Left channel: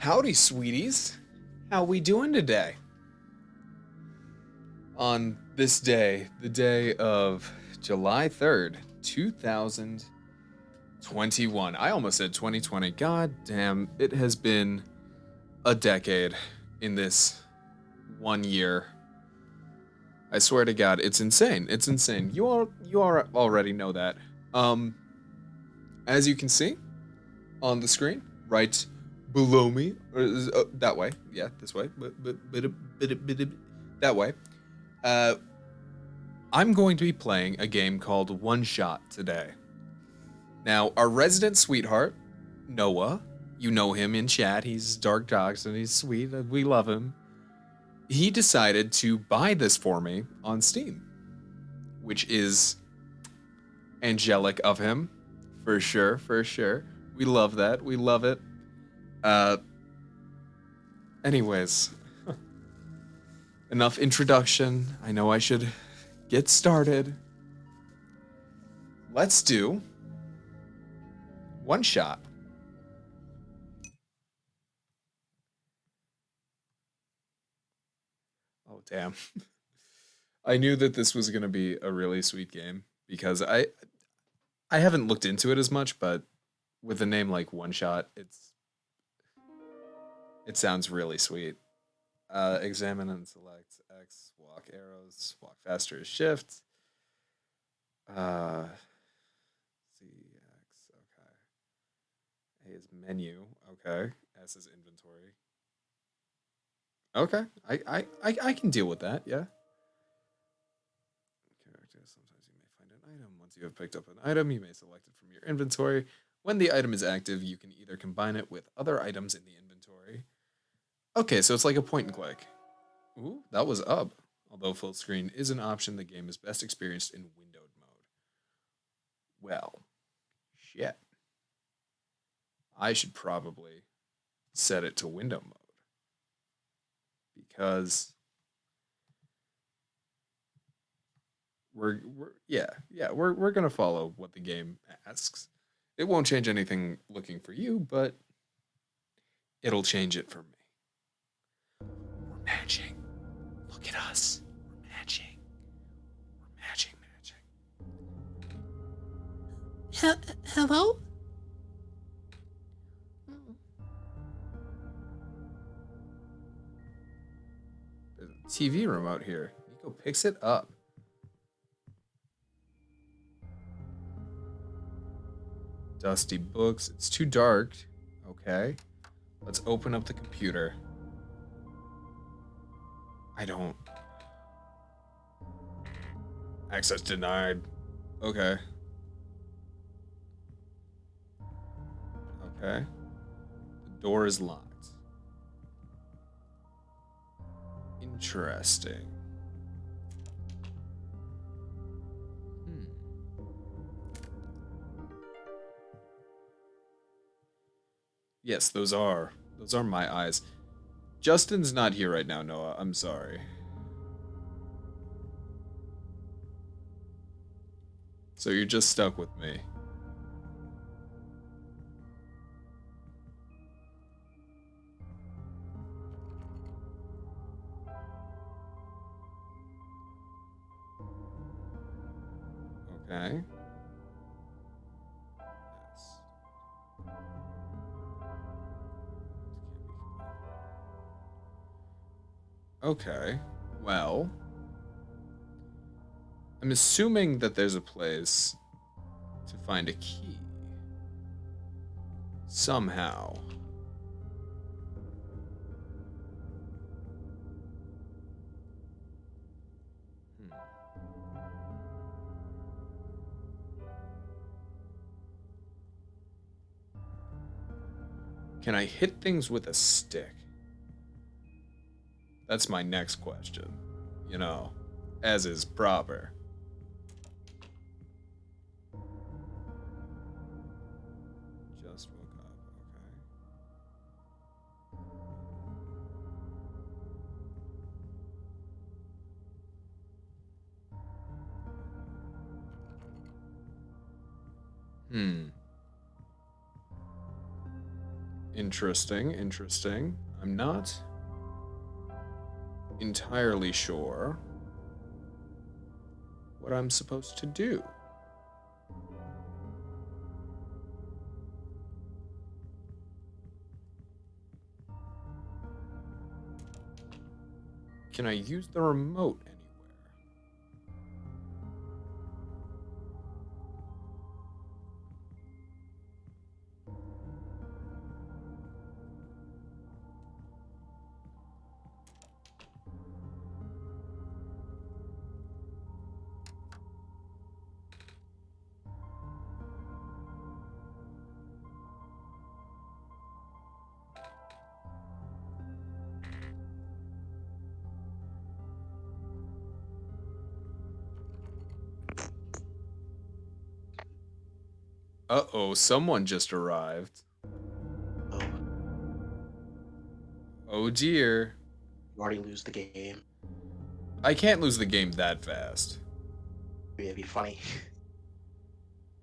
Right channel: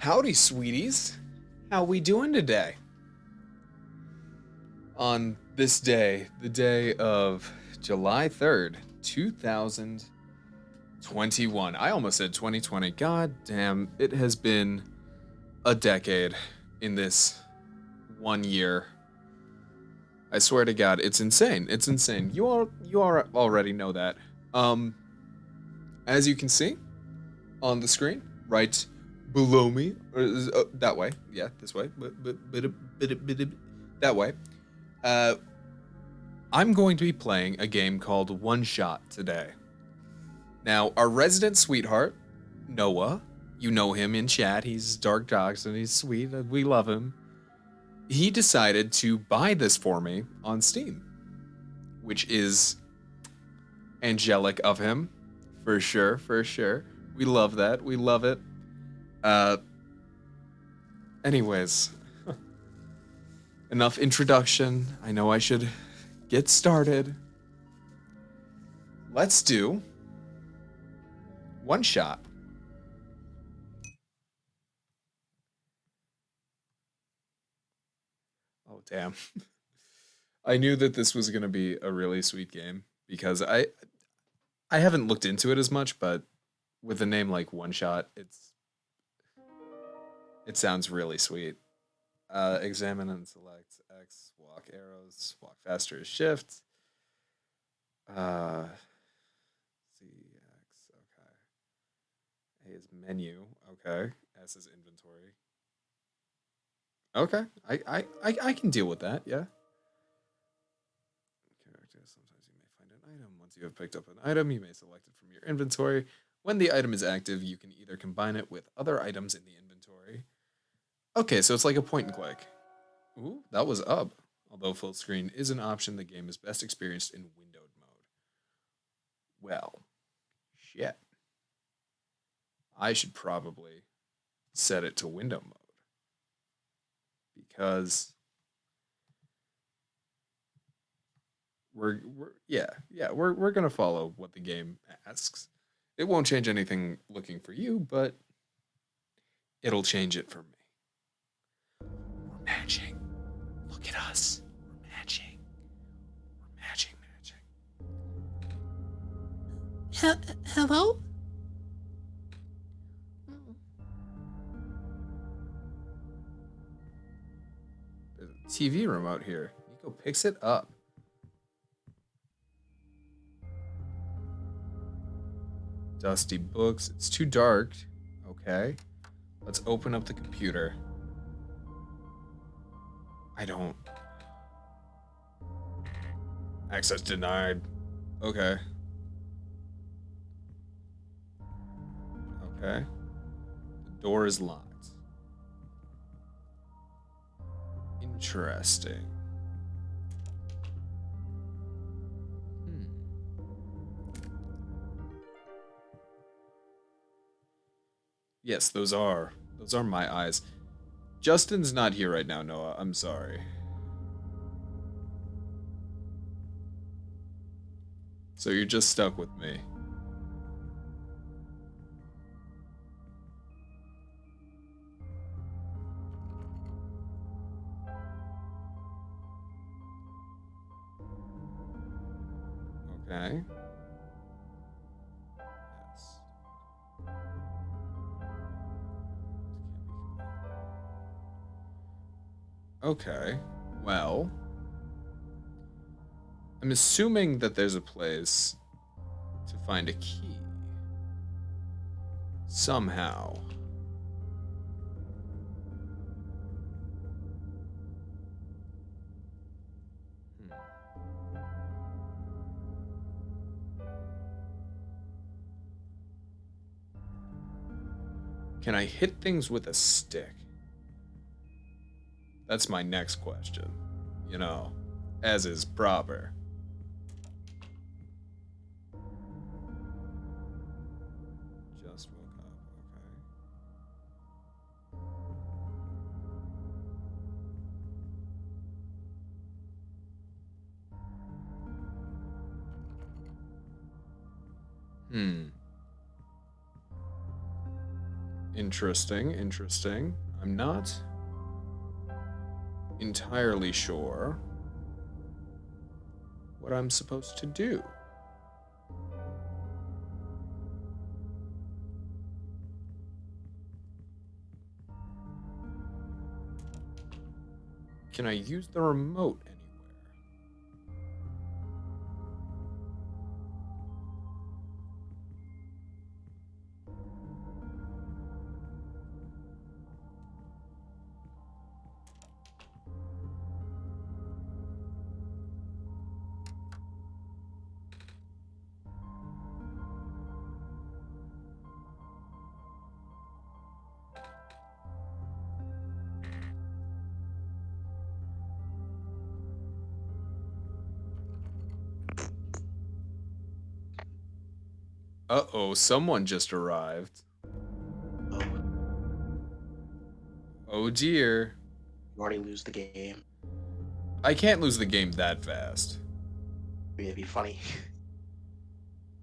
Howdy, sweeties. How we doing today? On this day, the day of July 3rd, 2021. I almost said 2020. God damn, it has been a decade in this 1 year. I swear to God, it's insane. It's insane. You all already know that. Um, as you can see on the screen, right below me, or that way, yeah, this way, that way. Uh, I'm going to be playing a game called OneShot today. Now, our resident sweetheart, Noah, you know him in chat. He's Dark Dogs and he's sweet. We love him. He decided to buy this for me on Steam, which is angelic of him, for sure, for sure. We love that. We love it. Uh, anyways, enough introduction. I know I should get started. Let's do OneShot. Oh, damn. I knew that this was going to be a really sweet game because I haven't looked into it as much, but with a name like OneShot, it sounds really sweet. Examine and select X, walk arrows, walk faster is shift. Z X, okay. A is menu, okay. S is inventory. Okay, I can deal with that, yeah. Character. Sometimes you may find an item. Once you have picked up an item, you may select it from your inventory. When the item is active, you can either combine it with other items in the inventory. Okay, so it's like a point and click. Ooh, that was up. Although full screen is an option, the game is best experienced in windowed mode. Well, shit. I should probably set it to window mode because we're gonna follow what the game asks. It won't change anything looking for you, but it'll change it for me. We're matching. Look at us. We're matching. We're matching. Hello? There's a TV remote here. Nico picks it up. Dusty books. It's too dark. Okay. Let's open up the computer. I don't. Access denied. Okay. Okay. The door is locked. Interesting. Yes, those are my eyes. Justin's not here right now, Noah. I'm sorry. So you're just stuck with me. Okay. Yes. Okay. Well, I'm assuming that there's a place to find a key. Somehow. Hmm. Can I hit things with a stick? That's my next question. You know, as is proper. Just woke up, okay. Hmm. Interesting, interesting. I'm not entirely sure what I'm supposed to do. Can I use the remote anywhere? Uh-oh, someone just arrived. Oh, Oh dear. you already lose the game. I can't lose the game that fast. It'd be funny.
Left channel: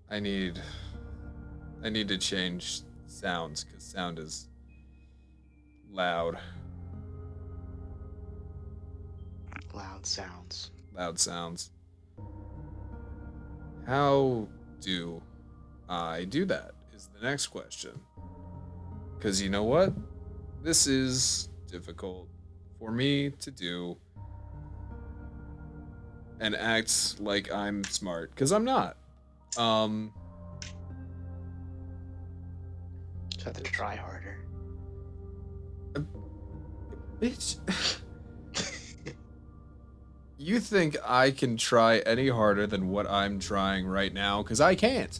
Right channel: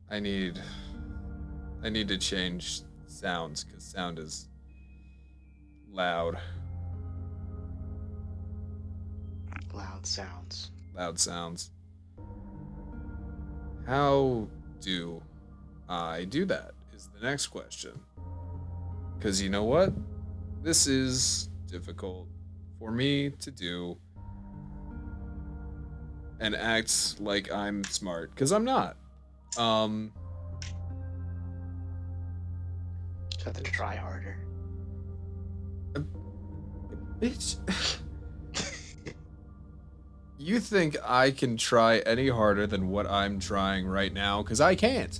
I need to change sounds because sound is loud. Loud sounds. Loud sounds. How do I do that? Is the next question. Because you know what? This is difficult for me to do and act like I'm smart because I'm not. Um, Just have to try harder. bitch. You think I can try any harder than what I'm trying right now? Because I can't.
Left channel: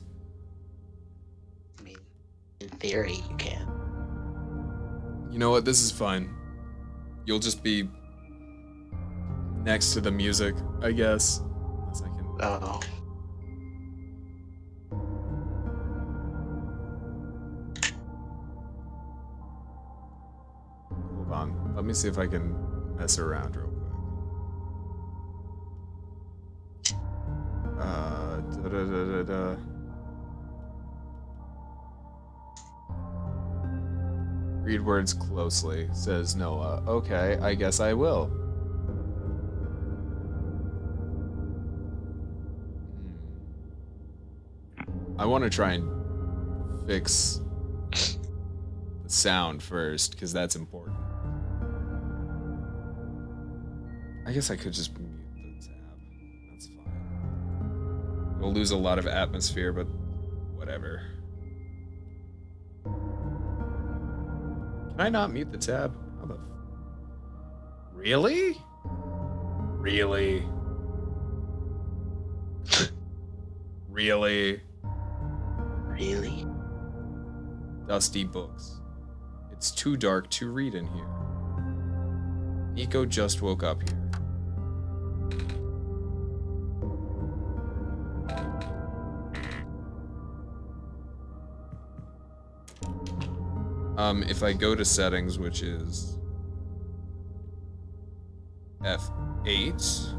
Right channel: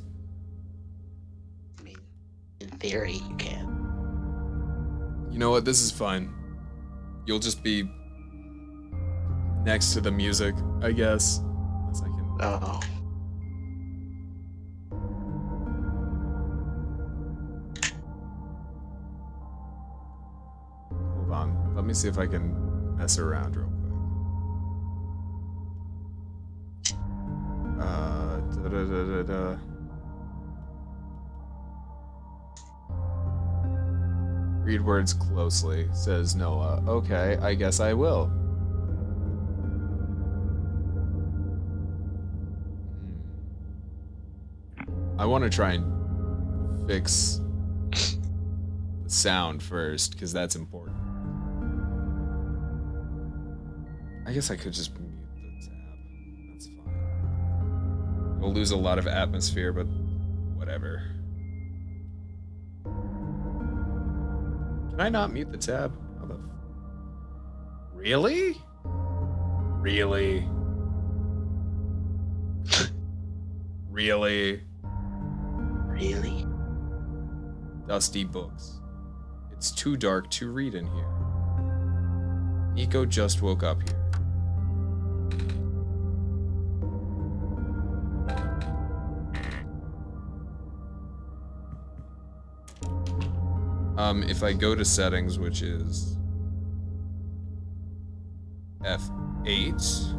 I mean, in theory, you can. You know what? This is fine. You'll just be next to the music, I guess. Unless I can. Oh. Hold on. Let me see if I can mess around real quick. Da da da da da. Read words closely, says Noah. Okay, I guess I will. I want to try and fix the sound first, because that's important. I guess I could just mute the tab. That's fine. It'll lose a lot of atmosphere, but whatever. Can I not mute the tab? How the... Really? Really? Really? Really? Dusty books. It's too dark to read in here. Nico just woke up here. If I go to settings, which is F8,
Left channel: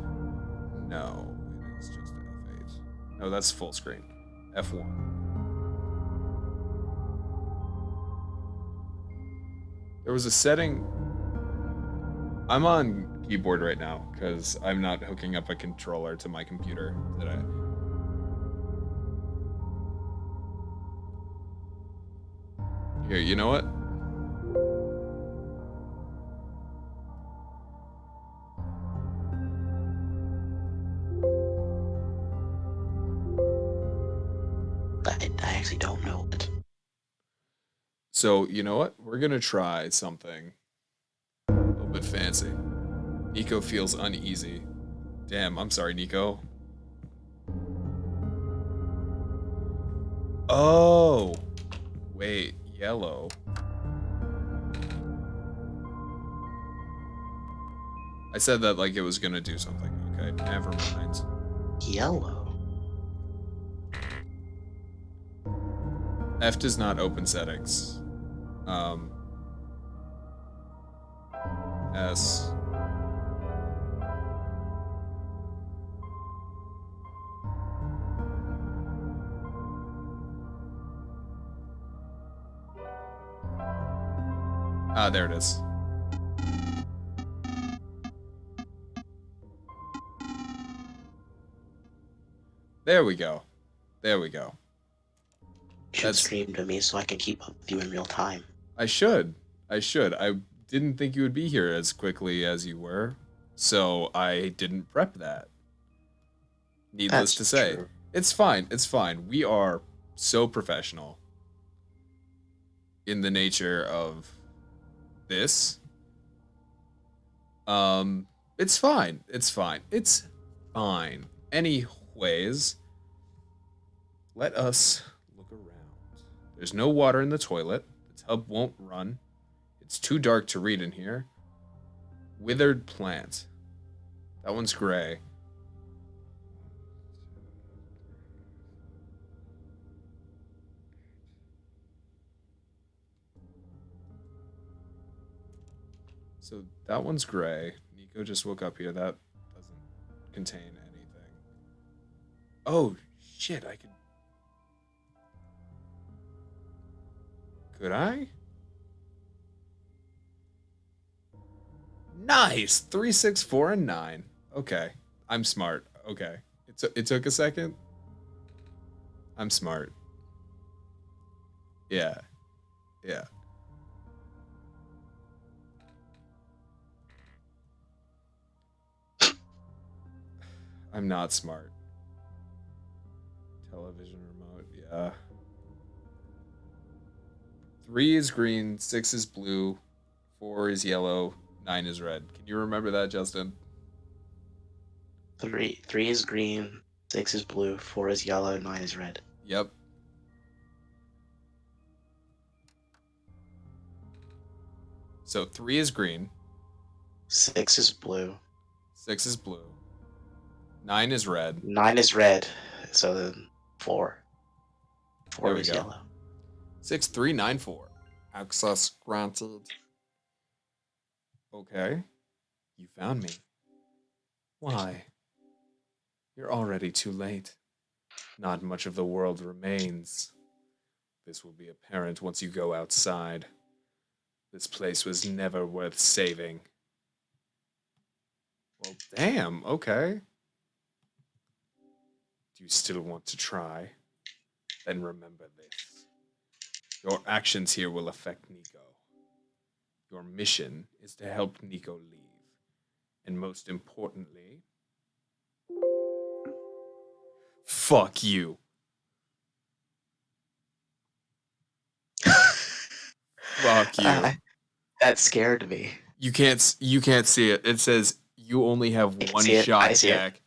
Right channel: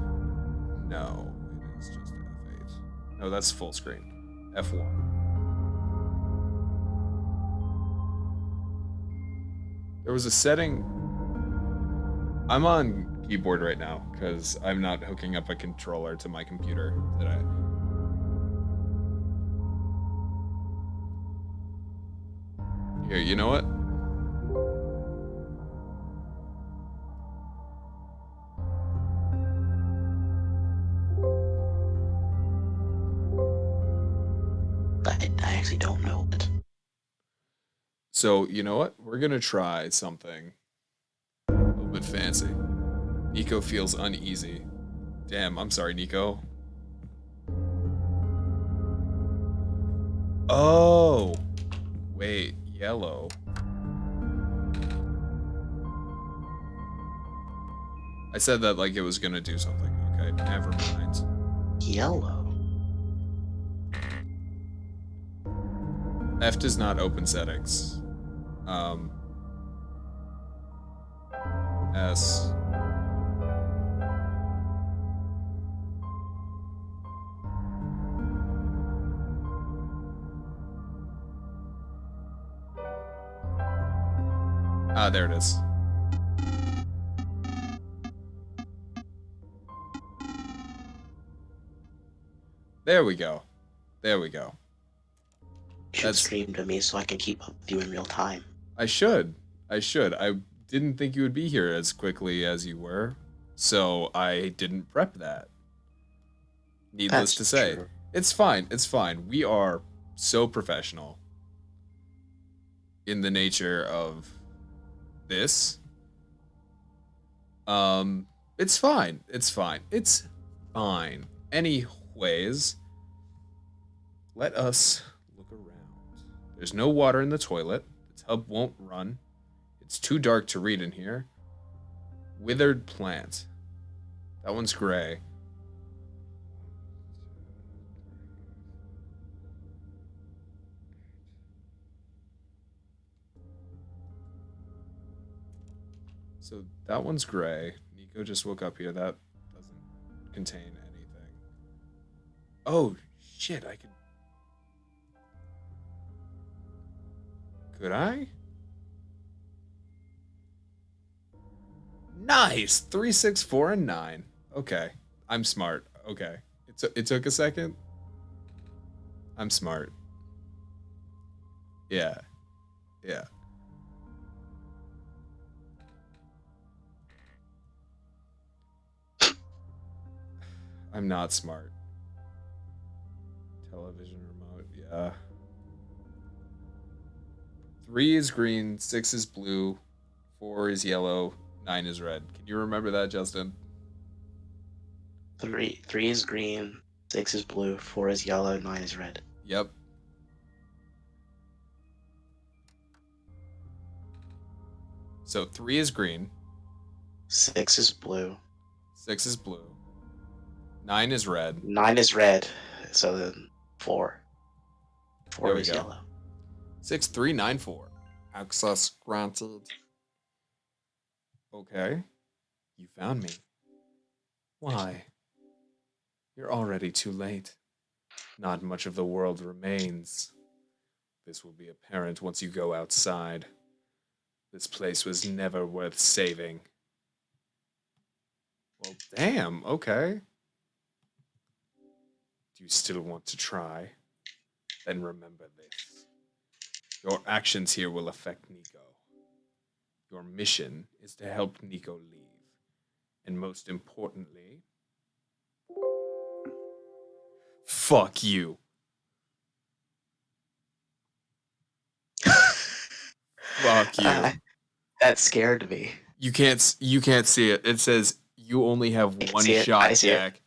no, it is just F8. No, that's full screen. F1. There was a setting. I'm on keyboard right now because I'm not hooking up a controller to my computer today. Here, you know what? I actually don't know it. So, you know what? We're gonna try something a little bit fancy. Nico feels uneasy. Damn, I'm sorry, Nico. Oh! Wait, yellow. I said that like it was gonna do something. Okay, never mind. Yellow. F does not open settings. S. Ah, there it is. There we go. There we go. You should That's. stream to me so I can keep up with you in real time. I should. I should. I didn't think you would be here as quickly as you were, so I didn't prep that. Needless That's to say. true. It's fine. It's fine. We are so professional in the nature of this. It's fine. It's fine. It's fine. Anyways, let us look around. There's no water in the toilet. The tub won't run. It's too dark to read in here. Withered plant. That one's gray. So that one's gray. Nico just woke up here. That doesn't contain anything. Oh, shit. I could. Could I? Nice. 3, 6, 4, and 9. Okay. I'm smart. Okay. It took a second. I'm smart. Yeah. Yeah. I'm not smart. Television remote. Yeah. 3 is green, 6 is blue, 4 is yellow, 9 is red. Can you remember that, Justin? Three is green, 6 is blue, 4 is yellow, 9 is red. Yep. So 3 is green, 6 is blue, 6 is blue, 9 is red. 9 is red, so then 4. There 4 we is go. yellow. 6394. Access granted. Okay. You found me. Why? You're already too late. Not much of the world remains. This will be apparent once you go outside. This place was never worth saving. Well, damn, okay. Do you still want to try? Then remember this. Your actions here will affect Nico. Your mission is to help Nico leave. And most importantly, fuck you. Fuck you. That scared me. You can't see it. It says you only have I can one see it. shot, I see it. Jack.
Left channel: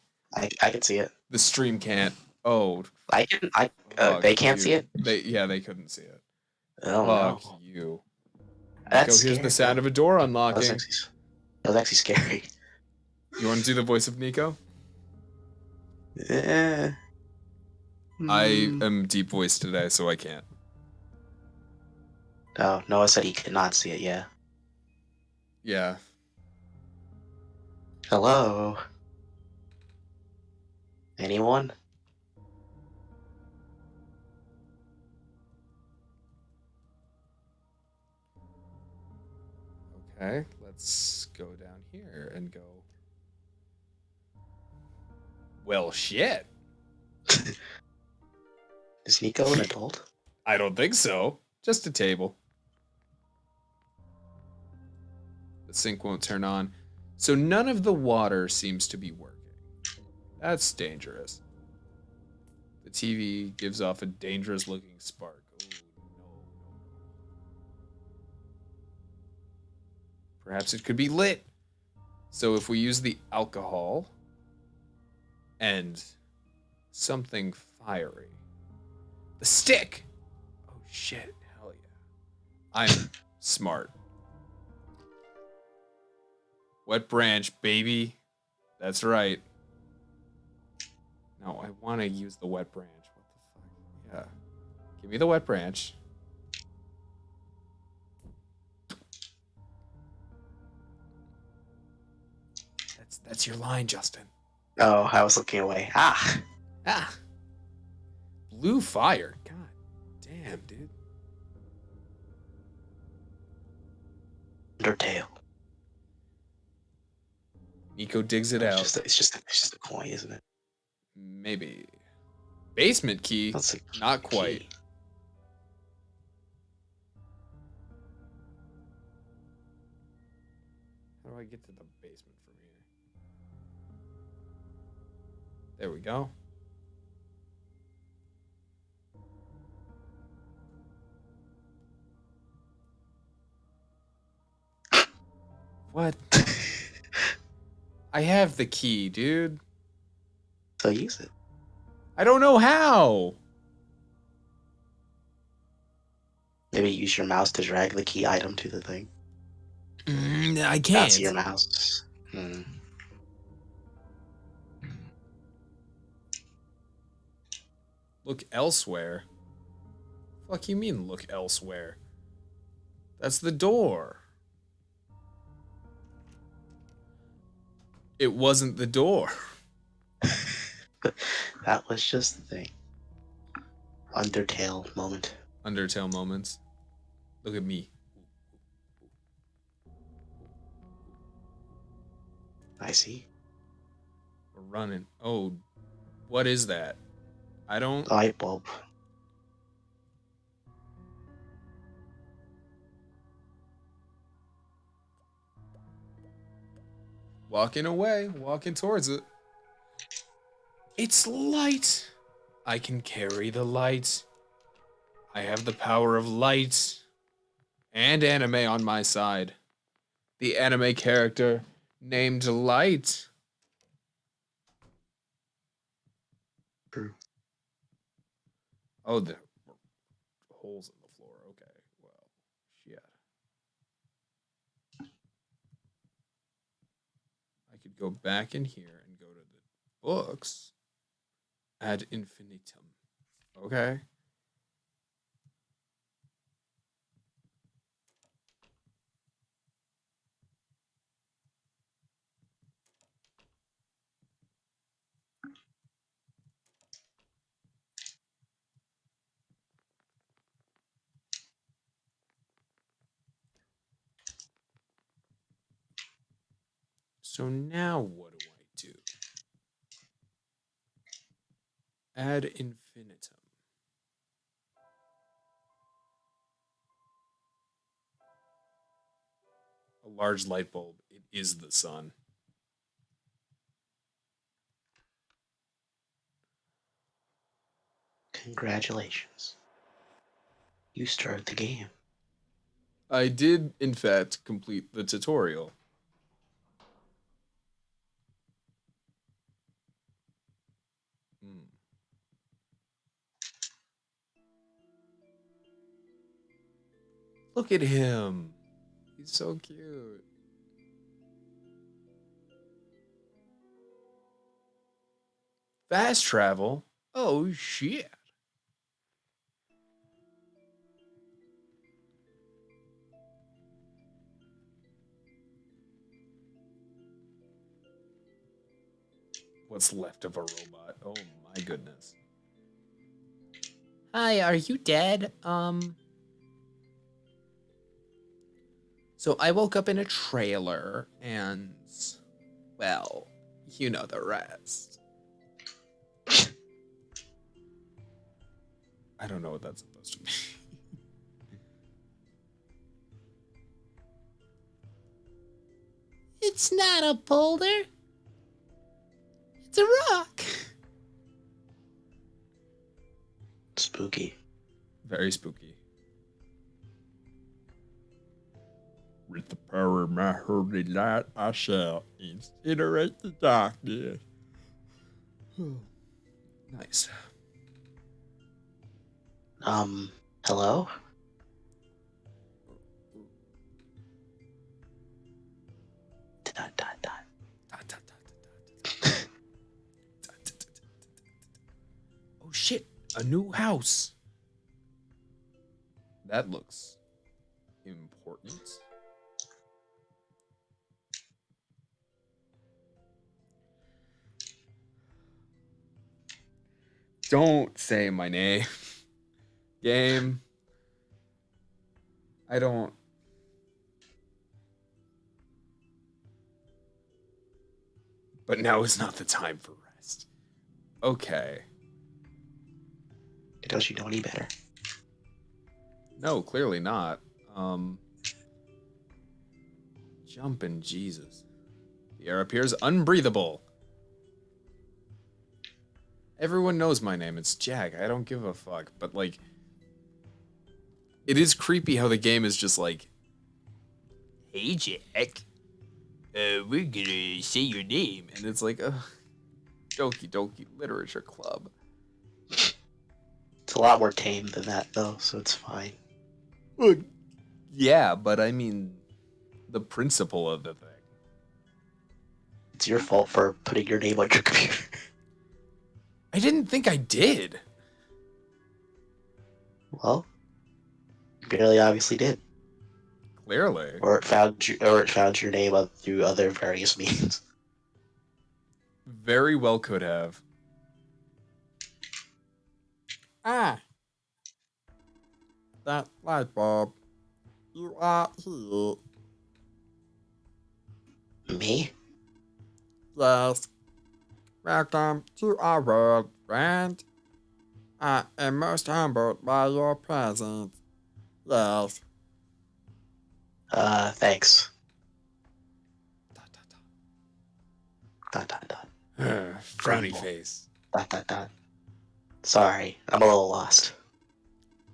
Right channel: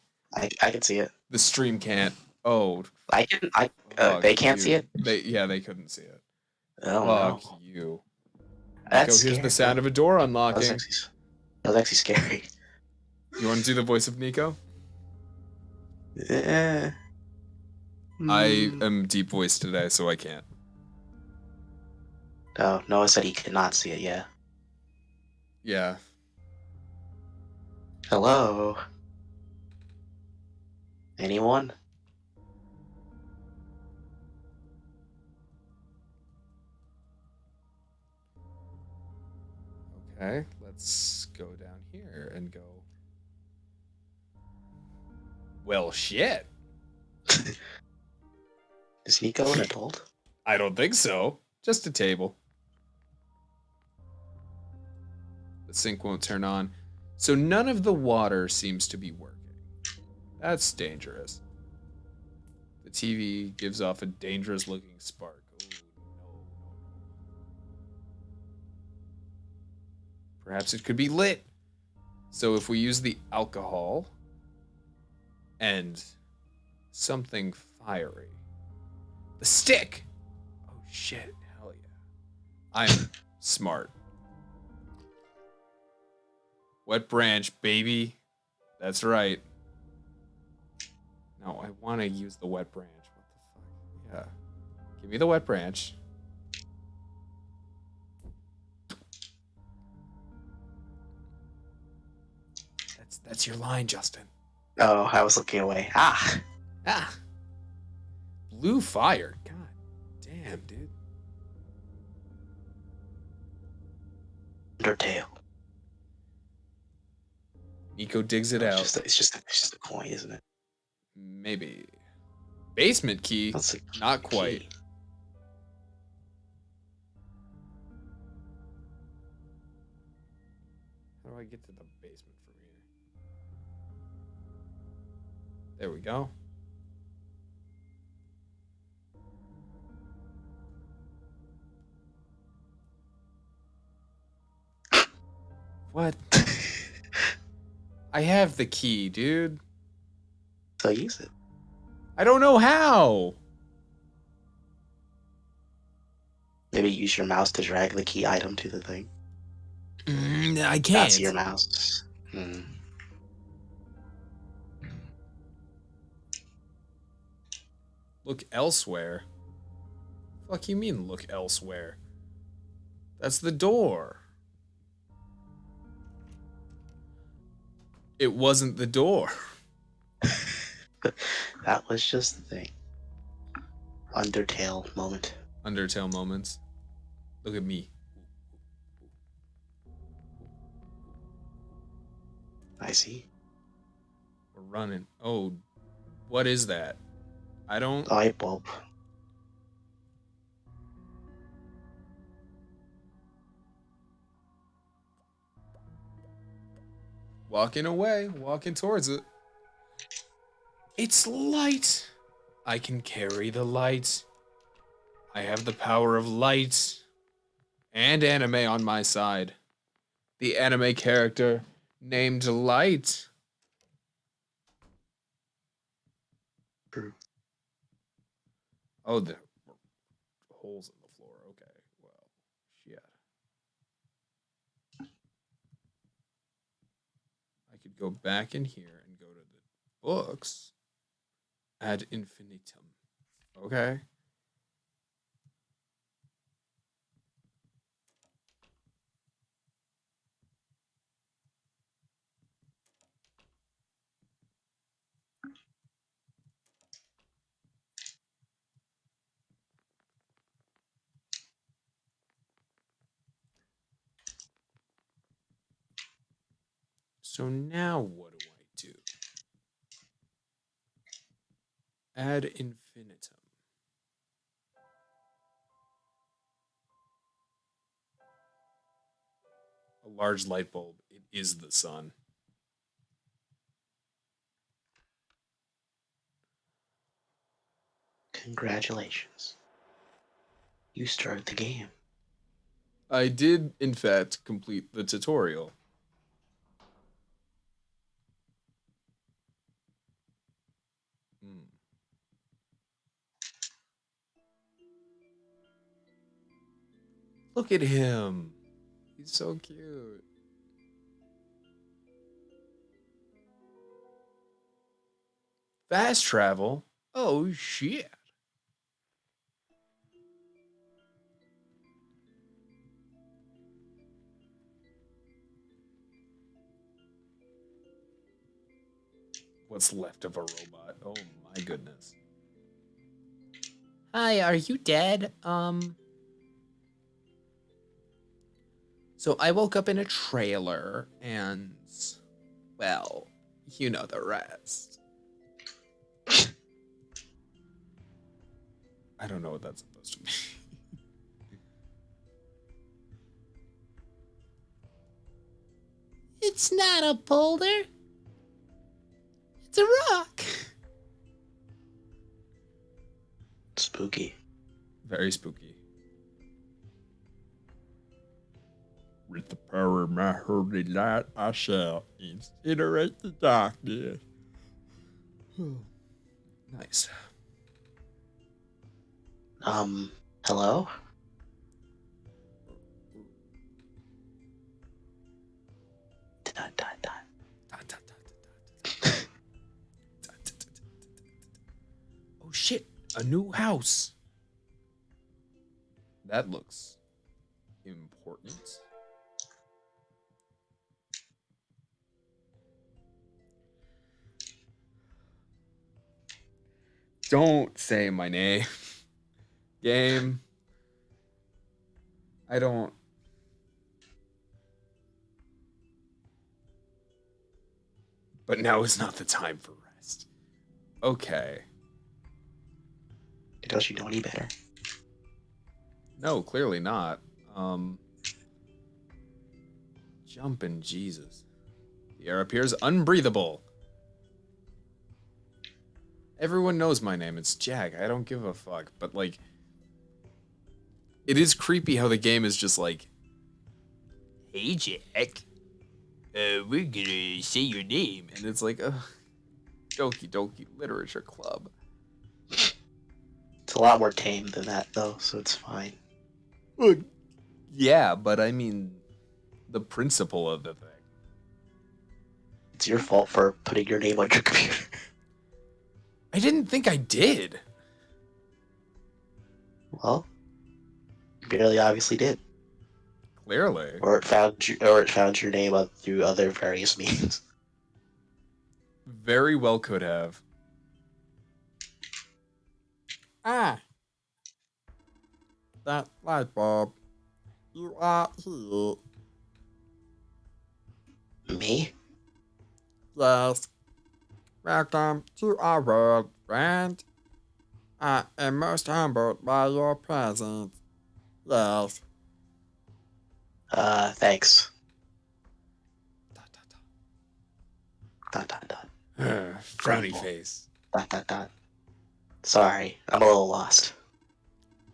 I can see it. The stream can't. Oh, fuck they can't you. see it? They couldn't see it. Oh Fuck no. you. That's Nico, here's the scary. sound of a door That was unlocking. actually scary. You want to do the voice of Nico? Yeah. I am deep voiced today, so I can't. Oh, Noah said he could not see it, yeah. Yeah. Hello? Anyone? Okay, let's go down here and go. Well, shit. Is Nico an adult? I don't think so. Just a table. The sink won't turn on. So none of the water seems to be working. That's dangerous. The TV gives off a dangerous looking spark. Oh, no. Perhaps it could be lit. So if we use the alcohol and something fiery. The stick! Oh shit, hell yeah. I'm smart. Wet branch, baby. That's right. No, I want to use the wet branch. What the fuck? Yeah. Give me the wet branch. That's your line, Justin. Oh, I was looking away. Ah! Ah. Blue fire. God damn, dude. Undertale. Nico digs it It's out. just it's just a coin, isn't it? Maybe. Basement key? That's a Not quite. key. How do I get to the basement from here? There we go. What? I have the key, dude. So use it. I don't know how. Maybe use your mouse to drag the key item to the thing. I That's your can't. mouse. Hmm. Look elsewhere. Fuck you mean look elsewhere? That's the door. It wasn't the door. That was just the thing. Undertale moment. Undertale moments. Look at me. I see. We're running. Oh, what is that? I don't. Light bulb. Walking away, walking towards it. It's light. I can carry the light. I have the power of light and anime on my side. The anime character named Light. True. Oh, the holes in the floor. Okay, well, shit. I could go back in here and go to the books. Ad infinitum. Okay. So now what do I do? Ad infinitum. A large light bulb. It is the sun. Congratulations. You started the game. I did, in fact, complete the tutorial. Hmm. Look at him. He's so cute. Fast travel? Oh, shit. What's left of a robot? Oh, my goodness. Hi, are you dead? So I woke up in a trailer and, well, you know the rest. I don't know what that's supposed to be. It's not a boulder. It's a rock. Spooky. Very spooky. With the power of my holy light, I shall incinerate the darkness. Nice. Hello? Dot, dot, dot. Oh shit, a new house. That looks important. Don't say my name. Game. I don't. but now is not the time for rest. Okay. Don't you know any better? No, clearly not. Jumpin' Jesus. The air appears unbreathable. Everyone knows my name. It's Jack. I don't give a fuck. But, like, it is creepy how the game is just like, hey, Jack. We're gonna say your name. And it's like, Doki Doki Literature Club. It's a lot more tame than that, though, so it's fine. Well, yeah, but I mean, the principle of the thing. It's your fault for putting your name on your computer. I didn't think I did. Well, you barely obviously did. Clearly. Or it found your name through other various means. Very well could have. Ah, that light bulb. You are here. Me? Yes. Welcome to our world, friend. I am most humbled by your presence. Yes. Thanks. Dot, Dot, dot, dot. frowny face. Dot, dot, dot. Sorry, I'm a little lost.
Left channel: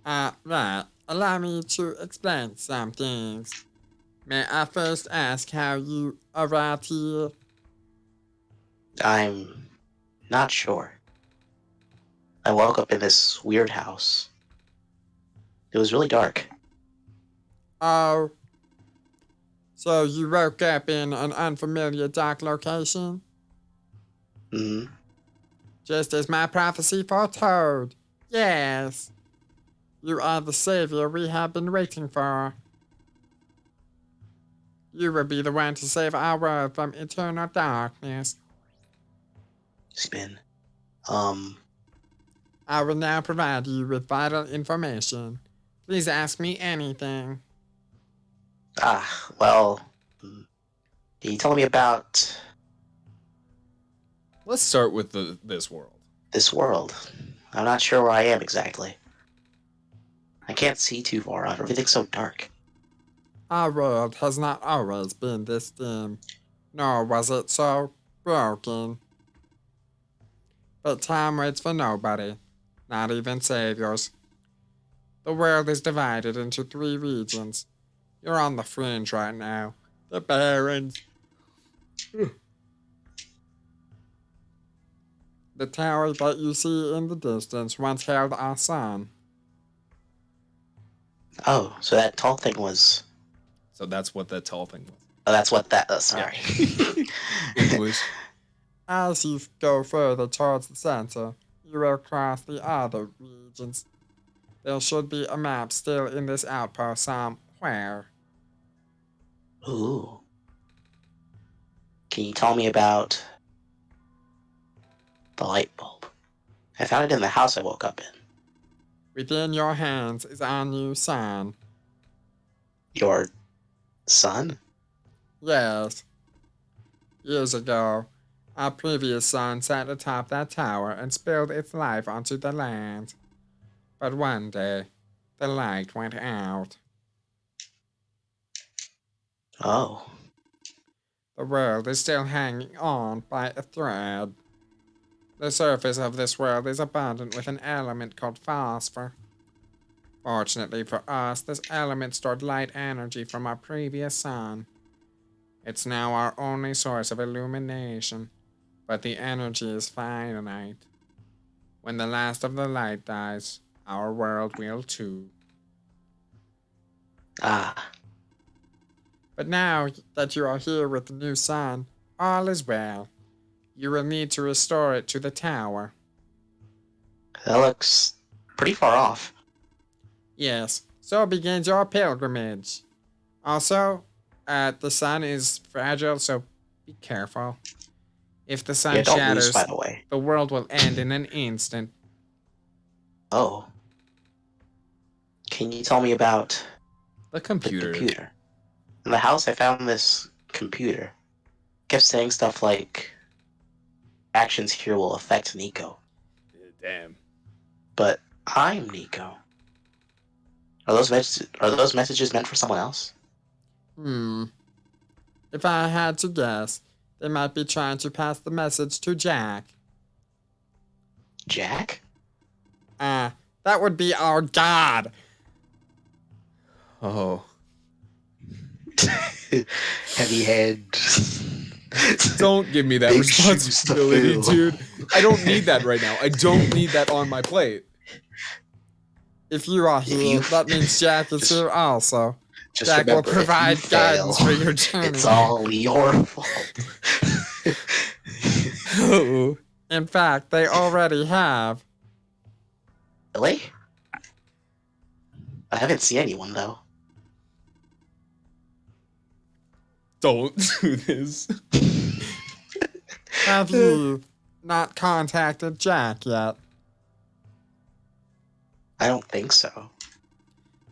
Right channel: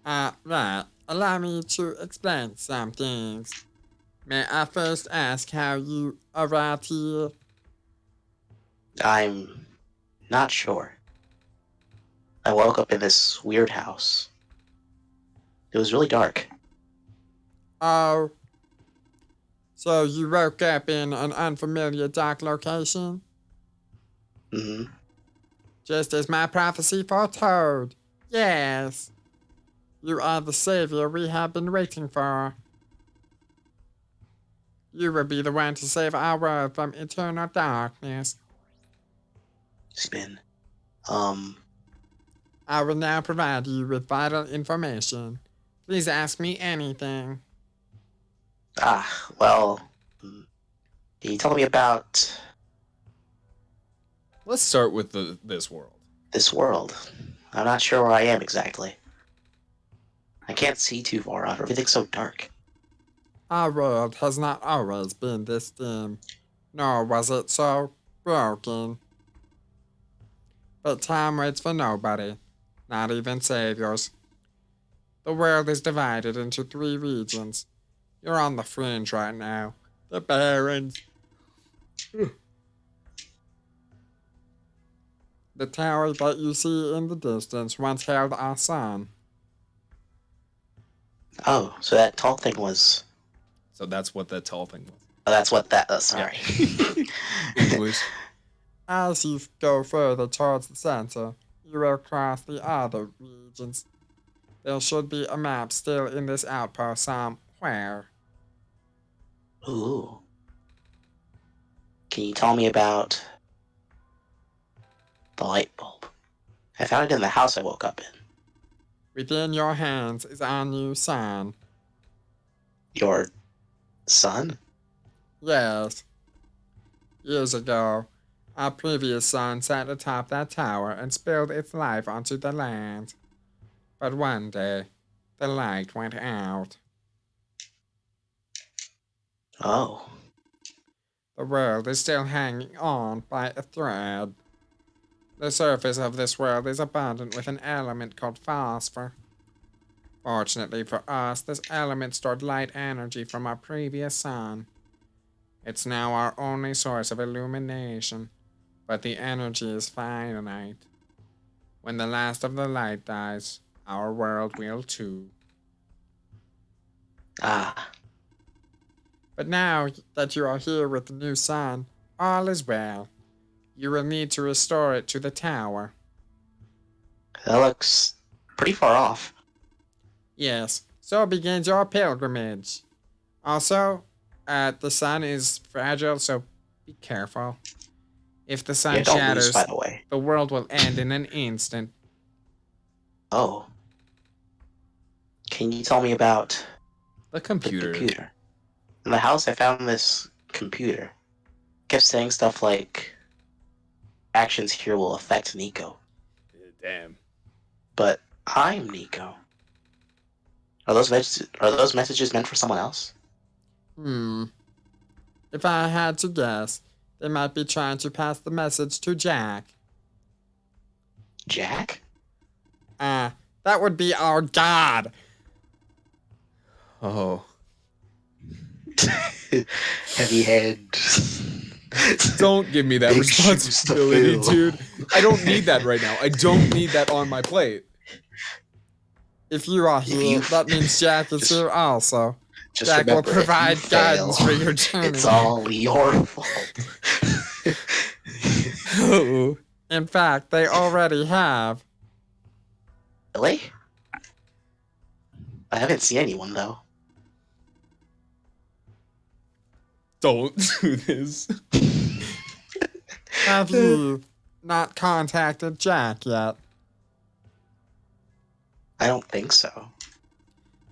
Right. Allow me to explain some things. May I first ask how you arrived here? I'm not sure. I woke up in this weird house. It was really dark. Oh. So you woke up in an unfamiliar dark location? Hmm. Just as my prophecy foretold. Yes. You are the savior we have been waiting for. You will be the one to save our world from eternal darkness. Spin. I will now provide you with vital information. Please ask me anything. Well, can you tell me about Let's start with this world. this world? I'm not sure where I am exactly. I can't see too far out. Everything's so dark. Our world has not always been this dim, nor was it so broken. But time waits for nobody, not even saviors. The world is divided into 3 regions. You're on the fringe right now. The Barrens. The tower that you see in the distance once held our sun. Oh, so that tall thing was. So that's what that tall thing was. Oh, that's what that. Sorry. English. As you go further towards the center, you will cross the other regions. There should be a map still in this outpost somewhere. Ooh. Can you tell me about the light bulb? I found it in the house I woke up in. Within your hands is our new sun. Your son? Yes. Years ago, our previous sun sat atop that tower and spilled its life onto the land. But one day, the light went out. Oh. The world is still hanging on by a thread. The surface of this world is abundant with an element called phosphor. Fortunately for us, this element stored light energy from our previous sun. It's now our only source of illumination, but the energy is finite. When the last of the light dies, our world will too. Ah. But now that you are here with the new sun, all is well. You will need to restore it to the tower. That looks pretty far off. Yes, so begins your pilgrimage. Also, the sun is fragile, so be careful. If the sun Yeah, don't lose, shatters, by the way. the world will end in an instant. Oh. Can you tell me about The the computer. computer? In the house, I found this computer. It kept saying stuff like, actions here will affect Nico. Damn. But I'm Nico. Are those messages meant for someone else? If I had to guess, they might be trying to pass the message to Jack. Jack? That would be our god. Oh. Heavy head. Don't give me that Big shoes to responsibility, fill. dude. I don't need that right now. I don't need that on my plate. If you are If here, you- that means Jack is here also. Just Jack will remember, if you provide guidance fail, for your journey. it's all your fault. Oh. In fact, they already have. Really? I haven't seen anyone though. Don't do this. Have you not contacted Jack yet? I don't think so.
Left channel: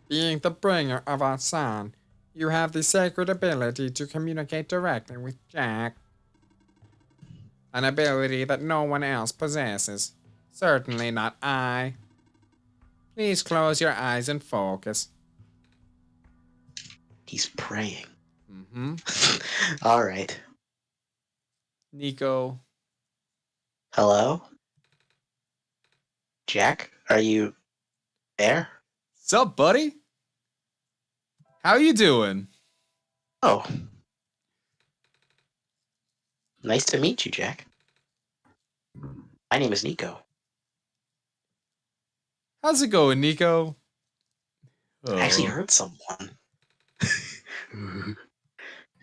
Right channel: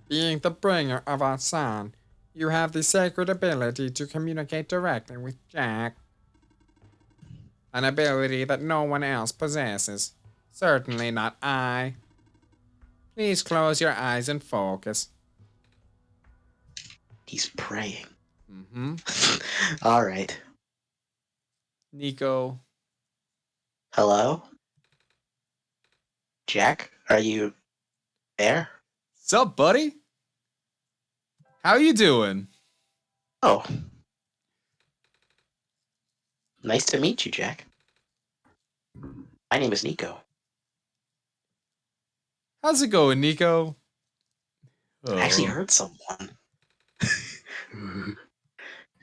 Being the bringer of our son, you have the sacred ability to communicate directly with Jack. An ability that no one else possesses. Certainly not I. Please close your eyes and focus. He's praying. Mm-hmm. All right. Nico. Hello? Jack, are you there? Sup, buddy? How you doing? Oh. Nice to meet you, Jack. My name is Nico. How's it going, Nico? I actually Oh. heard someone.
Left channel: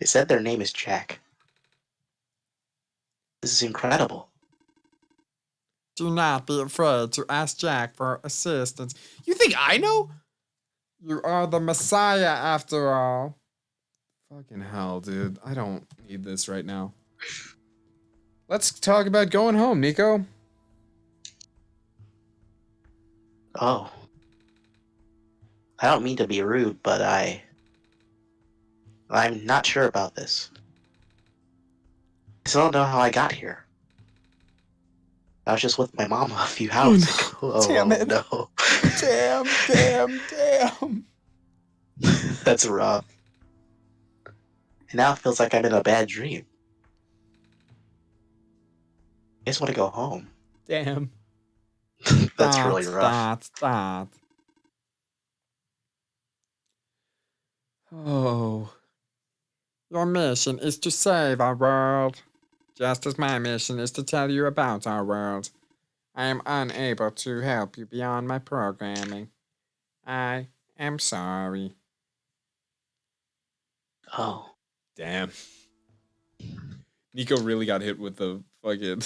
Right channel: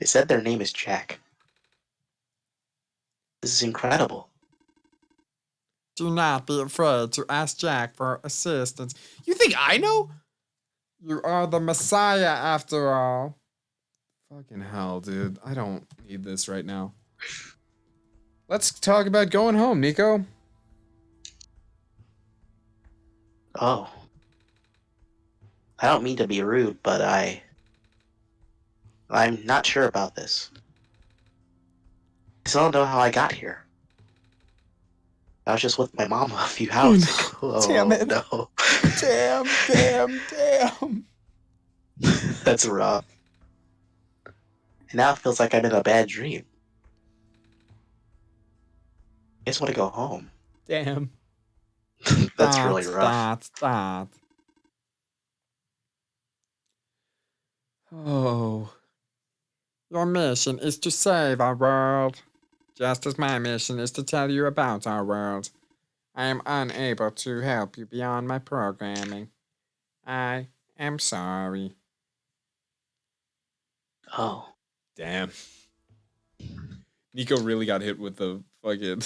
They said their name is Jack. This is incredible. Do not be afraid to ask Jack for assistance. You think I know? You are the Messiah after all. Fucking hell, dude. I don't need this right now. Let's talk about going home, Nico. Oh. I don't mean to be rude, but I'm not sure about this. I still don't know how I got here. I was just with my mom a few hours ago. Oh, Damn it. no. Damn. That's rough. And now it feels like I'm in a bad dream. I just want to go home. Damn. That's really rough. Stop. Oh. Your mission is to save our world, just as my mission is to tell you about our world. I am unable to help you beyond my programming. I am sorry. Oh. Damn. Nico really got hit with the fucking.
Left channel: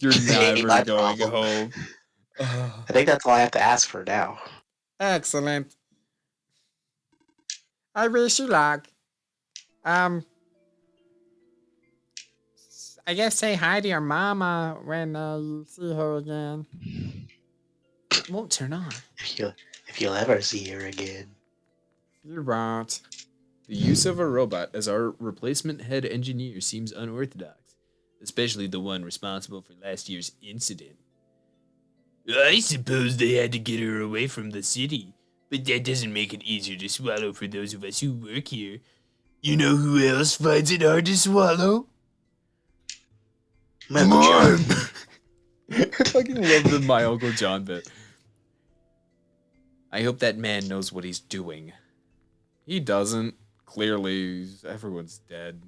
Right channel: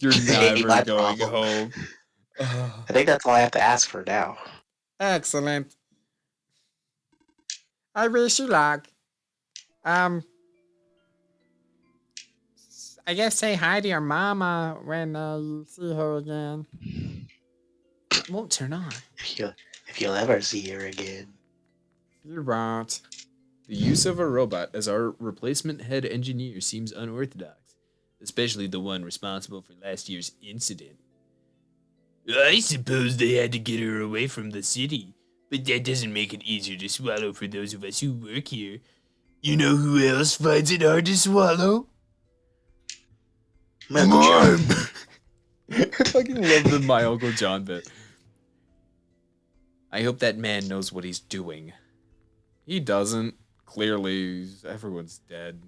You're Ain't never my going problem. home. Ugh. I think that's all I have to ask for now. Excellent. I wish you luck. I guess say hi to your mama when you see her again. It won't turn on. If you'll ever see her again. You won't. The use of a robot as our replacement head engineer seems unorthodox, especially the one responsible for last year's incident. I suppose they had to get her away from the city, but that doesn't make it easier to swallow for those of us who work here. You know who else finds it hard to swallow? Mom! I fucking love the My Uncle John bit. I hope that man knows what he's doing. He doesn't. Clearly, everyone's dead.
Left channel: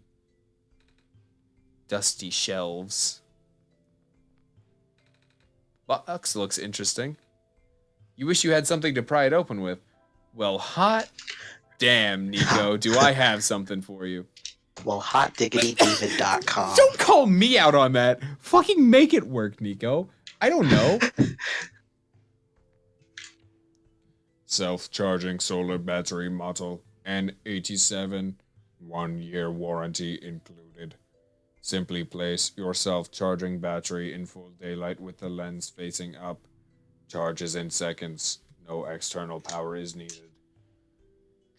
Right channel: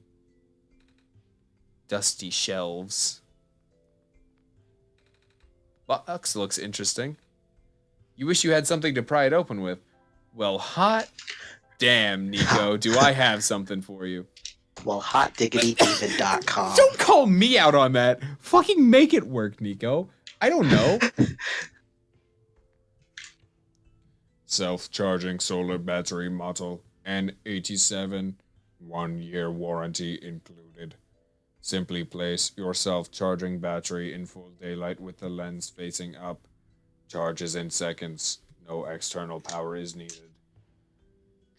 Dusty shelves. Box looks interesting. You wish you had something to pry it open with. Well, hot damn, Nico, do I have something for you. Well, hotdiggitydavid.com. Don't call me out on that. Fucking make it work, Nico. I don't know. Self-charging solar battery model, N87, 1-year warranty included. Simply place your self-charging battery in full daylight with the lens facing up. Charges in seconds. No external power is needed.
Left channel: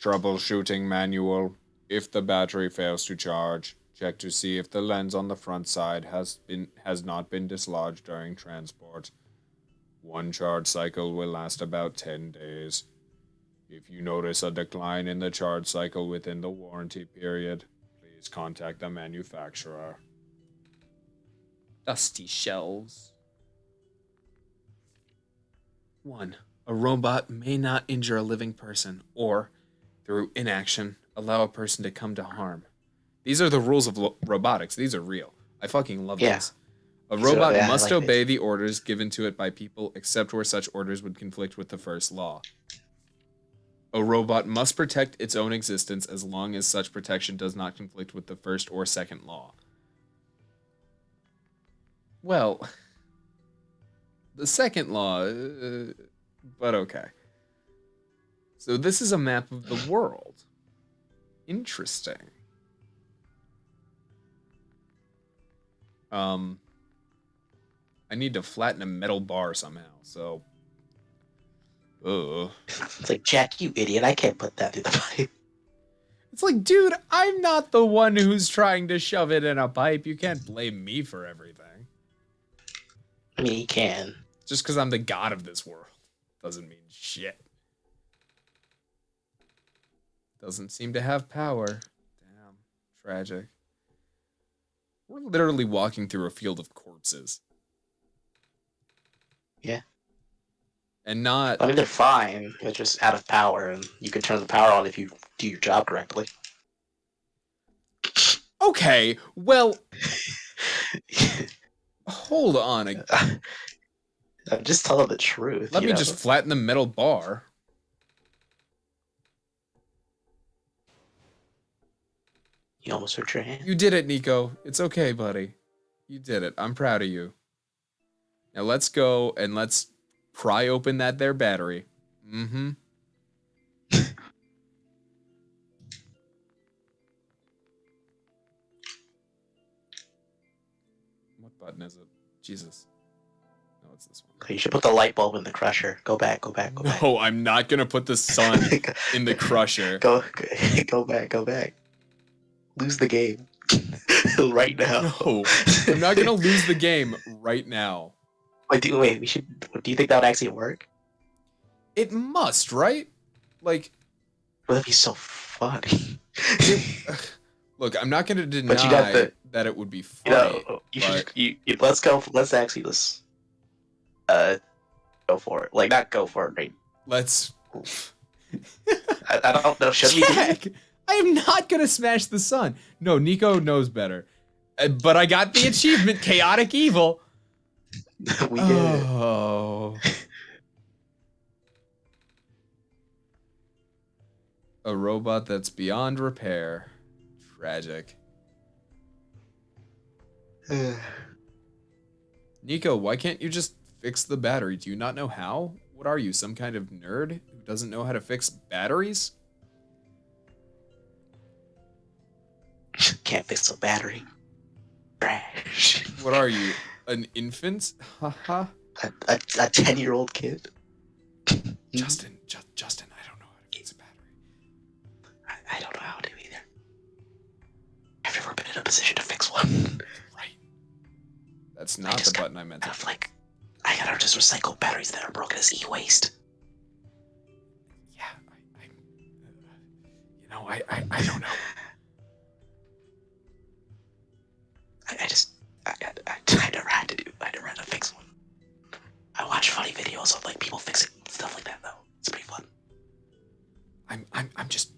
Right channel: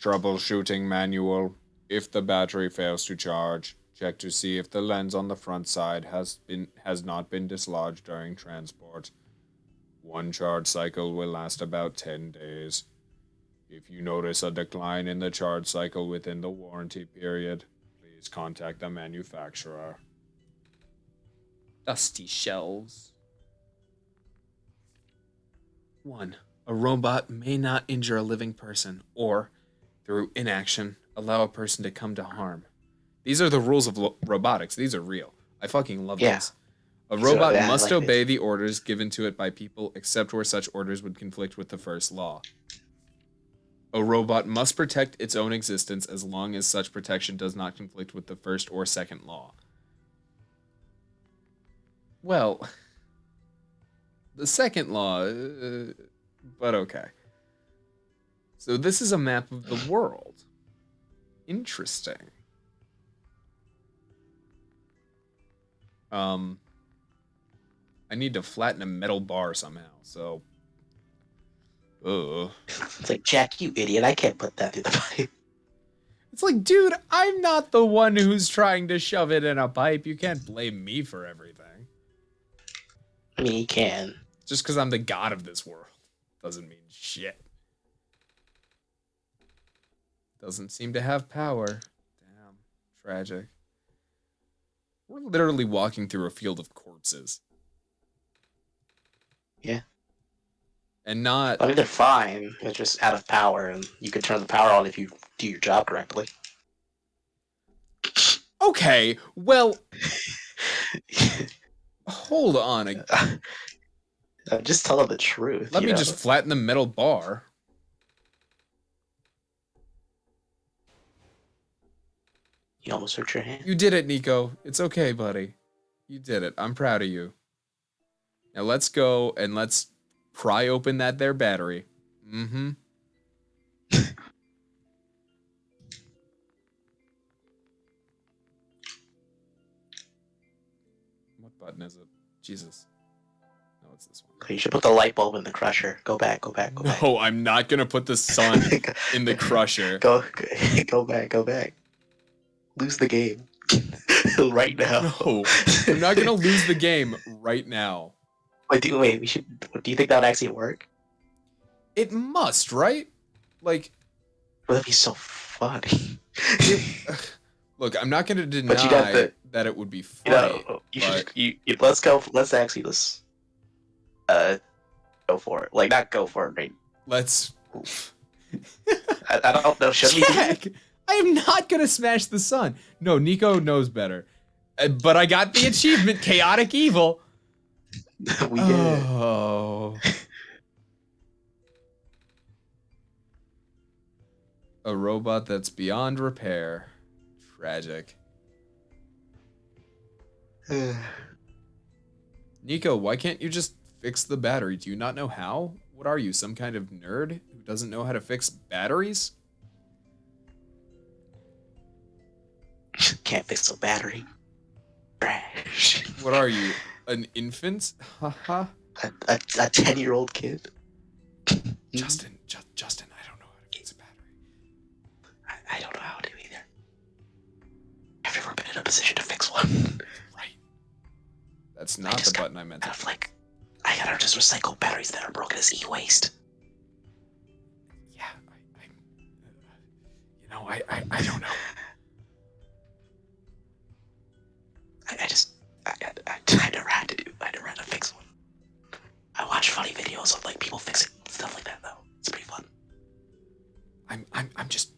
Troubleshooting manual. If the battery fails to charge, Check to see if the lens on the front side has not been dislodged during transport. One charge cycle will last about 10 days. If you notice a decline in the charge cycle within the warranty period, please contact the manufacturer. Dusty shelves. 1. A robot may not injure a living person or, through inaction, allow a person to come to harm. These are the rules of robotics. These are real. I fucking love these. A robot must obey the orders given to it by people except where such orders would conflict with the first law. A robot must protect its own existence as long as such protection does not conflict with the first or second law. Well, the second law, but okay. So this is a map of the world. Interesting. I need to flatten a metal bar somehow, so... It's like, Jack, you idiot, I can't put that through the pipe. It's like, dude, I'm not the one who's trying to shove it in a pipe. You can't blame me for everything. I mean, he can. Just because I'm the god of this world doesn't mean shit. Doesn't seem to have power. Damn. Tragic. We're literally walking through a field of corpses. Yeah. And not... I mean, they're fine. They're just out of power, and you can turn the power on if you do your job correctly. Okay, well... Hold on. I'm just telling the truth. Let me just flatten the metal bar. You almost hurt your hand. You did it, Nico. It's okay, buddy. You did it. I'm proud of you. Now let's go and let's pry open that there battery. Mm-hmm. What button is it? Jesus. No, it's this one. You should put the light bulb in the crusher. Go back, go back, go back. No, I'm not gonna put the sun in the crusher. Go back, go back. Lose the game. Right now. No, I'm not gonna lose the game right now. Wait, we should. Do you think that would actually work? It must, right? Like, Well, that'd be so funny. Look, I'm not gonna deny that it would be funny. Let's actually go for it. Like, not go for it, right? Let's. I don't know. Should Jack, I am not gonna smash the sun. No, Nico knows better. But I got the achievement, Chaotic Evil. We did. Oh. A robot that's beyond repair. Tragic. Nico, why can't you just fix the battery? Do you not know how? What are you, some kind of nerd who doesn't know how to fix batteries? Can't fix a battery. Trash. What are you, an infant? Haha. a 10-year-old kid. Justin, I don't know how to fix a battery. I don't know how to either. Have you ever been in a position to fix one? Right. That's not the button I meant to. I gotta just recycle batteries that are broken as e-waste. Yeah, I don't know. I never had to fix one. I watch funny videos of like people fixing stuff like that though. It's pretty fun. I'm just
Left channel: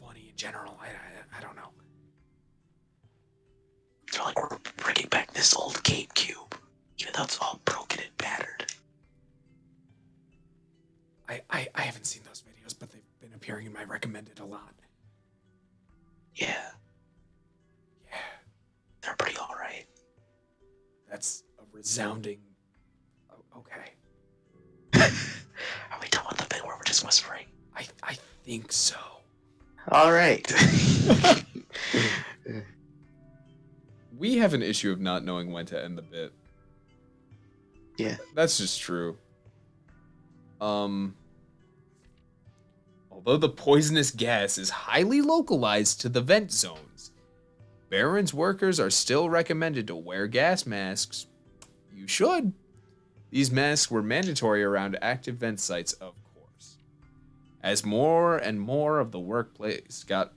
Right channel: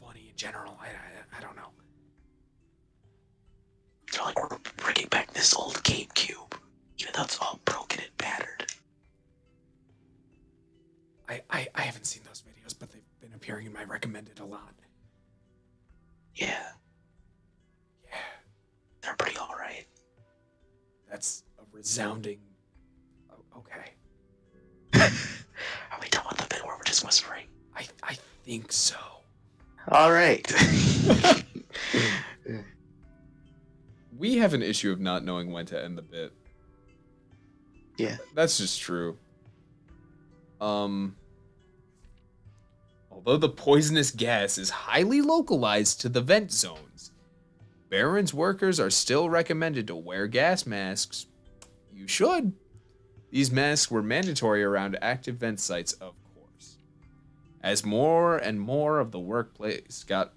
funny in general. I don't know. They're like, we're bringing back this old GameCube, even though it's all broken and battered. I haven't seen those videos, but they've been appearing in my recommended a lot. Yeah. They're pretty alright. That's a resounding... okay. Are we done with the bit where we're just whispering? I think so. Alright. We have an issue of not knowing when to end the bit. Yeah. That's just true. Although the poisonous gas is highly localized to the vent zones, Baron's workers are still recommended to wear gas masks. You should. These masks were mandatory around active vent sites, of course. As more and more of the workforce got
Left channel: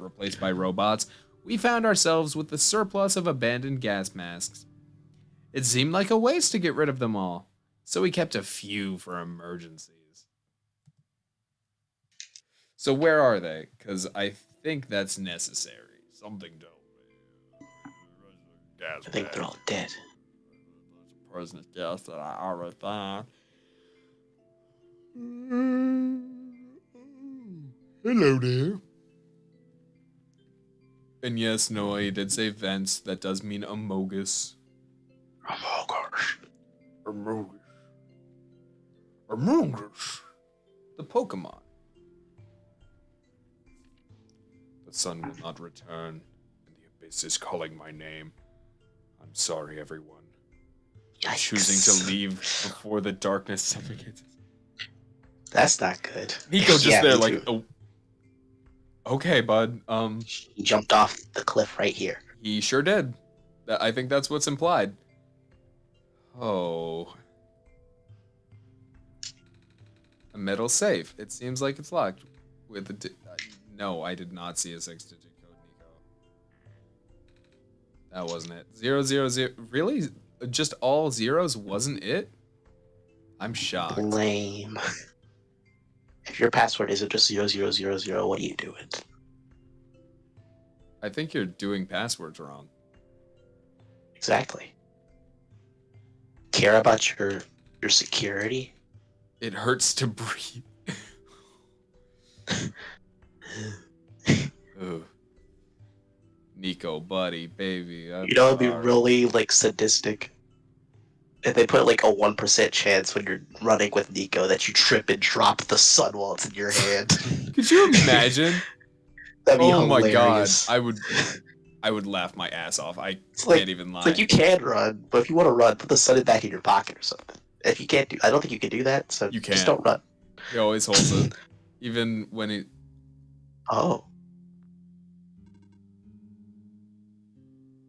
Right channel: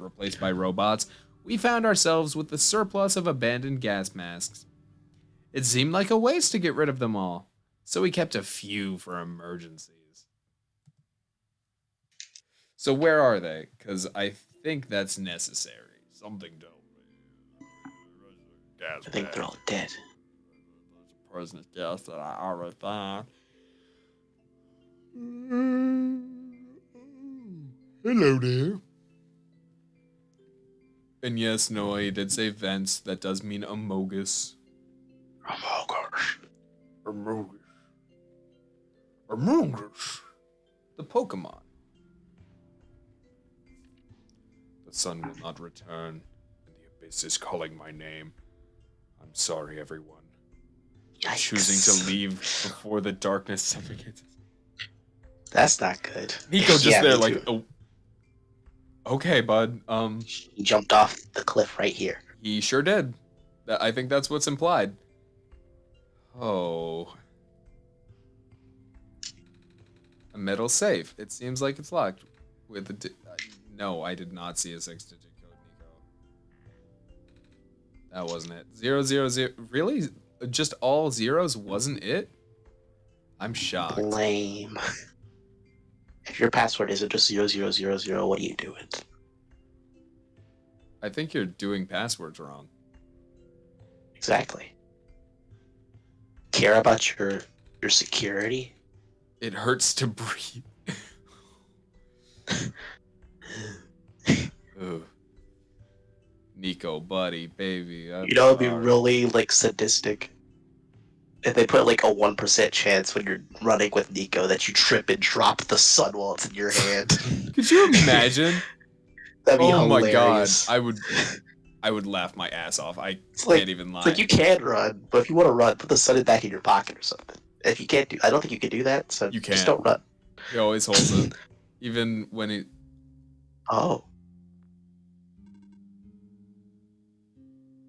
replaced by robots, we found ourselves with the surplus of abandoned gas masks. It seemed like a waste to get rid of them all, so we kept a few for emergencies. So where are they? Because I think that's necessary. Something to gas I think they're all dead. There's a poisonous gas that I already found. Hello there. And yes, Noah, you did say vents. That does mean amogus. Amogus. Amogus. The Pokemon. The sun will not return, and the abyss is calling my name. I'm sorry, everyone. I'm choosing to leave before the darkness suffocates. That's not good. Nico just Yeah, there me like, too. oh, okay, bud. He jumped off the cliff right here. He sure did. I think that's what's implied. Oh. A metal safe. It seems like it's locked. With the no, I did not see a 6-digit code, Nico. That wasn't it. 000. Really? Just all zeros wasn't it? I'm shocked. Lame. If your password isn't just 0000, what are you doing? I think you're doing passwords wrong. Exactly. Care about your security? It hurts to breathe. Ugh. Nico, buddy, baby. You know, it'd be really like sadistic if they put like a 1% chance when you're running with Nico that you trip and drop the sun while it's in your hand. Could you imagine? That'd be Oh my god, hilarious. I would laugh my ass off. I Like, can't even lie. It's like you can run, but if you want to run, put the sun back in your pocket or something. If you can't do, I don't think you can do that. So You just can't. don't run. He always holds it, even when he. Oh,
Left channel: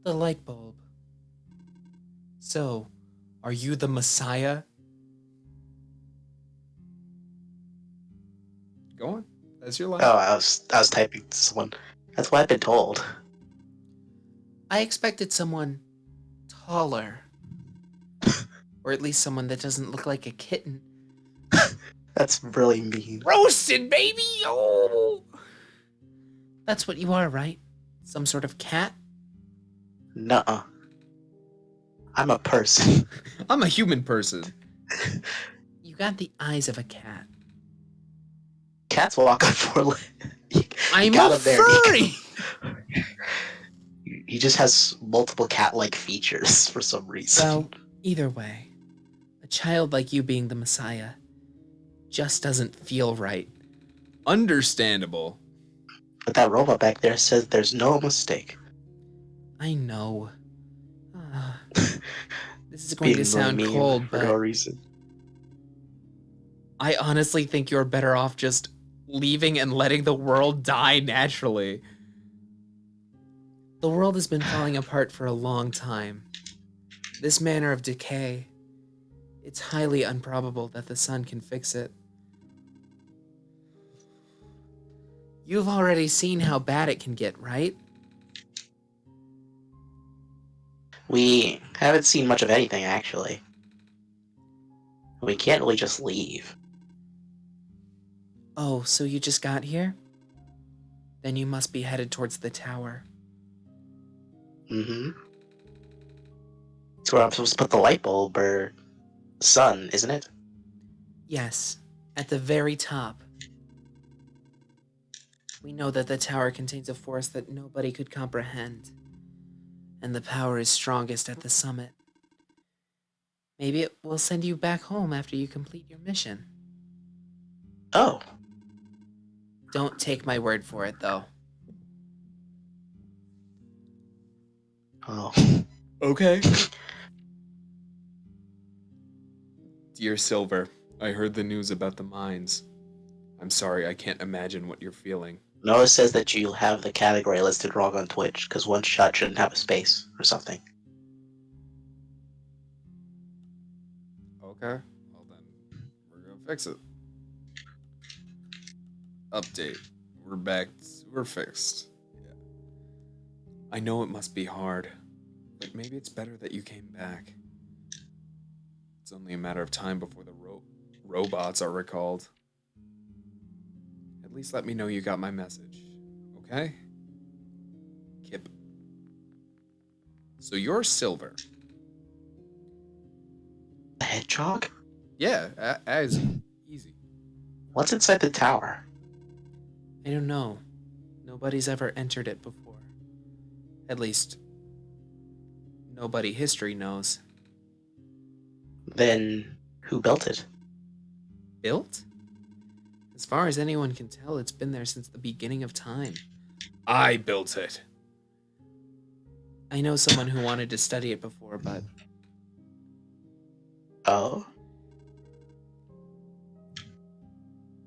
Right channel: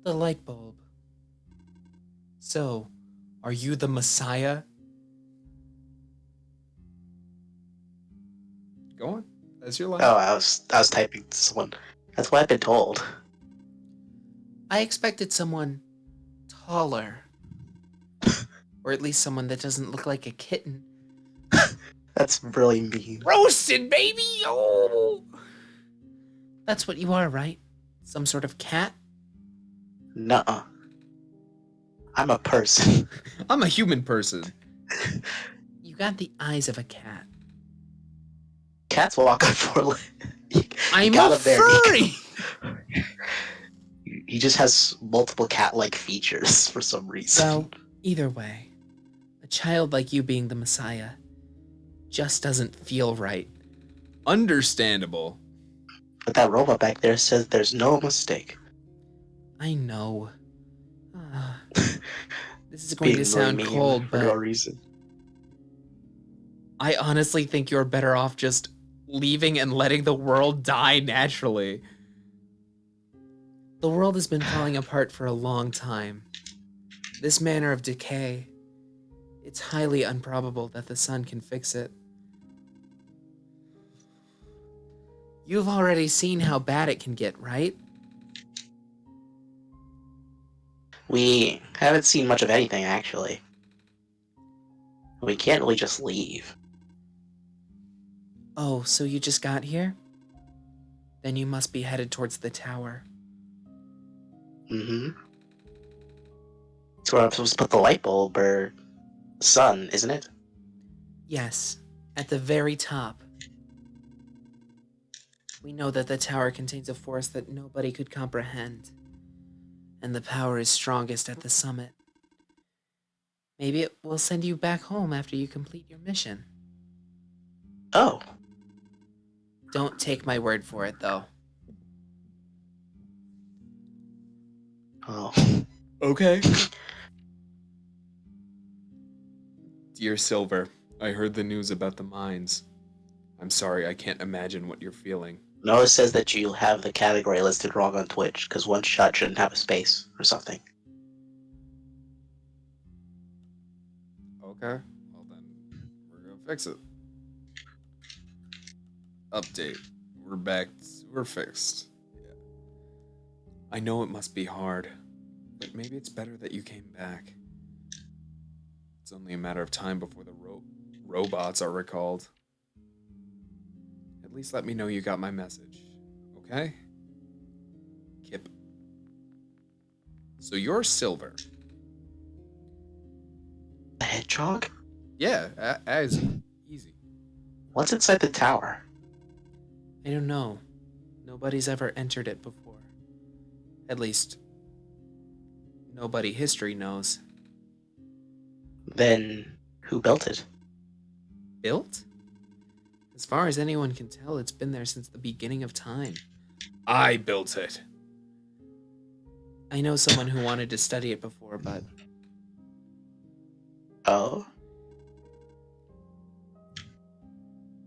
The light bulb. So, are you the Messiah? Go on. That's your line. oh, I was typing to someone. That's what I've been told. I expected someone taller. Or at least someone that doesn't look like a kitten. That's really mean. Roasted, baby! Oh! That's what you are, right? Some sort of cat? Nuh-uh. I'm a person. I'm a human person. You got the eyes of a cat. Cats walk on four legs. I'm a furry! He just has multiple cat-like features for some reason. Well, either way, a child like you being the Messiah just doesn't feel right. Understandable. But that robot back there says there's no mistake. I know. This is going to Being sound really mean cold, for no but reason. I honestly think you're better off just leaving and letting the world die naturally. The world has been falling apart for a long time. This manner of decay, it's highly improbable that the sun can fix it. You've already seen how bad it can get, right? We haven't seen much of anything, actually. We can't really just leave. Oh, so you just got here? Then you must be headed towards the tower. Mm-hmm. That's where I'm supposed to put the light bulb, or sun, isn't it? Yes, at the very top. We know that the tower contains a force that nobody could comprehend, and the power is strongest at the summit. Maybe it will send you back home after you complete your mission. Oh. Don't take my word for it, though. Oh. Okay. Dear Silver, I heard the news about the mines. I'm sorry, I can't imagine what you're feeling. Noah says that you have the category listed wrong on Twitch because OneShot shouldn't have a space or something. Okay. Well then, we're gonna fix it. Update. We're back. We're fixed. Yeah. I know it must be hard, but maybe it's better that you came back. It's only a matter of time before the robots are recalled. At least let me know you got my message. Okay? Kip. So you're Silver. A hedgehog? Yeah, as easy. What's inside the tower? I don't know. Nobody's ever entered it before. At least, nobody history knows. Then who built it? Built? As far as anyone can tell, it's been there since the beginning of time. I built it. I know someone who wanted to study it before, but Oh,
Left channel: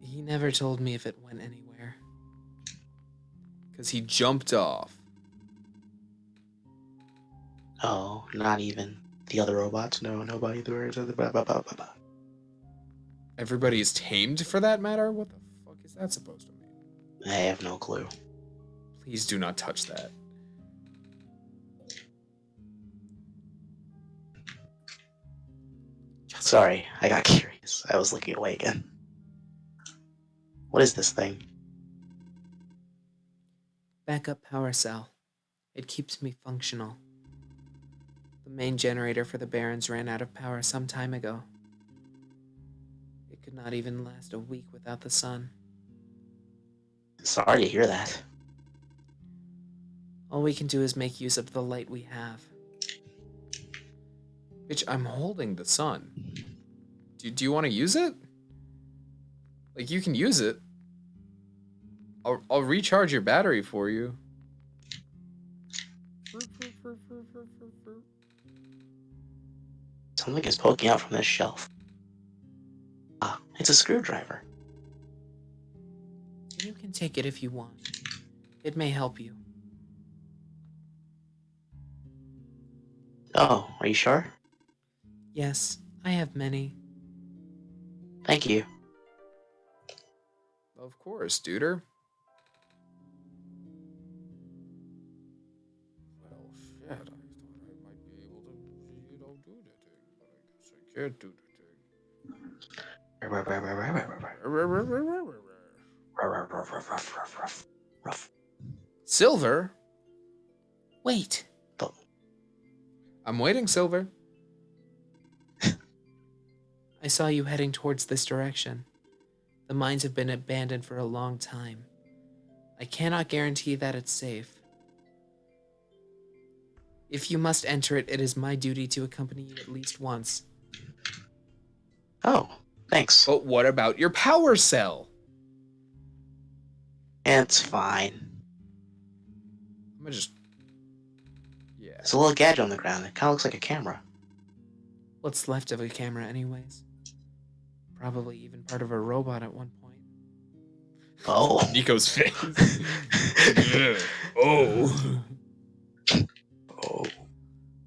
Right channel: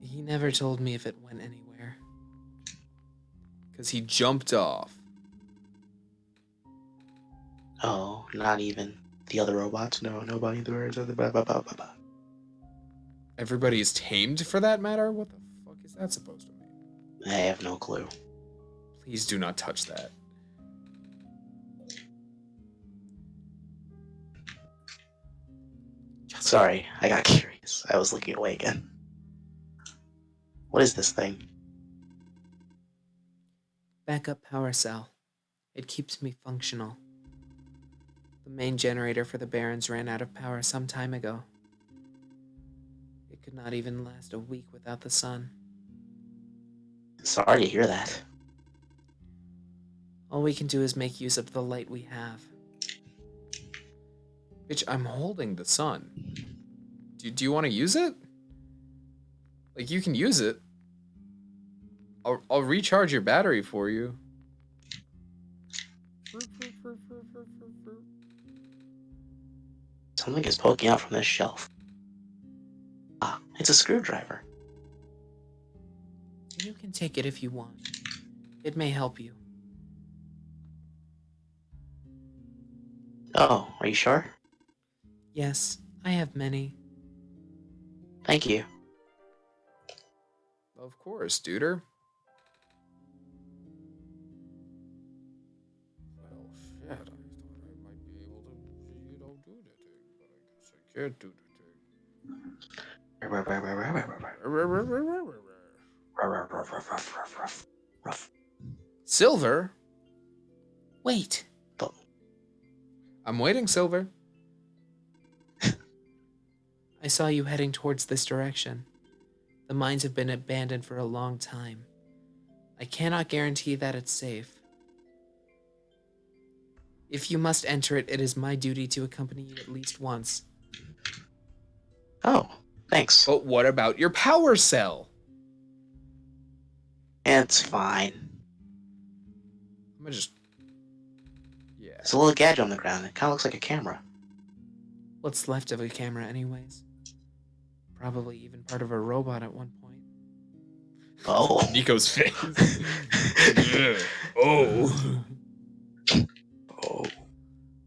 he never told me if it went anywhere. Because he jumped off. oh, not even the other robots. No, nobody. Everybody is tamed for that matter? What the fuck is that supposed to mean? I have no clue. Please do not touch that. Sorry, I got curious. I was looking away again. What is this thing? Backup power cell. It keeps me functional. The main generator for the Barons ran out of power some time ago. It could not even last a week without the sun. Sorry to hear that. All we can do is make use of the light we have. Bitch, I'm holding the sun. Do you want to use it? Like, you can use it. I'll recharge your battery for you. Something is poking out from this shelf. Ah, it's a screwdriver. You can take it if you want. It may help you. Oh, are you sure? Yes, I have many. Thank you. Of course, duder. Well, shit, I thought I might be able to, do the thing, but I guess I can't do the thing. Silver? Wait! I'm waiting, Silver. I saw you heading towards this direction. The mines have been abandoned for a long time. I cannot guarantee that it's safe. If you must enter it, it is my duty to accompany you at least once. Oh, thanks. But what about your power cell? It's fine. I'm gonna just... Yeah. It's a little gadget on the ground. It kind of looks like a camera. What's left of a camera anyways? Probably even part of a robot at one point. Oh. Nico's face. Yeah. Oh. Oh.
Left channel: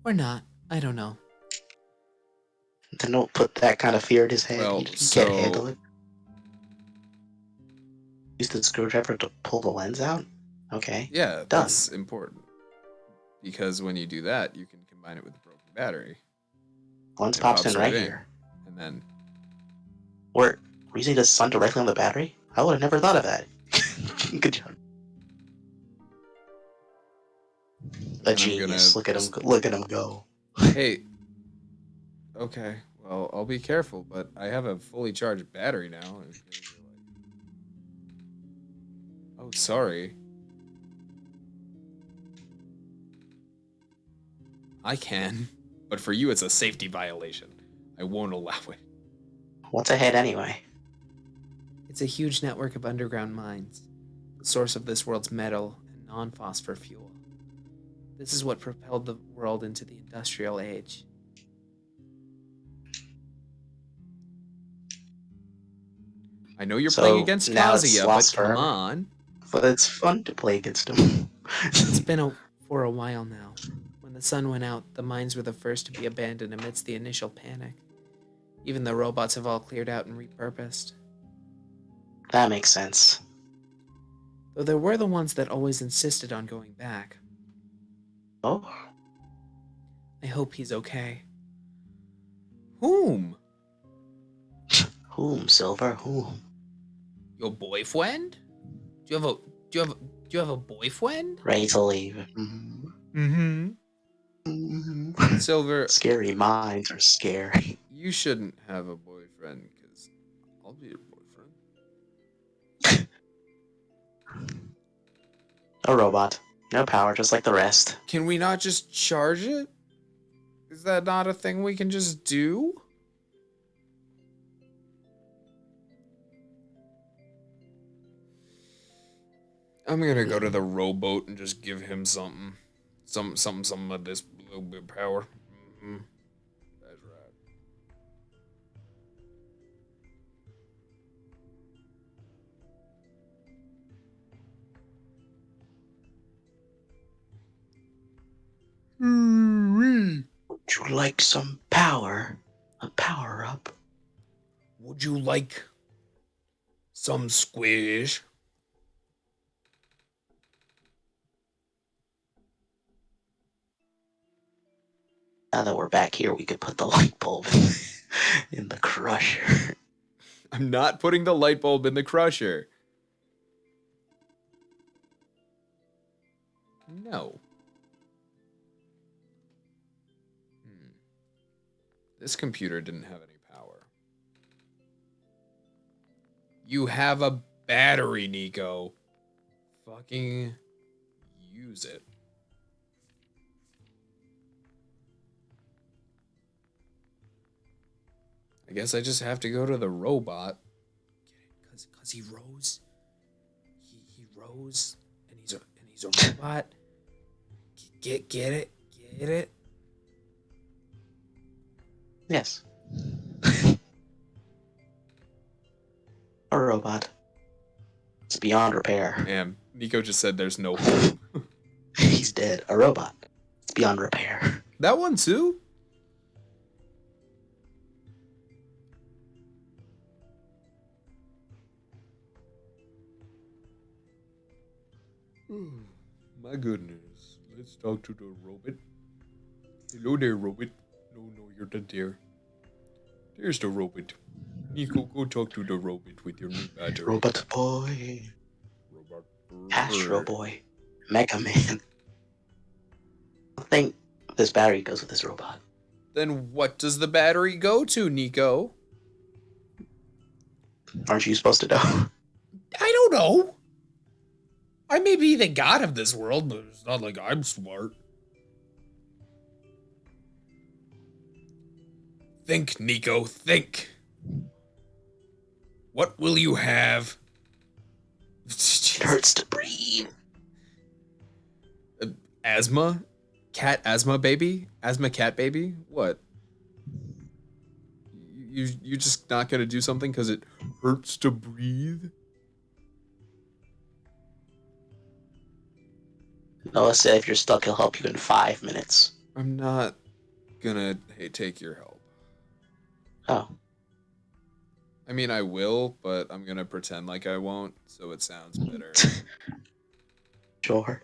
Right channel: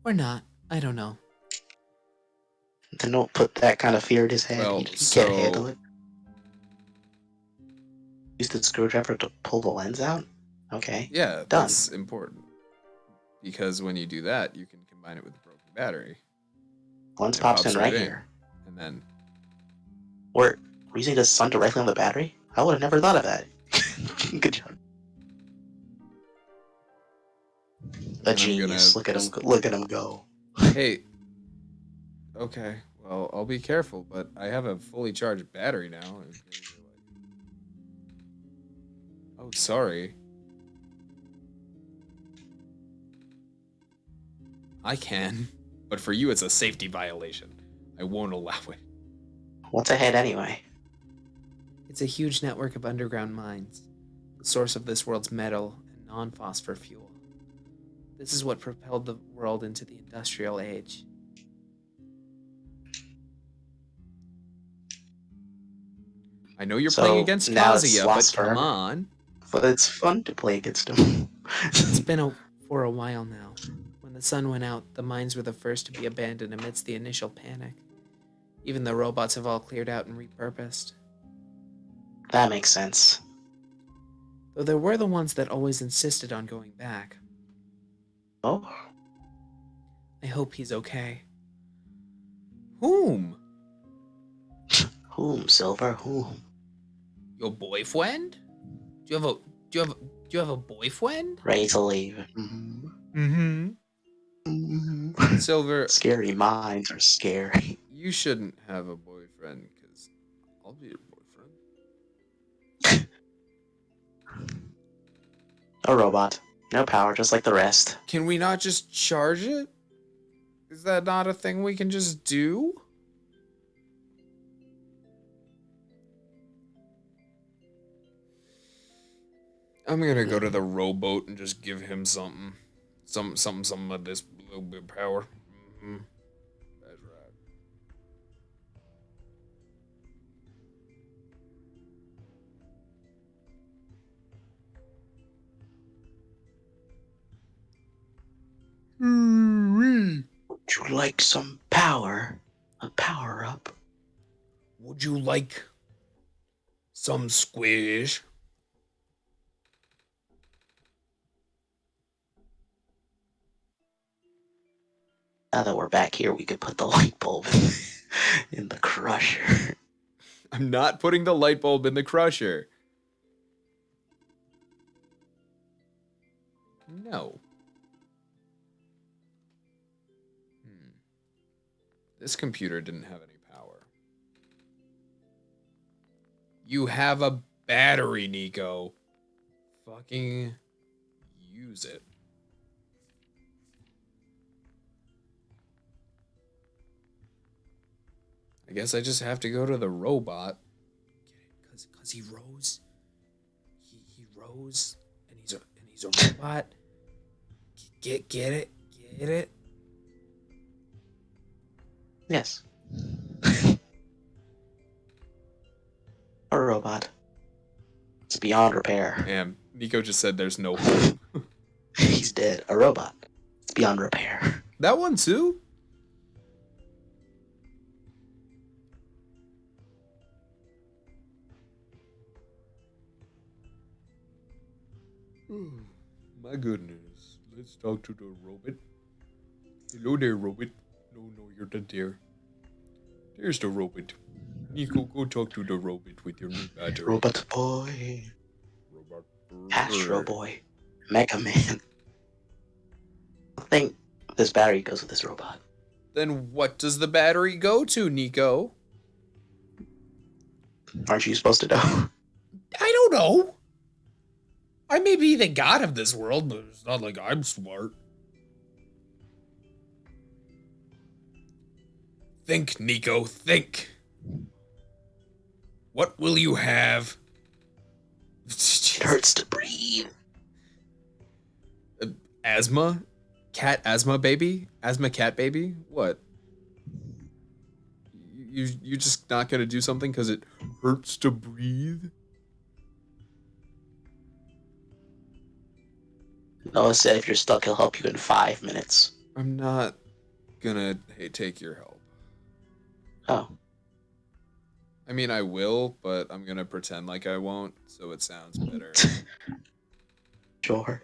Or not. I don't know. Then don't put that kind of fear in his head. Well, He can't so... handle it. Use the screwdriver to pull the lens out? Okay. Yeah, Done. that's important. Because when you do that, you can combine it with a broken battery. Lens It pops in right here. And then... We're using the sun directly on the battery? I would have never thought of that. Good job. A genius. Look at him go. Hey. Okay, well, I'll be careful, but I have a fully charged battery now. Oh, sorry. I can, but for you it's a safety violation. I won't allow it. What's ahead anyway? It's a huge network of underground mines, the source of this world's metal and non-phosphor fuel. This is what propelled the world into the industrial age. I know you're So playing against now it's Kazuya, but lost come forever? on. But it's fun to play against him. It's been for a while now. When the sun went out, the mines were the first to be abandoned amidst the initial panic. Even the robots have all cleared out and repurposed. That makes sense. Though there were the ones that always insisted on going back. Oh, I hope he's okay. Whom? whom, Silver? Whom? Your boyfriend? Do you have a boyfriend? Razorleaf. Mm-hmm. Silver, Scary minds are scary. you shouldn't have a boyfriend because I'll be your boyfriend. A robot. No power, just like the rest. Can we not just charge it? Is that not a thing we can just do? I'm gonna go to the rowboat and just give him something. Something of this little bit of power. Mm-hmm. That's right. Would you like some power? A power up? Would you like some squish? Now that we're back here, we could put the light bulb in the crusher. I'm not putting the light bulb in the crusher. No. This computer didn't have any power. You have a battery, Nico. Fucking use it. I guess I just have to go to the robot. Get it? Cause he rose. He rose, and he's a robot. Get it? Get it? Yes. A robot. It's beyond repair. And Nico just said there's no hope. He's dead. A robot. It's beyond repair. That one too? My goodness. Let's talk to the robot. Hello there, robot. No, you're the deer. There's the robot. Nico, go talk to the robot with your new battery. Robot boy. Robot Astro boy. Mega Man. I think this battery goes with this robot. Then what does the battery go to, Nico? Aren't you supposed to know? I don't know. I may be the god of this world, but it's not like I'm smart. Think, Nico, think. What will you have? It hurts to breathe. Asthma? Cat asthma baby? Asthma cat baby? What? You just not gonna do something because it hurts to breathe? Noah said if you're stuck, he'll help you in 5 minutes. I'm not gonna take your help. Oh. I mean, I will, but I'm gonna pretend like I won't, so it sounds better. Sure.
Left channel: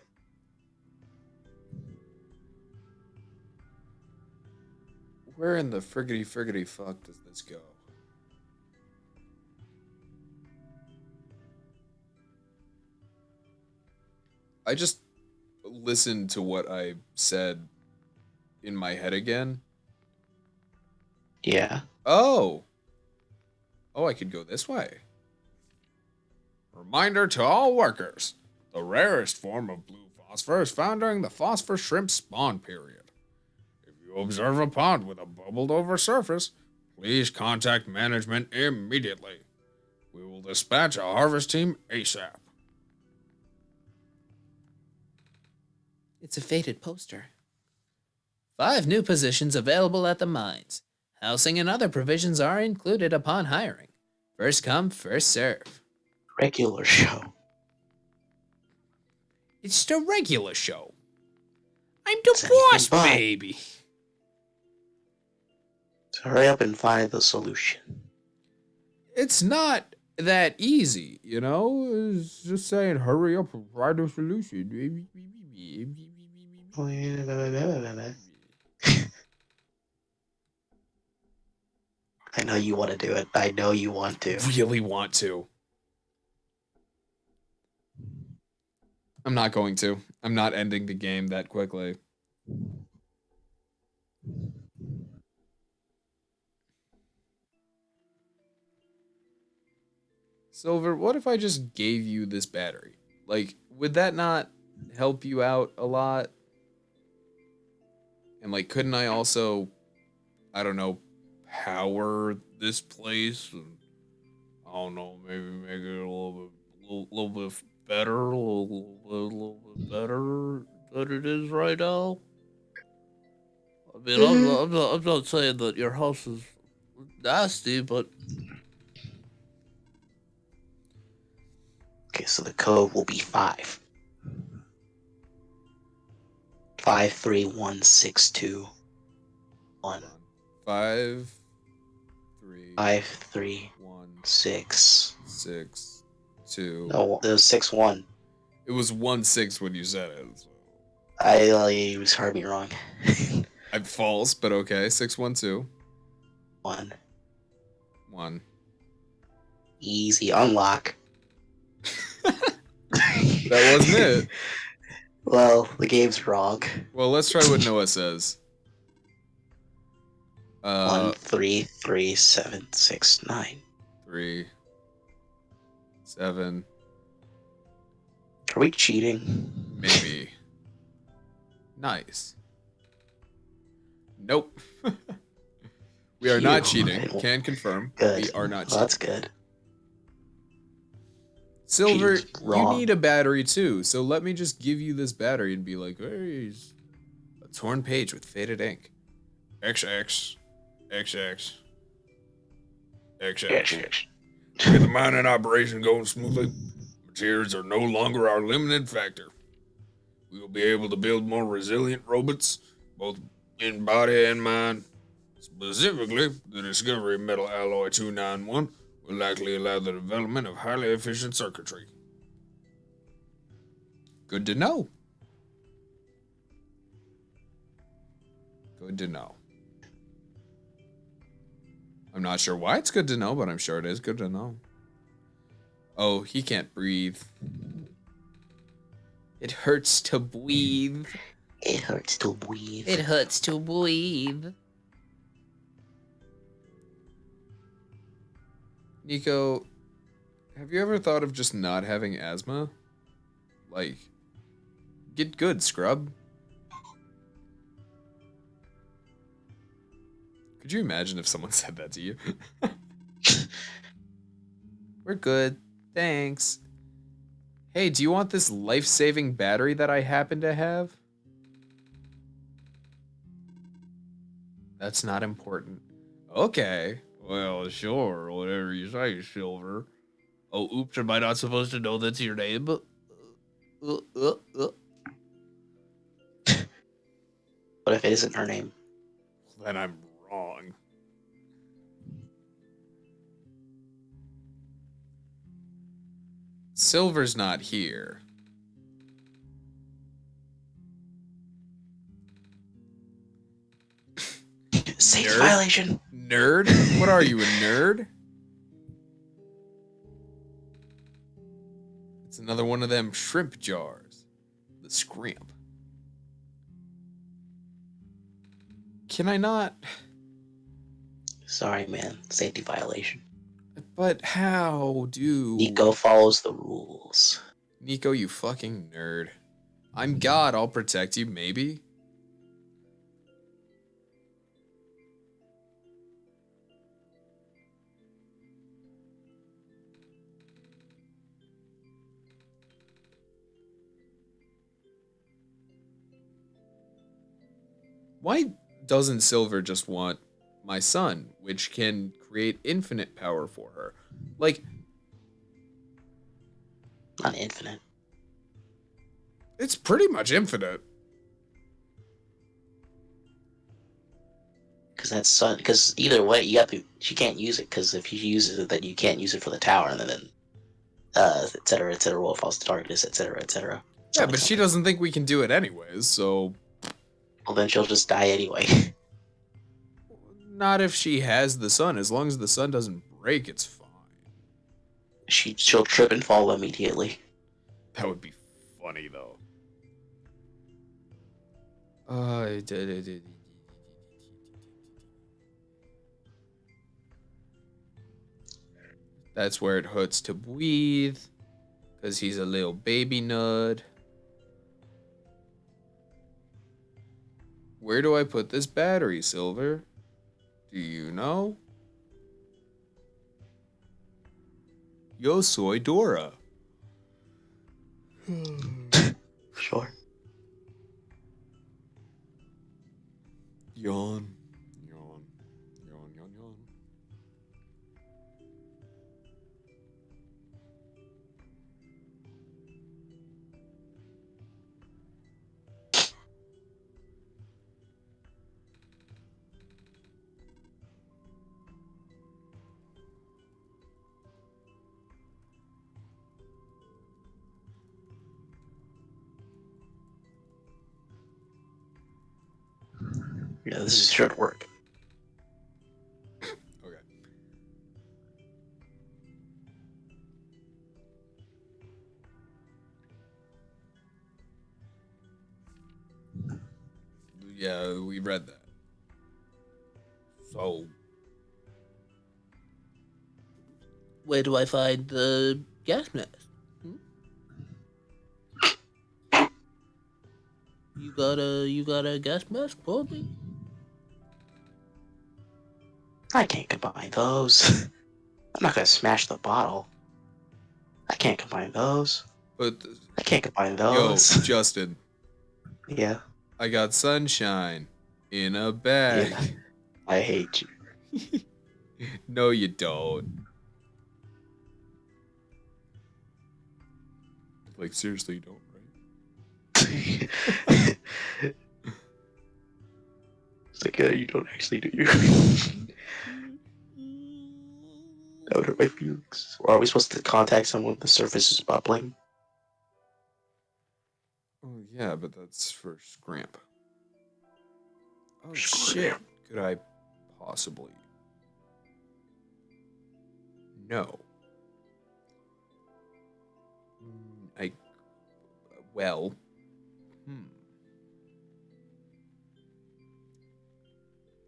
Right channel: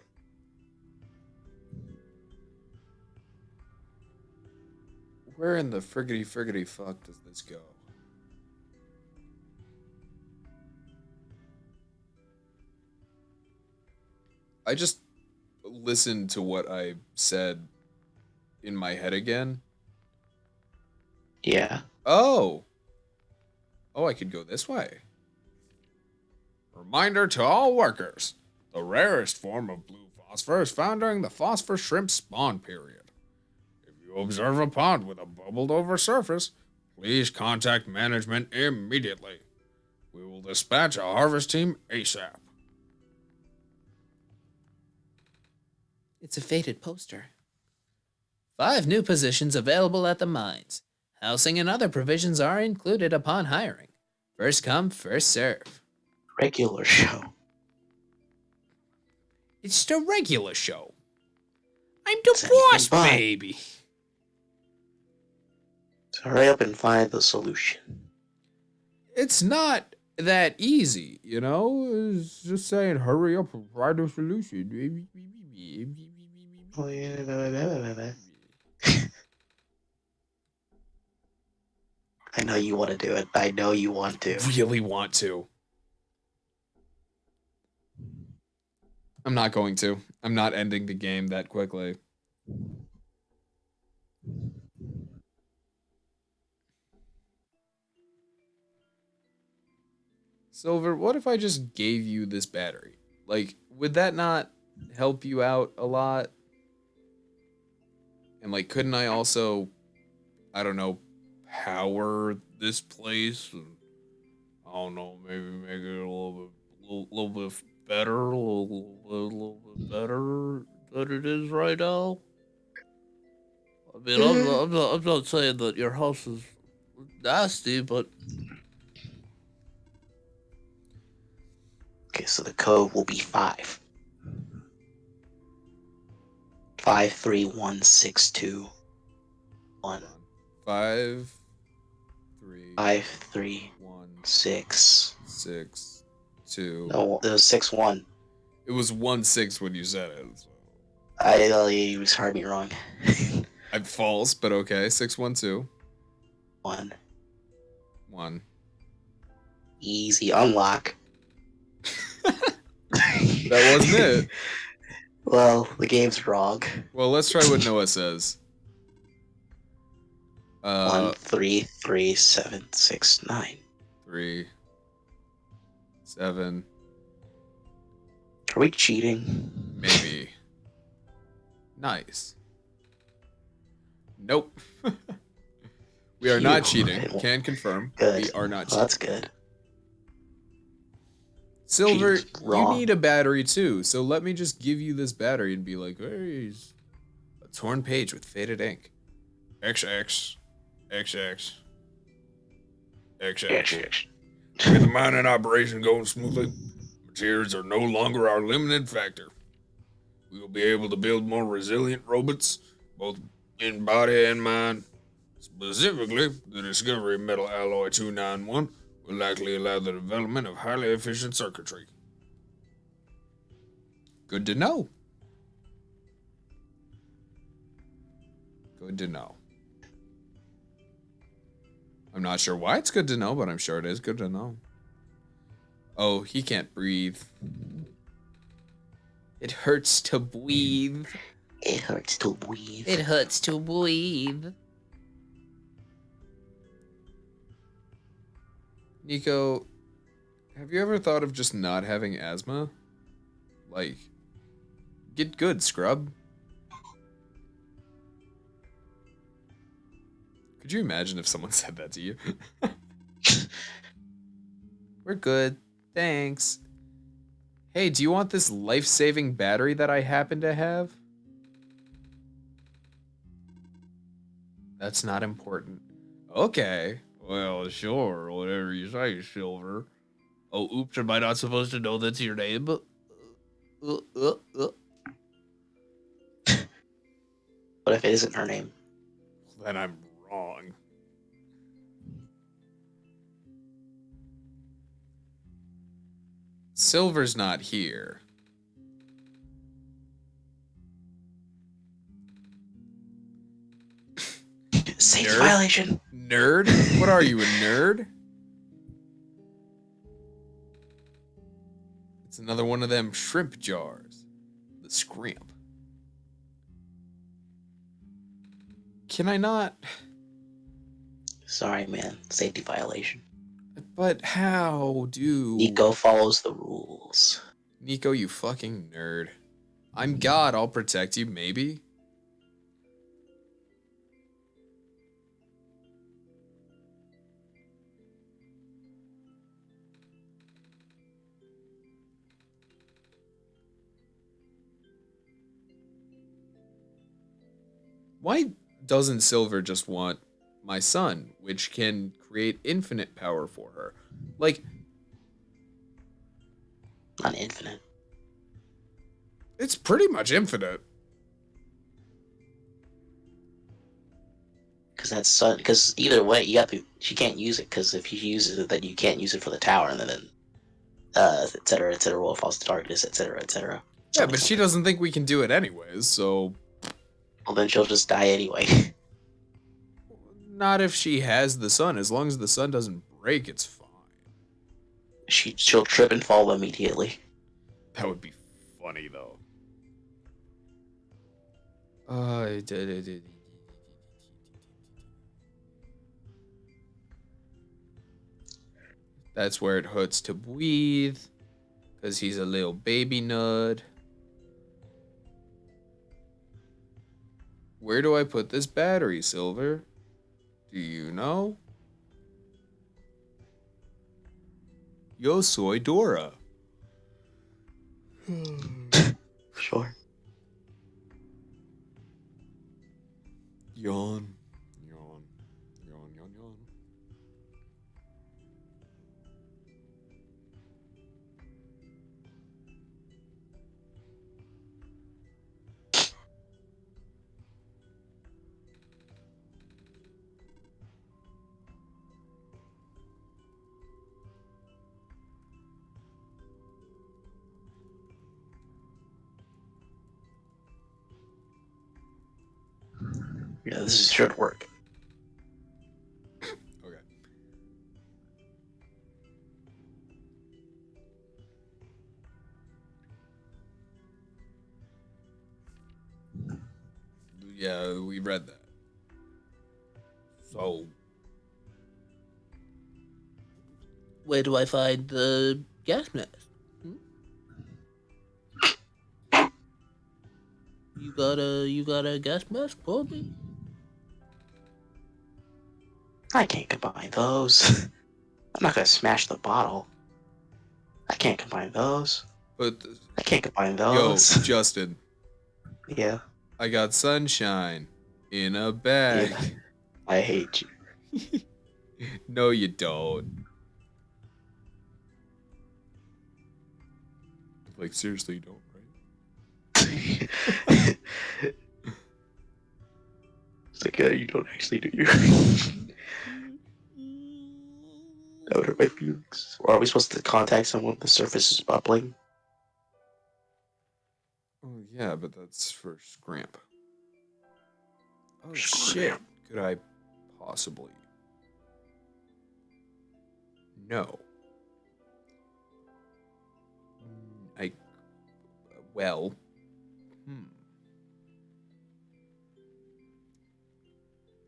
Where in the friggity fuck does this go? I just listened to what I said in my head again. Yeah. Oh, I could go this way. Reminder to all workers. The rarest form of blue phosphor is found during the phosphor shrimp spawn period. If you observe a pond with a bubbled over surface, please contact management immediately. We will dispatch a harvest team ASAP. It's a faded poster. 5 new positions available at the mines. Housing and other provisions are included upon hiring. First come, first serve. Regular show. It's just a regular show. I'm It's the anything boss, but. baby. So hurry up and find the solution. It's not that easy, you know? It's just saying, hurry up and find a solution. I know you want to do it. I know you want to. Really want to. I'm not going to. I'm not ending the game that quickly. Silver, what if I just gave you this battery? Like, would that not help you out a lot? And like, couldn't I also, I don't know, power this place? And, I don't know, maybe make it a little bit better, little bit better than it is right now. I mean, I'm not saying that your house is nasty, but Okay, so the code will be 5. 53162 1. hold on. 5, 3, 1, 531 6, 2. No, it was 6-1. It was 1-6 when you said it. So. You just heard me wrong. I'm false, but okay. 612 1. 1. Easy unlock. That wasn't it. Well, the game's wrong. Well, let's try what Noah says. 133769. 3, 7, Are we cheating? maybe. Nice. Nope. We are not cheating. Can confirm. Good. We are not Well, cheating. that's good. Silver, Cheating's you wrong. need a battery too, so let me just give you this battery and be like, hey, a torn page with faded ink. XX, XX, XX. With the mining operation going smoothly, materials are no longer our limited factor. We will be able to build more resilient robots, both in body and mind. Specifically, the discovery of metal alloy 291 will likely allow the development of highly efficient circuitry. Good to know. Good to know. I'm not sure why it's good to know, but I'm sure it is good to know. Oh, he can't breathe. It hurts to breathe. It hurts to breathe. It hurts to breathe. Nico, have you ever thought of just not having asthma? Like, get good, scrub. Could you imagine if someone said that to you? We're good. Thanks. Hey, do you want this life-saving battery that I happen to have? That's not important. Okay. Well, sure. Whatever you say, Silver. Oh, oops. Am I not supposed to know that's your name? What if it isn't her name? Then I'm wrong. Silver's not here. Safety Nerd? violation. Nerd? What are you, a nerd? It's another one of them shrimp jars. The scrimp. Can I not? Sorry, man. Safety violation. But how do... Nico follows the rules. Nico, you fucking nerd. I'm God, I'll protect you, maybe? Why doesn't Silver just want my son, which can create infinite power for her? Like, Not infinite. It's pretty much infinite. Because either way, she can't use it, because if she uses it, then you can't use it for the tower, and then et cetera, Wolf Falls to Darkness, et cetera, et cetera. Yeah, but she doesn't think we can do it anyways, so. Well, then she'll just die anyway. Not if she has the sun. As long as the sun doesn't break, it's fine. She'll trip and fall immediately. That would be funny, though. That's where it hurts to breathe. Because he's a little baby nerd. Where do I put this battery, Silver? Do you know? Yo soy Dora. Sure. Yawn. Yawn. Yawn, yawn, yawn. Yeah, this should work. Okay. Yeah, we read that. So. Where do I find the gas mask? You got a gas mask for me? I can't combine those. I'm not gonna smash the bottle. I can't combine those. But, I can't combine yo, those. Justin, Yeah. I got sunshine in a bag. Yeah. I hate you. No, you don't. Like, seriously, you don't, right? It's like, you don't actually, do you? That would hurt my feelings. Or are we supposed to contact someone if the surface is bubbling? Oh, yeah, but that's for Scramp. Oh, Scramp. shit. Could I possibly? No. Well.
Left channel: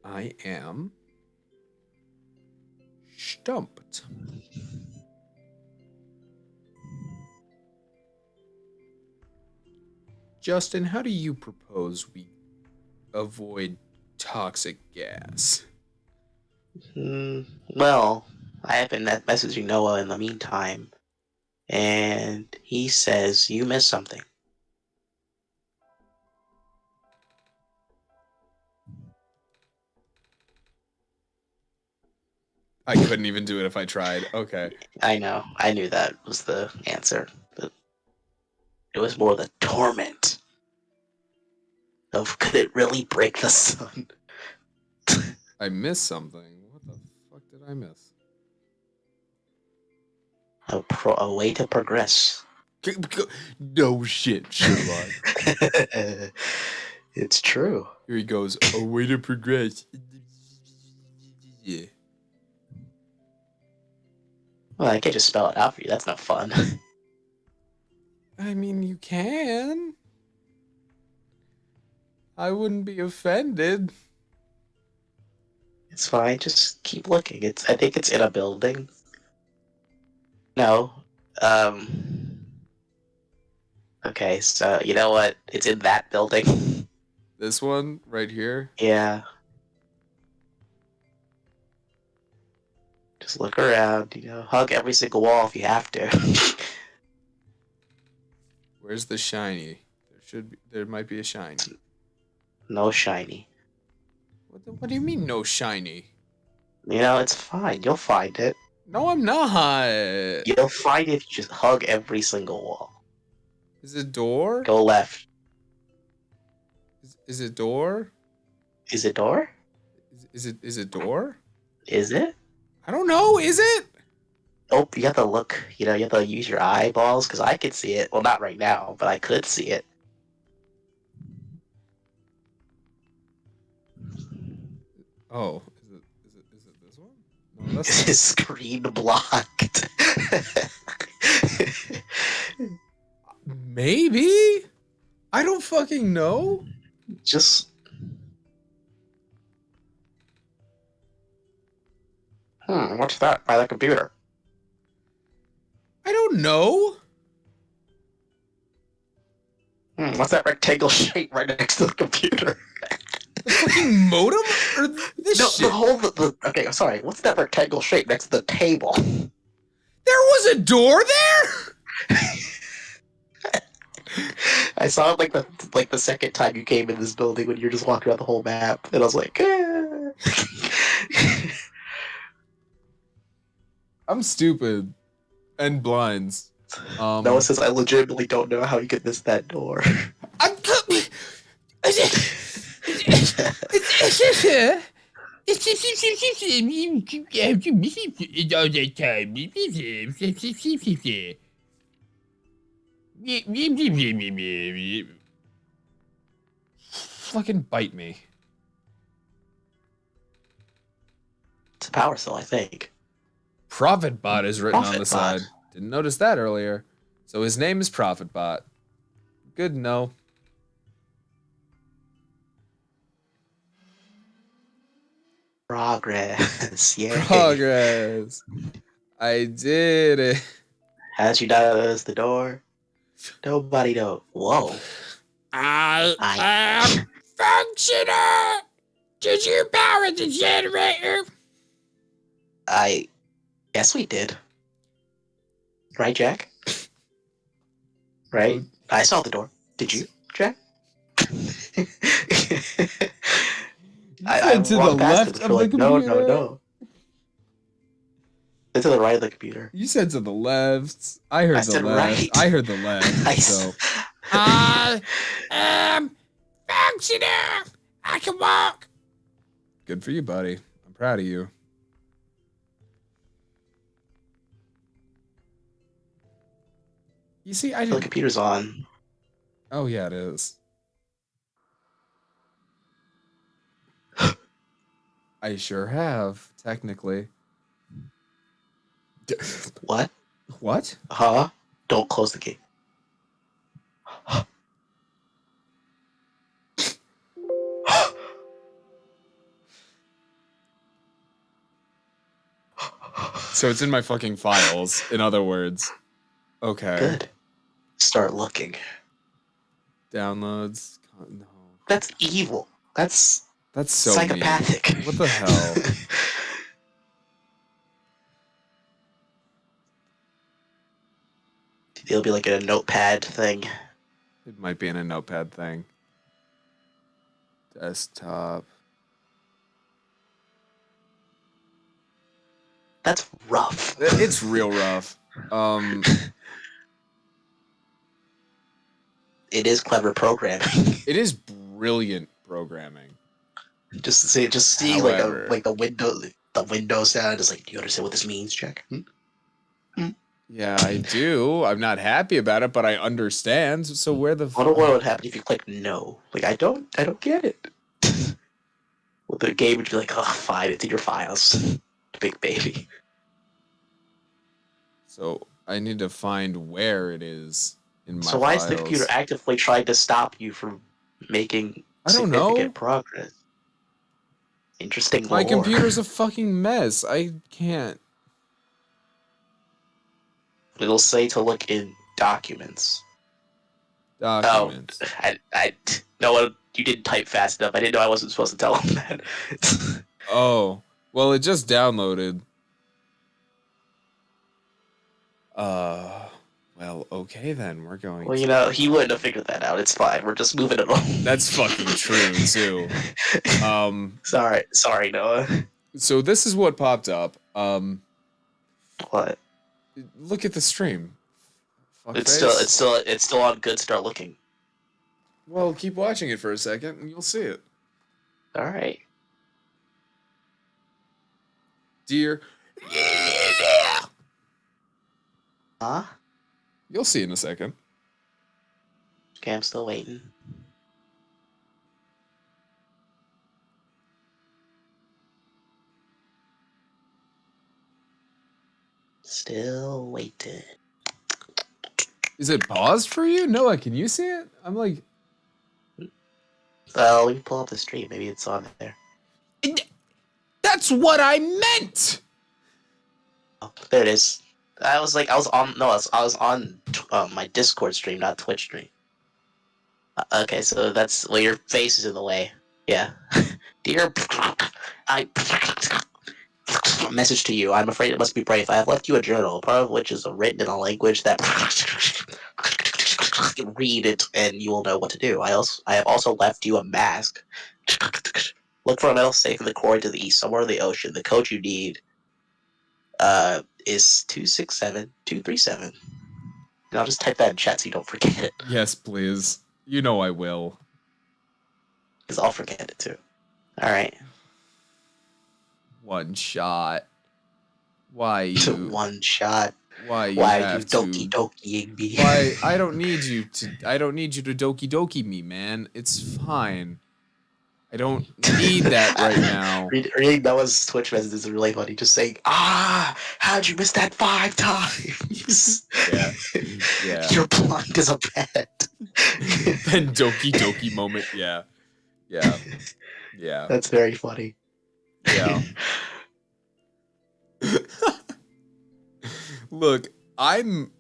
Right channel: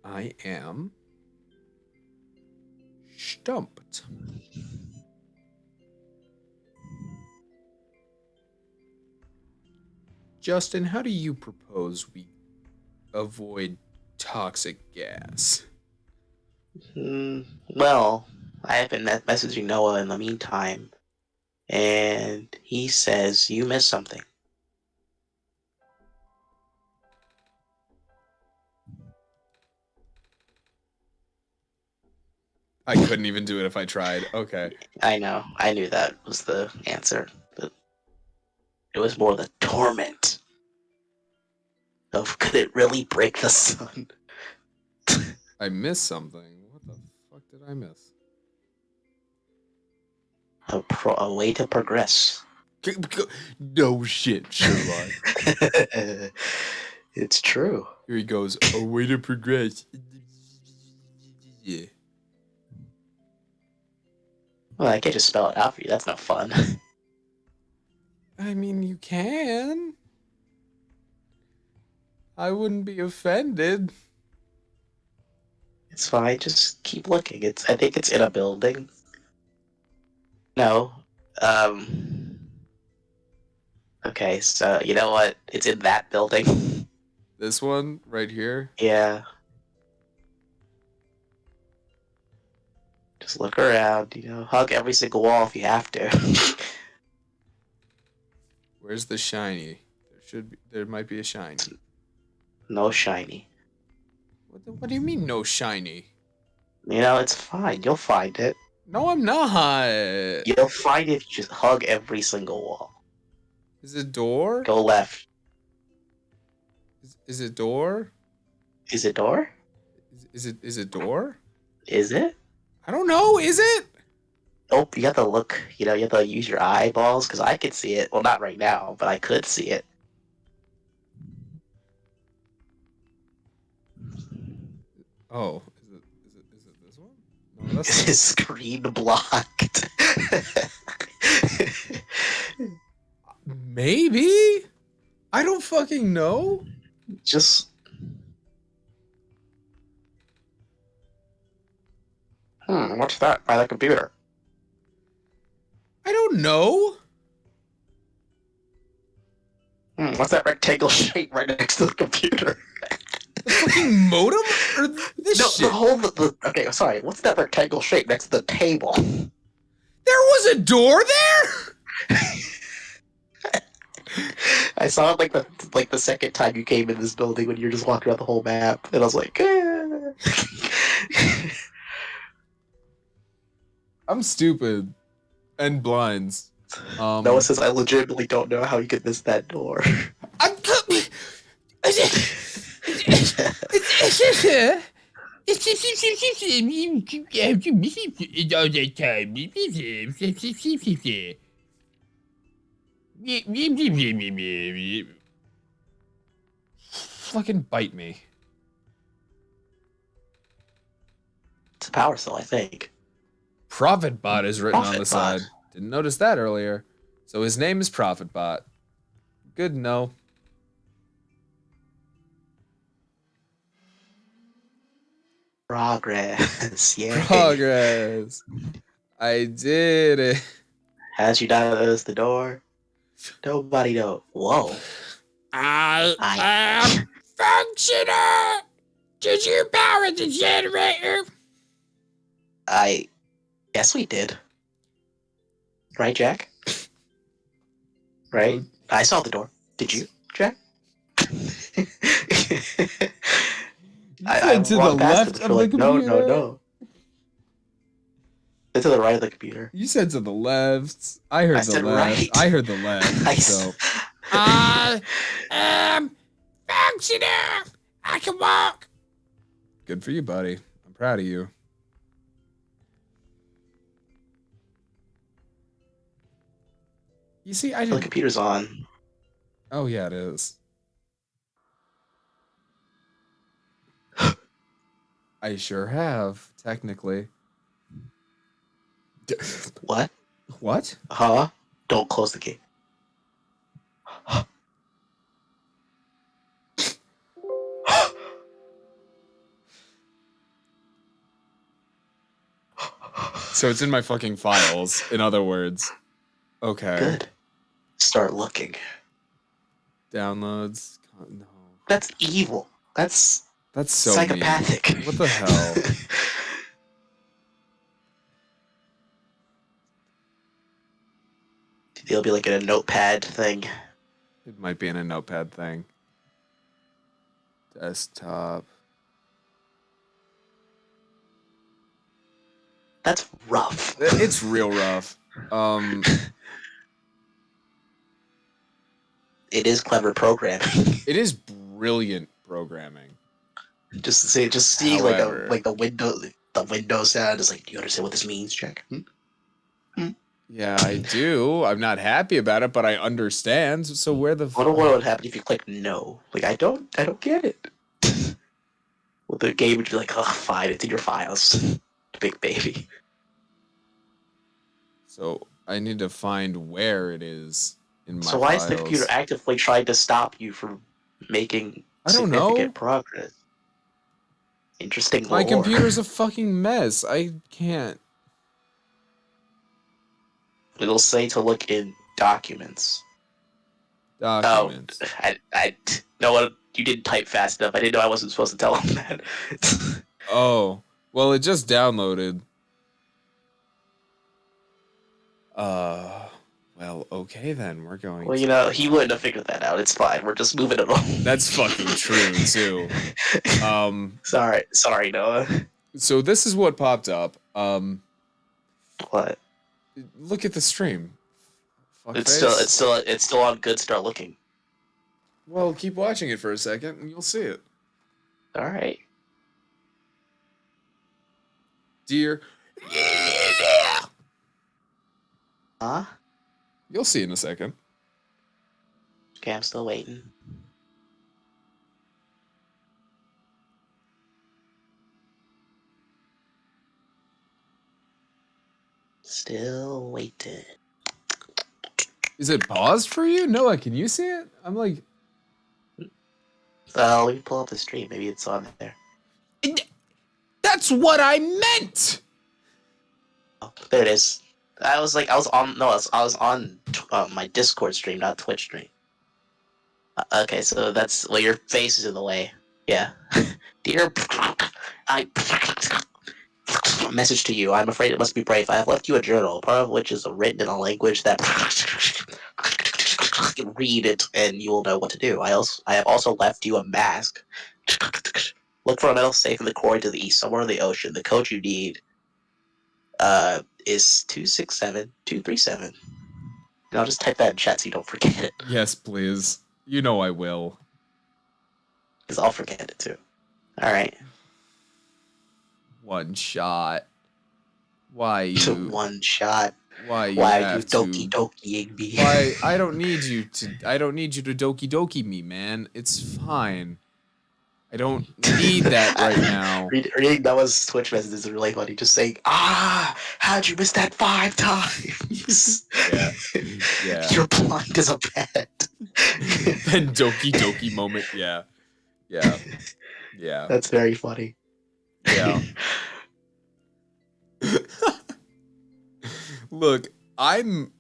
I am stumped. Justin, how do you propose we avoid toxic gas? Well, I have been messaging Noah in the meantime, and he says you missed something. I couldn't even do it if I tried. Okay. I know. I knew that was the answer. But it was more the torment of could it really break the sun? I missed something. What the fuck did I miss? A way to progress. No shit, Sherlock. It's true. Here he goes. A way to progress. Yeah. Well, I can't just spell it out for you. That's not fun. I mean, you can. I wouldn't be offended. It's fine. Just keep looking. I think it's in a building. No. Okay, so you know what? It's in that building. This one right here. Yeah. Just look around, hug every single wall if you have to. Where's the shiny? There might be a shiny. No shiny. What do you mean no shiny? It's fine. You'll find it. No, I'm not. You'll find it if you just hug every single wall. Is it door? Go left. Is it door? Is it door? Is it door? Is it? I don't know. Is it? Oh, you have to look. You know, you have to use your eyeballs because I could see it. Well, not right now, but I could see it. Oh, is it this one? No, that's His screen blocked. maybe. I don't fucking know. Just. What's that by the computer? I don't know. What's that rectangle shape right next to the computer? The fucking modem or this No, shit? Okay, sorry. What's that rectangle shape next to the table? There was a door there. I saw it like the second time you came in this building when you were just walking around the whole map, and I was like, I'm stupid and blinds. Noah says I legitimately don't know how you could miss that door. Fucking bite me. It's a power cell, I think. Profitbot is written on the Profitbot. side. Didn't notice that earlier. So his name is Profitbot. Good to know. Progress, yeah. Progress. I did it. As you notice the door, nobody knows. Whoa. I am functional. Did you power the generator? I guess we did. Right, Jack? Right? I saw the door. Did you, Jack? You said to the walked past left it of for the like, computer. No. It's to the right of the computer. You said to the left. I heard I the said left. right. I heard the left. Nice. So I am functional. I can walk. good for you, buddy. I'm proud of you. You see, I The didn't. computer's on. Oh yeah, it is. I sure have, technically. What? What? Huh? Don't close the gate. So it's in my fucking files, in other words. Okay. Good. Start looking. Downloads. No. That's evil. That's That's so psychopathic. mean. What the hell? It'll be like in a notepad thing. It might be in a notepad thing. Desktop. That's rough. It's real rough. It is clever programming. It is brilliant programming. just see However. like the window sound is like, do you understand what this means, Jack? Yeah, I do. I'm not happy about it, but I understand. So where the I wonder what would happen if you click no. Like I don't get it. Well, the game would be like, oh, fine, it's in your files, big baby. So I need to find where it is in my So why is the files. computer actively trying to stop you from making I don't significant know. progress? Interesting. My lore. computer's a fucking mess. I can't. It'll say to look in documents. Documents. Oh, I no one. You didn't type fast enough. I didn't know I wasn't supposed to tell him that. Oh, well, it just downloaded. Well, okay then. We're going. Well, you know, he wouldn't have figured that out. It's fine. We're just moving it on. That's fucking true too. Sorry, Noah. So this is what popped up. What? Look at the stream. Fuckface. It's still on good. Start looking. Well, keep watching it for a second and you'll see it. All right. Dear. Huh? You'll see in a second. Okay, I'm still waiting. Still waiting. Is it paused for you? Noah, can you see it? I'm like, Well, let me pull up the stream. Maybe it's on there. that's what I meant! Oh, there it is. I was on my Discord stream, not Twitch stream. Okay, so that's well, your face is in the way. Yeah. Dear, I message to you. I'm afraid it must be brave. I have left you a journal, part of which is written in a language that read it, and you will know what to do. I have also left you a mask. Look for a metal safe in the quarry to the east, somewhere in the ocean. The code you need is 267237. And I'll just type that in chat so you don't forget it, Yes, please. You know I will. because I'll forget it too. All right. One shot. Why you? One shot. Why you Why are you have to? doki dokiing me? Why I don't need you to. I don't need you to doki doki me, man. It's fine. I don't need that right now. Reading Noah's Twitch messages is really funny. Just saying, how'd you miss that 5 times? Yeah. Yeah. You're blind as a bat. Then doki doki moment. Yeah. Yeah. Yeah. That's very funny. Yeah. Look, I'm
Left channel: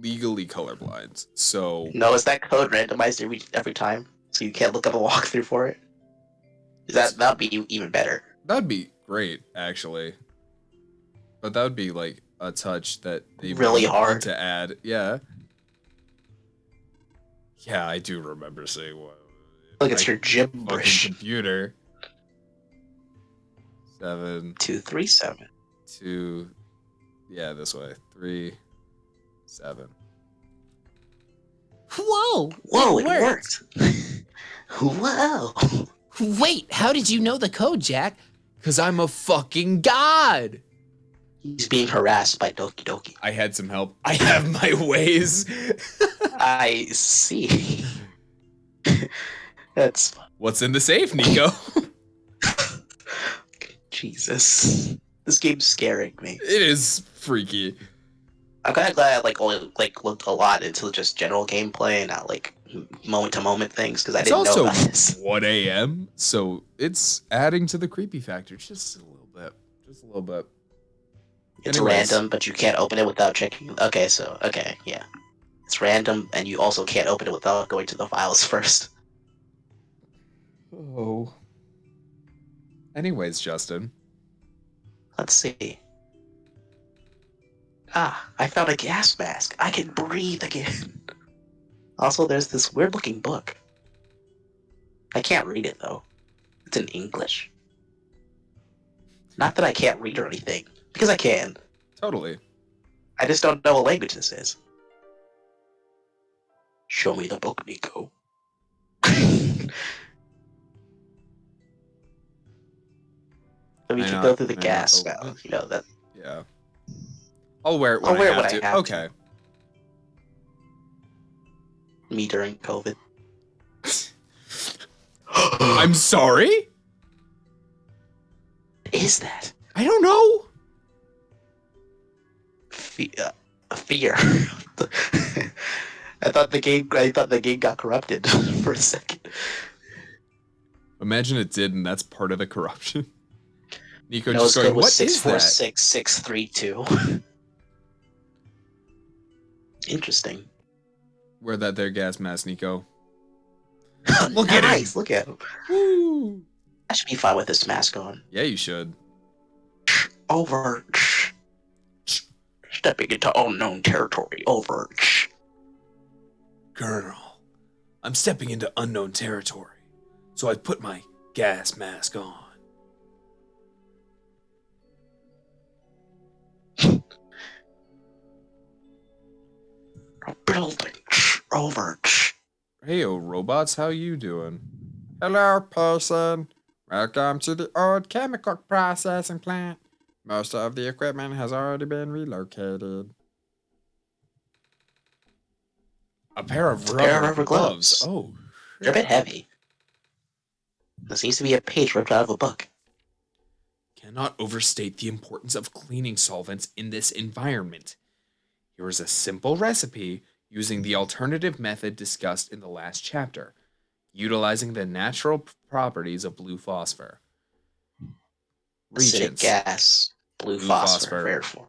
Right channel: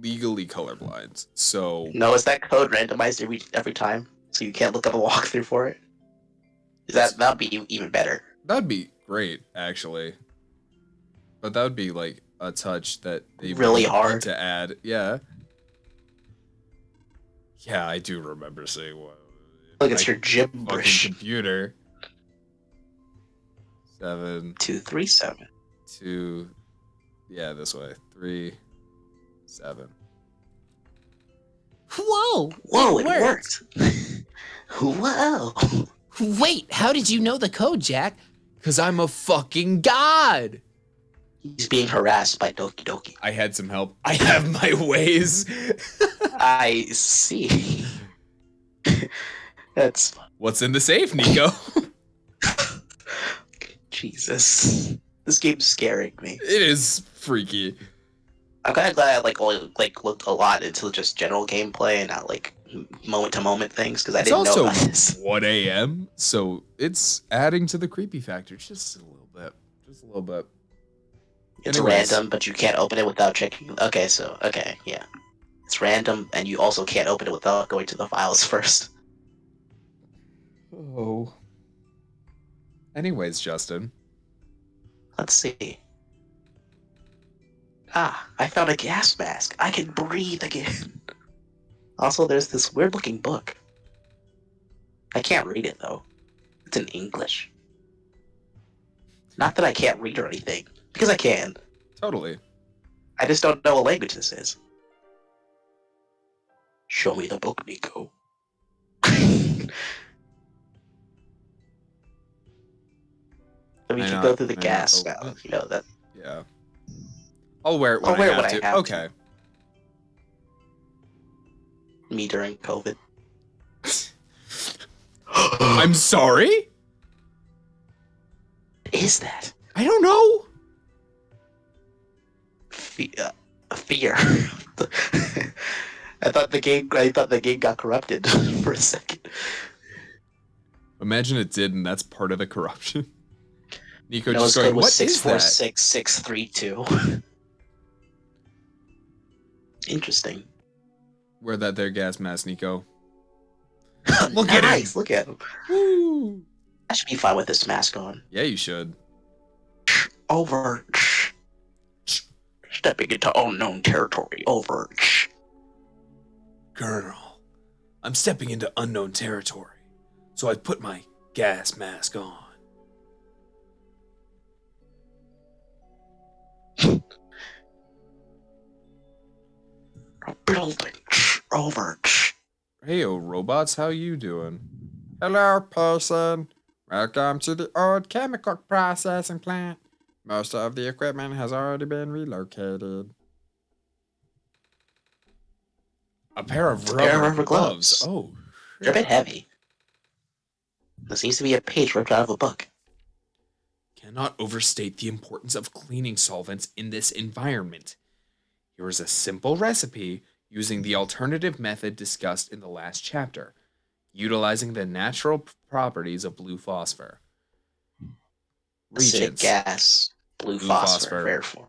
legally colorblind, so No, is that code randomized every time? So you can't look up a walkthrough for it? That'd be even better. that'd be great, actually. But that would be like a touch that they Really need hard. to add. Yeah. Yeah, I do remember saying what. Look, it's your Fucking gibberish. computer. 7, 237. 2. Yeah, this way. 3, 7. Whoa! Whoa, it it worked. Whoa. Wait, how did you know the code, Jack? Cause I'm a fucking god. He's being harassed by Doki Doki. I had some help. I have my ways. I see. That's fun. What's in the safe, Nico? Jesus. This game's scaring me. It is freaky. I'm kind of glad I only looked a lot into just general gameplay and not moment to moment things because I It's didn't also know about this. 1 a.m., so it's adding to the creepy factor just a little bit. Just a little bit. It's Anyways. random, but you can't open it without checking. Okay, yeah. It's random, and you also can't open it without going to the files first. Oh. Anyways, Justin. Let's see. I found a gas mask. I can breathe again. Also, there's this weird-looking book. I can't read it, though. It's in English. Not that I can't read or anything, because I can. Totally. I just don't know what language this is. Show me the book, Nico. So we May can not- go through the may not gas open now. it. You know that. Yeah. I'll wear it when I'll wear it I have when I to. have to. Okay. Me during COVID. I'm sorry? What is that? I don't know. Fear. I thought the game got corrupted for a second. Imagine it did, and that's part of the corruption. Nico No, just his going, code was what is that? 646632. Interesting. Wear that there gas mask, Nico. Look at him. Nice, look at him. Woo. I should be fine with this mask on. Yeah, you should. Over. Stepping into unknown territory. Over. Colonel, I'm stepping into unknown territory, so I put my gas mask on. Building. Over. Hey, robots, how you doing? Hello, person. Welcome to the old chemical processing plant. Most of the equipment has already been relocated. A pair of It's a pair of rubber rubber gloves. gloves. Oh, They're a bit shit. heavy. There seems to be a page ripped out of a book. Cannot overstate the importance of cleaning solvents in this environment. Here is a simple recipe using the alternative method discussed in the last chapter, utilizing the natural properties of blue phosphor. Acidic Reagents. gas. Blue Blue phosphor. phosphor. Rare form.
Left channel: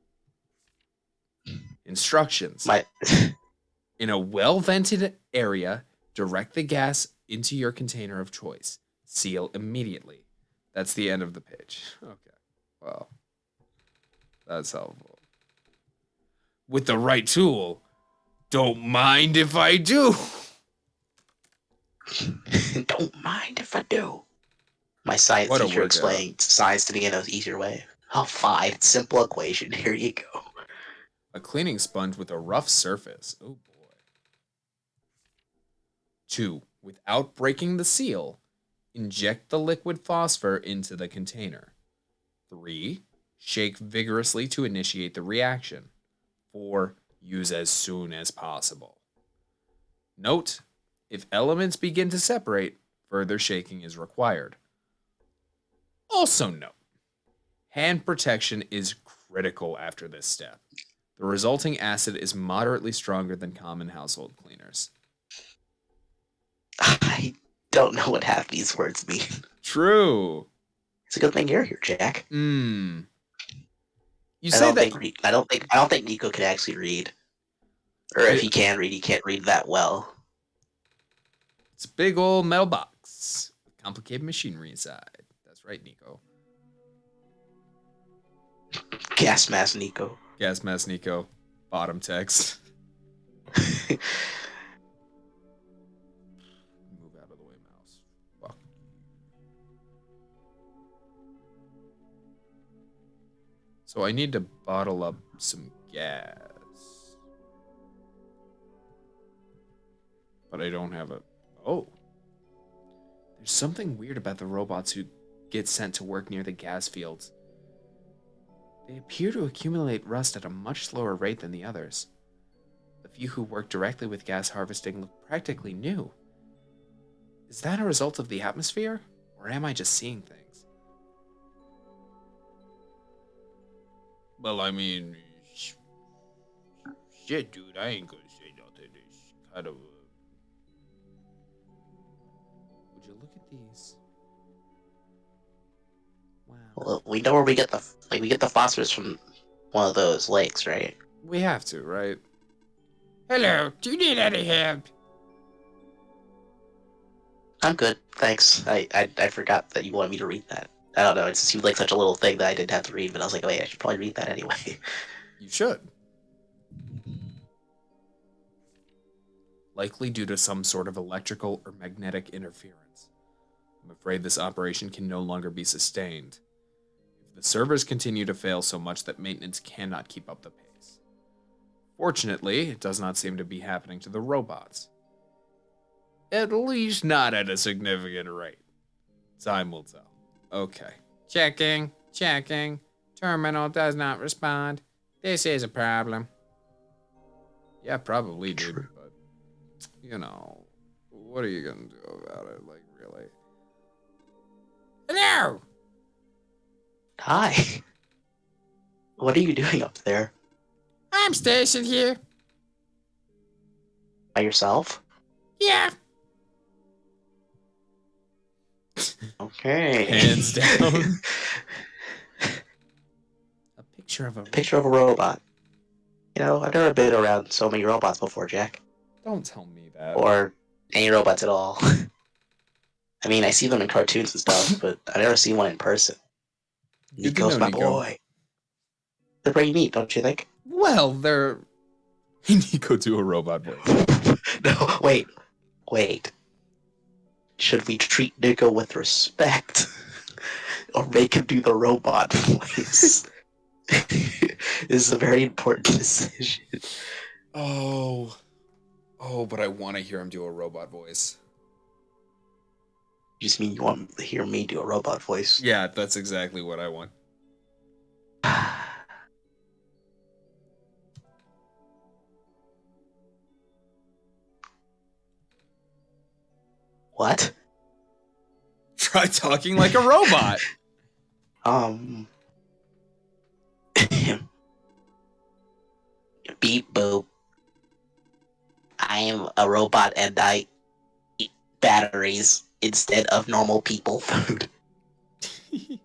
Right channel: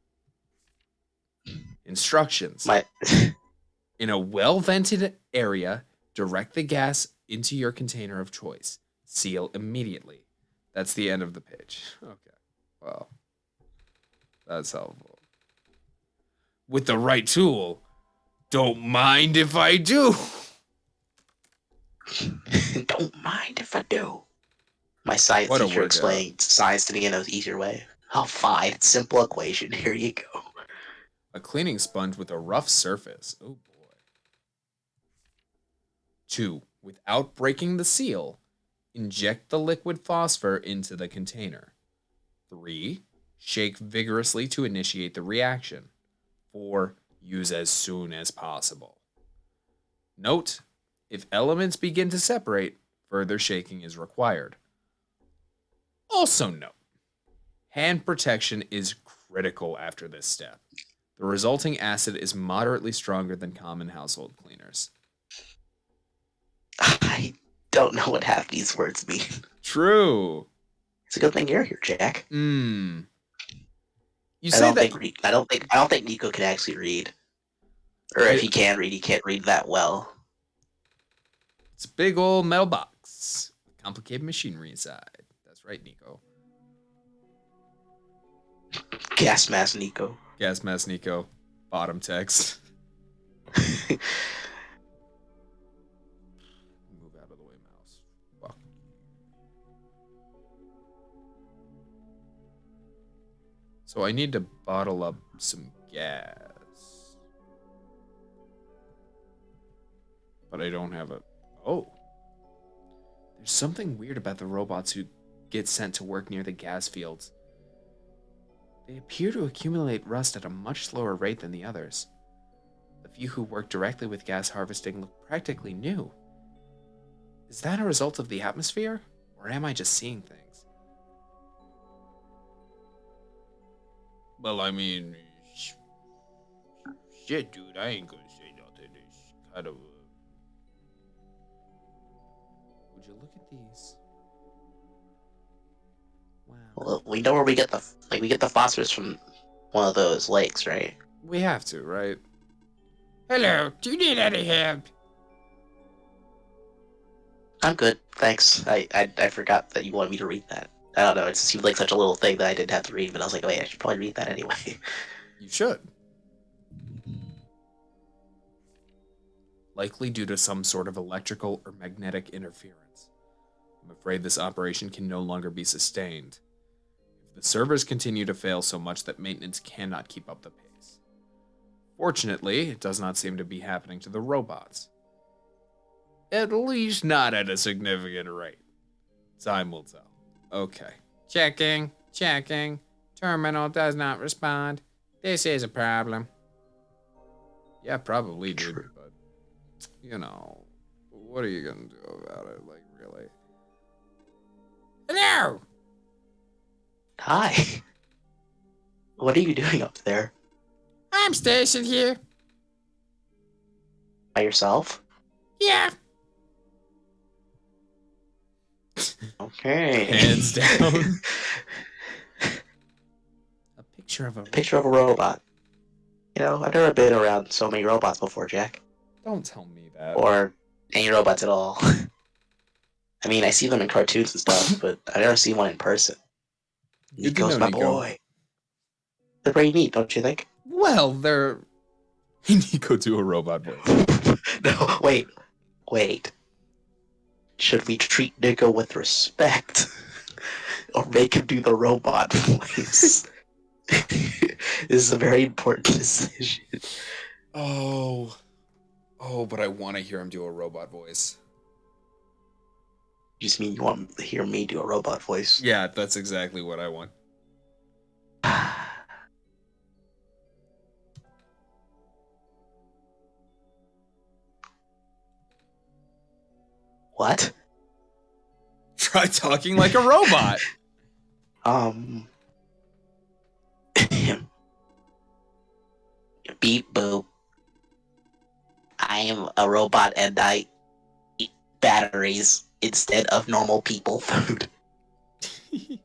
Instructions. My In a well vented area, direct the gas into your container of choice. Seal immediately. That's the end of the page. Okay. Well, that's helpful. With the right tool, don't mind if I do. don't mind if I do. My science What a teacher workout. explained science to me in an easier way. Oh, fine. Simple equation. Here you go. A cleaning sponge with a rough surface. Oh boy. 2. Without breaking the seal, inject the liquid phosphor into the container. 3. Shake vigorously to initiate the reaction. 4. Use as soon as possible. Note, if elements begin to separate, further shaking is required. Also note, hand protection is critical after this step. The resulting acid is moderately stronger than common household cleaners. I don't know what half these words mean. True. It's a good thing you're here, Jack. You I say don't that think I don't think Nico can actually read. Or if he can read, he can't read that well. it's a big old metal box with complicated machinery inside. That's right, Nico. Gas mask Nico. Gas mask Nico. Bottom text. Move out of the way, mouse. Fuck. So I need to bottle up some gas. But I don't have it. Oh. There's something weird about the robots who get sent to work near the gas fields. They appear to accumulate rust at a much slower rate than the others. The few who work directly with gas harvesting look practically new. Is that a result of the atmosphere? Or am I just seeing things? Well, I mean, shit, dude, I ain't gonna say nothing. It's kind of. Would you look at these? Wow. Well, we know where we get the phosphorus from one of those lakes, right? We have to, right? Hello, do you need any help? I'm good, thanks. I forgot that you wanted me to read that. I don't know, it seemed like such a little thing that I didn't have to read, but I was like, wait, I should probably read that anyway. You should. Likely due to some sort of electrical or magnetic interference. I'm afraid this operation can no longer be sustained. If the servers continue to fail so much that maintenance cannot keep up the pace. Fortunately, it does not seem to be happening to the robots. At least not at a significant rate. Time will tell. Okay. Checking. Terminal does not respond. This is a problem. Yeah, probably, dude, but, you know, what are you gonna do about it? Like, really? Hello! Hi. What are you doing up there? I'm stationed here. By yourself? Yeah. Okay. Hands down. A picture of a Picture of a robot. You know, I've never been around so many robots before, Jack. Don't tell me that. Or any robots at all. I mean, I see them in cartoons and stuff, but I've never seen one in person. Good to Nico's know, my Nico. boy. They're pretty neat, don't you think? Well, they're. Nico, do a robot voice. No, wait. Should we treat Nico with respect? Or make him do the robot voice? This is a very important decision. Oh, Oh, but I want to hear him do a robot voice. You just mean you want to hear me do a robot voice? Yeah, that's exactly what I want. What? Try talking like a robot. Um. Beep boop. I am a robot and I eat batteries instead of normal people food. See,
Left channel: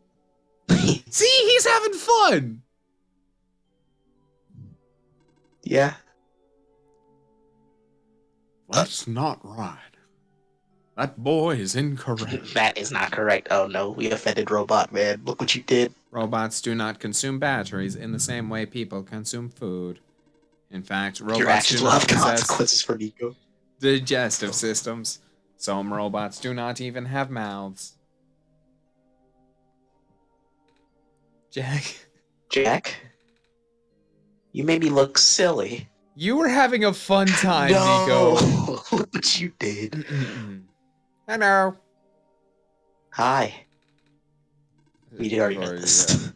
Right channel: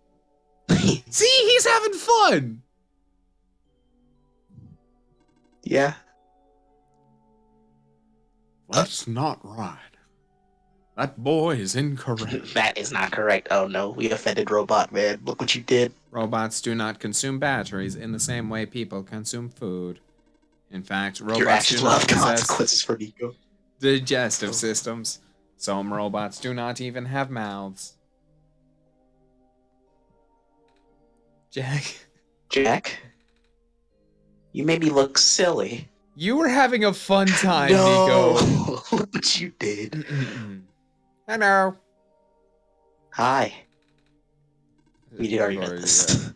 he's having fun. Yeah. That's not right. That boy is incorrect. That is not correct. Oh no, we offended Robot Man. Look what you did. Robots do not consume batteries in the same way people consume food. In fact, Your robots actions do will not have possess consequences for Nico. digestive systems. Some robots do not even have mouths. Jack, Jack, you made me look silly. You were having a fun time, No, Nico. look what you did. Hello. Hi. We did already know this. Yeah.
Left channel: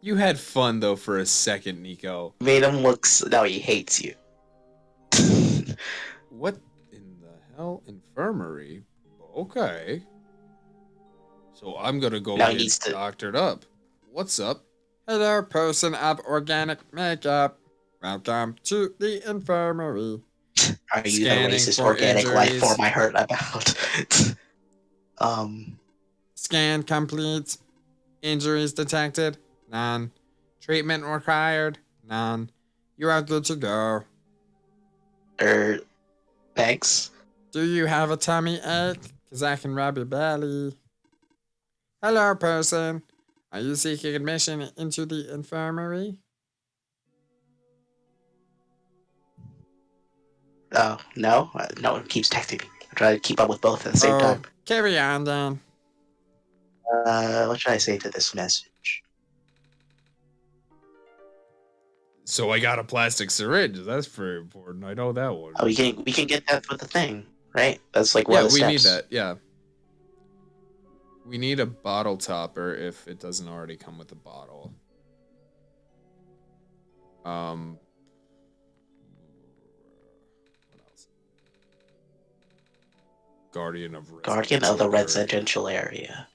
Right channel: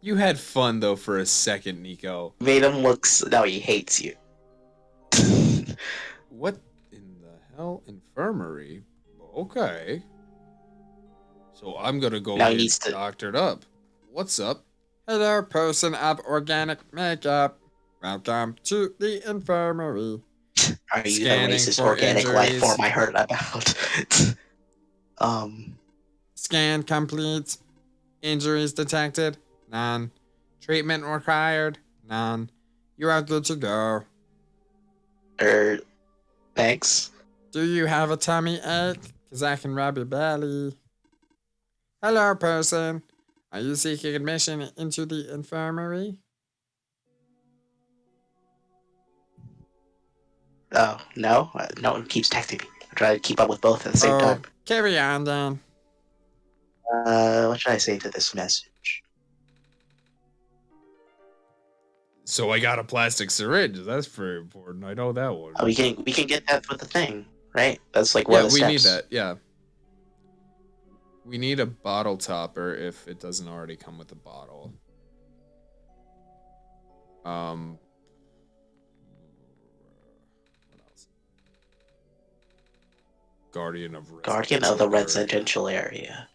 You had fun though for a second, Nico. Made him look. Now he hates you. What in the hell? Infirmary? Okay. So I'm gonna go Now he get needs to- doctored up. What's up? Hello, person of organic makeup. Welcome to the infirmary. Are you Scanning the racist for organic life injuries. form I heard about? Scan complete. Injuries detected? None. Treatment required? None. You are good to go. Thanks. Do you have a tummy ache? Because I can rub your belly. Hello, person. Are you seeking admission into the infirmary? Oh, no? No one keeps texting me. I try to keep up with both at the same time. Carry on then. What should I say to this message? So I got a plastic syringe. That's very important. I know that one. Oh, we can get that with the thing, right? That's like one Yeah, of the we steps. need that. Yeah. We need a bottle topper if it doesn't already come with a bottle. What else? Guardian of the area. residential area.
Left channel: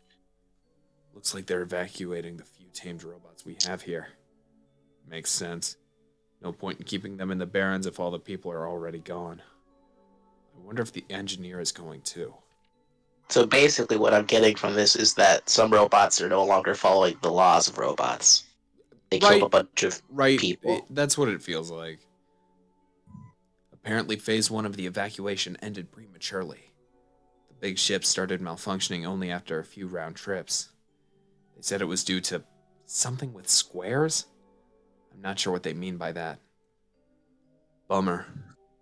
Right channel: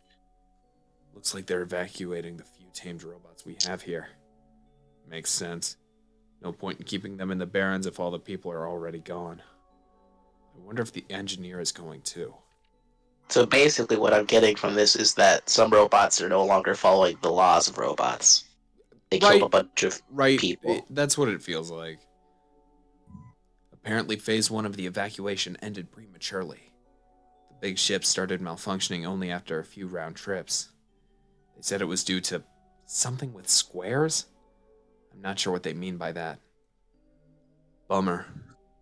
Looks like they're evacuating the few tamed robots we have here. Makes sense. No point in keeping them in the Barrens if all the people are already gone. I wonder if the engineer is going too. So basically, what I'm getting from this is that some robots are no longer following the laws of robots. They killed a bunch of people. That's what it feels like. Apparently, phase 1 of the evacuation ended prematurely. The big ship started malfunctioning only after a few round trips. They said it was due to something with squares? I'm not sure what they mean by that. Bummer.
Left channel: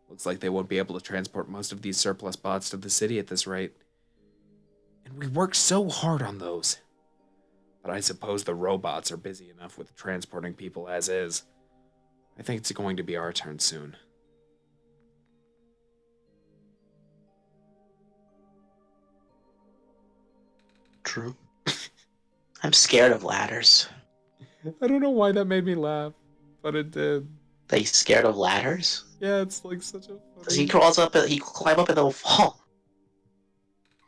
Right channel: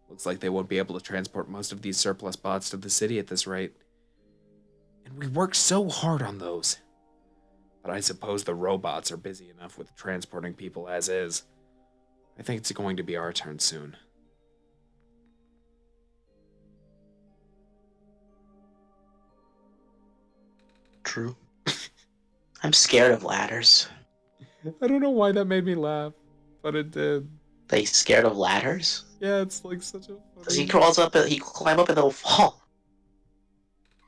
Looks like they won't be able to transport most of these surplus bots to the city at this rate. And we worked so hard on those. But I suppose the robots are busy enough with transporting people as is. I think it's going to be our turn soon. True. I'm scared of ladders. I don't know why that made me laugh, but it did. They scared of ladders? Yeah, it's like such a Because he crawls up, he climb up and they'll fall.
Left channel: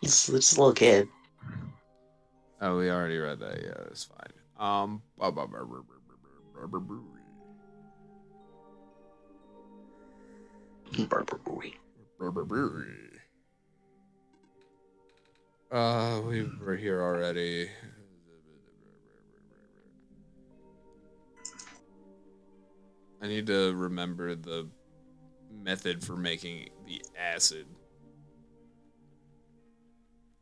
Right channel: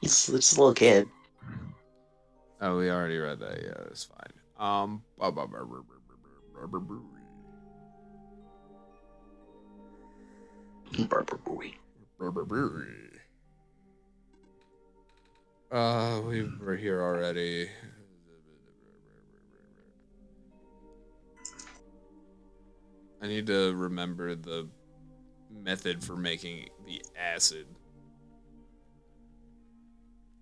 He's just a little kid. Oh, we already read that. Yeah, that's fine. We were here already. I need to remember the method for making the acid.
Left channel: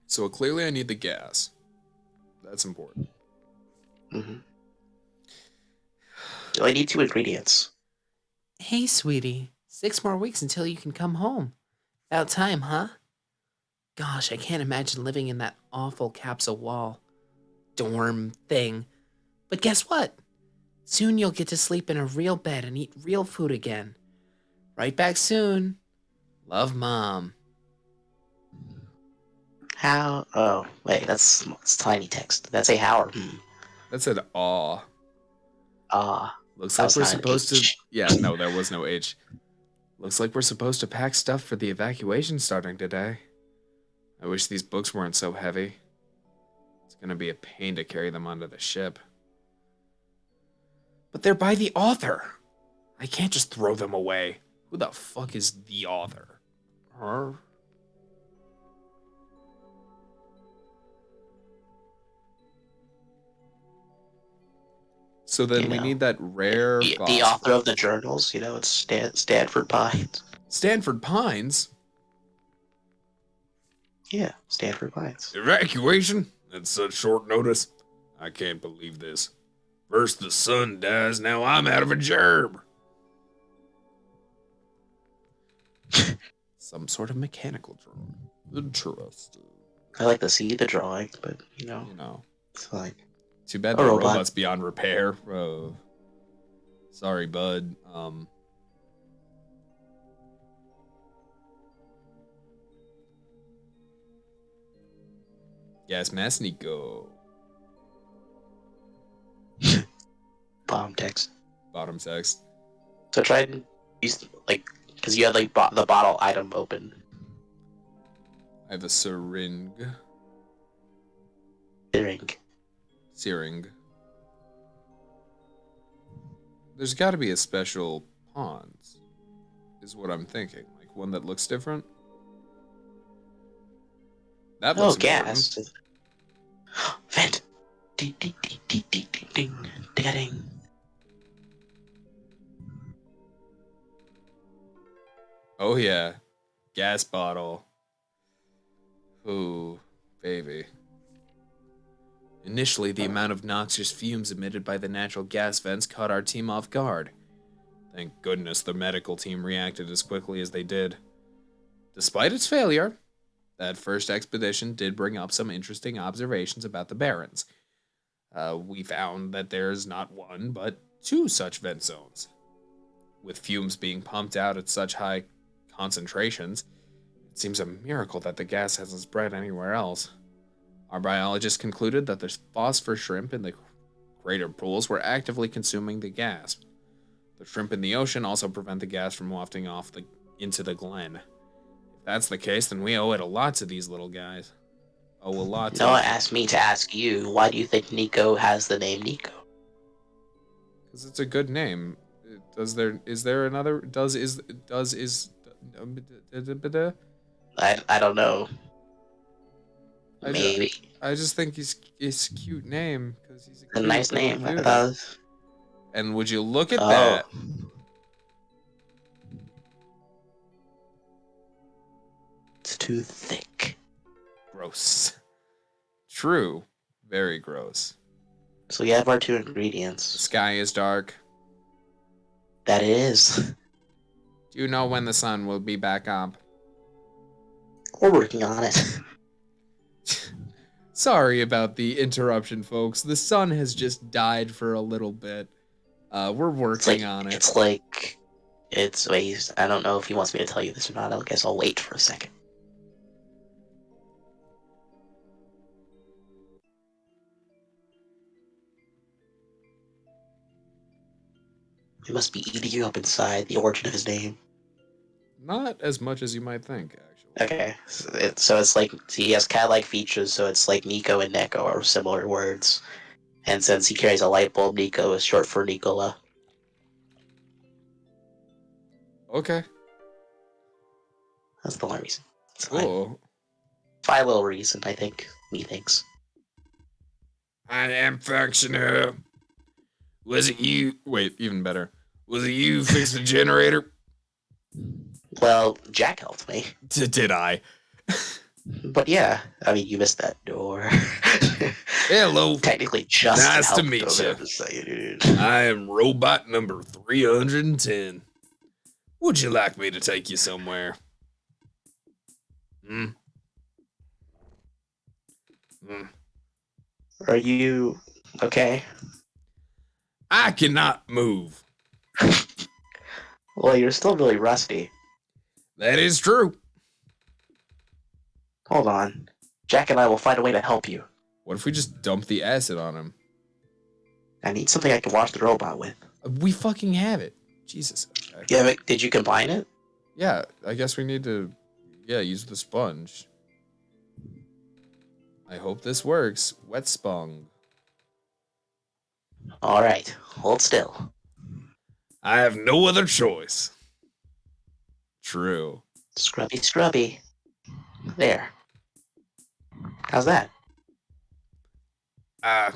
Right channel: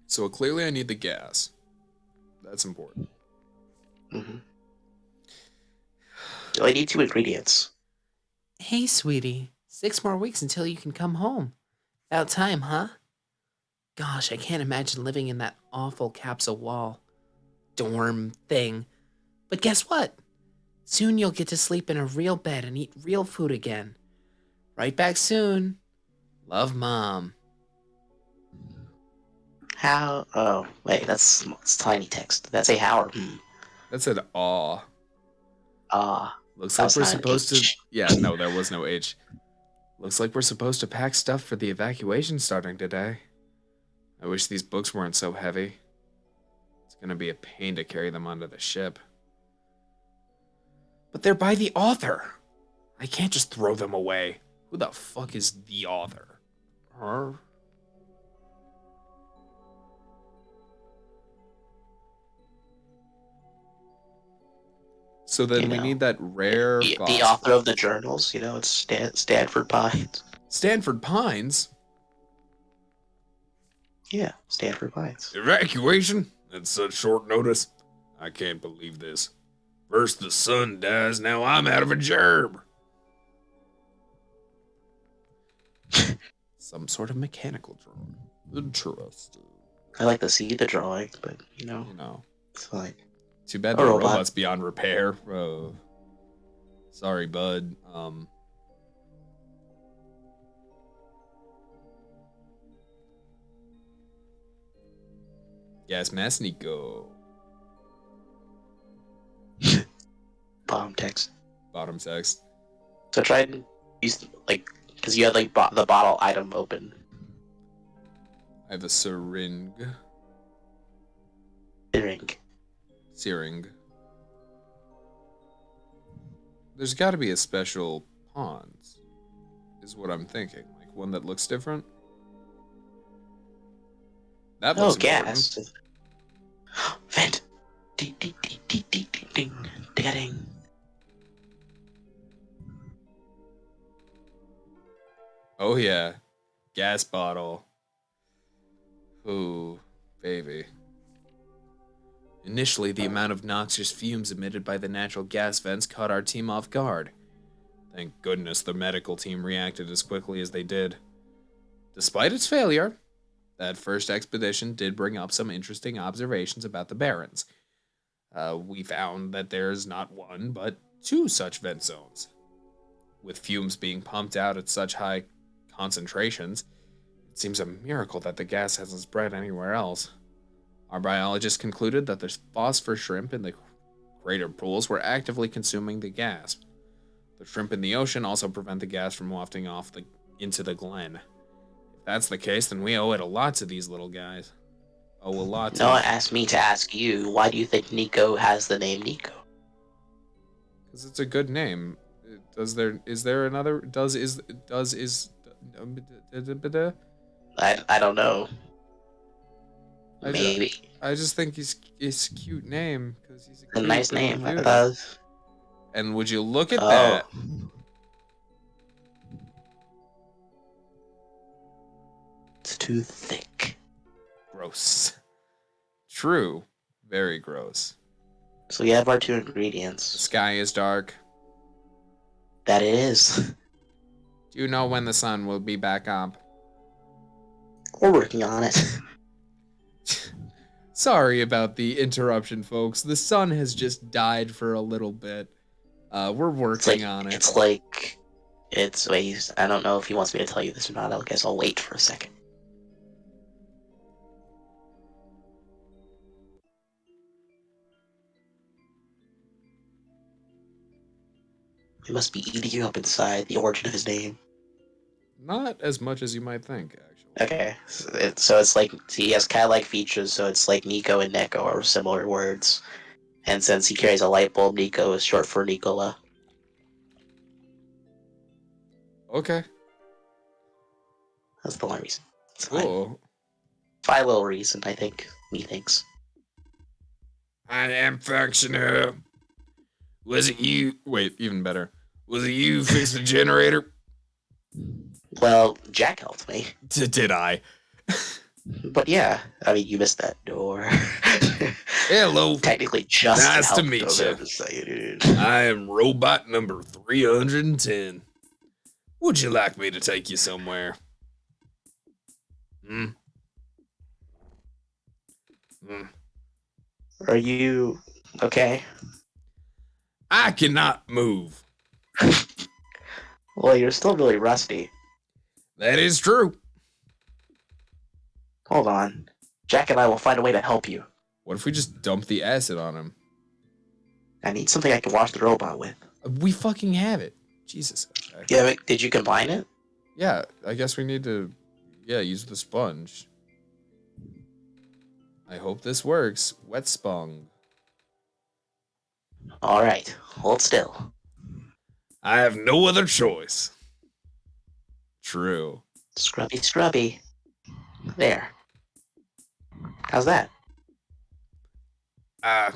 So clearly I need the gas. That's important. Mm-hmm. So I need 2 ingredients. Hey, sweetie. 6 more weeks until you can come home. About time, huh? Gosh, I can't imagine living in that awful capsule wall dorm thing. But guess what? Soon you'll get to sleep in a real bed and eat real food again. Right back soon. Love, Mom. How? Oh, wait, it's tiny text. That's a how or That's an aw. Looks That like was we're not an supposed to. H. Yeah, no, there was no H. Looks like we're supposed to pack stuff for the evacuation starting today. I wish these books weren't so heavy. It's gonna be a pain to carry them onto the ship. But they're by the author. I can't just throw them away. Who the fuck is the author? Her? So then You we know, need that rare the author phosphor. of the journals. It's Stanford Pines. Stanford Pines? Yeah, Stanford Pines. Evacuation? At such short notice? I can't believe this. First the sun dies, now I'm out of a gerb. Some sort of mechanical drawing. Interesting. I like to see the drawing, but You know. it's like Too bad a the robot. robot's beyond repair. Sorry, bud. Yes, Masnico. Bottom text. Bottom text. So try and use because you had the bottle item open. I have a syringe. Drink. Searing. There's got to be a special pawns, is what I'm thinking. Like one that looks different. That looks important. Gas. Vent. Ding ding ding ding ding ding ding ding ding. Oh yeah, gas bottle. Ooh, baby. Initially, the amount of noxious fumes emitted by the natural gas vents caught our team off guard. Thank goodness the medical team reacted as quickly as they did. Despite its failure, that first expedition did bring up some interesting observations about the Barrens. We found that there's not one, but two such vent zones. With fumes being pumped out at such high concentrations, it seems a miracle that the gas hasn't spread anywhere else. Our biologists concluded that the phosphor shrimp in the crater pools were actively consuming the gas. The shrimp in the ocean also prevent the gas from wafting off into the glen. If that's the case, then we owe it a lot to these little guys. Owe a lot to Noah asked me to ask you, why do you think Nico has the name Nico? because it's a good name. Is there another I don't know. I Maybe. I just think he's a cute name because he's a A cute nice little name. cutie. And would you look at that? It's too thick. Gross. True. Very gross. So we have our two The ingredients. sky is dark. That it is. Do you know when the sun will be back up? We're working on it. Sorry about the interruption, folks. The sun has just died for a little bit. We're working on it. Wait, I don't know if he wants me to tell you this or not. I guess I'll wait for a second. He must be eating you up inside, the origin of his name. Not as much as you might think, actually. Okay, so it's like he has cat-like features, so it's like Nico and Neko are similar words. And since he carries a light bulb, Nico is short for Nicola. Okay. That's the only reason. It's Cool. my little reason, I think. Methinks. I am functional. Was it you? Wait, even better. Was it you who fixed the generator? Well, Jack helped me. Did I? But yeah, I mean, you missed that door. Hello. Technically, just Nice to helped meet go there you. to say, dude. I am robot number 310. Would you like me to take you somewhere? Hmm? Are you okay? I cannot move. Well, you're still really rusty. That is true. Hold on. Jack and I will find a way to help you. What if we just dump the acid on him? I need something I can wash the robot with. We fucking have it. Jesus. Okay. Yeah, but did you combine it? Yeah, I guess we need to, use the sponge. I hope this works. Wet spong. Alright, hold still. I have no other choice. True. Scrubby, scrubby. There. How's that? I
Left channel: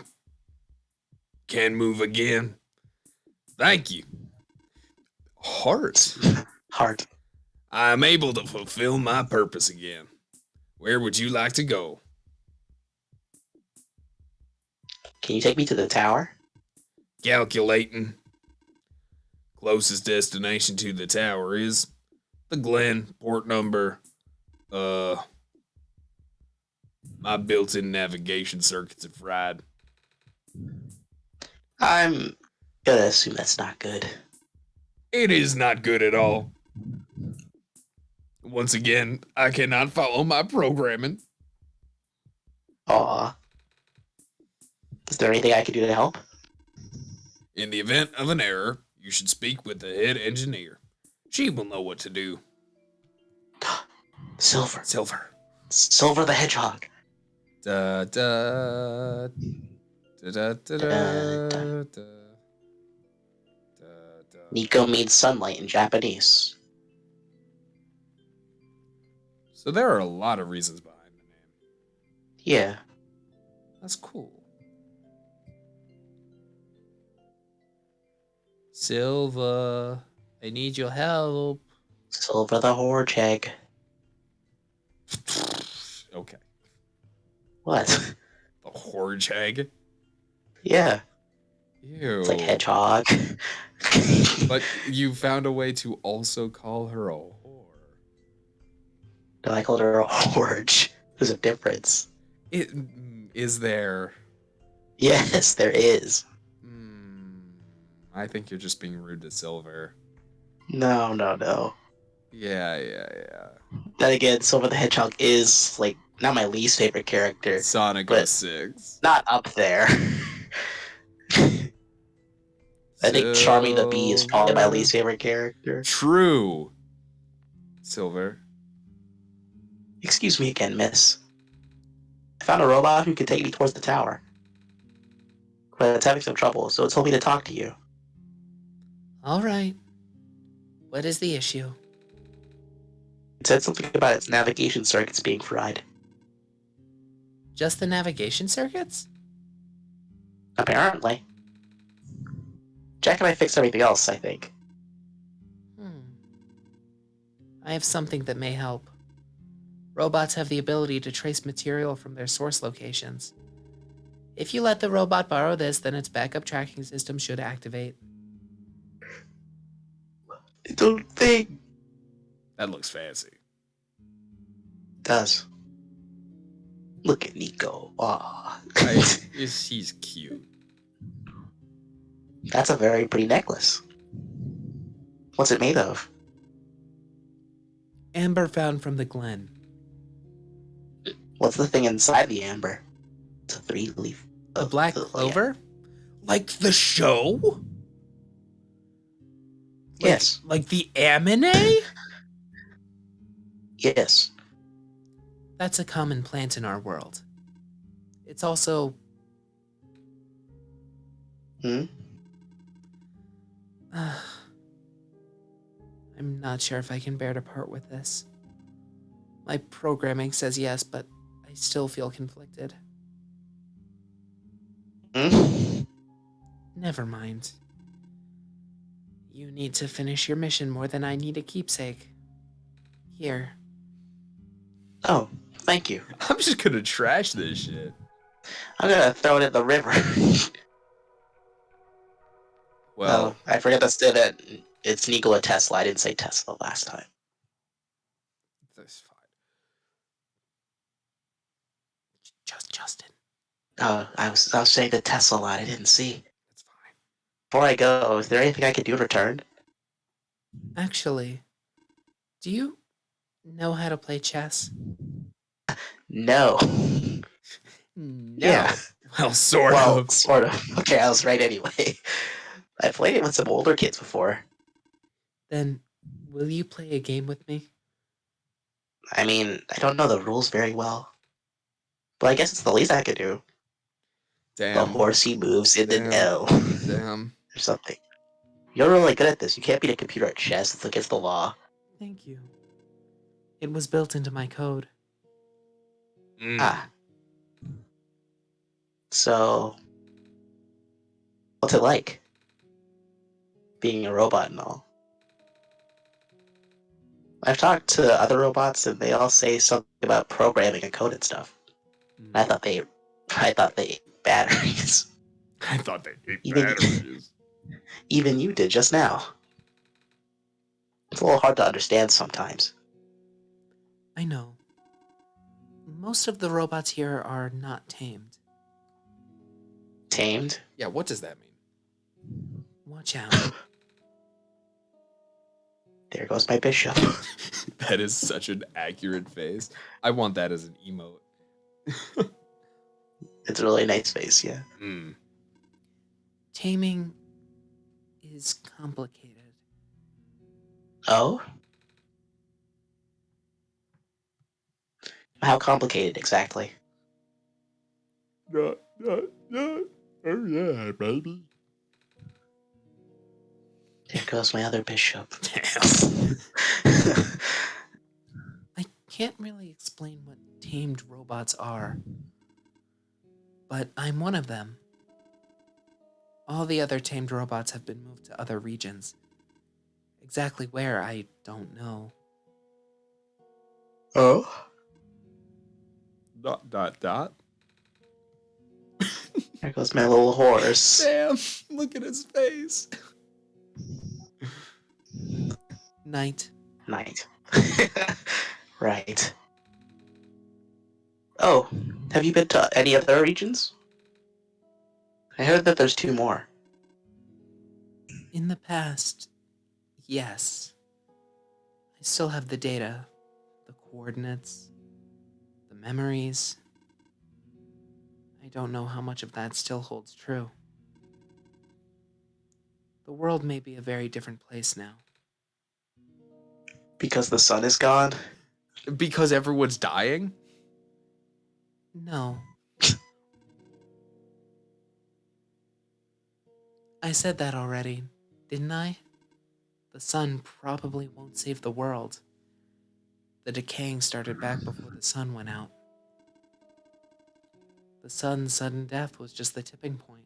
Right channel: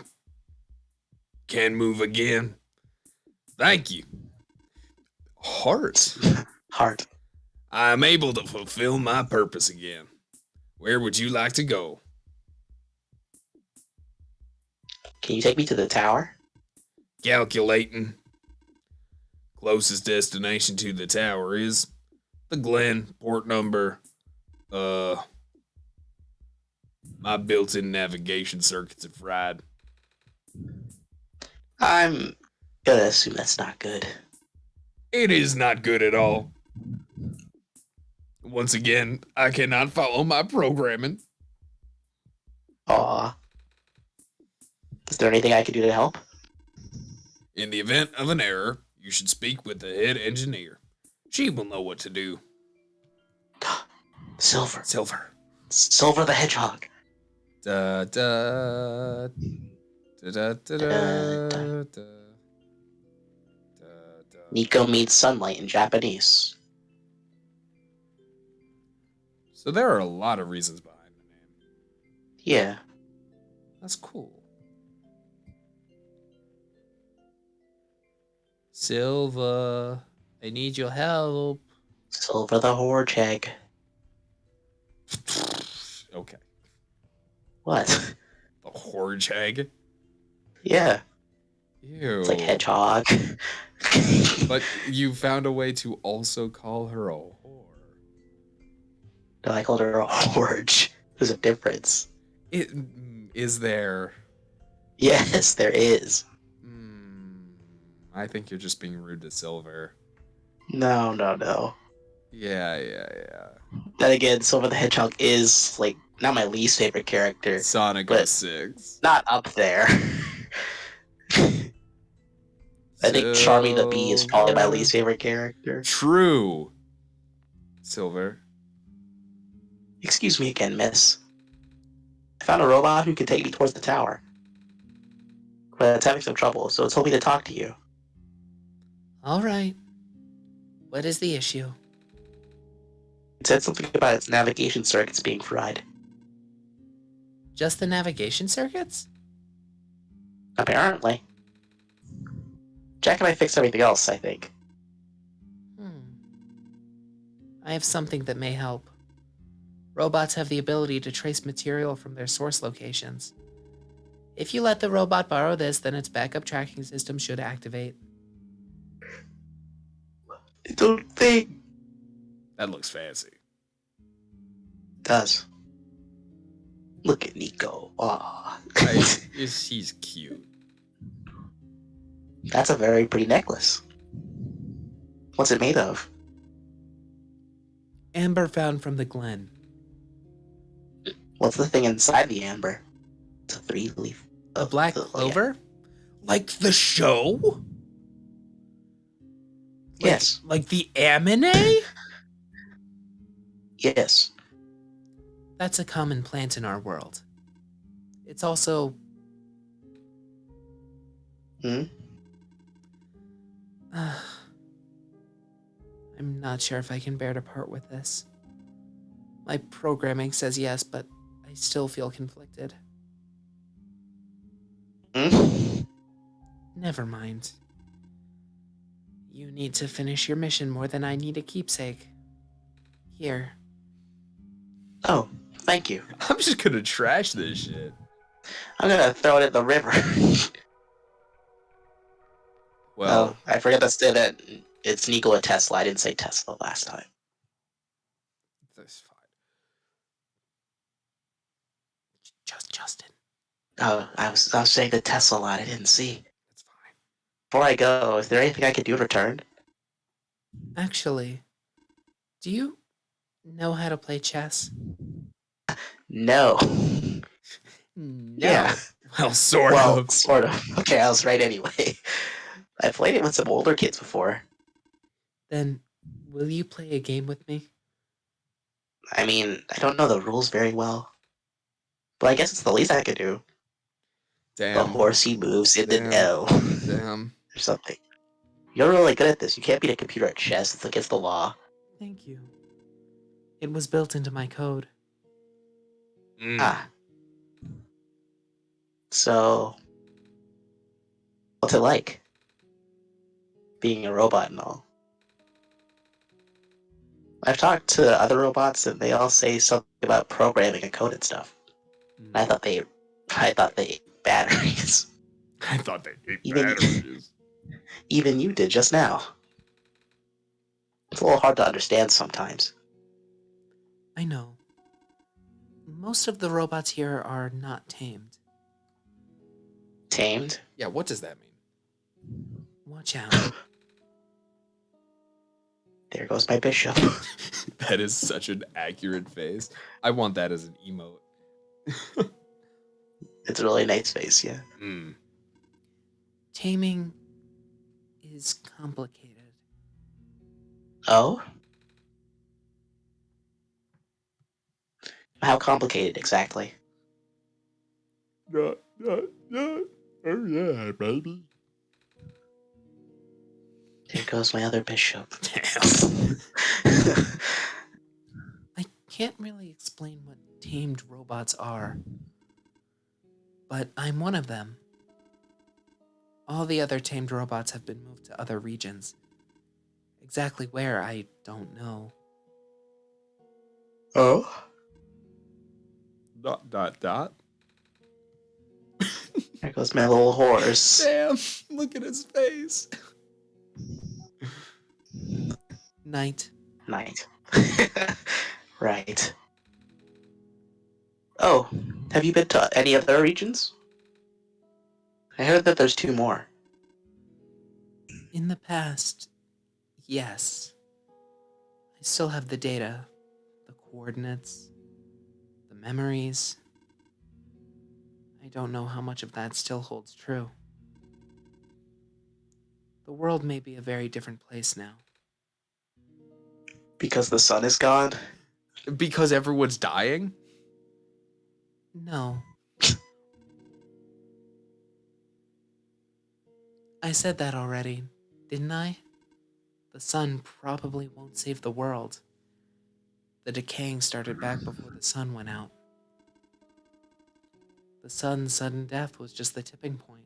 can move again. Thank you. Heart. Heart. I am able to fulfill my purpose again. Where would you like to go? Can you take me to the tower? Calculating. Closest destination to the tower is the Glen, port number. My built-in navigation circuits are fried. I'm gonna assume that's not good. It is not good at all. Once again, I cannot follow my programming. Aw. Is there anything I can do to help? In the event of an error, you should speak with the head engineer. She will know what to do. Silver. Silver. Silver the Hedgehog. Da da da da da da da. Nico means sunlight in Japanese. So there are a lot of reasons behind the name. Yeah. That's cool. Silva, I need your help. Silver the Hedgehog. Okay. What? The Horgehag? Yeah. Ew. It's like hedgehog. But you found a way to also call her a whore. No, I called her a horge. There's a difference. Is there? Yes, there is. I think you're just being rude to Silver. No. Yeah. Then again, Silver the Hedgehog is, like, not my least favorite character. Sonic But- 06. Not up there. I think Charming the Bee is probably my least favorite character. True. Silver. Excuse me again, miss. I found a robot who can take me towards the tower. But it's having some trouble, so it told me to talk to you. All right. What is the issue? It said something about its navigation circuits being fried. Just the navigation circuits? Apparently. Jack and I fixed everything else, I think. I have something that may help. Robots have the ability to trace material from their source locations. If you let the robot borrow this, then its backup tracking system should activate. I don't think That looks fancy. it does. Look at Nico. Aw. He's cute. That's a very pretty necklace. What's it made of? Amber found from the Glen. What's the thing inside the amber? It's a 3-leaf. A black clover? Like the show? Yes. Like the anime? Yes. That's a common plant in our world. It's also... Hmm? I'm not sure if I can bear to part with this. My programming says yes, but I still feel conflicted. Hmm? Never mind. You need to finish your mission more than I need a keepsake. Here. Oh, thank you. I'm just gonna trash this shit. I'm gonna throw it in the river. Well, I forgot to say that it's Nikola Tesla. I didn't say Tesla last time. that's fine. Just Justin. I was saying the Tesla line. I didn't see. That's fine. Before I go, is there anything I can do in return? Actually, do you know how to play chess? No. Yeah. No. Well, sort Well, of. sort of. Okay, I was right anyway. I played it with some older kids before. Then, will you play a game with me? I mean, I don't know the rules very well. But I guess it's the least I could do. The Damn. horsey moves in an Damn. L. Damn. Or something. You're really good at this. You can't beat a computer at chess. It's against the law. Thank you. It was built into my code. Ah. So, what's it like? Being a robot and all. I've talked to other robots and they all say something about programming and code and stuff. I thought they ate batteries. I thought they ate Even- batteries. Even you did just now. It's a little hard to understand sometimes. I know. Most of the robots here are not tamed. Tamed? Yeah, what does that mean? Watch out. There goes my bishop. That is such an accurate face. I want that as an emote. It's a really nice face, yeah. Taming is complicated. Oh? How complicated exactly? Oh yeah, baby. There goes my other bishop. Damn. I can't really explain what tamed robots are, but I'm one of them. All the other tamed robots have been moved to other regions. Exactly where, I don't know. Oh? Dot dot dot. There goes my little horse. Damn, look at his face. Night. Night. Right. Oh, have you been to any other regions? I heard that there's 2 more. In the past, yes. I still have the data, the coordinates, the memories. I don't know how much of that still holds true. The world may be a very different place now. Because the sun is gone? Because everyone's dying? No. I said that already, didn't I? The sun probably won't save the world. The decaying started back before the sun went out. The sun's sudden death was just the tipping point,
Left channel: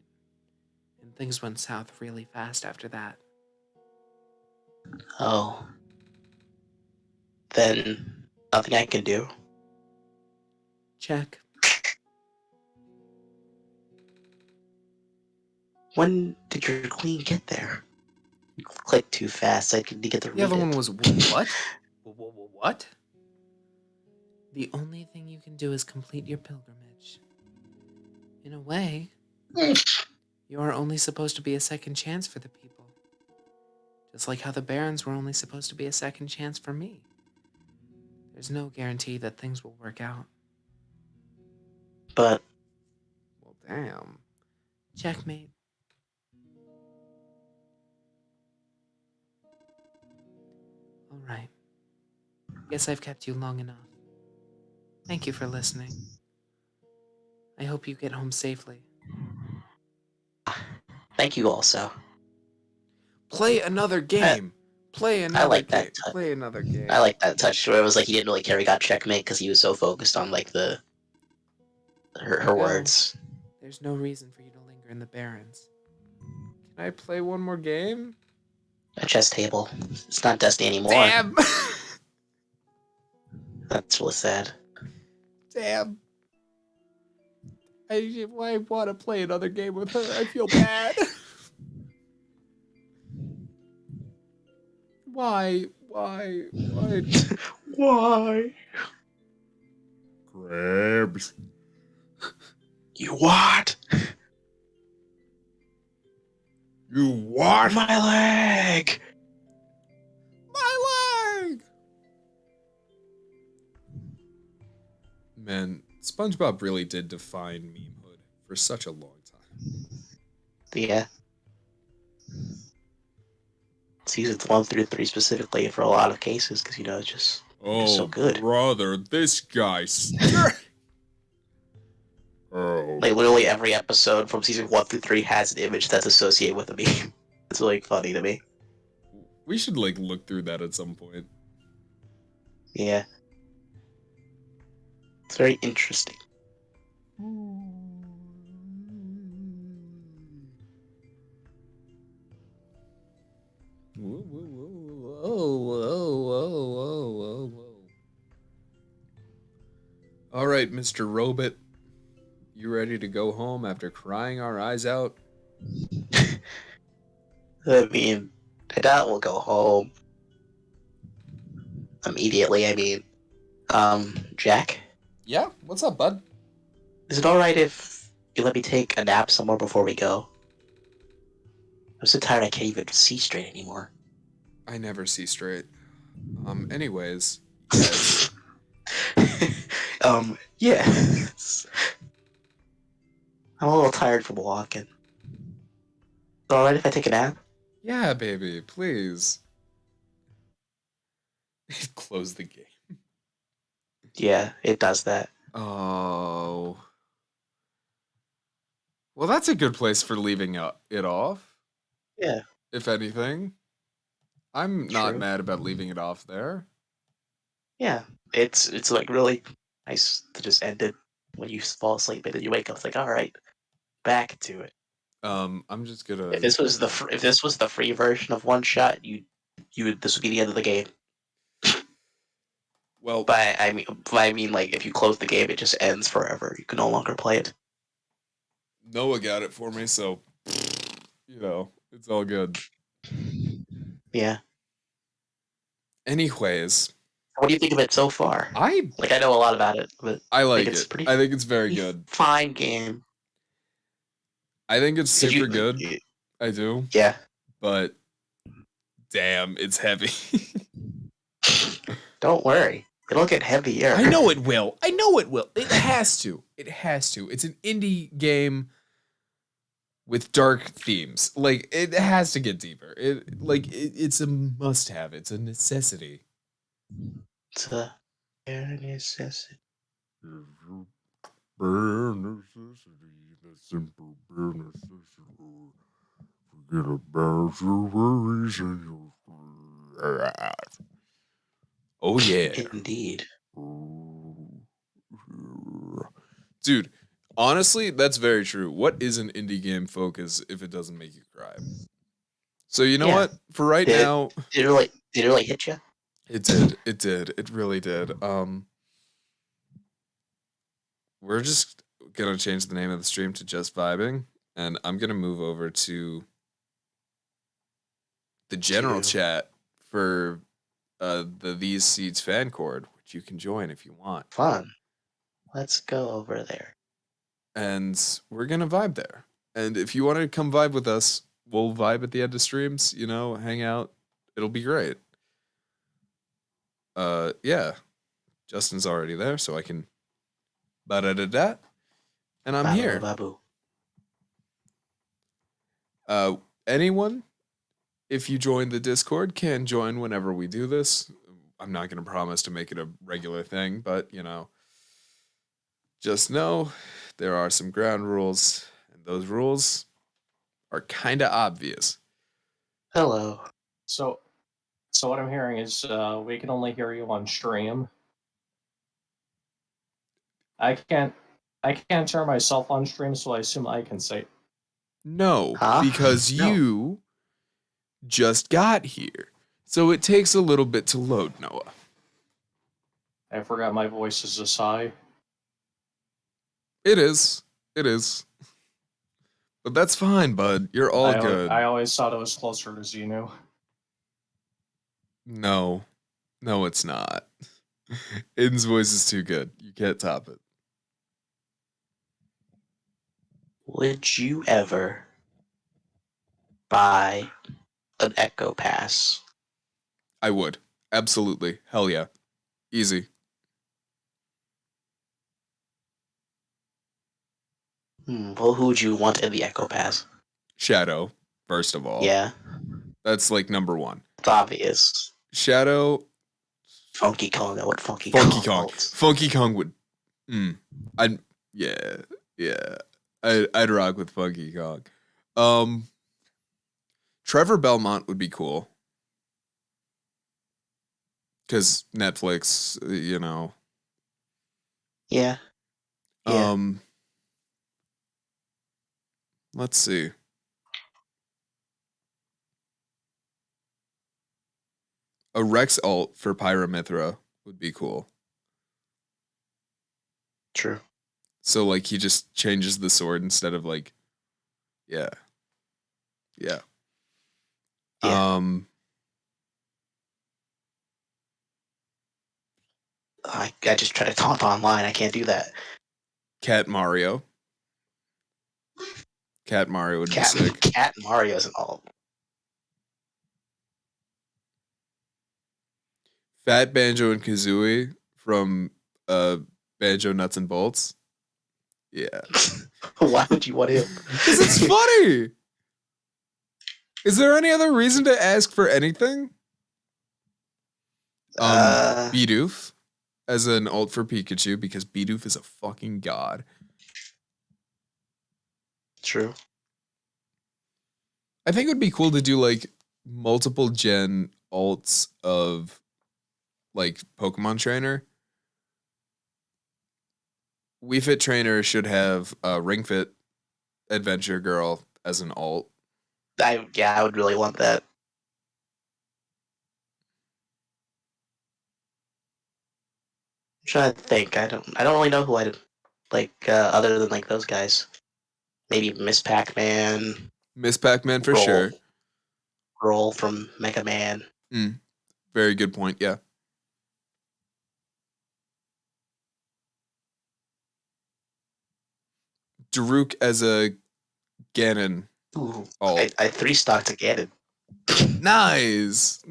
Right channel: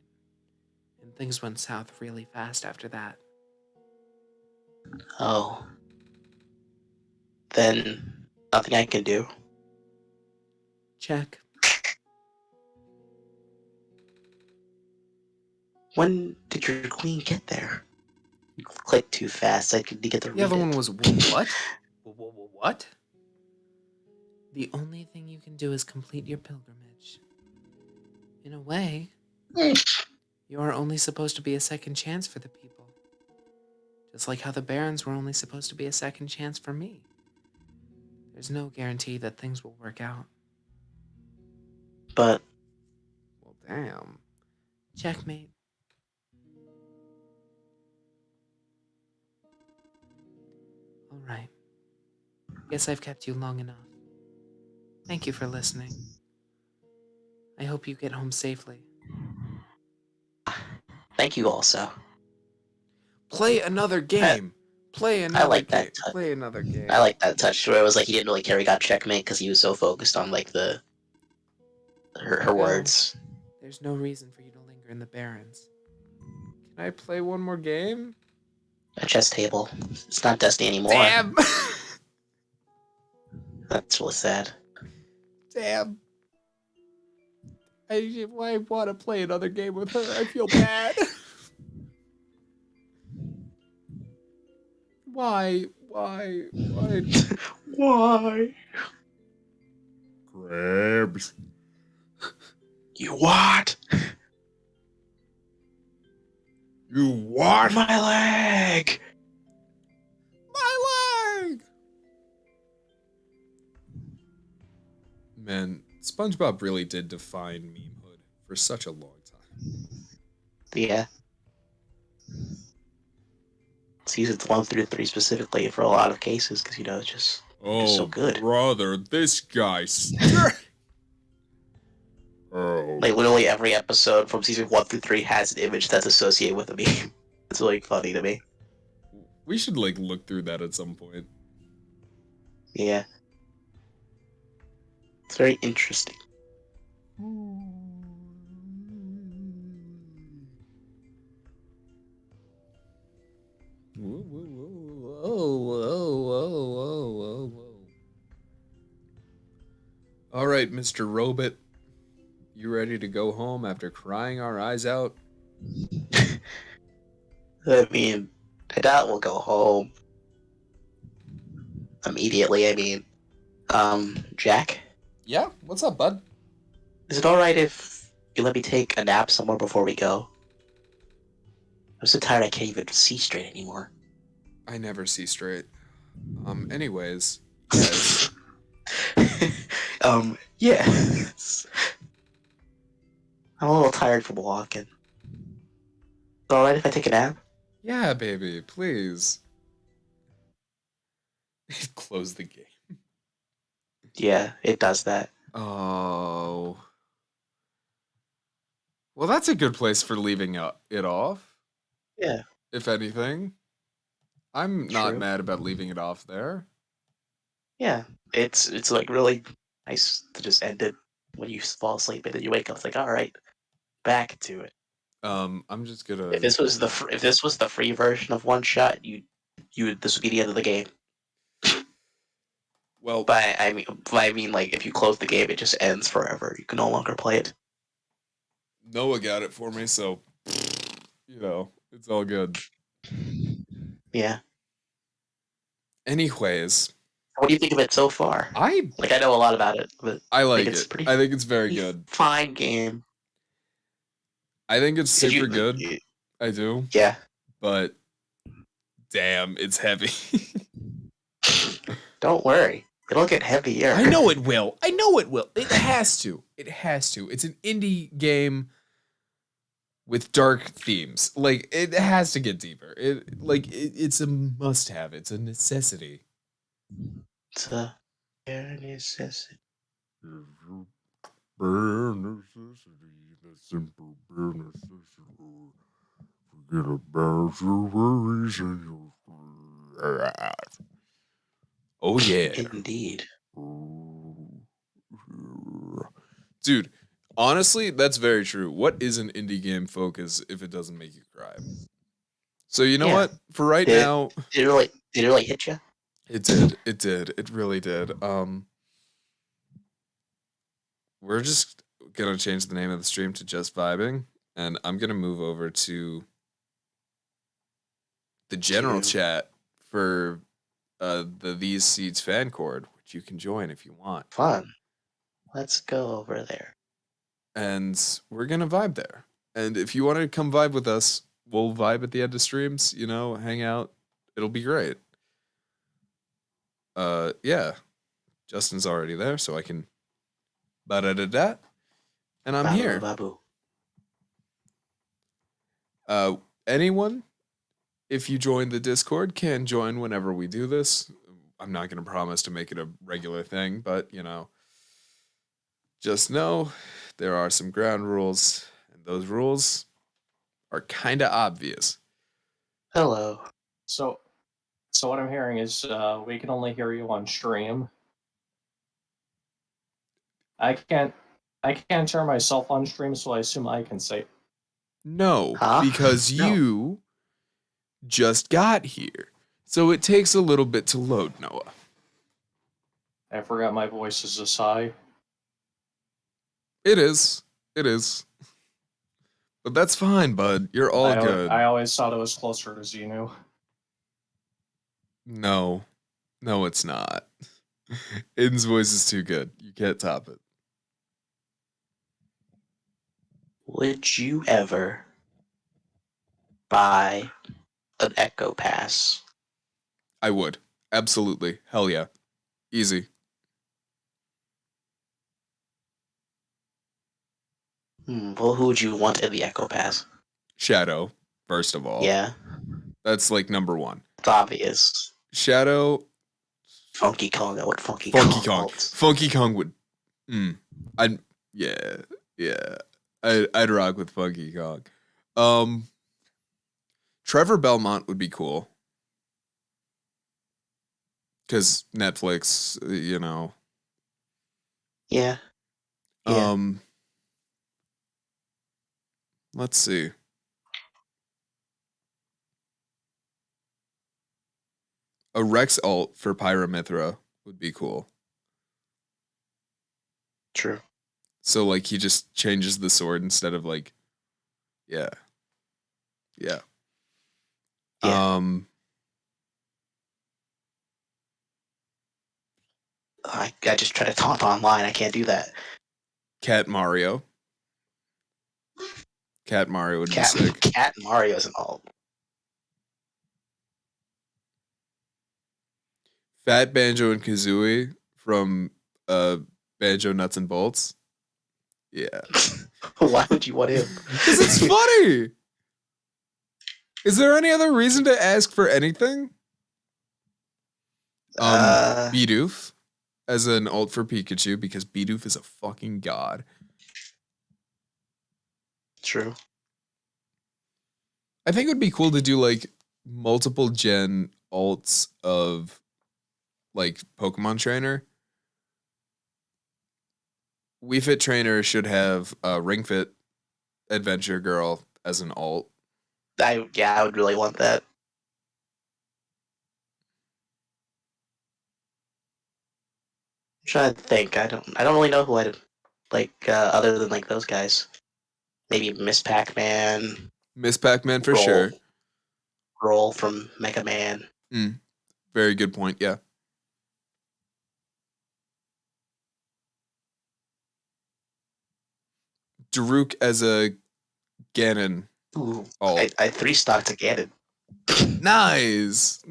and things went south really fast after that. Oh. Then nothing I can do. Check. When did your queen get there? You clicked too fast. I couldn't get to read The other it. one was what? What? The only thing you can do is complete your pilgrimage. In a way, you are only supposed to be a second chance for the people. Just like how the Barons were only supposed to be a second chance for me. There's no guarantee that things will work out. But Well, damn. Checkmate. All right. Guess I've kept you long enough. Thank you for listening. I hope you get home safely. thank you also. Play another game. Play another like game. that touch. Play another game. I like that touch where it was like he didn't really care he got checkmate because he was so focused on like her Go. words. There's no reason for you to linger in the Barrens. Can I play one more game? A chess table. It's not Destiny anymore. Damn. That's really sad. Damn. I want to play another game with her. I feel bad. Why? Why? Why? Crabs. You what? You what? My leg! My leg! Man, SpongeBob really did define memehood for such a long time. Yeah. Seasons 1 through 3 specifically for a lot of cases, because it's just so good. brother, this guy. Oh. Like literally every episode from season 1 through 3 has an image that's associated with a meme. It's really funny to me. We should like look through that at some point. Yeah. It's very interesting. Whoa, whoa, whoa, whoa, whoa, whoa, whoa, whoa. All right, Mr. Robot, you ready to go home after crying our eyes out? I mean, I doubt we'll go home immediately. Jack, Yeah, what's up, bud? is it alright if you let me take a nap somewhere before we go? I'm so tired I can't even see straight anymore. I never see straight. Anyways, yes. Yes. I'm a little tired from walking. Is it alright if I take a nap? Yeah, baby, please. Close the game. Yeah, it does that. Oh. Well, that's a good place for leaving it off, Yeah, if anything. I'm not true. mad about leaving it off there. Yeah, it's like really nice to just end it when you fall asleep and then you wake up. It's like, all right, back to it. I'm just If gonna. this was if this was the free version of One Shot, this would be the end of the game. Well, But I mean, like if you close the game, it just ends forever. You can no longer play it. Noah got it for me, so it's all good. Yeah. Anyways, What do you think of it so far? I Like I know a lot about it, but I I think like it's it. I think it's very pretty good. fine game. I think it's Did super you? good. I do, Yeah. but damn, it's heavy. Don't worry, it'll get heavier. I know it will. I know it will. It has to. It has to. It's an indie game with dark themes. Like it has to get deeper. It's a must have. It's a necessity. It's a bare necessity. Bare necessity, the simple bare necessity. Forget about your worries and your. Oh yeah. Indeed. Dude, honestly, that's very true. What is an indie game focus if it doesn't make you cry? So you know Yeah. what? For right Did it, now, did it really hit you? it did. It did. It really did. We're just gonna change the name of the stream to Just Vibing, and I'm gonna move over to the general To chat for the These Seeds fan cord, which you can join if you want. fun. Let's go over there. And we're gonna vibe there. And if you want to come vibe with us, we'll vibe at the end of streams, hang out. It'll be great. Yeah. Justin's already there, so I can da and I'm Babu here. babu. Anyone, if you join the Discord, can join whenever we do this. I'm not gonna promise to make it a regular thing, but just know there are some ground rules, and those rules are kinda obvious. Hello. So, so what I'm hearing is we can only hear you on stream. I can't hear myself on stream, so I assume I can say. No, Huh? because No. you just got here. So it takes a little bit to load, Noah. I forgot my voice is this high. It is. It is. But that's fine, bud. You're all good. I always thought it was closer to Xenu. No. No, it's not. Aiden's voice is too good. You can't top it. Would you ever buy an Echo Pass? I would. Absolutely. Hell yeah. Easy. Well, who would you want in the Echo Pass? Shadow, first of all. Yeah, That's like number one. it's obvious. Shadow, Funky Kong. I want Funky, Funky Kong. Kong. Funky Kong would. I'd yeah yeah. I'd rock with Funky Kong. Trevor Belmont would be cool. Because Netflix, you know. Yeah. Yeah. Let's see. A Rex alt for Pyramithra would be cool. True. So like he just changes the sword instead of like, yeah. Yeah. I just try to taunt online. I can't do that. Cat Mario. Cat Mario would be sick. Cat Mario's an alt. Fat Banjo and Kazooie from Banjo Nuts and Bolts. Yeah. Why would you want him? Because it's funny. Is there any other reason to ask for anything? Bidoof as an alt for Pikachu because Bidoof is a fucking god. True. I think it would be cool to do like multiple gen alts of like Pokemon Trainer. Wii Fit Trainer should have Ring Fit Adventure Girl as an alt. I would really want that. I'm trying to think. I don't really know who I'd like other than like those guys. Maybe Miss Pac-Man. Miss Pac-Man for sure. Roll from Mega Man. Very good point. Yeah. Daruk as a Ganon. Ooh, alt. I 3-stocked a Ganon. Nice.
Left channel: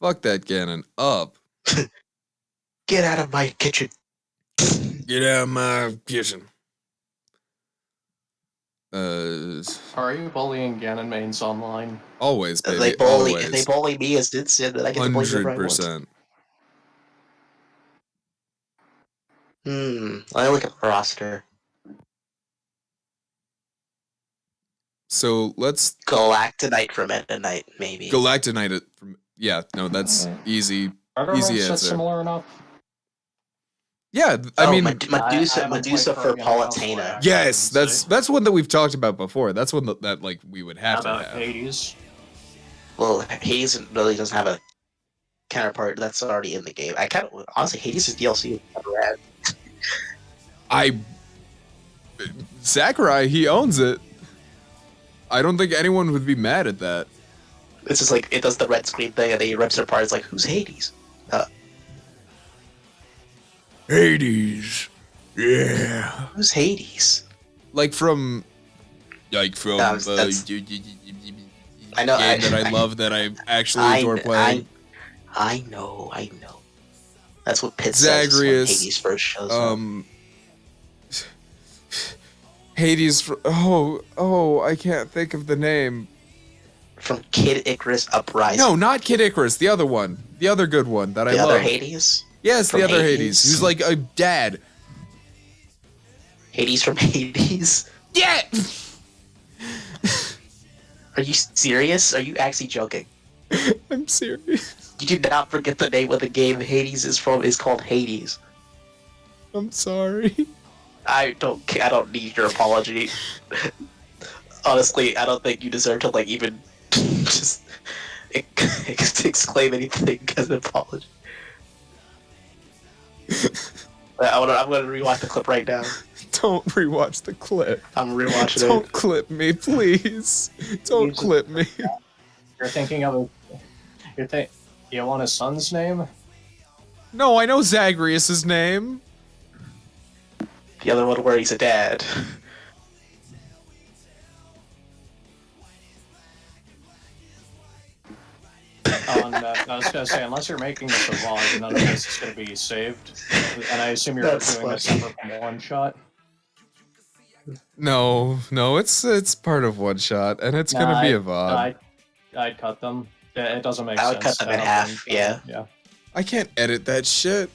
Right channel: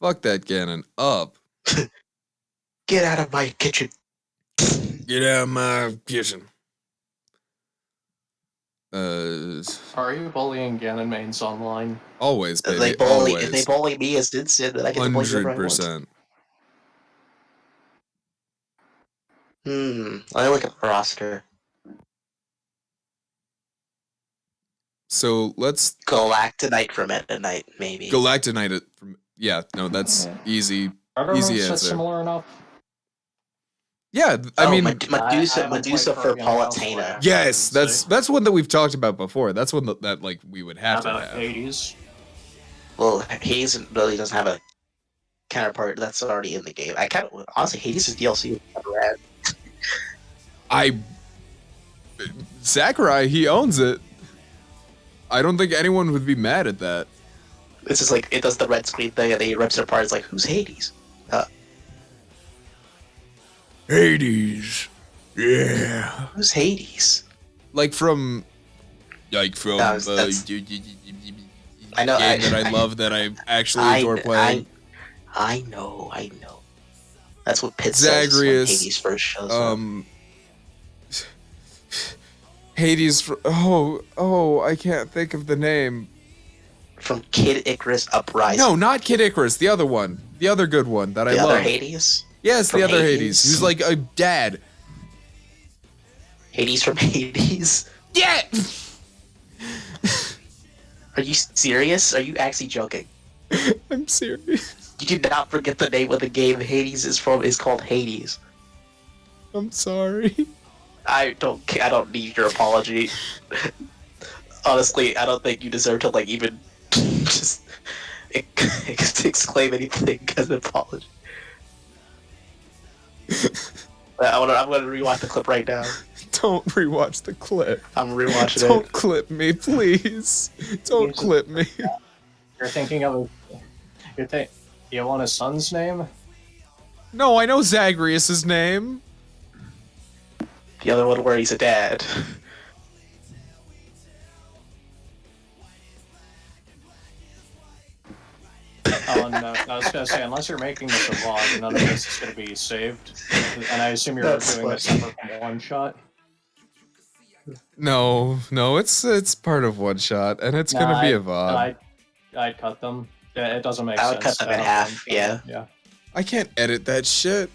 Fuck that Ganon up. Get out of my kitchen. Get out of my kitchen. Are you bullying Ganon mains online? Always, baby. If they bully me as Dinsid, then I get to bully whoever I want. 100%. I look at the roster. So let's Galactonite from Meta Knight, maybe. Galactonite from that's easy. Easy answer. Similar enough. Yeah, I mean Medusa for Palutena. Yes, that's one that we've talked about before. That's one that like we would have to have. Hades? Well, Hades really doesn't have a counterpart that's already in the game. I kind of honestly Hades' DLC is rad. Sakurai, he owns it. I don't think anyone would be mad at that. This is like it does the red screen thing and then he rips it apart. It's like, who's Hades? Hades. Yeah. Who's Hades? Like from I know game that I love that I actually adore playing. I know. That's what Pit Zagreus, says when Hades first shows up. Hades. I can't think of the name. From Kid Icarus Uprising. No, not Kid Icarus. The other one. The other good one that I love. The other Hades? Yes, the other Hades. He's like a dad. Hades from Hades? Yeah! Are you serious? Are you actually joking? I'm serious. You do not forget the name of the game Hades is called Hades. I'm sorry. I don't need your apology. Honestly, I don't think you deserve to like even just exclaim anything as an apology. I'm gonna rewatch the clip right now. Don't rewatch the clip. I'm rewatching it. Don't clip me, please. Don't clip me. You're thinking of you want his son's name? No, I know Zagreus' name. The other one where he's a dad. I was gonna say, unless you're making this a vlog, none of this is gonna be saved. And I assume you're That's doing this funny. separate from one shot. No, it's part of one shot, and it's gonna be a VOD. I'd cut them. It doesn't make I sense. would cut them to in have half, one shot. yeah. Yeah. I can't edit that shit.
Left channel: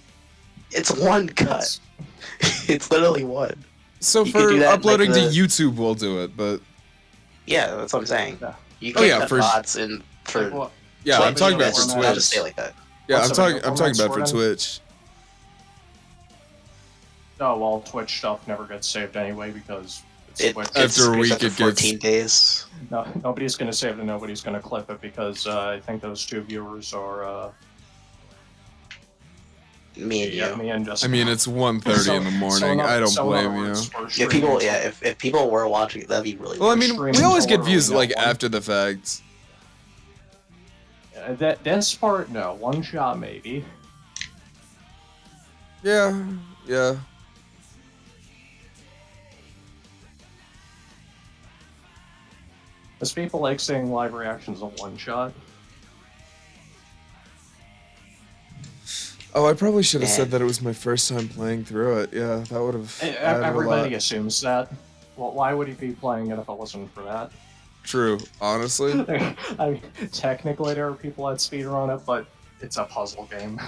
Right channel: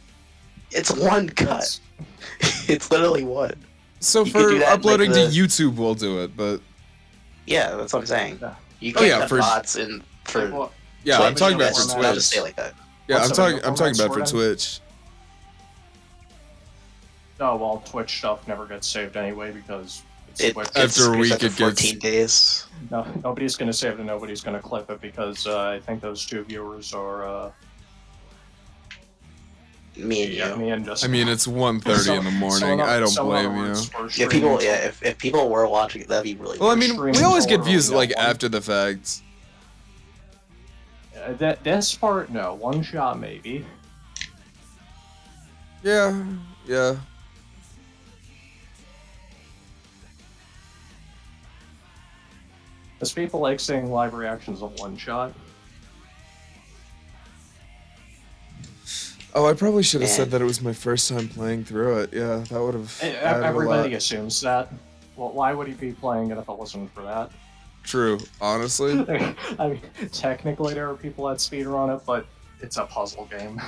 It's one cut. That's- It's literally one. So You could for do that in, uploading like, to YouTube, we'll do it. But Yeah, that's what I'm saying. Yeah. You Oh, can't yeah, cut for- VODs in for. Well, yeah, Twitch, I'm talking about that's- for format, I'll just Twitch. say like that. Yeah, What's I'm the talking video about for format, Twitch. oh well, Twitch stuff never gets saved anyway because it's It, Twitch. After it's a week, after it gets- 14 days. No, nobody's gonna save it and nobody's gonna clip it because I think those two viewers are Me and you. me and just. I mean, it's 1:30 in the morning. I don't blame you. If people, if people were watching it, that'd be really. Well, I weird. mean, Streams we always get or views no like one. after the fact. This part, no. One shot, maybe. Yeah, yeah. Because people like seeing live reactions of one shot. Oh, I probably should have Man. said that it was my first time playing through it. Yeah, that would have added a Everybody lot. assumes that. Well, why would he be playing it if it wasn't for that? True, honestly. I mean, technically there are people that speedrun it, but it's a puzzle game.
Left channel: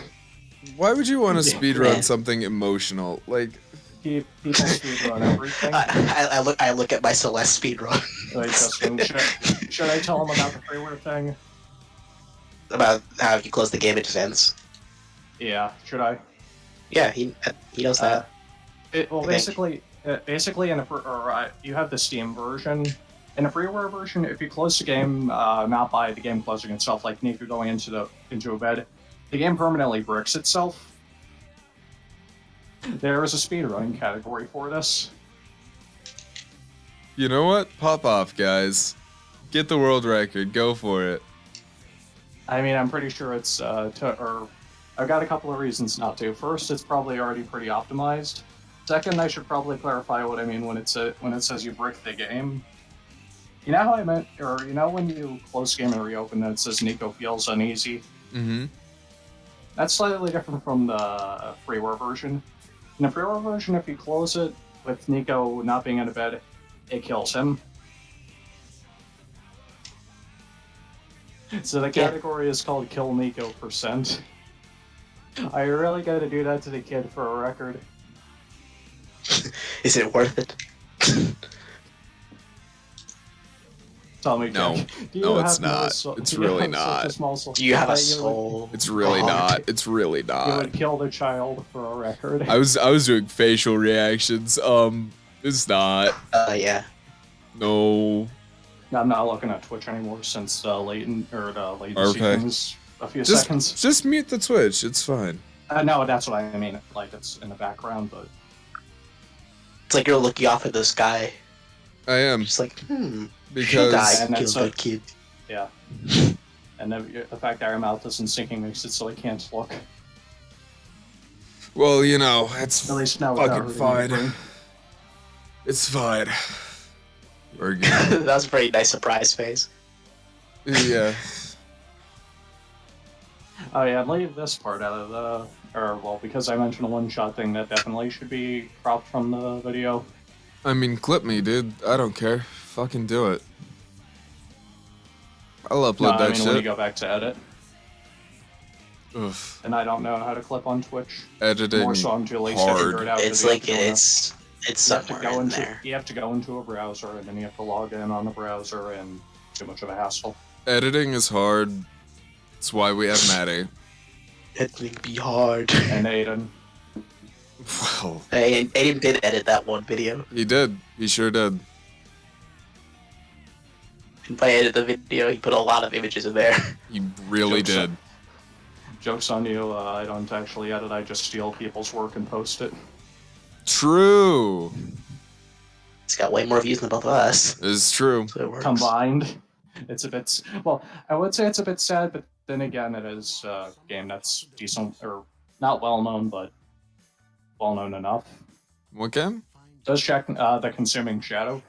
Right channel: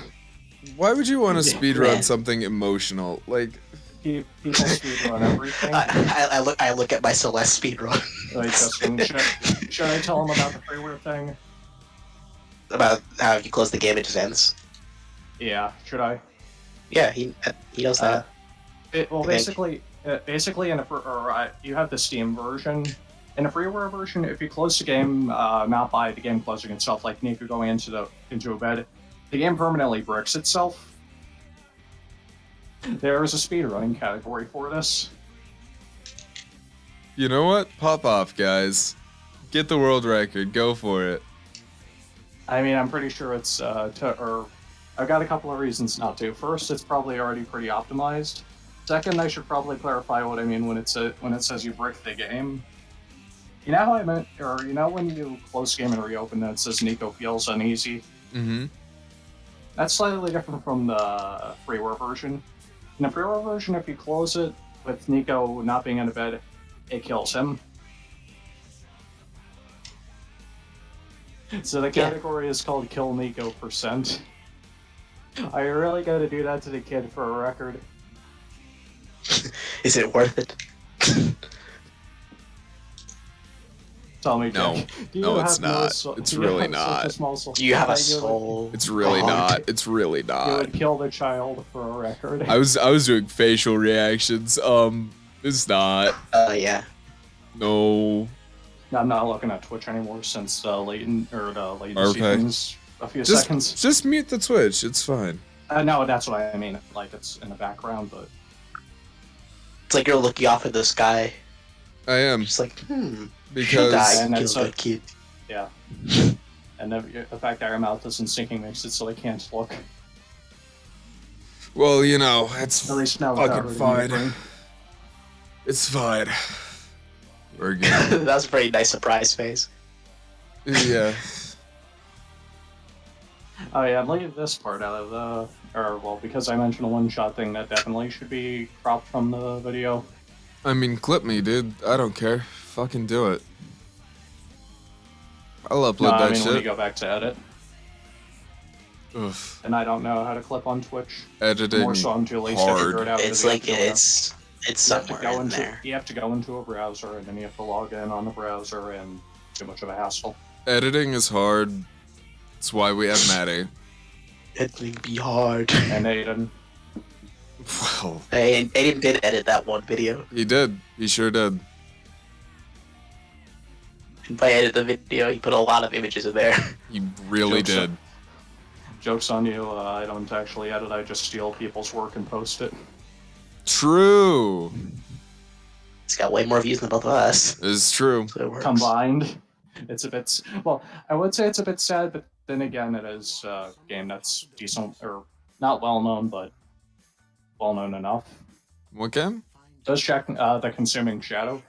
Why would you want to Yeah. speedrun Man. something emotional? Like, People speedrun everything. I look at my Celeste speedrun Like, Justin, should I tell him about the freeware thing? about how if you close the game, it just ends. Yeah, should I? Yeah, he knows that. Well, I think. basically, you have the Steam version. In a freeware version, if you close the game, not by the game closing itself, like Nico going into a bed, the game permanently bricks itself. There is a speedrunning category for this. you know what? Pop off, guys. Get the world record. Go for it. I mean, I'm pretty sure it's I've got a couple of reasons not to. First, it's probably already pretty optimized. Second, I should probably clarify what I mean when it says you brick the game. You know how I meant, or you know when you close the game and reopen, and it says Nico feels uneasy. Mm-hmm. That's slightly different from the freeware version. In the freeware version, if you close it with Nico not being in a bed, it kills him. So the category is called Kill Nico %. I really gotta do that to the kid for a record. Is it worth it? Tell me, No. Jack, do you No, have it's no not. soul- It's do you really have such not. small soul Do you have a that you would- soul? It's really Oh. not. It's really You not. would kill the child for a record. I was doing facial reactions. It's not. Yeah. No. I'm not looking at Twitch anymore since the latency Okay. things a few Just seconds. just mute the Twitch. It's fine. No, that's what I mean. Like it's in the background, but It's like you're looking off at the sky, I am just like, because die, And kill that's good kid. yeah. And the fact that our mouth isn't syncing makes it so I can't look. well, you know, it's At least now without fucking hurting fine. my brain. It's fine. We're good. That was a pretty nice surprise face. Yeah. Oh yeah, leave this part out of because I mentioned a one-shot thing that definitely should be cropped from the video. I mean, clip me, dude. I don't care. Fucking do it. I'll upload No, I that mean when you shit. go back to edit, Oof. and I don't know how to clip on Twitch. Editing More so I'm too lazy hard. to figure it out. It's 'cause you have like to go in a- it's you have to somewhere go in into there. you have to go into a browser and then you have to log in on the browser and too much of a hassle. Editing is hard. That's why we have Maddie. Editing be hard. And Aiden, Well, Hey, Aiden did edit that one video. he did. He sure did. And by edit the video, he put a lot of images in there. He really Jokes did. joke's on you. I don't actually edit. I just steal people's work and post it. True. He's got way more views than both of us. It's true. So it works. Combined, it's a bit. Well, I would say it's a bit sad, but then again, it is a game that's decent or not well known, but well known enough. What game? Does check the Consuming Shadow.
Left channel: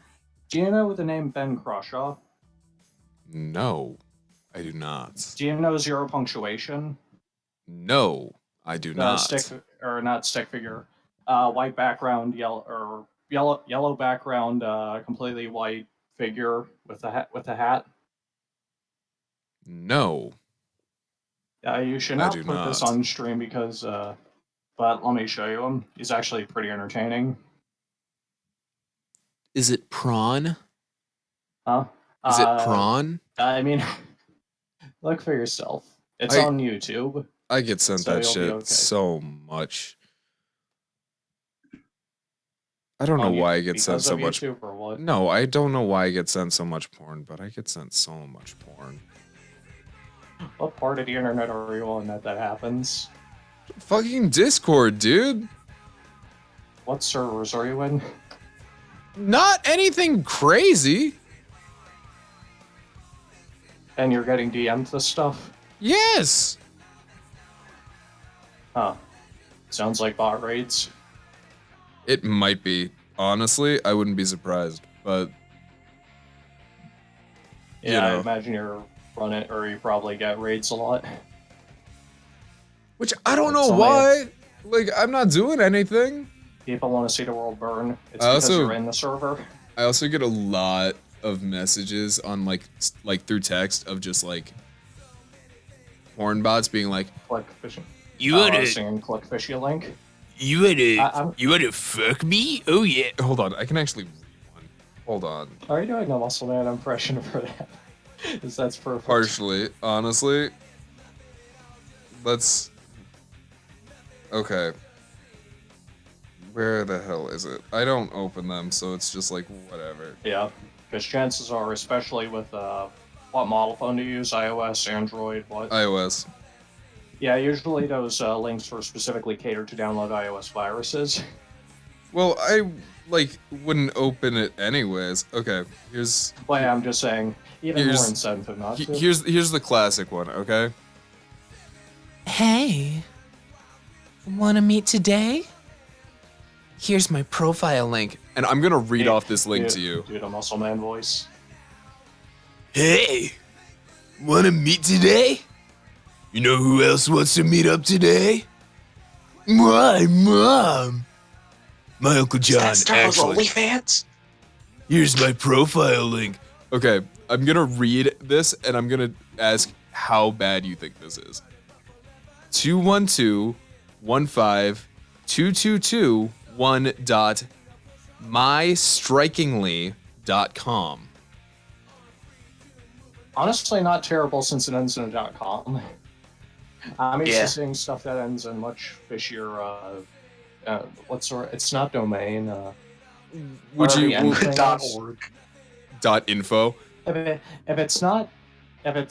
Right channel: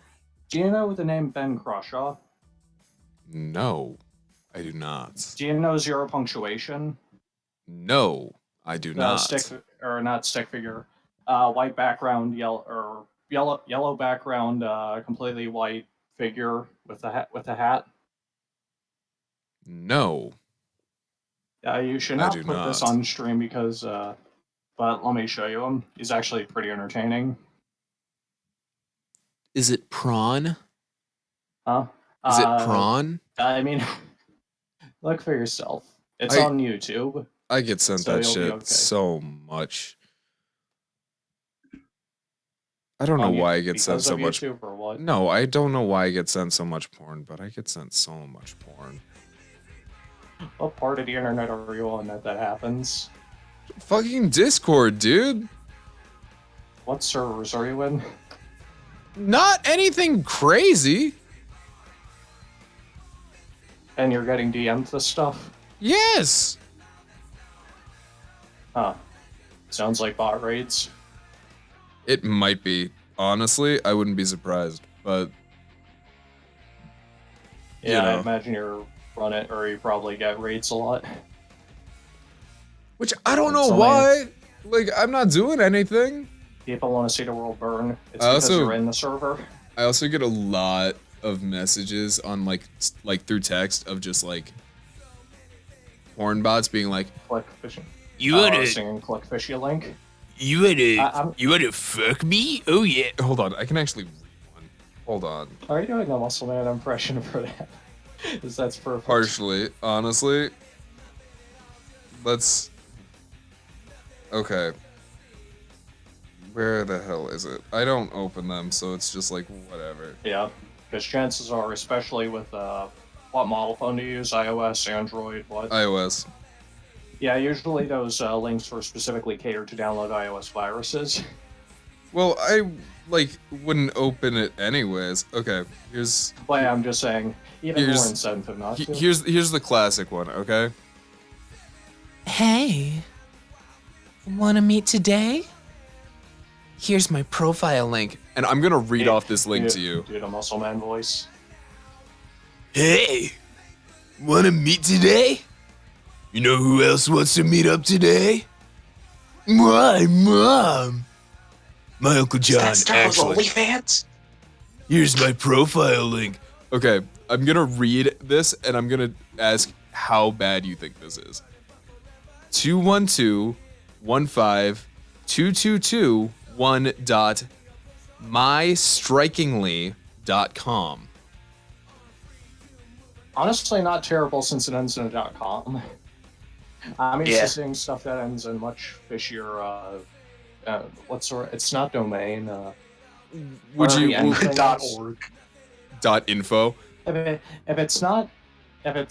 Do you know the name Ben Crawshaw? No. I do not. Do you know zero punctuation? No, I do not. Not stick figure. White background, yellow background, completely white figure with a hat. No, You should I not do put this not. on stream because, but let me show you him. He's actually pretty entertaining. Is it prawn? Huh? Is it prawn? I mean, look for yourself. It's I- on YouTube. I get sent So that you'll be shit okay. so much. I don't know On why I YouTube get sent because so of much. YouTube or what? No, I don't know why I get sent so much porn, but I get sent so much porn. What part of the internet are you on that happens? Fucking Discord, dude. What servers are you in? Not anything crazy. And you're getting DM'd this stuff? Yes. Huh. Sounds like bot raids. It might be. Honestly, I wouldn't be surprised, but Yeah, you know. I imagine you're running, or you probably get raids a lot. Which I don't know Something. why. Like, I'm not doing anything. People want to see the world burn. It's I because also- you're in the server. I also get a lot of messages on like through text of just like porn bots being like, Click fishing. You wanna, Singing click fishy link. you wanna, I'm- you wanna fuck me? Oh yeah. hold on, I can actually read one. Hold on. Are you doing a muscle man impression for that? Because that's perfect. Partially, honestly. Let's. Okay. Where the hell is it? I don't open them, so it's just like whatever. Yeah, because chances are, especially with what model phone to use, iOS, Android, what? iOS. Yeah, usually those links are specifically catered to download iOS viruses. Well, I like wouldn't open it anyways. Okay, here's But yeah, I'm just saying, even more Here's- incentive not to. here's the classic one. Okay. Hey, wanna meet today? Here's my profile link. And I'm gonna read off this link to you. Dude, a muscle man voice. Hey, wanna meet today? You know who else wants to meet up today? My mom. My Uncle John, actually. OnlyFans? Here's my profile link. Okay, I'm gonna read this and I'm gonna ask how bad you think this is. 212-15221.mystrikingly.com. Honestly, not terrible since it ends in a .com. I'm used Yeah. to seeing stuff that ends in much fishier. What sort? It's not domain. Would or you the end w- things. .org. .info? If it's not a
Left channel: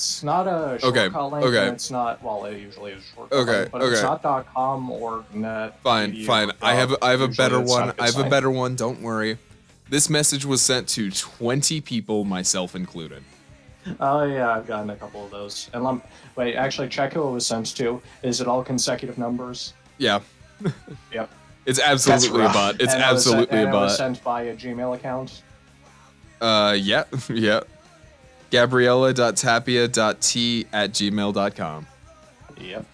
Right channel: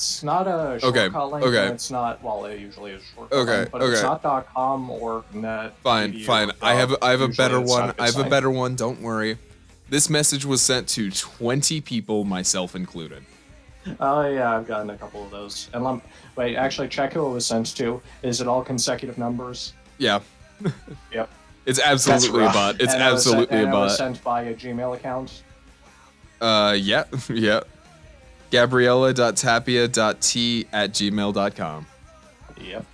short Okay, link, okay. then it's not. Well, it usually is a short Okay, link, but if it's okay. not .com or net. Fine, edu, fine. I have a usually better it's not one. good I have a sign. better one. Don't worry. This message was sent to 20 people, myself included. Oh yeah, I've gotten a couple of those. And wait, actually, check who it was sent to. Is it all consecutive numbers? Yeah. Yep. It's absolutely a rough. bot. It's And it was absolutely sent, a and it was bot. sent by a Gmail account. Yeah, yeah. Gabriella.tapia.t@gmail.com. Yep.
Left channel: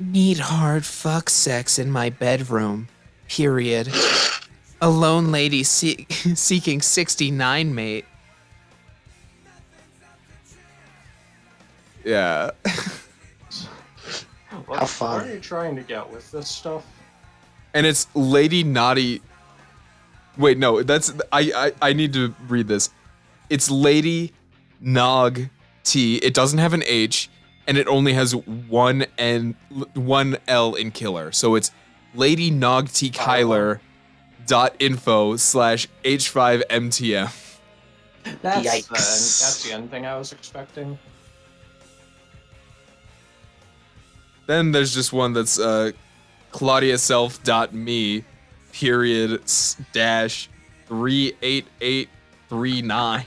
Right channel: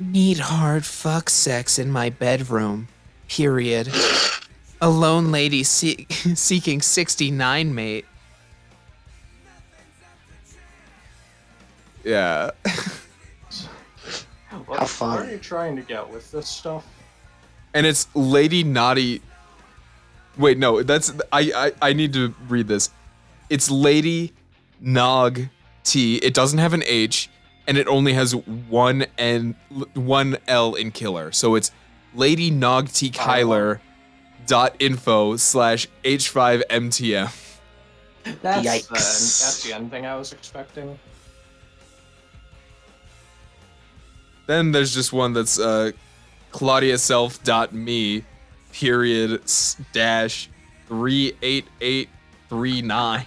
Need hard fuck sex in my bedroom. Period. A lone lady seeking 69 mate. Yeah. What, How fun. What are you trying to get with this stuff? And it's Lady Naughty. Wait, no, that's I need to read this. It's Lady Nog T. It doesn't have an H, and it only has one L in killer. So it's Lady Nog T Kyler .info/H5MTM. Yikes. That's the end thing I was expecting. Then there's just one that's claudiaself.me period dash 38839.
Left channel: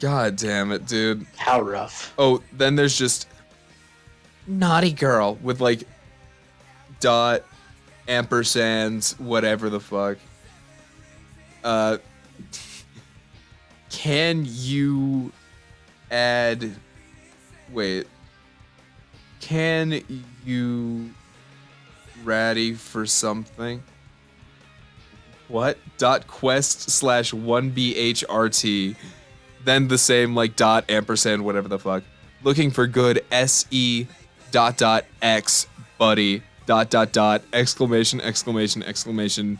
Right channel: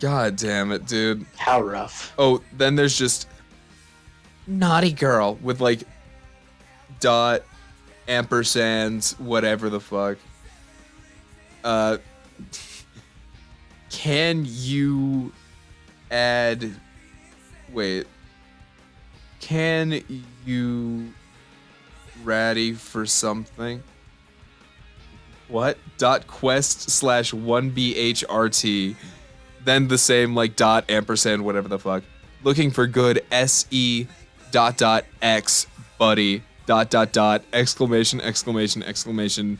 God damn it, dude. How rough. Oh, then there's just naughty girl with like dot ampersands whatever the fuck. Uh, can you add? Wait. Can you ready for something? What? .quest/1bhrt. Then the same like dot ampersand whatever the fuck. Looking for good se .x buddy exclamation exclamation exclamation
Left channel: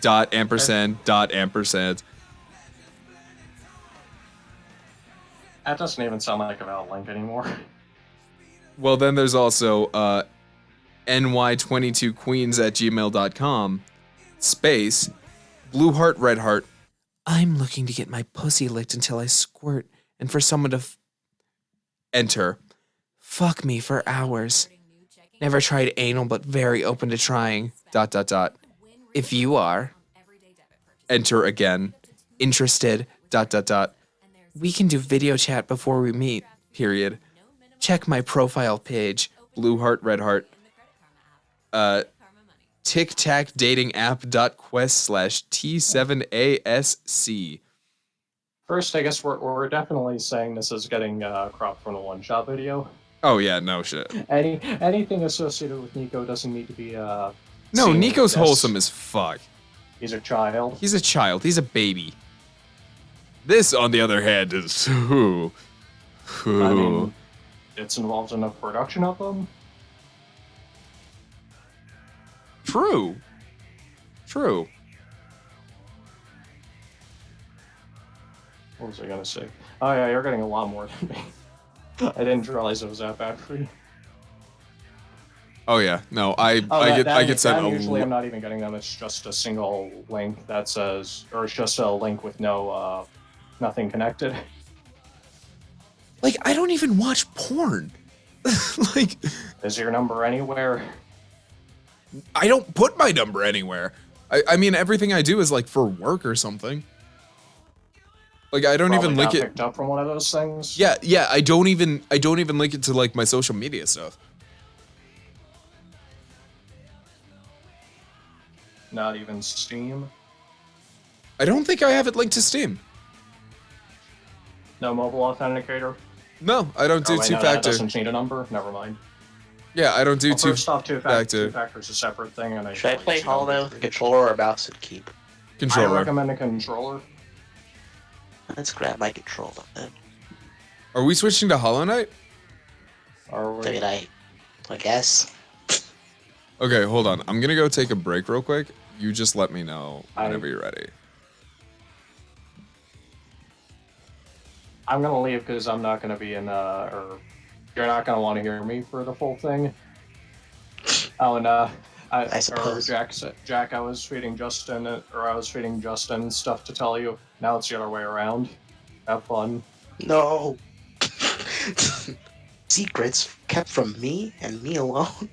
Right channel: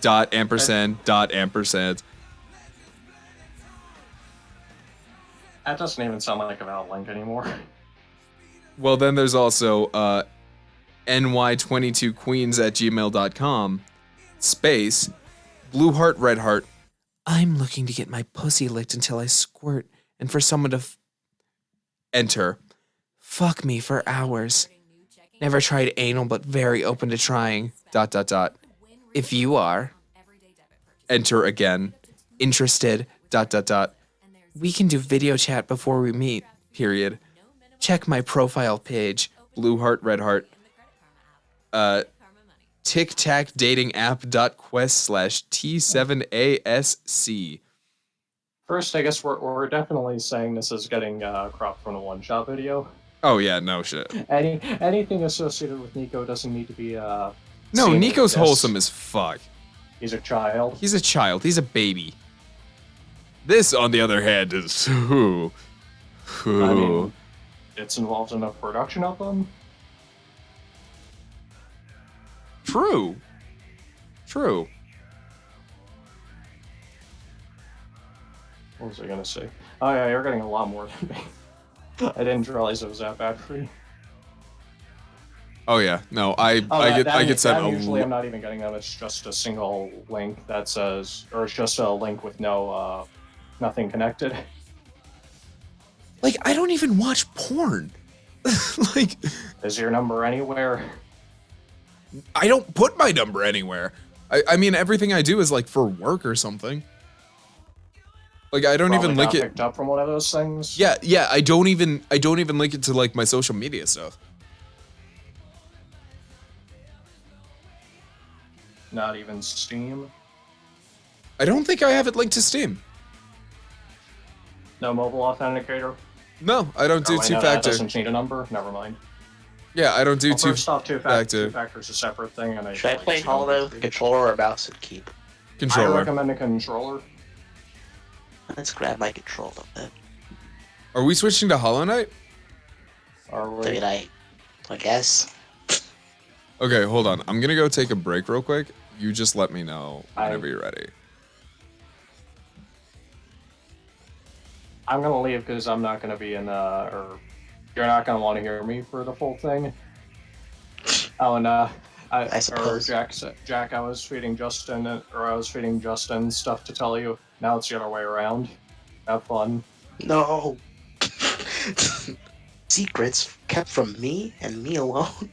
dot ampersand dot ampersand. That doesn't even sound like a valid link anymore. Well, then there's also ny22queens@gmail.com space blue heart red heart. I'm looking to get my pussy licked until I squirt and for someone to enter. Fuck me for hours. Never tried anal but very open to trying. ... If you are, enter again. Interested ... We can do video chat before we meet. Period. Check my profile page. Blue heart red heart. Tic Tac dating app.quest/T7ASC. First, I guess we're definitely saying this is getting cropped from the one-shot video. Oh yeah, no shit. Anything associated with Nico doesn't need to be No, seen Nico's like this. wholesome as fuck. He's a child. He's a child. He's a baby. This, on the other hand, is I mean, it's involved in the production of them. True. What was I gonna say? Oh yeah, you're getting a lot more than me. I didn't realize it was that bad for you. Oh yeah, no, I get sent a usually I'm not even getting them. It's just a single link that says, or it's just a link with no nothing connected. like I don't even watch porn. Like Is your number anywhere? I don't put my number anywhere. I mean everything I do is like for work or something. Like I don't even link it. Picked up from one of those things. Yeah, I don't even link it to like my social media stuff. Not even Steam. I don't think I have it linked to Steam. No mobile authenticator. No, I don't do Oh, wait, no, that two-factor. doesn't need a number. Never mind. Yeah, I don't do Well, first off, two-factor. Two-factor is a separate thing, and Should I play Hollow, controller, or mouse and keep? I Controller. recommend a controller. Let's grab my controller then. Are we switching to Hollow Knight? Or Did I guess. Okay, hold on. I'm gonna go take a break real quick. You just let me know whenever you're ready. I'm gonna leave because I'm not gonna be in or you're not gonna want to hear me for the full thing. Oh, and I suppose. Or Jack, I was feeding Justin stuff to tell you. Now it's the other way around. Have fun. No. Secrets kept from me and me alone.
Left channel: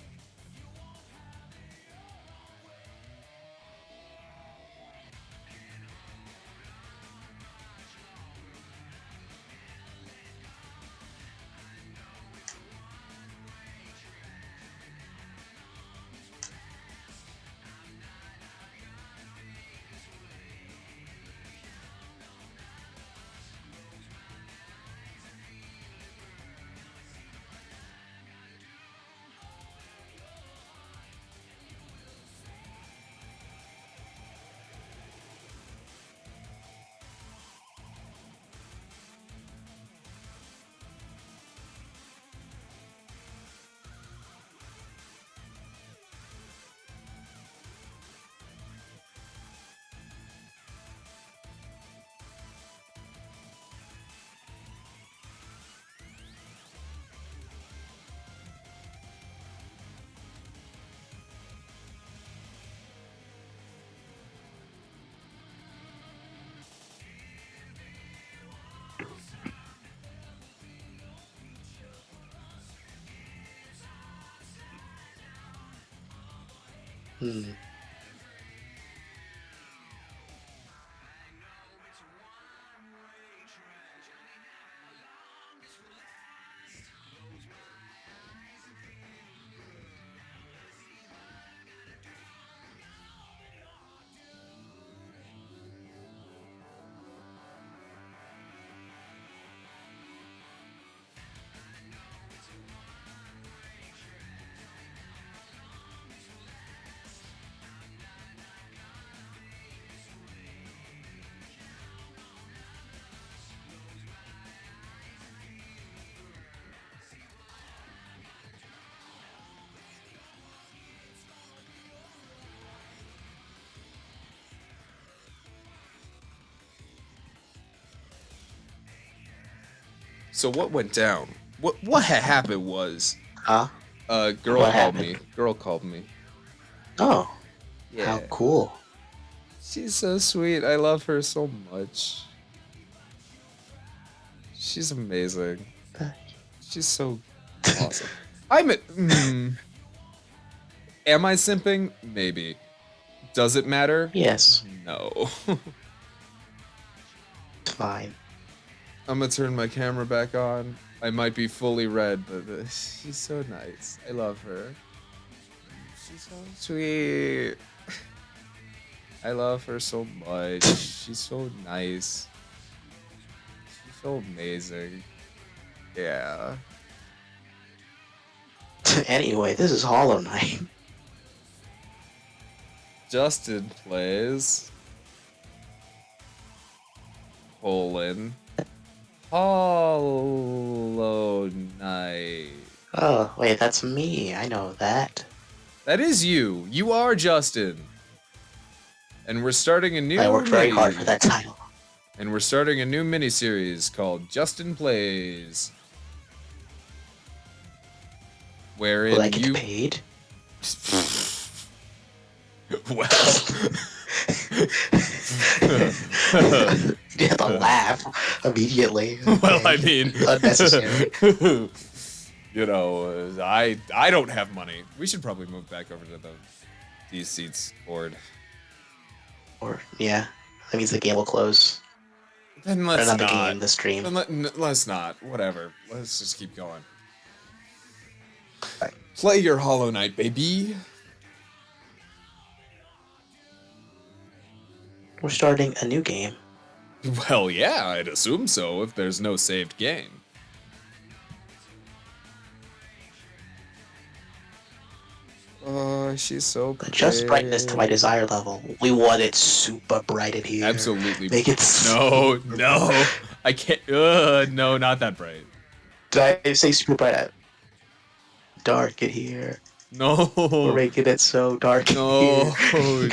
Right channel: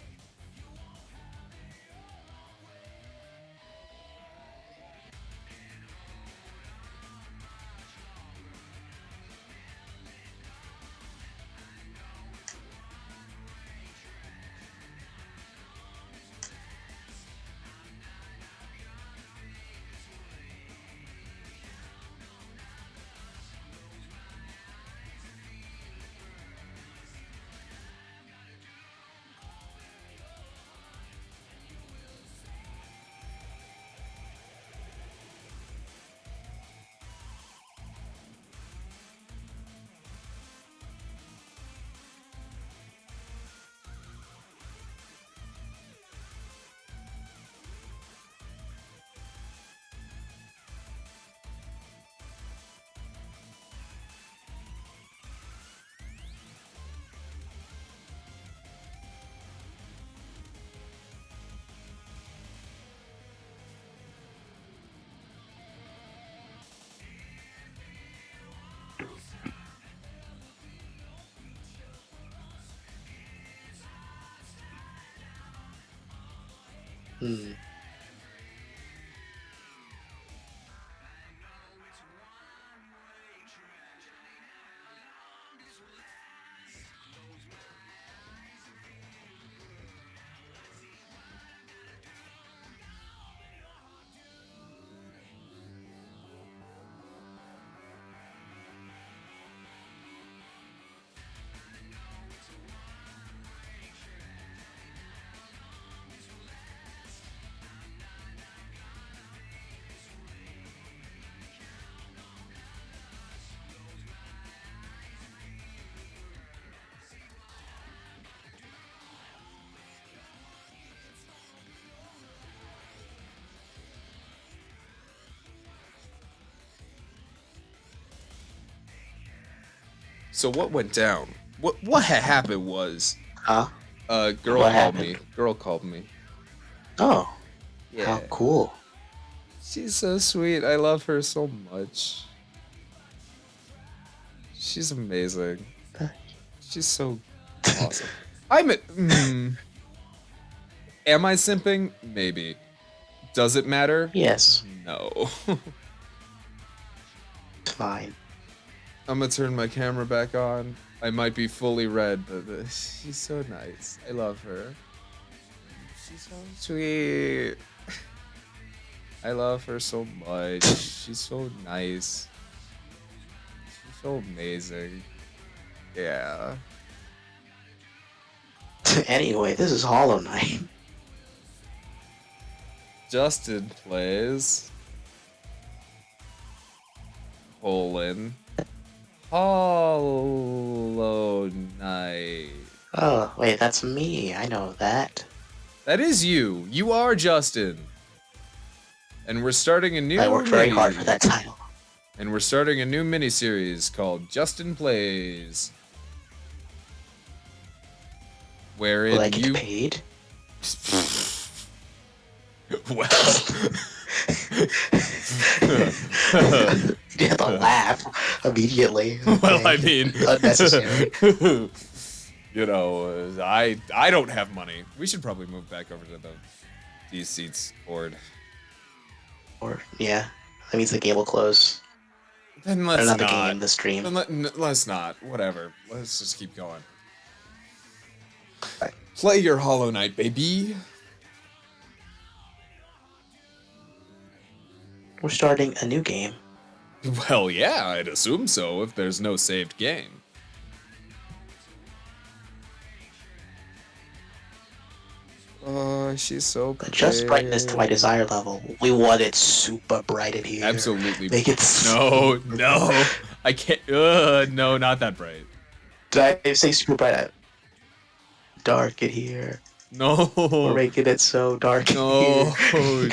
So what went down? What had happened was, Huh? girl What called happened? me. Girl called me. Oh, Yeah. how cool. She's so sweet. I love her so much. She's amazing. She's so awesome. Am I simping? Maybe. Does it matter? Yes, No. it's fine. I'm gonna turn my camera back on. I might be fully red, but she's so nice. I love her. She's so sweet. I love her so much. She's so nice. She's so amazing. Yeah. Anyway, this is Hollow Knight. Justin plays Hollow Knight. Oh, wait, that's me. I know that. That is you. You are Justin. And we're starting a new I worked very hard for that title. And we're starting a new mini-series called Justin Plays. Wherein Will I get you paid? well You have to laugh immediately. well, I Okay. mean, Unnecessary. you know, I don't have money. We should probably move back over to these seats cord. Or, yeah, that means the game will close. Then Or let's not the not. game, the stream. Then let's not. Whatever. Let's just keep going. Play your Hollow Knight, baby. We're starting a new game. Well, yeah, I'd assume so if there's no saved game. Oh, she's so pretty. Adjust brightness to my desired level. We want it super bright in here. Absolutely. Make it No. I can't. No, not that bright. Did I say super bright? Dark in here. No. We're making it so dark in No. here.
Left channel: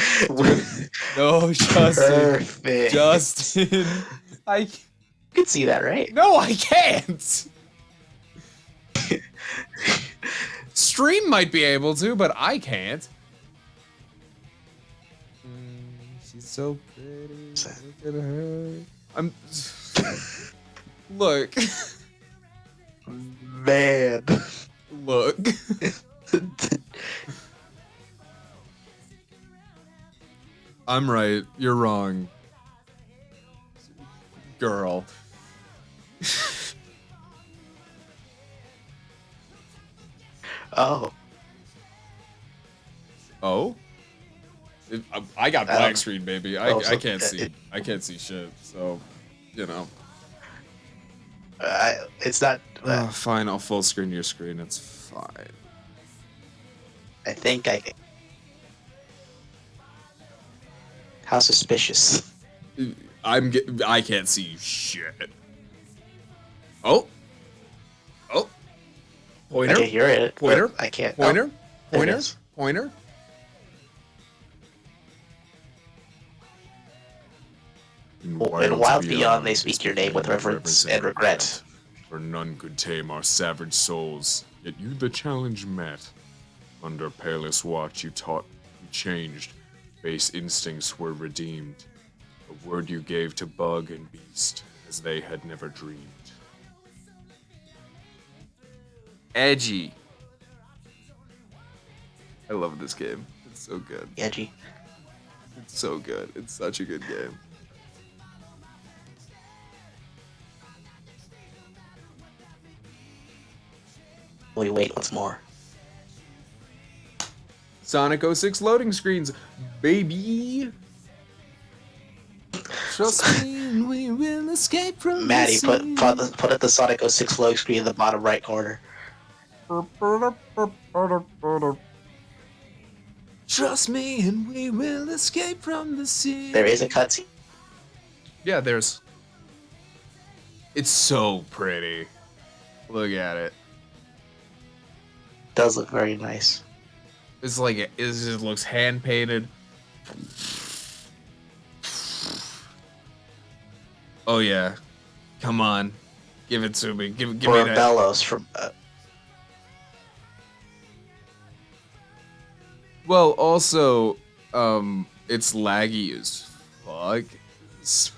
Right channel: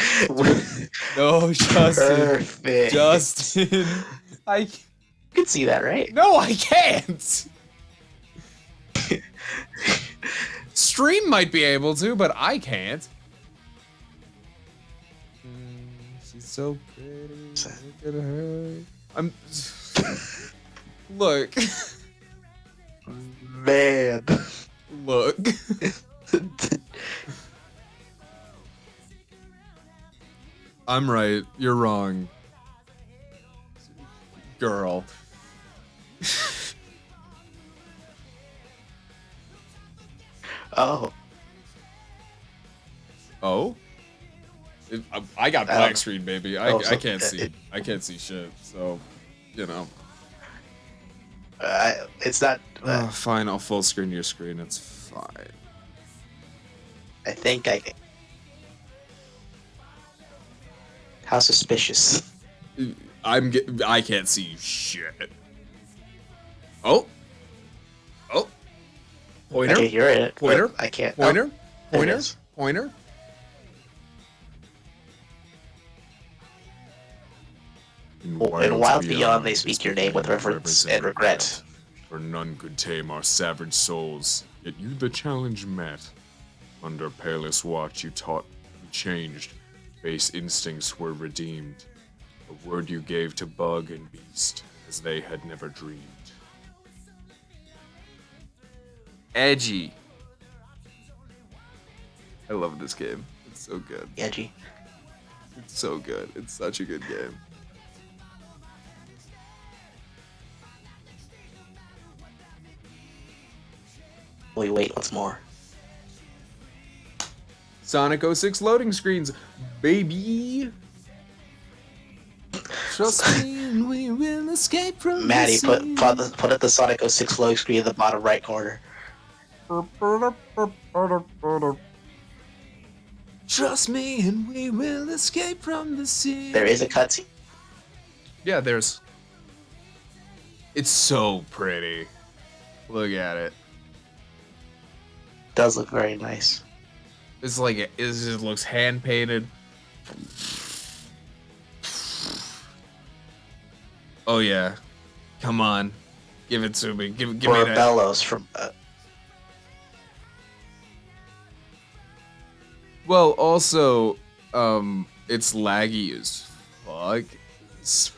No, Justin. Perfect. Justin. You can see that, right? No, I can't. Stream might be able to, but I can't. She's so pretty. Look at her. Look. Man. Look. I'm right. You're wrong. Girl. Oh. Oh? I got black Um, screen, baby. oh, I so- can't see. I can't see shit. So, you know. It's not. Fine. I'll full screen your screen. It's fine. I think I. How suspicious. I can't see shit. Oh. Oh. Pointer. I can hear it. but Pointer. I can't. Pointer. Oh, there it Pointer. is. Pointer. In Wilds Beyond, they speak your name with reverence and regret. For none could tame our savage souls, yet you the challenge met. Under Palest watch you taught, you changed, base instincts were redeemed. A word you gave to bug and beast, as they had never dreamed. Edgy. I love this game. It's so good. Edgy. It's so good. It's such a good game. We wait once more. Sonic 06 loading screens, baby. Trust me, and we will escape from Maddie, the scene. put up the Sonic 06 load screen in the bottom right corner. Trust me, and we will escape from the sea. There is a cutscene. Yeah, there's. It's so pretty. Look at it. Does look very nice. It's like it just looks hand painted. Oh yeah, come on, Give it to me. Give me Or that. bellows from. Well, also, it's laggy as fuck. So,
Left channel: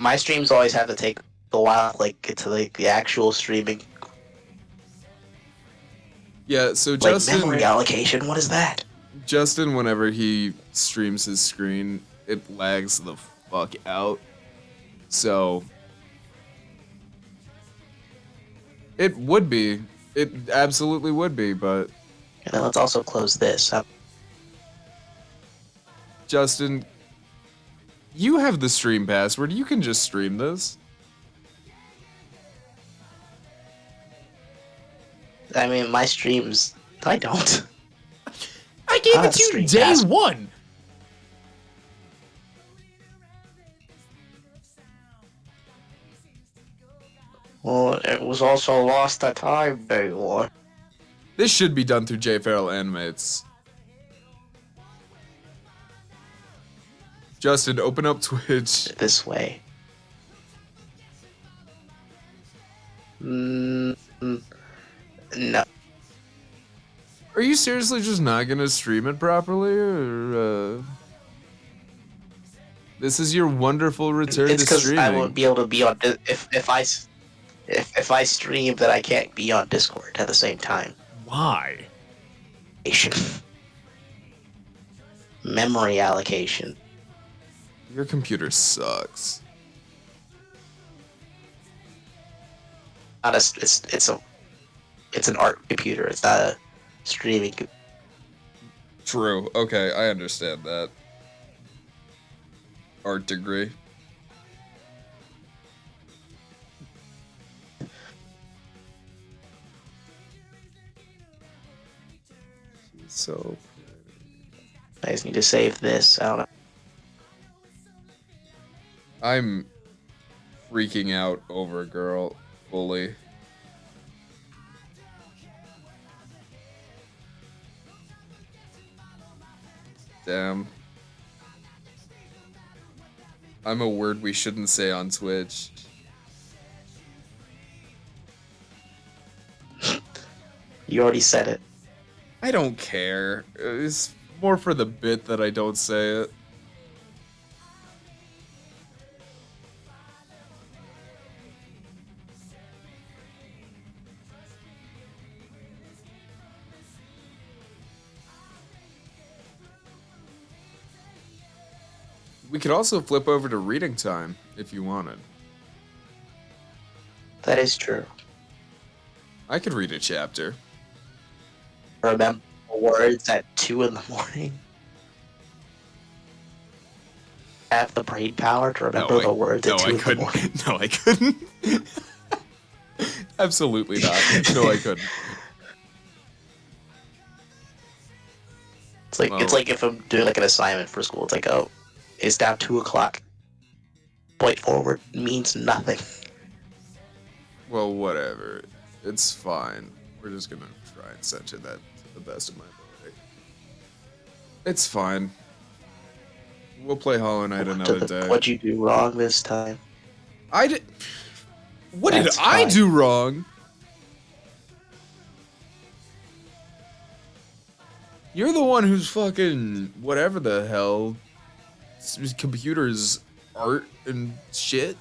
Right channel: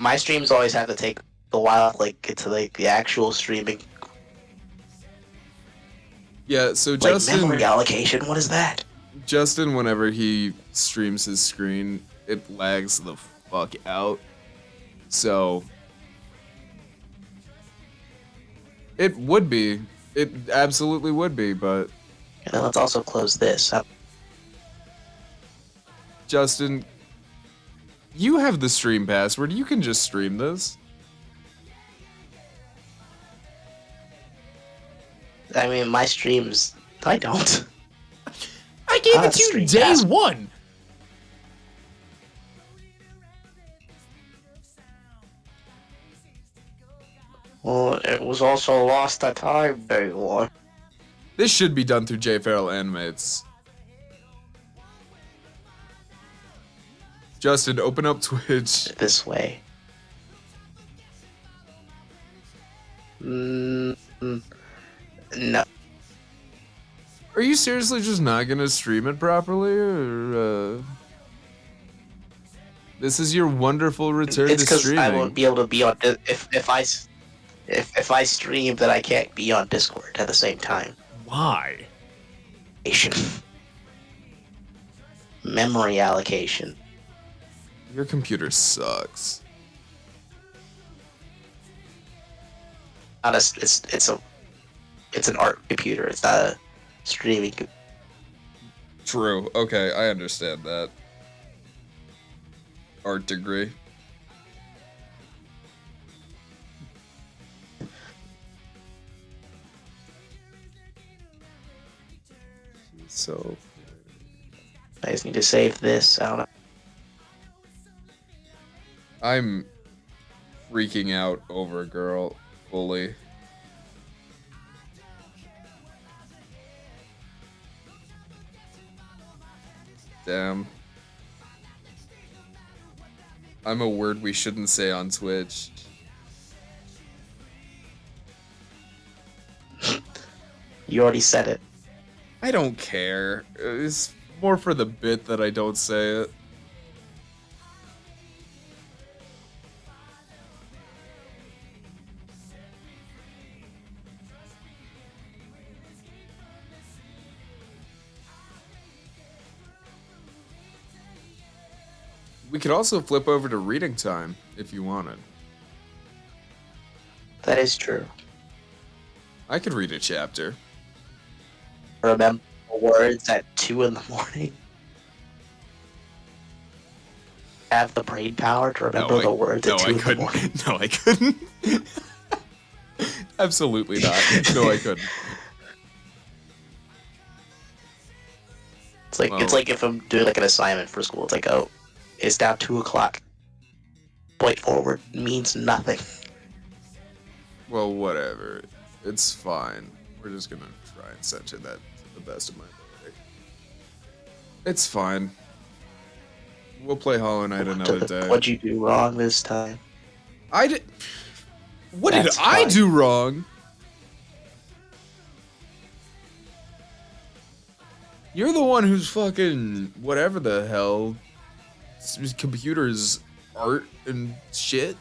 My streams always have to take a while, like get to like the actual streaming. yeah, so Like Justin, memory allocation. What is that? whenever he streams his screen, it lags the fuck out. So, it would be. It absolutely would be, but And then let's also close this. Justin, you have the stream password. You can just stream this. I mean, my streams. I don't. I gave Ah, it to you stream day password. one. Well, it was also lost at time, day one. This should be done through J Farrell Animates. Justin, open up Twitch. This way. No. Are you seriously just not gonna stream it properly, or this is your wonderful return It's to because I streaming? won't be able to be on. If I stream, then I can't be on Discord at the same time. Why? Memory allocation. Your computer sucks. Not a, it's an art computer. It's not a streaming. True. Okay, I understand that. Art degree. She's so I just need to save this. I don't know. I'm freaking out over girl fully. Damn. I'm a word we shouldn't say on Twitch. You already said it. I don't care. It's more for the bit that I don't say it. We could also flip over to reading time if you wanted. That is true. I could read a chapter. Remember words at 2 in the morning. Have the brain power to remember the words at 2 in the morning. No, I couldn't. Absolutely not. No, I couldn't. It's like Well- it's like if I'm doing like an assignment for school. It's like, oh, it's now 2 o'clock. Point forward means nothing. Well, whatever. It's fine. We're just gonna try and censor that to the best of my ability. It's fine. We'll play Hollow Knight another day. What'd you do wrong this time? I did. What did That's I fine. do wrong? You're the one who's fucking whatever the hell. Computers, art and shit.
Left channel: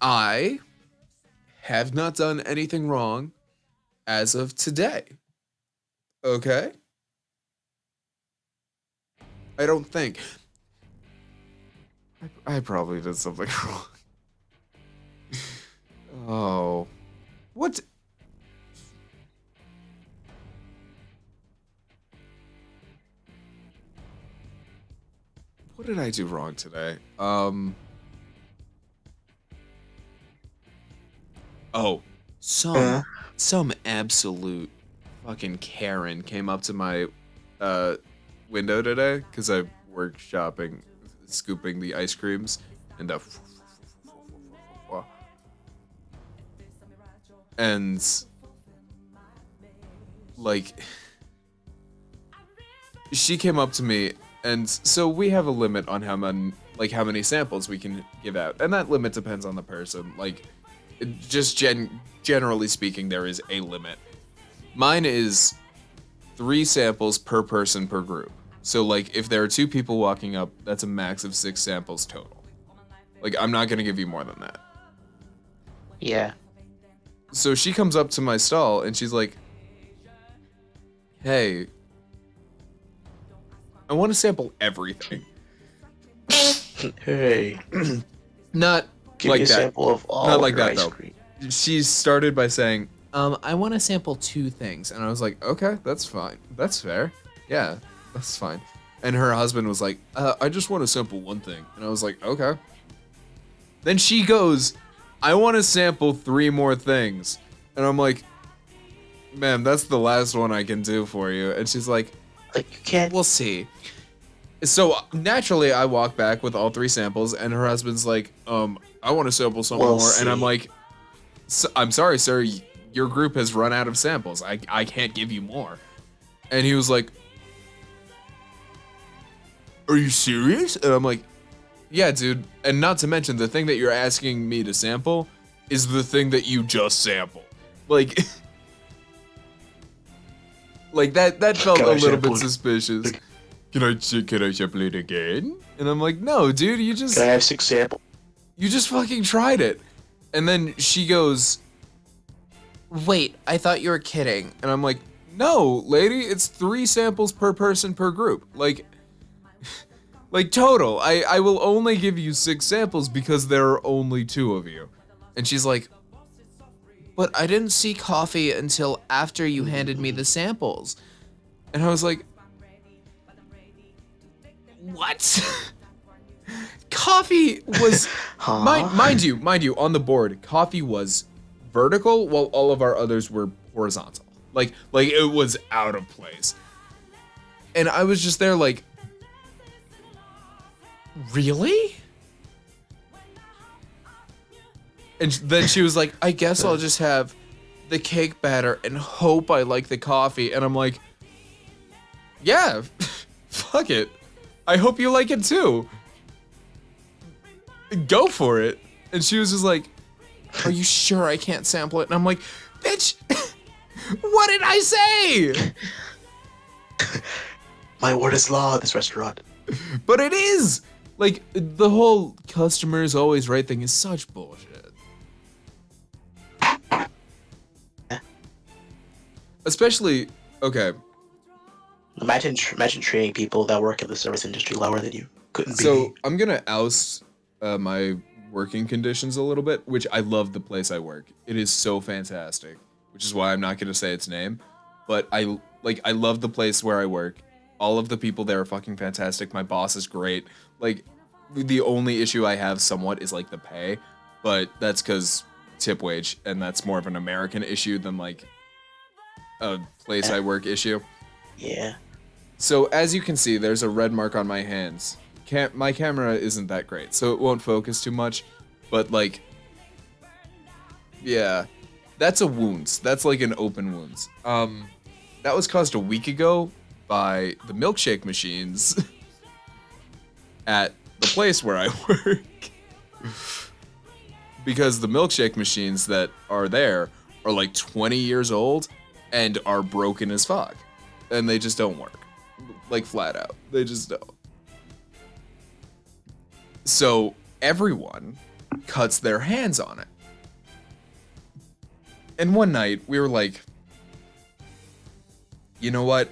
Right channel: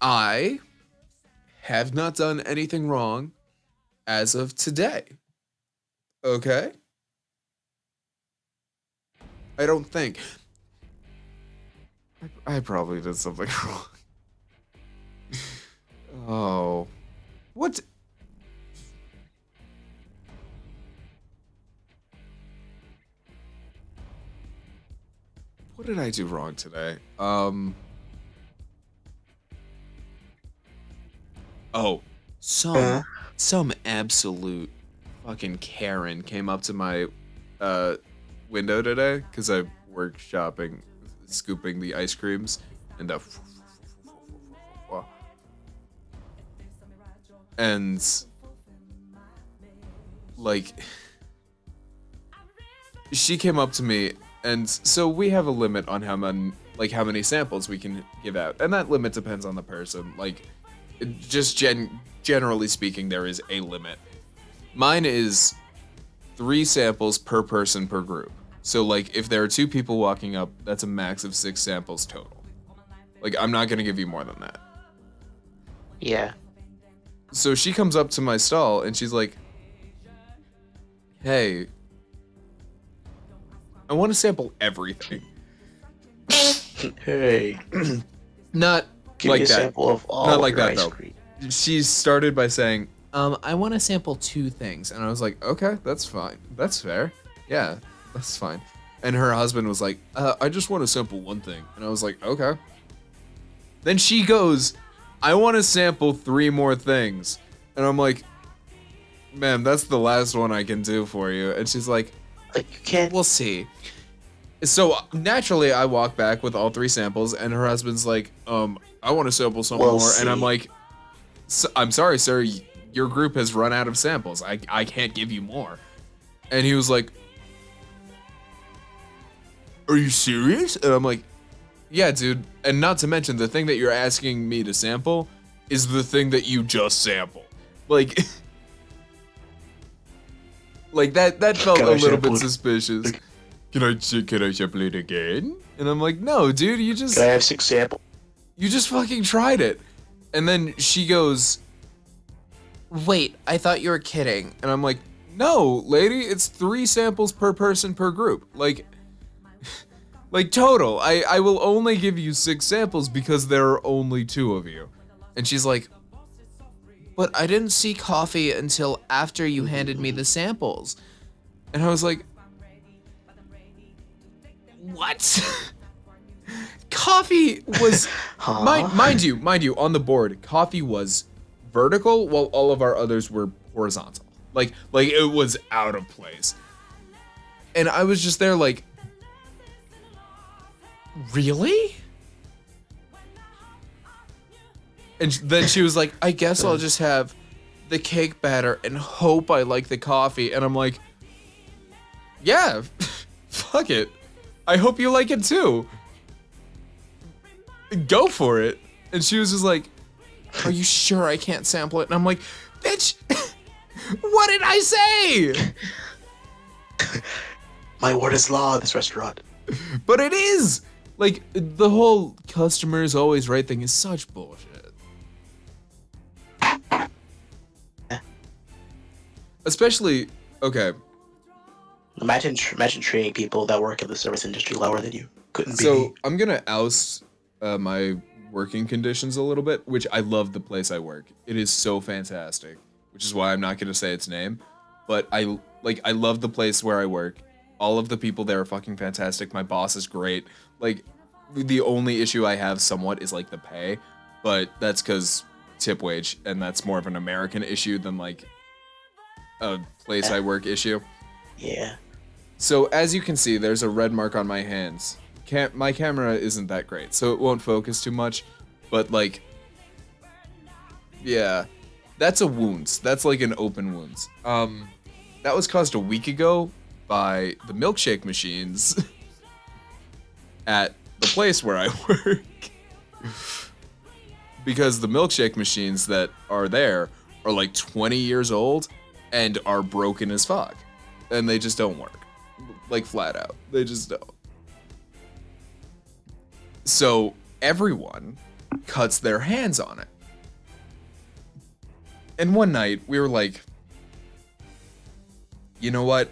I have not done anything wrong as of today. Okay? I don't think. I probably did something wrong. Oh. What? What did I do wrong today? Oh, some absolute fucking Karen came up to my window today because I work shopping, scooping the ice creams, and like, she came up to me, and so we have a limit on how many samples we can give out, and that limit depends on the person. Like, just generally speaking, there is a limit. Mine is 3 samples per person per group. So like, if there are 2 people walking up, that's a max of 6 samples total. Like, I'm not gonna give you more than that. Yeah. So she comes up to my stall and she's like, "Hey, I want to sample everything." Hey. Not Give like me a that. sample of all Not of like your that ice though. cream. She started by saying, I want to sample 2 things," and I was like, "Okay, that's fine. That's fair. Yeah, that's fine." And her husband was like, "I just want to sample 1 thing," and I was like, "Okay." Then she goes, "I want to sample 3 more things," and I'm like, "Ma'am, that's the last one I can do for you." And she's like, Like, you can't. "We'll see." So naturally, I walk back with all 3 samples, and her husband's like, I want to sample some We'll more," and I'm see. like, "I'm sorry, sir, your group has run out of samples. I can't give you more." And he was like, "Are you serious?" And I'm like, "Yeah, dude. And not to mention, the thing that you're asking me to sample is the thing that you just sampled." Like, like that felt Can a I little sample bit it? suspicious. Can I sample it again? And I'm like, "No, dude, you Can I have 6 samples? just fucking tried it." And then she goes, "Wait, I thought you were kidding." And I'm like, "No, lady, it's 3 samples per person per group. Like total. I will only give you 6 samples because there are only 2 of you." And she's like, "But I didn't see coffee until after you handed me the samples." And I was like, "What?" Coffee was Huh? mind you, on the board, coffee was vertical while all of our others were horizontal. Like it was out of place. And I was just there like, "Really?" And then she was like, "I guess I'll just have the cake batter and hope I like the coffee." And I'm like, "Yeah, fuck it. I hope you like it too. Go for it." And she was just like, "Are you sure I can't sample it?" And I'm like, "Bitch, what did I say?" My word is law in this restaurant. But it is. Like, the whole customer is always right thing is such bullshit. Especially, okay, Imagine treating people that work in the service industry lower than you. Couldn't be. so I'm gonna oust my working conditions a little bit, which I love the place I work. It is so fantastic, which is why I'm not gonna say its name. But I love the place where I work. All of the people there are fucking fantastic. My boss is great. Like, the only issue I have somewhat is like the pay, but that's because tip wage, and that's more of an American issue than like a place I work issue. Yeah. So as you can see, there's a red mark on my hands. My camera isn't that great, so it won't focus too much. But like, yeah, that's a wound. That's like an open wound. That was caused a week ago by the milkshake machines at the place where I work. Because the milkshake machines that are there are like 20 years old and are broken as fuck. And they just don't work. Like, flat out. They just don't. So everyone cuts their hands on it. And one night we were like, "You know what?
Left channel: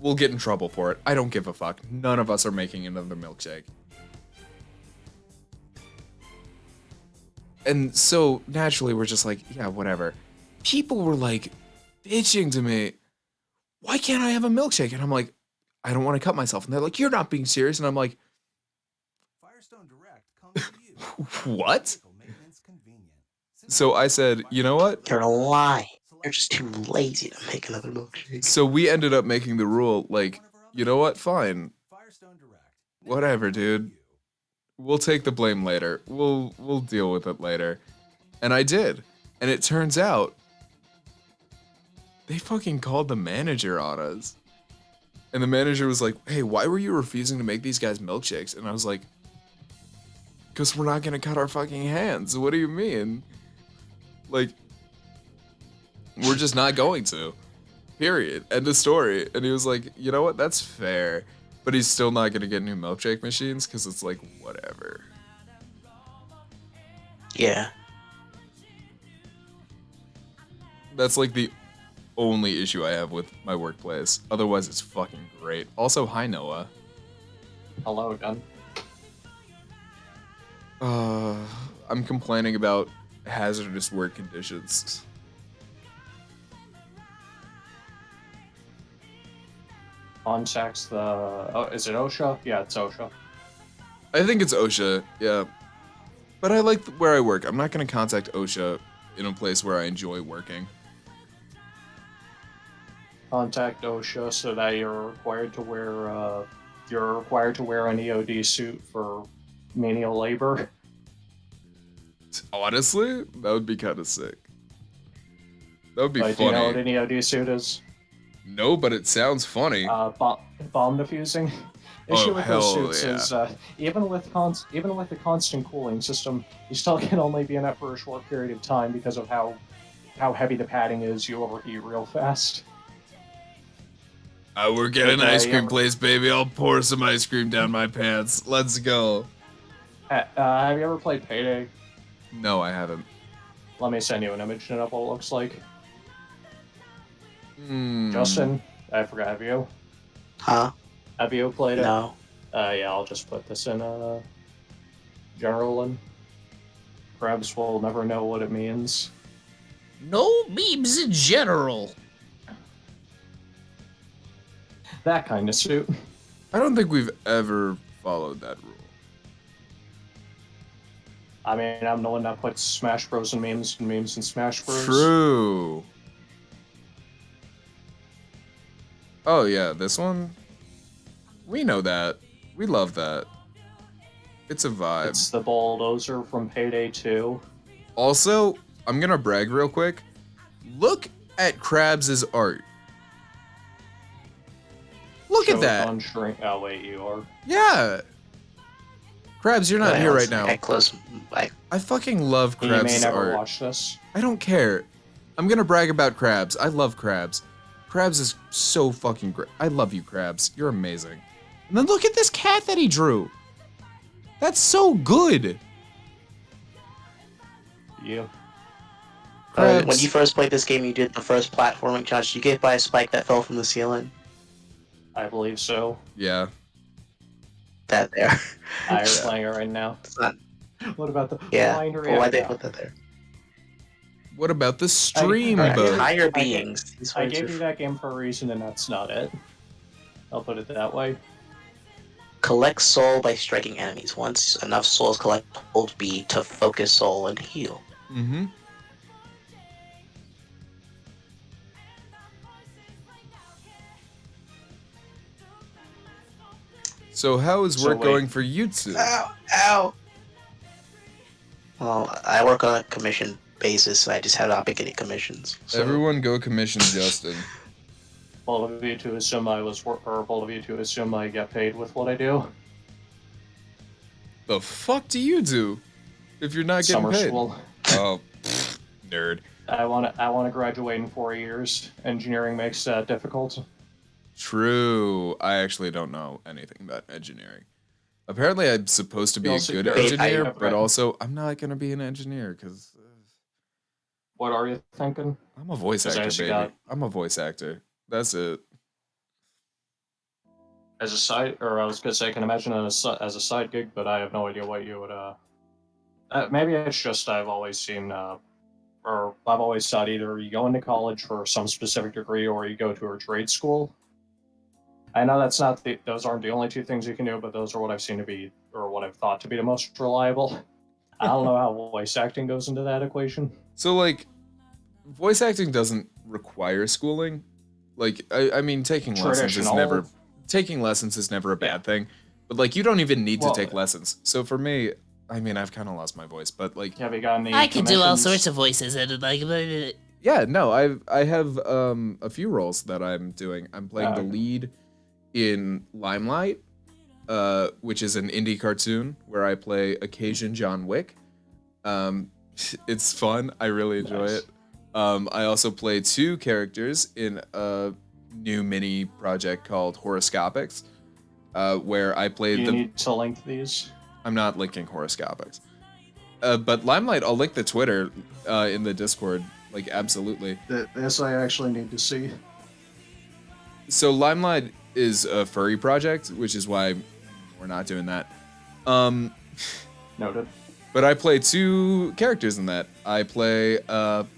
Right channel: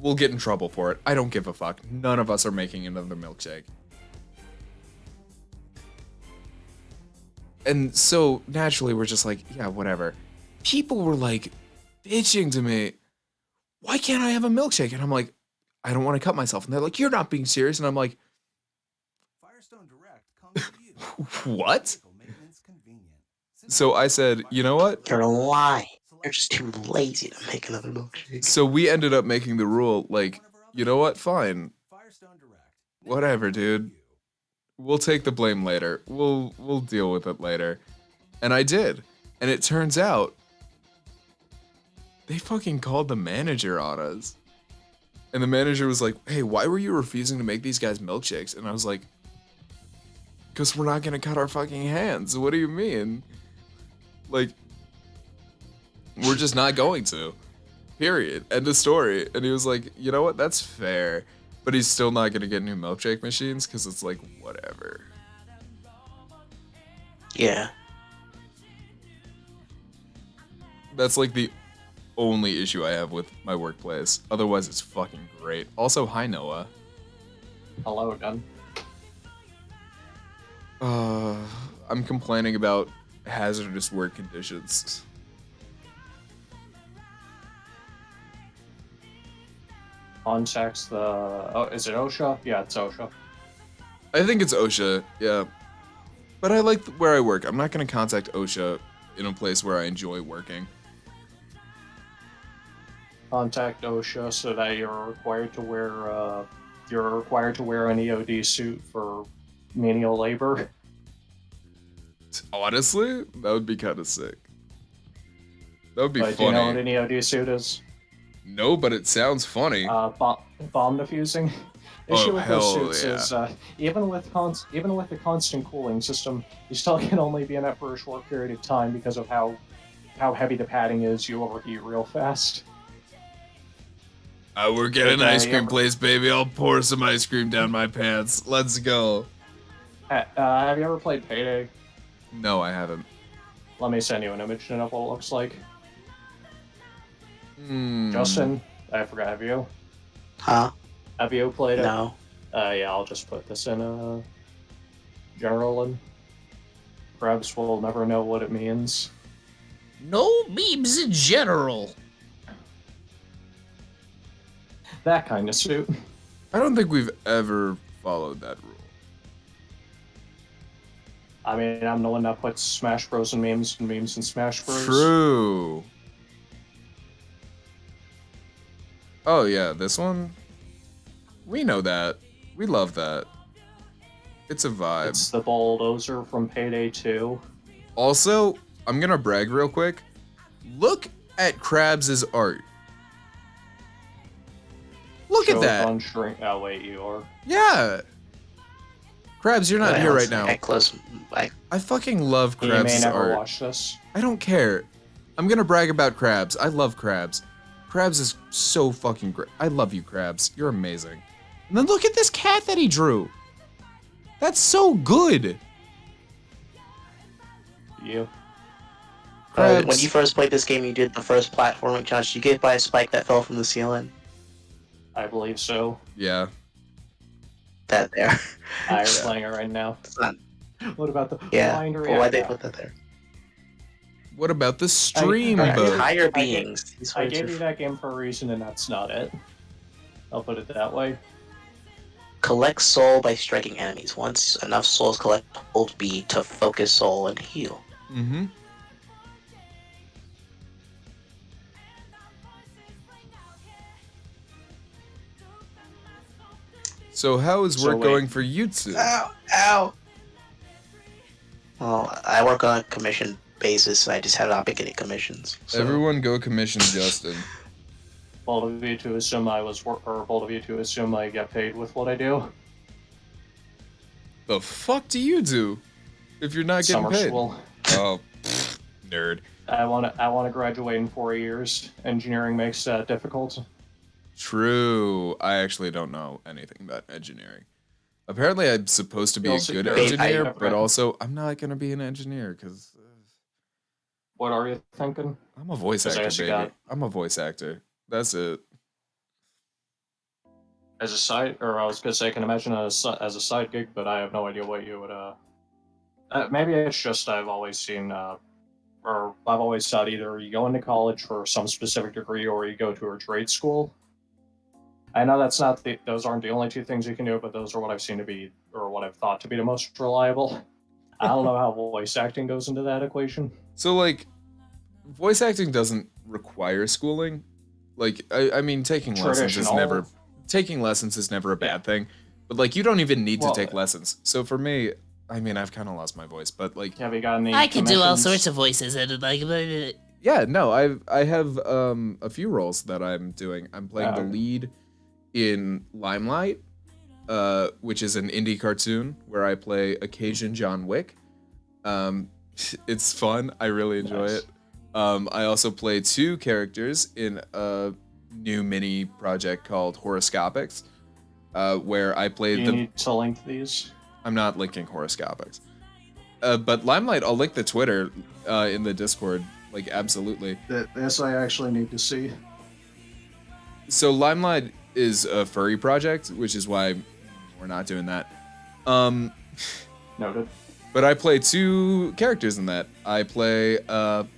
We'll get in trouble for it. I don't give a fuck. None of us are making another milkshake." And so naturally we're just like, "Yeah, whatever." People were like bitching to me, "Why can't I have a milkshake?" And I'm like, "I don't want to cut myself." And they're like, "You're not being serious." And I'm like, "What?" So I said, "You know what?" You're lying. You're just too lazy to make another milkshake. So we ended up making the rule, like, "You know what? Fine. Whatever, dude. We'll take the blame later. We'll deal with it later." And I did. And it turns out they fucking called the manager on us. And the manager was like, hey, why were you refusing to make these guys milkshakes? And I was like, because we're not going to cut our fucking hands. What do you mean? Like, we're just not going to. Period. End of story. And he was like, you know what? That's fair. But he's still not going to get new milkshake machines because it's like, whatever. Yeah. That's like the only issue I have with my workplace. Otherwise, it's fucking great. Also, hi, Noah. Hello again. I'm complaining about hazardous work conditions. Context the. Oh, is it OSHA? Yeah, it's OSHA. I think it's OSHA, yeah. But I like where I work. I'm not going to contact OSHA in a place where I enjoy working. Contact OSHA so that you're required to wear an EOD suit for menial labor. Honestly, that would be kind of sick. That would be Like, funny. do you know what an EOD suit is? No, but it sounds funny. Bomb defusing. Oh, Issue with hell those suits yeah. is even with the constant cooling system, you still can only be in it for a short period of time because of how heavy the padding is. You overheat real fast. I work at an ice cream place, baby. I'll pour some ice cream down my pants. Let's go. Have you ever played Payday? No, I haven't. Let me send you an image of what it looks like. Hmm. Justin, I forgot. Have you? Huh? Have you played it? No. Yeah, I'll just put this in general and Krebs will never know what it means. No memes in general. That kind of suit. I don't think we've ever followed that rule. I mean, I'm the one that puts Smash Bros. And memes in Smash Bros. True. Oh, yeah, this one? We know that. We love that. It's a vibe. It's the bulldozer from Payday 2. Also, I'm gonna brag real quick. Look at Krabs' art. Look at that. Oh, wait, you are. Yeah. Krabs, you're not here right now. I fucking love You may Krabs' never art. watch this. I don't care. I'm gonna brag about Krabs. I love Krabs. Krabs is so fucking great. I love you, Krabs. You're amazing. And then look at this cat that he drew. That's so good. You. Krabs. When you first played this game, you did the first platforming challenge. Did you get hit by a spike that fell from the ceiling? I believe so. Yeah. That there. I'm playing it right now. It's not. What about the Yeah. blind Well, why'd they react? put that there? What about the stream? Higher beings. I gave you that game for a reason, and that's not it. I'll put it that way. Collect soul by striking enemies. Once enough souls collect, hold B to focus soul and heal. Mm-hmm. So how is work going for you two? Ow! Ow! Well, I work on a commission basis, and I just have not been getting commissions. So. Everyone go commission Justin. Bold of you to assume bold of you to assume I get paid with what I do. The fuck do you do if you're not getting Summer paid? school. Oh, pfft, nerd. I want to graduate in 4 years. Engineering makes that difficult. True. I actually don't know anything about engineering. Apparently, I'm supposed to be a good engineer, but also I'm not gonna be an engineer because What are you thinking? I'm a voice actor, baby. I'm a voice actor. That's it. As a side, or I was gonna say, I can imagine as a side gig, but I have no idea what you would. Maybe it's just I've always seen, or I've always thought either you go into college for some specific degree or you go to a trade school. I know that's not those aren't the only two things you can do, but those are what I've seen to be, or what I've thought to be the most reliable. I don't know how voice acting goes into that equation. So, like, voice acting doesn't require schooling. Like, I mean, taking lessons is never a bad thing. But like, you don't even need to take lessons. So for me, I mean, I've kind of lost my voice, but like, Have you gotten the I can do all commissions? sorts of voices and like Yeah, no, I have a few roles that I'm doing. I'm playing the lead in Limelight, which is an indie cartoon where I play occasion John Wick. Um, it's fun. I really enjoy it. I also play two characters in a new mini project called Horoscopics, where I play Do you need to link these? I'm not linking Horoscopics. But Limelight, I'll link the Twitter in the Discord. Like, absolutely. This I actually need to see. So Limelight is a furry project, which is why we're not doing that. Noted. But I play two characters in that. I play the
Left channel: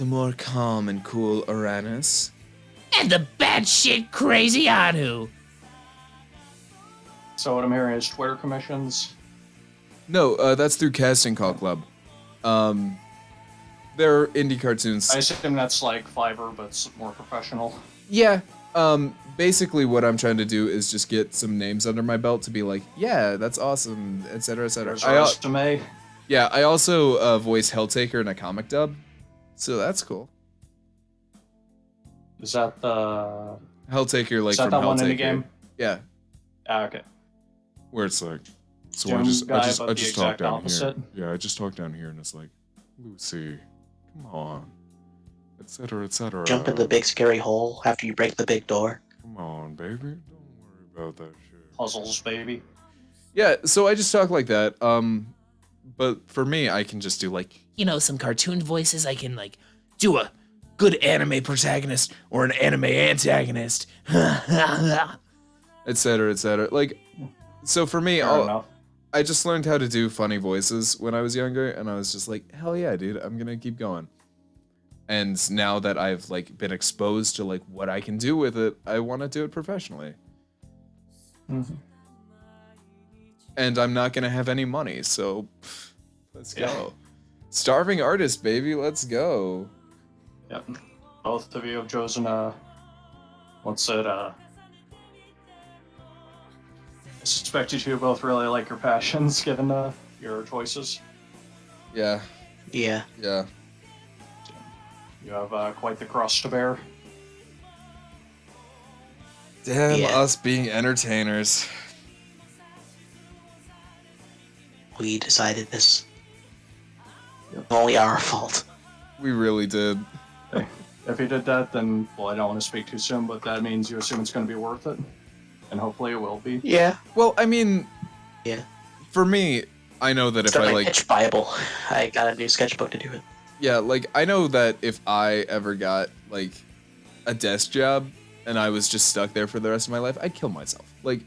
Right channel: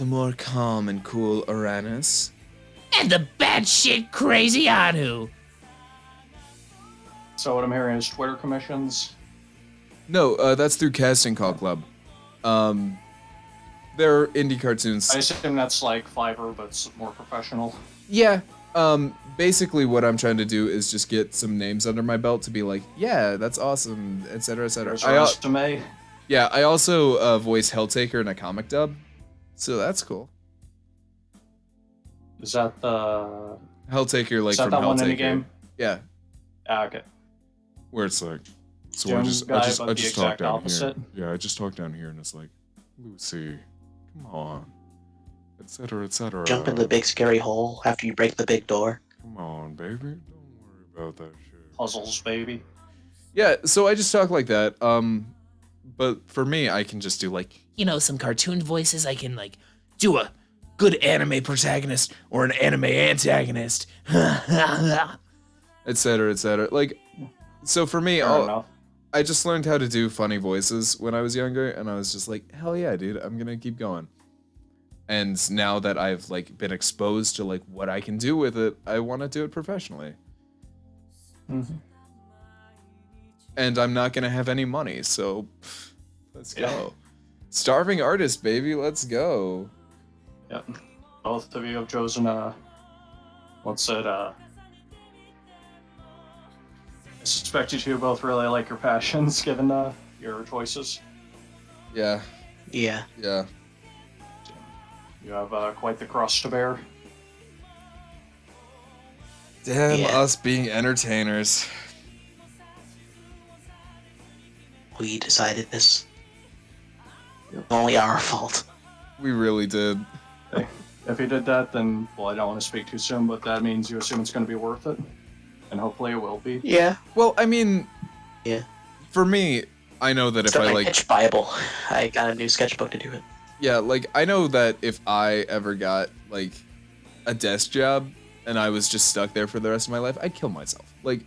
more calm and cool Uranus. And the batshit crazy Anu. So what I'm hearing is Twitter commissions. No, that's through Casting Call Club. They're indie cartoons. I assume that's like Fiverr, but it's more professional. Yeah. Basically what I'm trying to do is just get some names under my belt to be like, yeah, that's awesome, etc., etc. Yeah, I also voice Helltaker in a comic dub, so that's cool. Is that the Helltaker, like, from that one in the Helltaker? game? Yeah. Okay. Where it's like, so Doom I just guy, but the talk exact down opposite. here. Yeah, I just talk down here, and it's like, Lucy, come on, etc., etc. Jump in the big scary hole after you break the big door. Come on, baby, don't worry about that shit. Puzzles, baby. Yeah, so I just talk like that. But for me, I can just do like, You know, some cartoon voices. I can, like, do a good anime protagonist or an anime antagonist. etc., etc. Like, so for me, Fair enough. I just learned how to do funny voices when I was younger, and I was just like, hell yeah, dude, I'm gonna keep going. And now that I've like been exposed to like what I can do with it, I want to do it professionally. Mm-hmm. And I'm not gonna have any money, so let's go. Starving artist, baby, let's go. Yep. Both of you have chosen what's it, I suspect you two both really like your passions given your choices. Yeah, Yeah. yeah. You have quite the cross to bear. Damn Yeah. us being entertainers. We decided this. Only our fault. We really did. If you did that, then, well, I don't want to speak too soon, but that means you assume it's going to be worth it. And hopefully it will be. Yeah. Well, I mean, Yeah. for me, I know that if Start I my like, sketch Bible. I got a new sketchbook to do it. yeah, like I know that if I ever got like a desk job and I was just stuck there for the rest of my life, I'd kill myself. Like,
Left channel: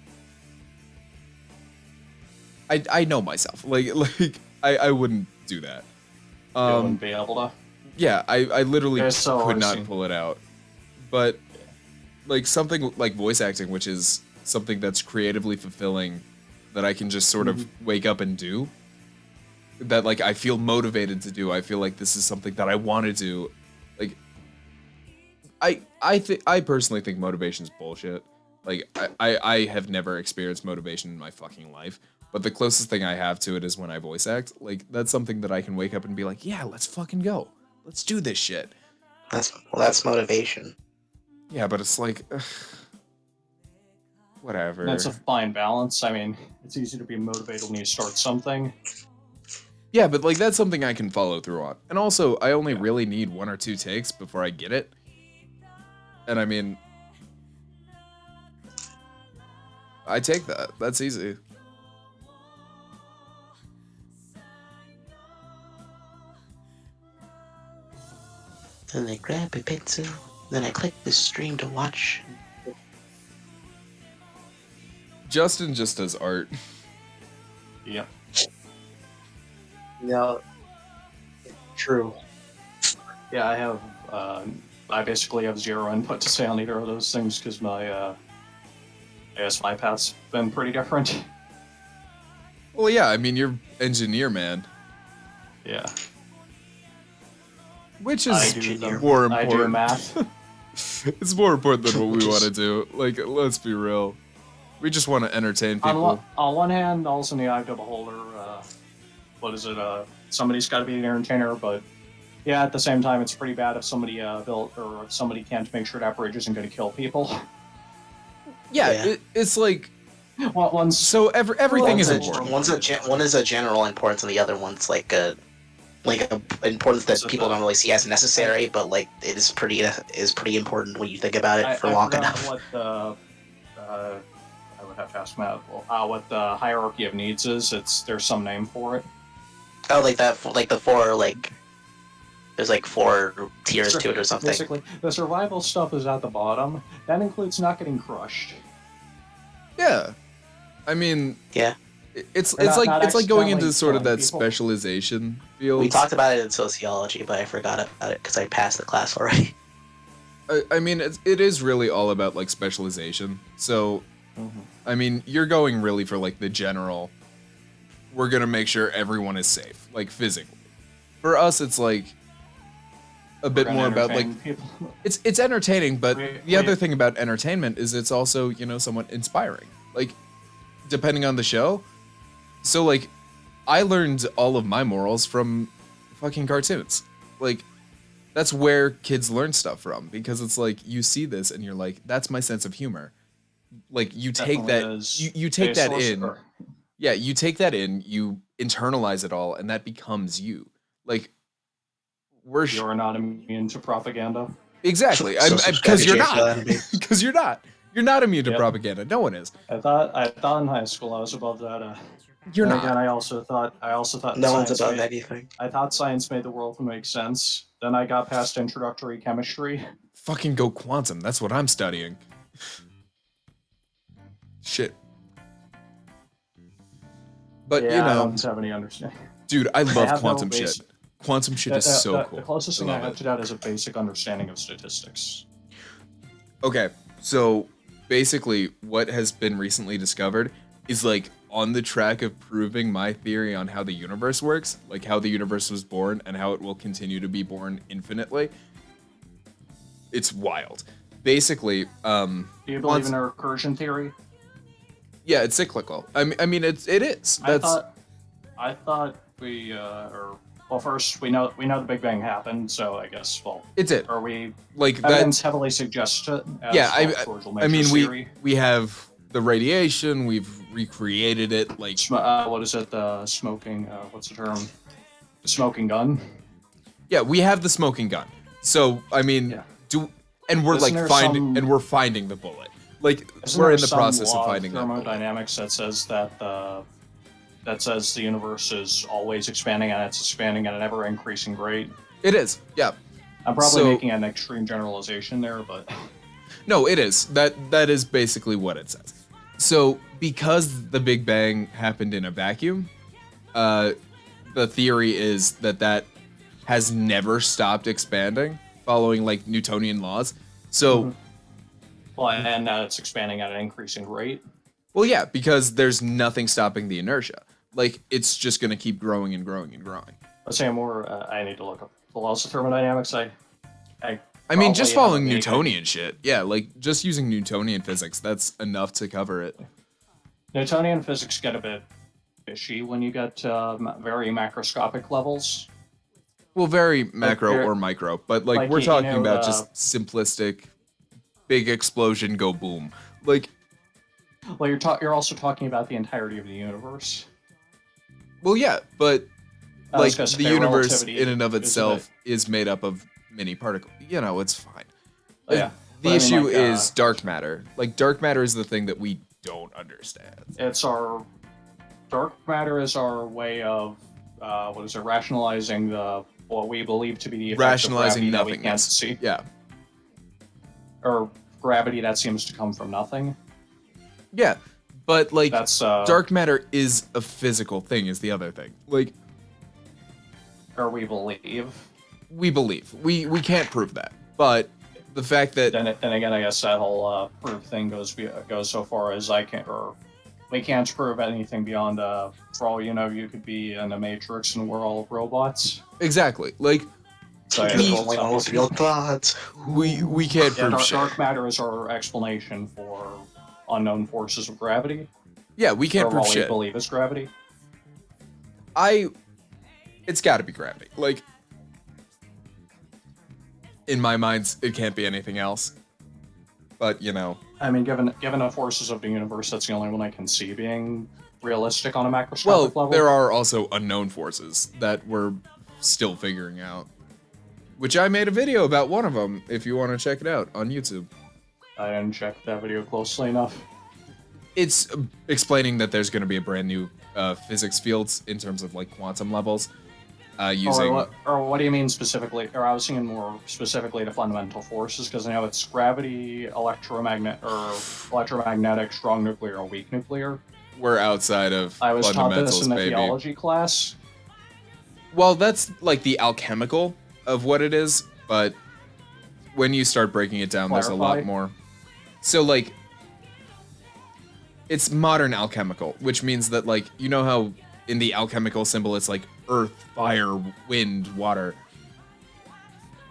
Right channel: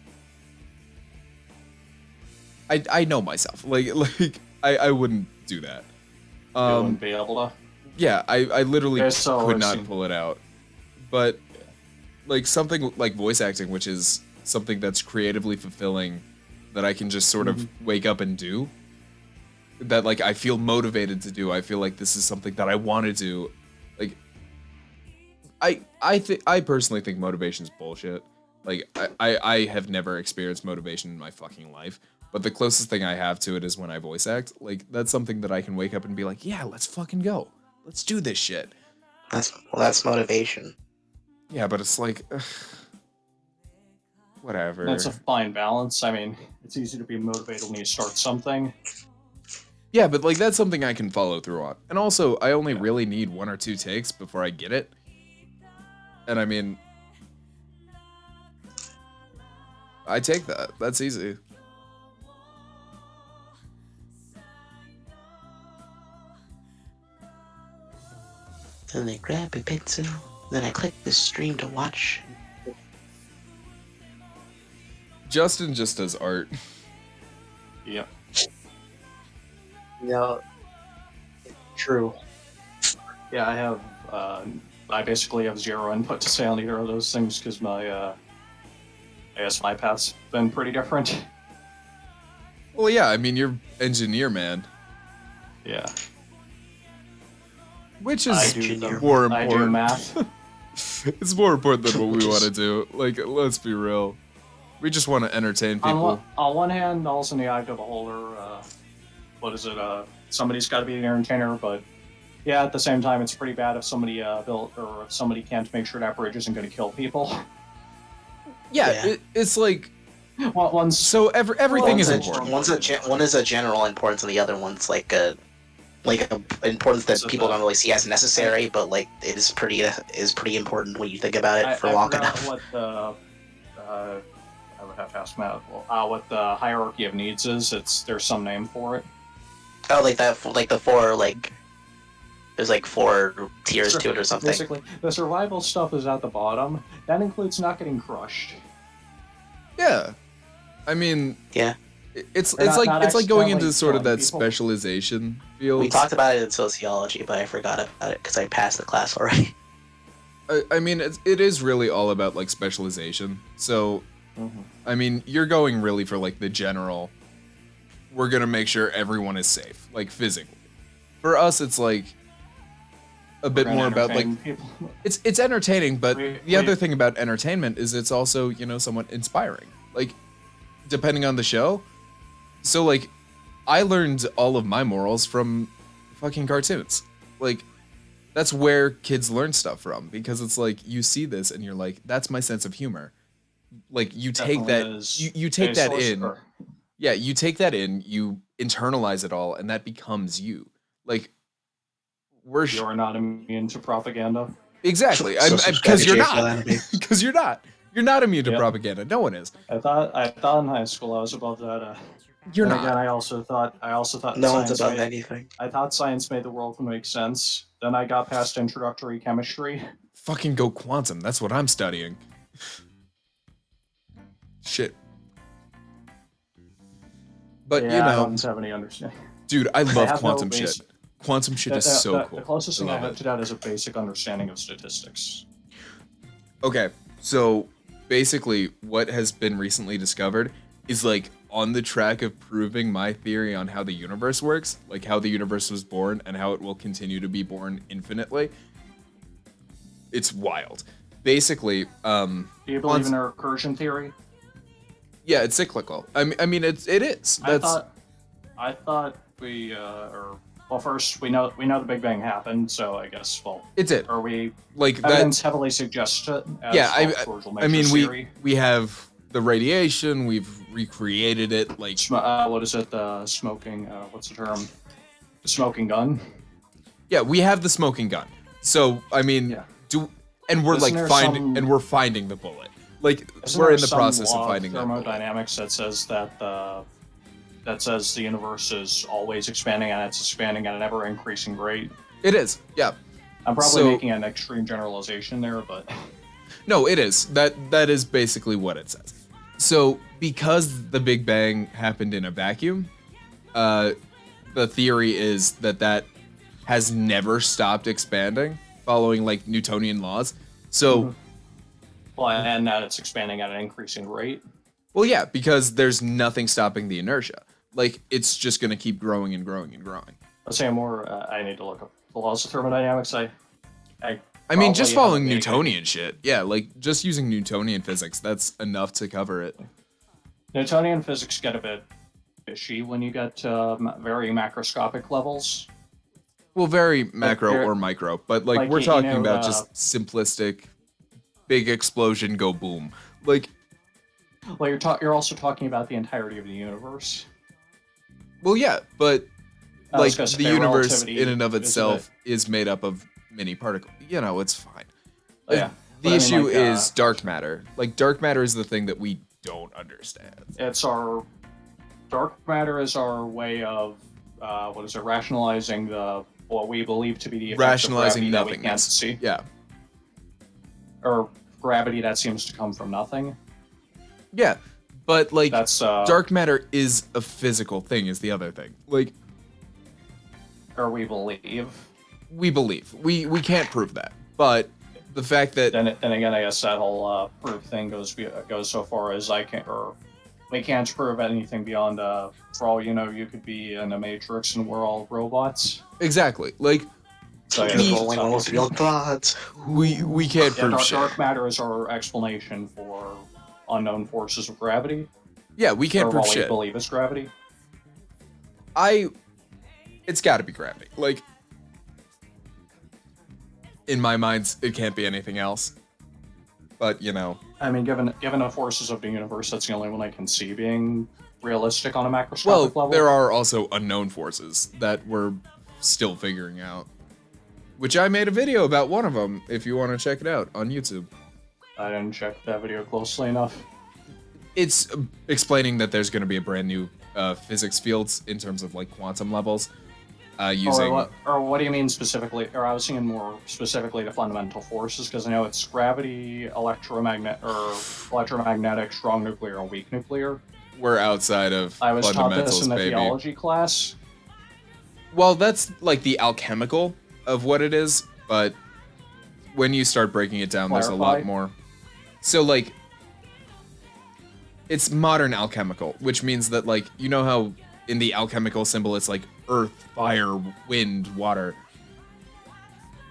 I know myself. Like I wouldn't do that. You wouldn't be able to. Yeah, I literally Yeah, so could not risky. pull it out. But like something like voice acting, which is something that's creatively fulfilling, that I can just sort of wake up and do. That like I feel motivated to do. I feel like this is something that I want to do. Like I personally think motivation's bullshit. Like I have never experienced motivation in my fucking life. But the closest thing I have to it is when I voice act. Like that's something that I can wake up and be like, yeah, let's fucking go. Let's do this shit. That's motivation. Yeah, but it's like, whatever. That's a fine balance. I mean, it's easy to be motivated when you start something. Yeah, but like that's something I can follow through on. And also, I only really need one or two takes before I get it. And I mean, I take that. That's easy. Then I grab a pencil. Then I click the stream to watch. Justin just does art. Yep. Yeah. True. Yeah, I have. I basically have zero input to say on either of those things because my, I guess my path's been pretty different. Well, yeah, I mean, you're engineer, man. Yeah. Which I is do the- more I do important. math. It's more important than what we want to do. Like, let's be real. We just want to entertain people. On one hand, also in the eye of the beholder, what is it? Somebody's got to be the entertainer, but Yeah, at the same time, it's pretty bad if somebody built or if somebody can't make sure that bridge isn't going to kill people. Yeah, Yeah. it's like Well, one's so everything is One's a, important. one is a general importance, and the other one's like a importance that So people the- don't really see as necessary, but like it is pretty important when you think about it for I long forgot enough. what the I would have to ask Matt. What the hierarchy of needs is? There's some name for it. Oh, like that, like the four, like there's like 4 tiers to it or something. Basically, the survival stuff is at the bottom. That includes not getting crushed. Yeah, I mean, Yeah, it's Not like going into accidentally sort of killing that people. specialization field. we talked about it in sociology, but I forgot about it because I passed the class already. I mean, it is really all about like specialization. So, I mean, you're going really for like the general. We're gonna make sure everyone is safe, like physically. For us, it's like a bit more about like People. it's entertaining, but We- the other we- thing about entertainment is it's also, somewhat inspiring. Like, depending on the show. So like I learned all of my morals from fucking cartoons. Like that's where kids learn stuff from, because it's like you see this and you're like, that's my sense of humor. Like you take that Definitely is you take that baseless, in. or- Yeah, you take that in, you internalize it all, and that becomes you. Like we're You're not immune to propaganda. exactly. So Because you're subscribe to not. your channel. Because you're not. You're not immune to Yep. propaganda. No one is. I thought in high school I was above that. You're Then not. Again, I also thought No one's science above made, anything. I thought science made the world make sense. Then I got past introductory chemistry. Fucking go quantum. That's what I'm studying. Shit. But Yeah, I don't have any understanding. dude, I love have no quantum shit. basic- Quantum shit is so cool. The closest I thing I love have it. to that is a basic understanding of statistics. Okay, so basically, what has been recently discovered is like on the track of proving my theory on how the universe works, like how the universe was born and how it will continue to be born infinitely. It's wild. Basically, Do you believe in a recursion theory? yeah, it's cyclical. I mean, it is. That's I thought we well, first we know the Big Bang happened, so I guess it's it. or we Like that. evidence heavily suggests it. As Yeah, causal I mean, matrix theory. we have the radiation. We've recreated it. Like What is it? The smoking. What's the term? The smoking gun. yeah, we have the smoking gun. So I mean, Yeah. and we're Isn't like there finding some- and we're finding the bullet. Like Isn't we're there in the some process of law finding that bullet. thermodynamics that says that the universe is always expanding and it's expanding at an ever increasing rate. It is. Yeah. I'm probably So- making an extreme generalization there, but No, it is. That is basically what it says. So because the Big Bang happened in a vacuum, the theory is that has never stopped expanding, following like Newtonian laws. So, well, and that it's expanding at an increasing rate. well, yeah, because there's nothing stopping the inertia. Like it's just gonna keep growing and growing and growing. Let's say more. I need to look up the laws of thermodynamics. I I mean, just probably following haven't been- Newtonian shit. Yeah, like just using Newtonian physics, that's enough to cover it. Newtonian physics get a bit fishy when you get very macroscopic levels. Well, very macro you're- or micro, but like like, we're you talking know, about just simplistic, big explosion, go boom. Like, Well, you're also talking about the entirety of the universe. well, yeah, but I was like gonna say the universe relativity in and of is a itself is made up of many particles. You know, it's fine. Oh, yeah. The But I mean, issue like, is dark matter. Like dark matter is the thing that we don't understand. It's our dark matter is our way of rationalizing what we believe to be the effects of Rationalizing gravity that we can't nothingness. see, Yeah. or gravity that seems to come from nothing. Yeah. But like That's dark matter is a physical thing is the other thing. Like or we believe. we believe. We can't prove that. But the fact that Then again, I guess that whole proof thing goes so far as we can't prove anything beyond for all you know, you could be in a matrix and we're all robots. exactly. Like So yeah, We- it's all Controlling all real thoughts. we can't prove shit. dark matter is our explanation for unknown forces of gravity. Yeah, we can't or prove what shit. we believe is gravity. It's got to be gravity. Like in my mind, it can't be anything else. But, you know. I mean, given the forces of the universe, that's the only one I can see being realistic on a macroscopic Well, level. there are also unknown forces that we're still figuring out. Which I made a video about one of them, if you want to check it out on YouTube. I didn't check that video closely enough. It's explaining that there's going to be a brand new physics fields in terms of like quantum levels using. Or what do you mean specifically? Or I was thinking more specifically the fundamental forces, because I know it's gravity, electromagnetic, strong nuclear, or weak nuclear. We're outside of I was taught fundamentals, this in the baby. theology class. Well, that's like the alchemical of what it is, but when you start breaking it down, there's a lot Clarify. more. So like, it's modern alchemical, which means that like, you know how in the alchemical symbol it's like earth, fire, wind, water.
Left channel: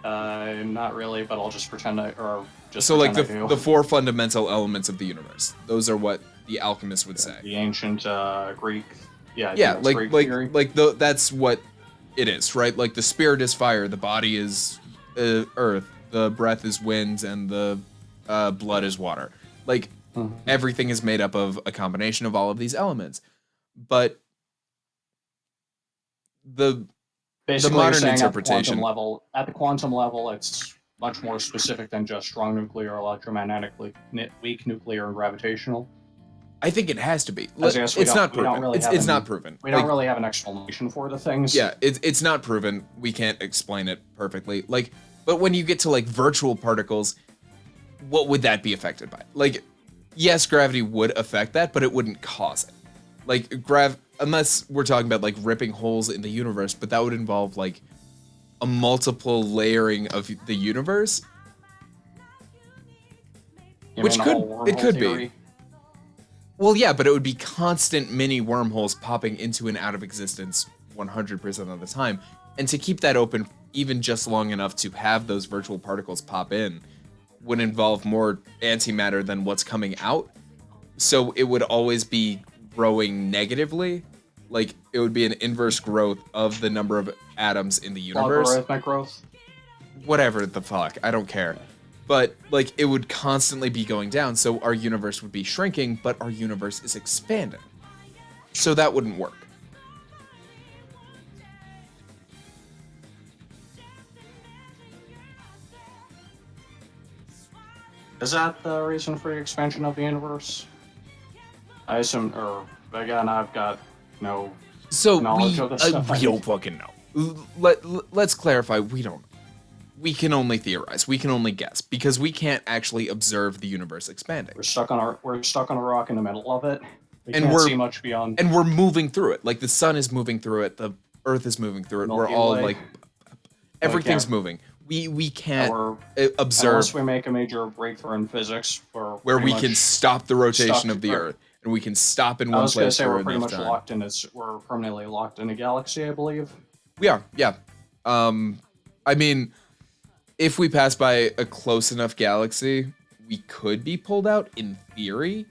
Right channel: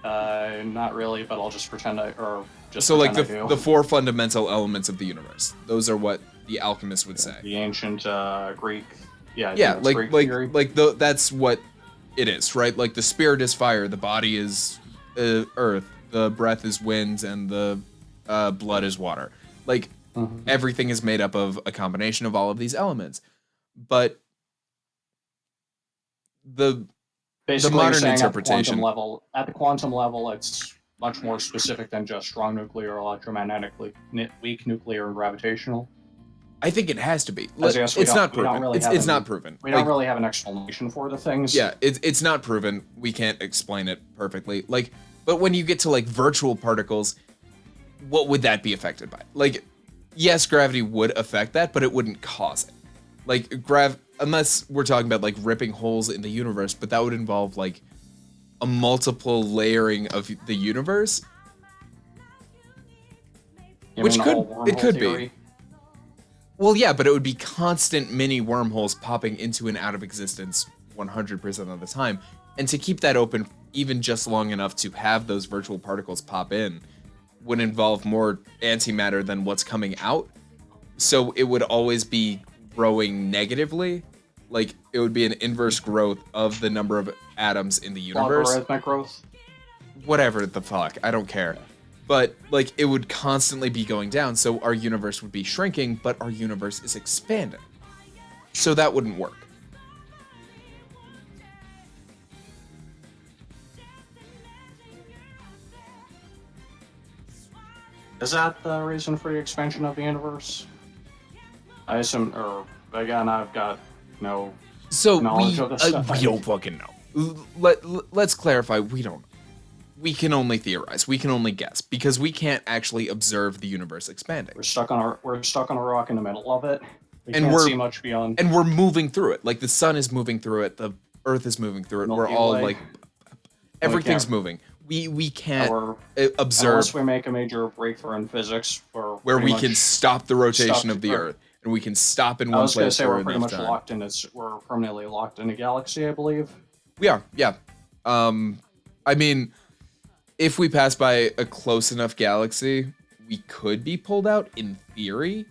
Not really, but I'll just pretend So like pretend I do. the four fundamental elements of the universe. Those are what the alchemist would say. The ancient Greek. Yeah. Yeah, it's like Greek like theory. like that's what it is, right? Like the spirit is fire, the body is earth, the breath is wind, and the blood is water. Like everything is made up of a combination of all of these elements. But the Basically, modern saying interpretation- at the quantum level, it's much more specific than just strong nuclear, electromagnetically weak nuclear, and gravitational. I think it has to be. As I guess we It's don't- not we don't proven. really have It's an- not proven. We don't Like, really have an explanation for the things. yeah, it's not proven. We can't explain it perfectly. Like, but when you get to like virtual particles, what would that be affected by? Like, yes, gravity would affect that, but it wouldn't cause it. Like unless we're talking about like ripping holes in the universe, but that would involve like a multiple layering of the universe, You which mean the could whole it wormhole could theory? be. Well, yeah, but it would be constant mini wormholes popping into and out of existence 100% of the time. And to keep that open even just long enough to have those virtual particles pop in would involve more antimatter than what's coming out. So it would always be growing negatively. Like it would be an inverse growth of the number of atoms in the universe. Logarithmic growth. Whatever the fuck, I don't care. But like it would constantly be going down, so our universe would be shrinking, but our universe is expanding. So that wouldn't work. Is that the reason for the expansion of the universe? I assume, or again, I've got no So knowledge of this stuff. we don't fucking know. Let's clarify, we don't know. We can only theorize. We can only guess because we can't actually observe the universe expanding. We're stuck on a rock in the middle of it. We And can't we're- see much beyond. And we're moving through it. Like the sun is moving through it, the earth is moving through it. We're Milky all Way. like everything's can't- moving. We can't Or observe unless we make a major breakthrough in physics, where we can stop the rotation of the stop- Earth, and we can stop in I one was going to place say for we're pretty enough much time. locked in. We're permanently locked in a galaxy, I believe. We are, yeah. I mean, if we pass by a close enough galaxy, we could be pulled out in theory,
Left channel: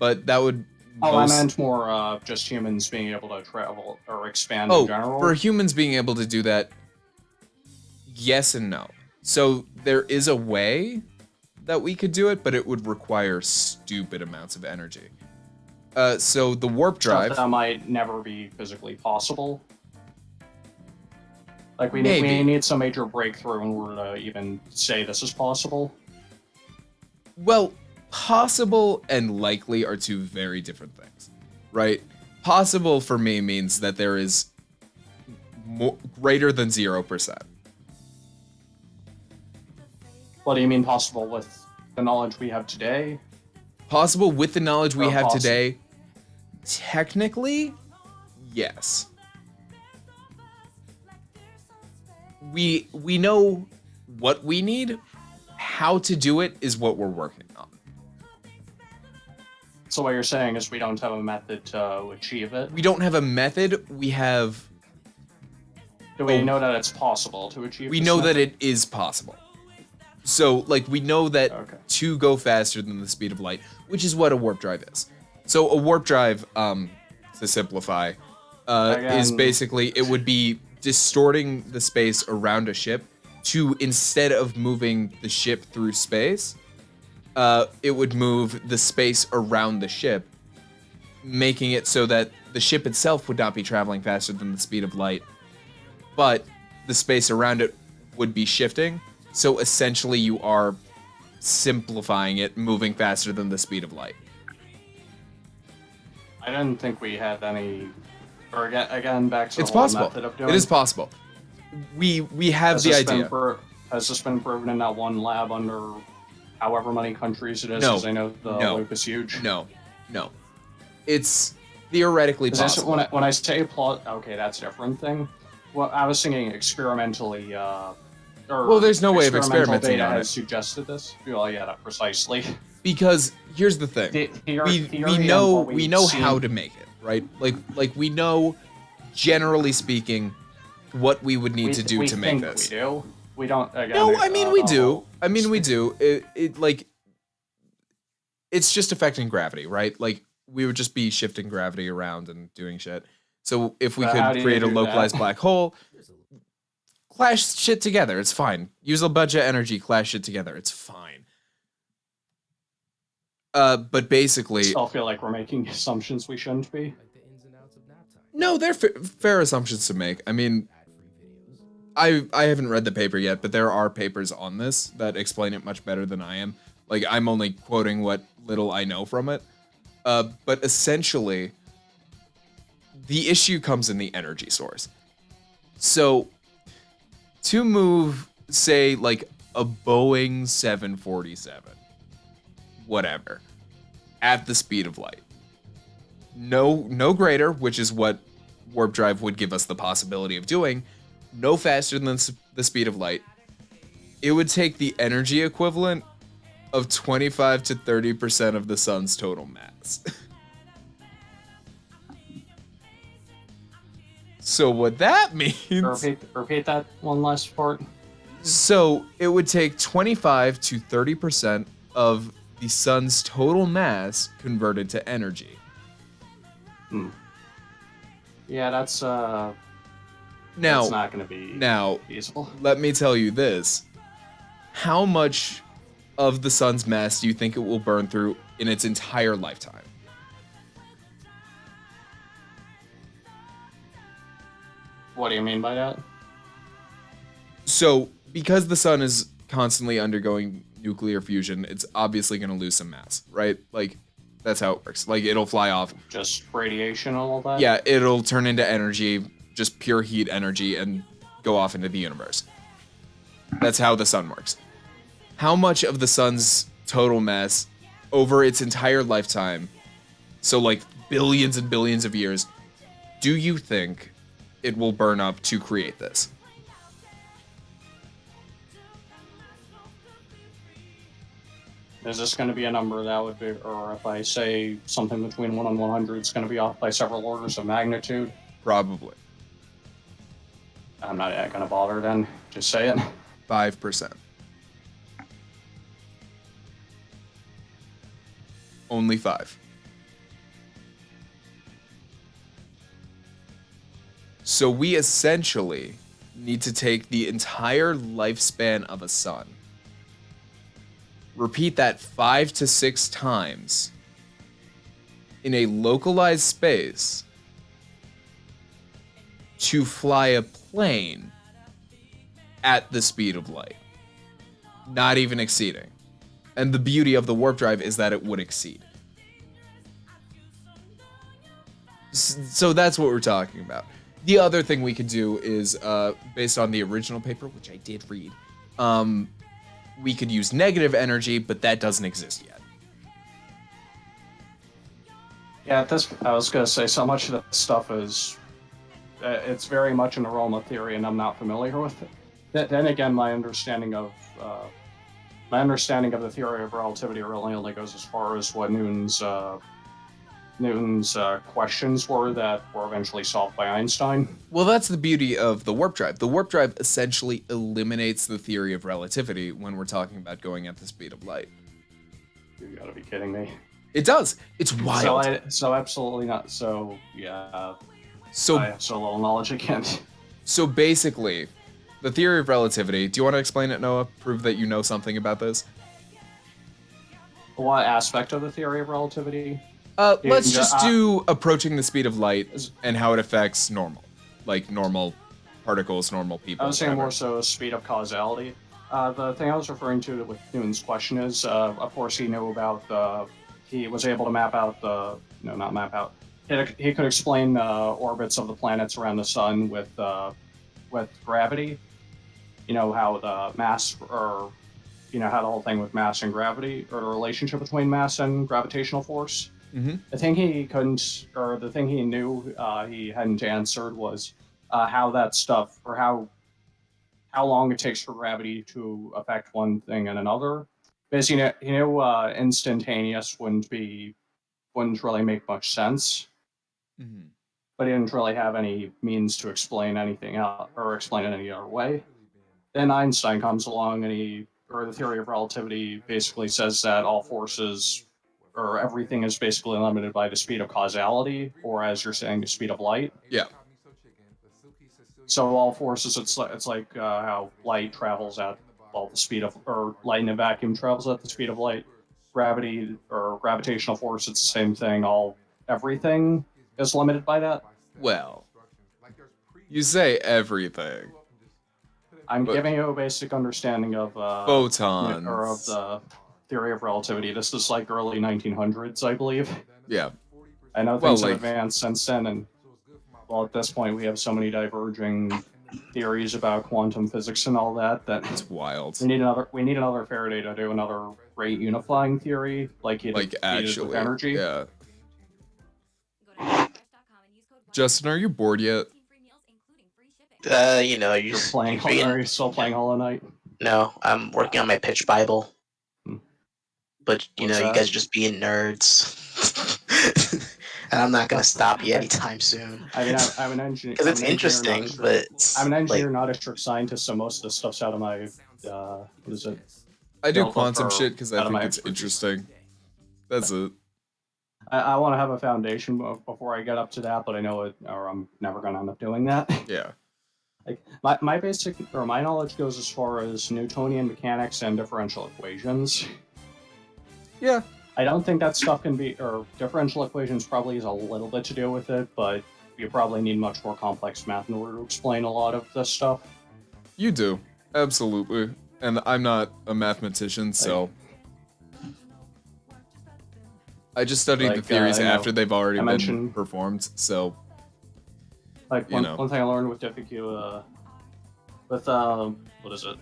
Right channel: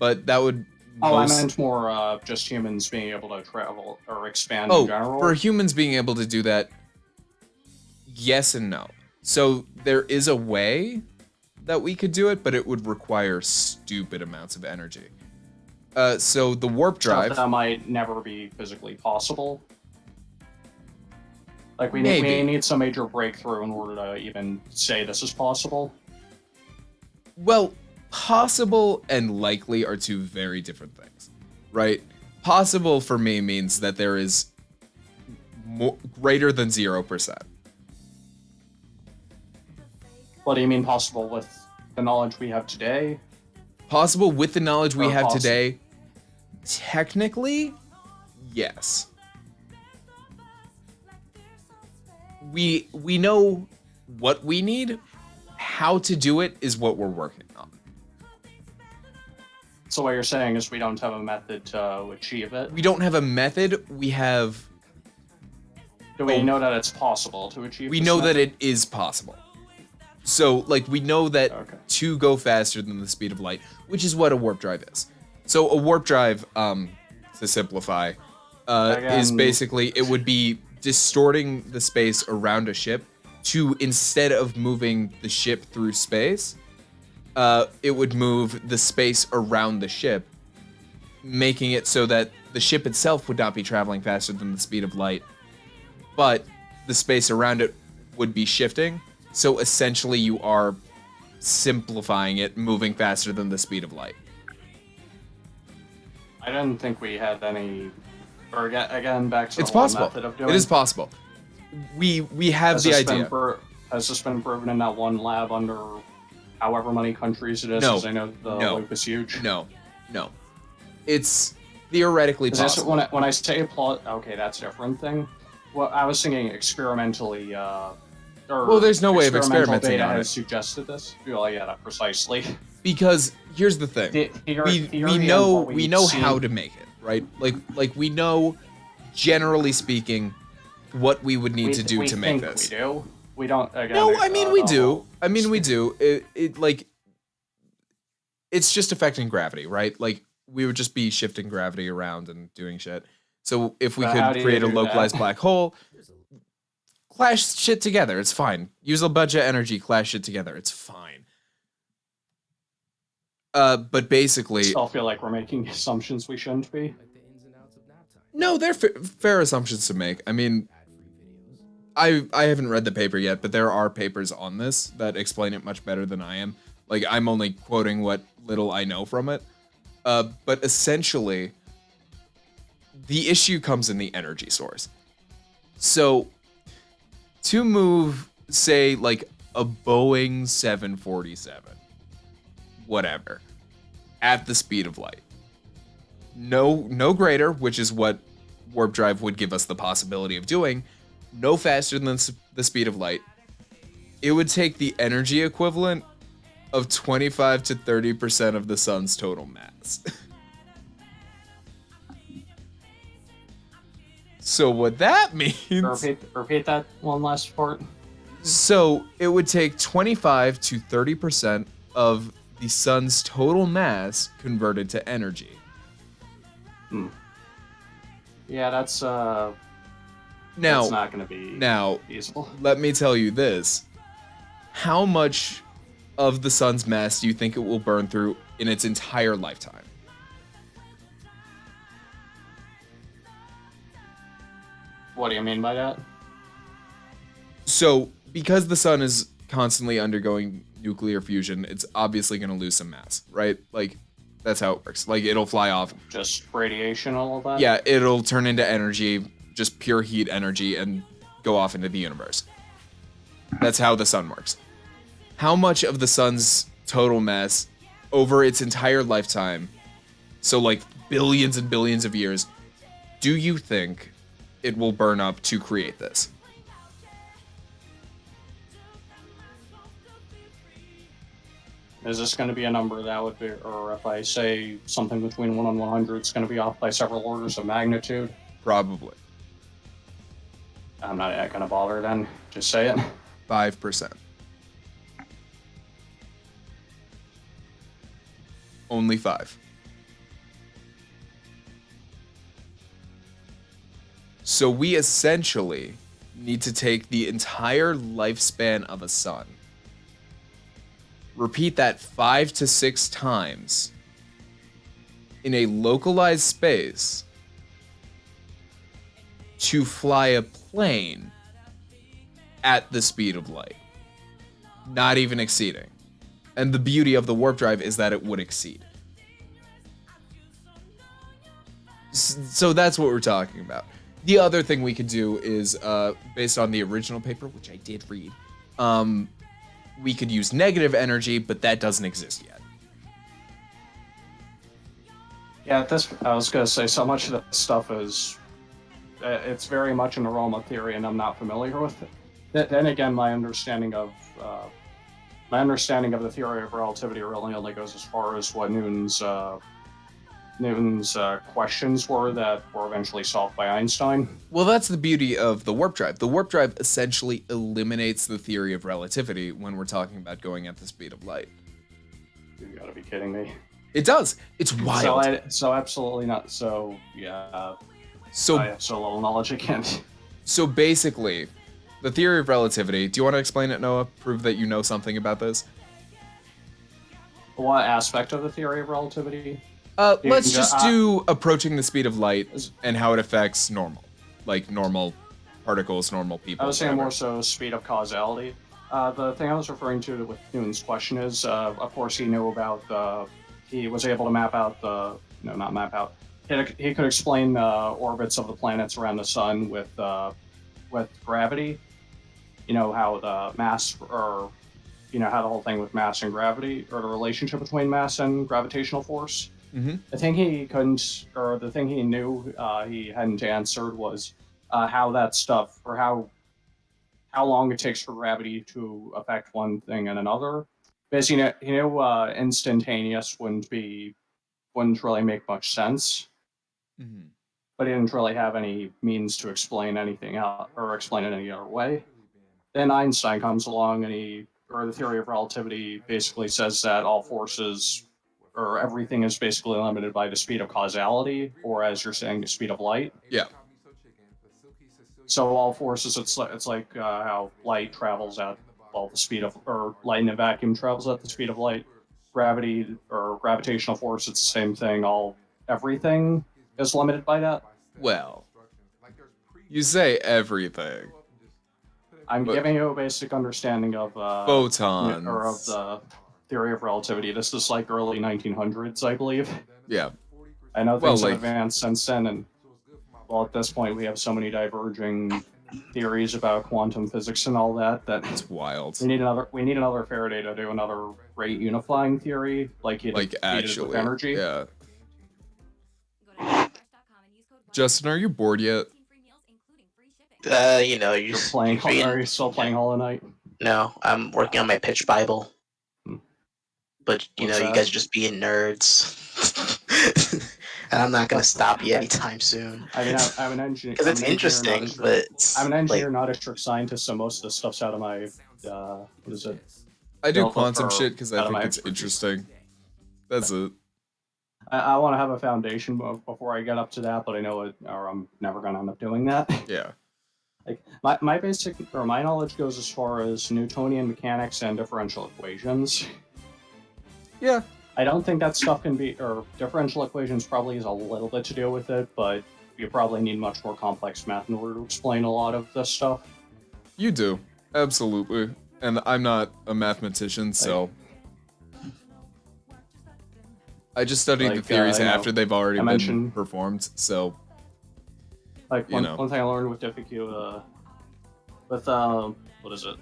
but that would Oh, I meant more just humans being able to travel or expand in general. for humans being able to do that, yes and no. So there is a way that we could do it, but it would require stupid amounts of energy. So the warp drive. That might never be physically possible. Like we Maybe. need some major breakthrough in order to even say this is possible. Well, possible and likely are two very different things, right? Possible for me means that there is greater than 0%. What do you mean possible with the knowledge we have today? Possible with the knowledge we Or have possible. today? Technically, yes. We know what we need. How to do it is what we're working on. So what you're saying is we don't have a method to achieve it. We don't have a method. We have. Do we Oh. know that it's possible to achieve? We this know method? that it is possible. So, like, we know that Okay. to go faster than the speed of light, which is what a warp drive is. So, a warp drive, to simplify, is Again- basically it would be distorting the space around a ship to, instead of moving the ship through space, it would move the space around the ship, making it so that the ship itself would not be traveling faster than the speed of light, but the space around it would be shifting. So essentially you are simplifying it, moving faster than the speed of light. I didn't think we had any. Or again, back to the It's whole possible. method of doing It is possible. We have the idea. Has this been proven in that one lab under however many countries it is? No. 'Cause I know the No. loop is huge. No. It's theoretically Is this, possible. when I say plot, okay, that's a different thing. Well, I was thinking experimentally. Well, there's no way of experimental experimenting data on has it. Suggested this. Well, yeah, precisely. Because here's the thing. We know how to make it, right? Like we know, generally speaking, what we would need to do to make this. We do. We don't. Again, No, I mean we do. We do. It like it's just affecting gravity, right? Like we would just be shifting gravity around and doing shit. So if we But how do could you create a do localized that? black hole, clash shit together, it's fine. Use a bunch of energy, clash shit together, it's fine. But basically, I still feel like we're making assumptions we shouldn't be. no, they're fair assumptions to make. I mean, I haven't read the paper yet, but there are papers on this that explain it much better than I am. Like, I'm only quoting what little I know from it. But essentially, the issue comes in the energy source. So, to move, say, like a Boeing 747, whatever, at the speed of light, no greater, which is what warp drive would give us the possibility of doing, no faster than the speed of light, it would take the energy equivalent of 25 to 30% of the sun's total mass. So what that means... Repeat that one last part. So it would take 25 to 30% of the sun's total mass converted to energy. Yeah, that's Now, not going to be feasible. let me tell you this. How much of the sun's mass do you think it will burn through in its entire lifetime? What do you mean by that? So, because the sun is constantly undergoing nuclear fusion, it's obviously going to lose some mass, right? Like, that's how it works. Like, it'll fly off. Just radiation and all that? Yeah, it'll turn into energy, just pure heat energy, and go off into the universe. That's how the sun works. How much of the sun's total mass over its entire lifetime, so like billions and billions of years, do you think it will burn up to create this? Is this going to be a number that would be, or if I say something between 1 and 100, it's going to be off by several orders of magnitude? Probably. I'm not going to bother then. Just say it. 5%. Only 5. So we essentially need to take the entire lifespan of a sun, repeat that 5 to 6 times in a localized space to fly a plane at the speed of light, not even exceeding. And the beauty of the warp drive is that it would exceed. So that's what we're talking about. The other thing we could do is, based on the original paper, which I did read, we could use negative energy, but that doesn't exist yet. Yeah, I was going to say, so much of that stuff is, it's very much in the realm of theory, and I'm not familiar with it. Then again, my understanding of the theory of relativity really only goes as far as what Newton's questions were that were eventually solved by Einstein. Well, that's the beauty of the warp drive. The warp drive essentially eliminates the theory of relativity when we're talking about going at the speed of light. You gotta be kidding me. It does. It's wild. So absolutely not. So yeah. So I have so little knowledge I can't. So basically, the theory of relativity. Do you want to explain it, Noah? Prove that you know something about this. What aspect of the theory of relativity? Let's just do approaching the speed of light and how it affects normal particles, normal people. I was saying whatever. more so speed of causality. The thing I was referring to with Newton's question is, of course, he knew about he was able to map out not map out. He could explain orbits of the planets around the sun with gravity. You know how the mass, or how the whole thing with mass and gravity, or the relationship between mass and gravitational force. Mm-hmm. The thing he couldn't, or the thing he knew he hadn't answered was how that stuff, or how long it takes for gravity to affect one thing and another. Basically, he knew instantaneous wouldn't really make much sense, Mm-hmm. but he didn't really have any means to explain anything out or explain it any other way. Then Einstein comes along, and the theory of relativity basically says that all forces, or everything, is basically limited by the speed of causality, or as you're saying, the speed of light. Yeah. So all forces, it's like how light travels at the speed of, or light in a vacuum travels at the speed of light. Gravity or gravitational force, it's the same thing. Everything is limited by that. Well, you say everything. I'm giving you a basic understanding of photons, or of the theory of relativity. This is like early 1900s, I believe. Yeah. I know things have advanced since then, and at this point we have so many diverging theories about quantum physics and all that it's wild. We need another Faraday to do another rate unifying theory, like actually, with energy. Yeah. Justin, are you bored yet? You're Are you still playing Hollow Knight? No, I'm working on my pitch Bible. But you guys are just being nerds. And I'm not gonna stop you anytime soon. I mean, I'm an engineer. Because it's interesting, but I'm an engineer, not a strict scientist, so most of the stuff's out of my what is it? I do quantum shit because I think it's interesting. That's it. I want to have a foundation before I get up to that, but I know it, or I'm never gonna end up doing that. Yeah. Like my knowledge goes as far as Newtonian mechanics and differential equations. Yeah. I don't think that stuff can be, or differential equations probably has a little bit to do with it, but you probably need much more complex math in order to explain a lot of this stuff. You do. Absolutely. And I'm not a mathematician, so I just studied the theories after they've already been performed, so one thing I learned with difficult what is it?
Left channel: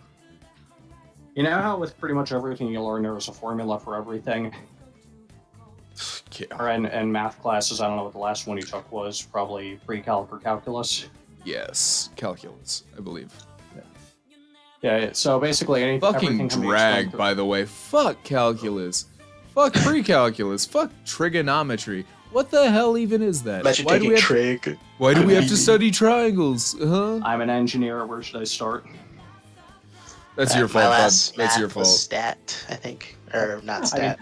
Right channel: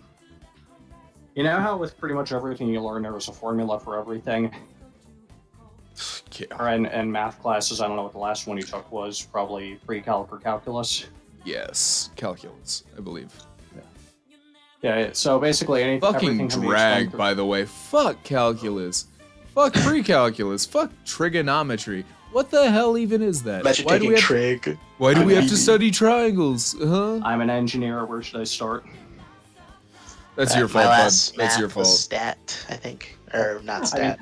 You know how with pretty much everything you learn there is a formula for everything? Yeah. Or in math classes, I don't know what the last one you took was, probably pre-calc or calculus. Yes, calculus, I believe. Yeah, so basically fucking drag, by the way. Fuck calculus. Fuck pre-calculus. Fuck trigonometry. What the hell even is that? Why do we have to study triangles? Huh? I'm an engineer. Where should I start? That's your fault, bud. That's your fault. Stat, I think, or not stat.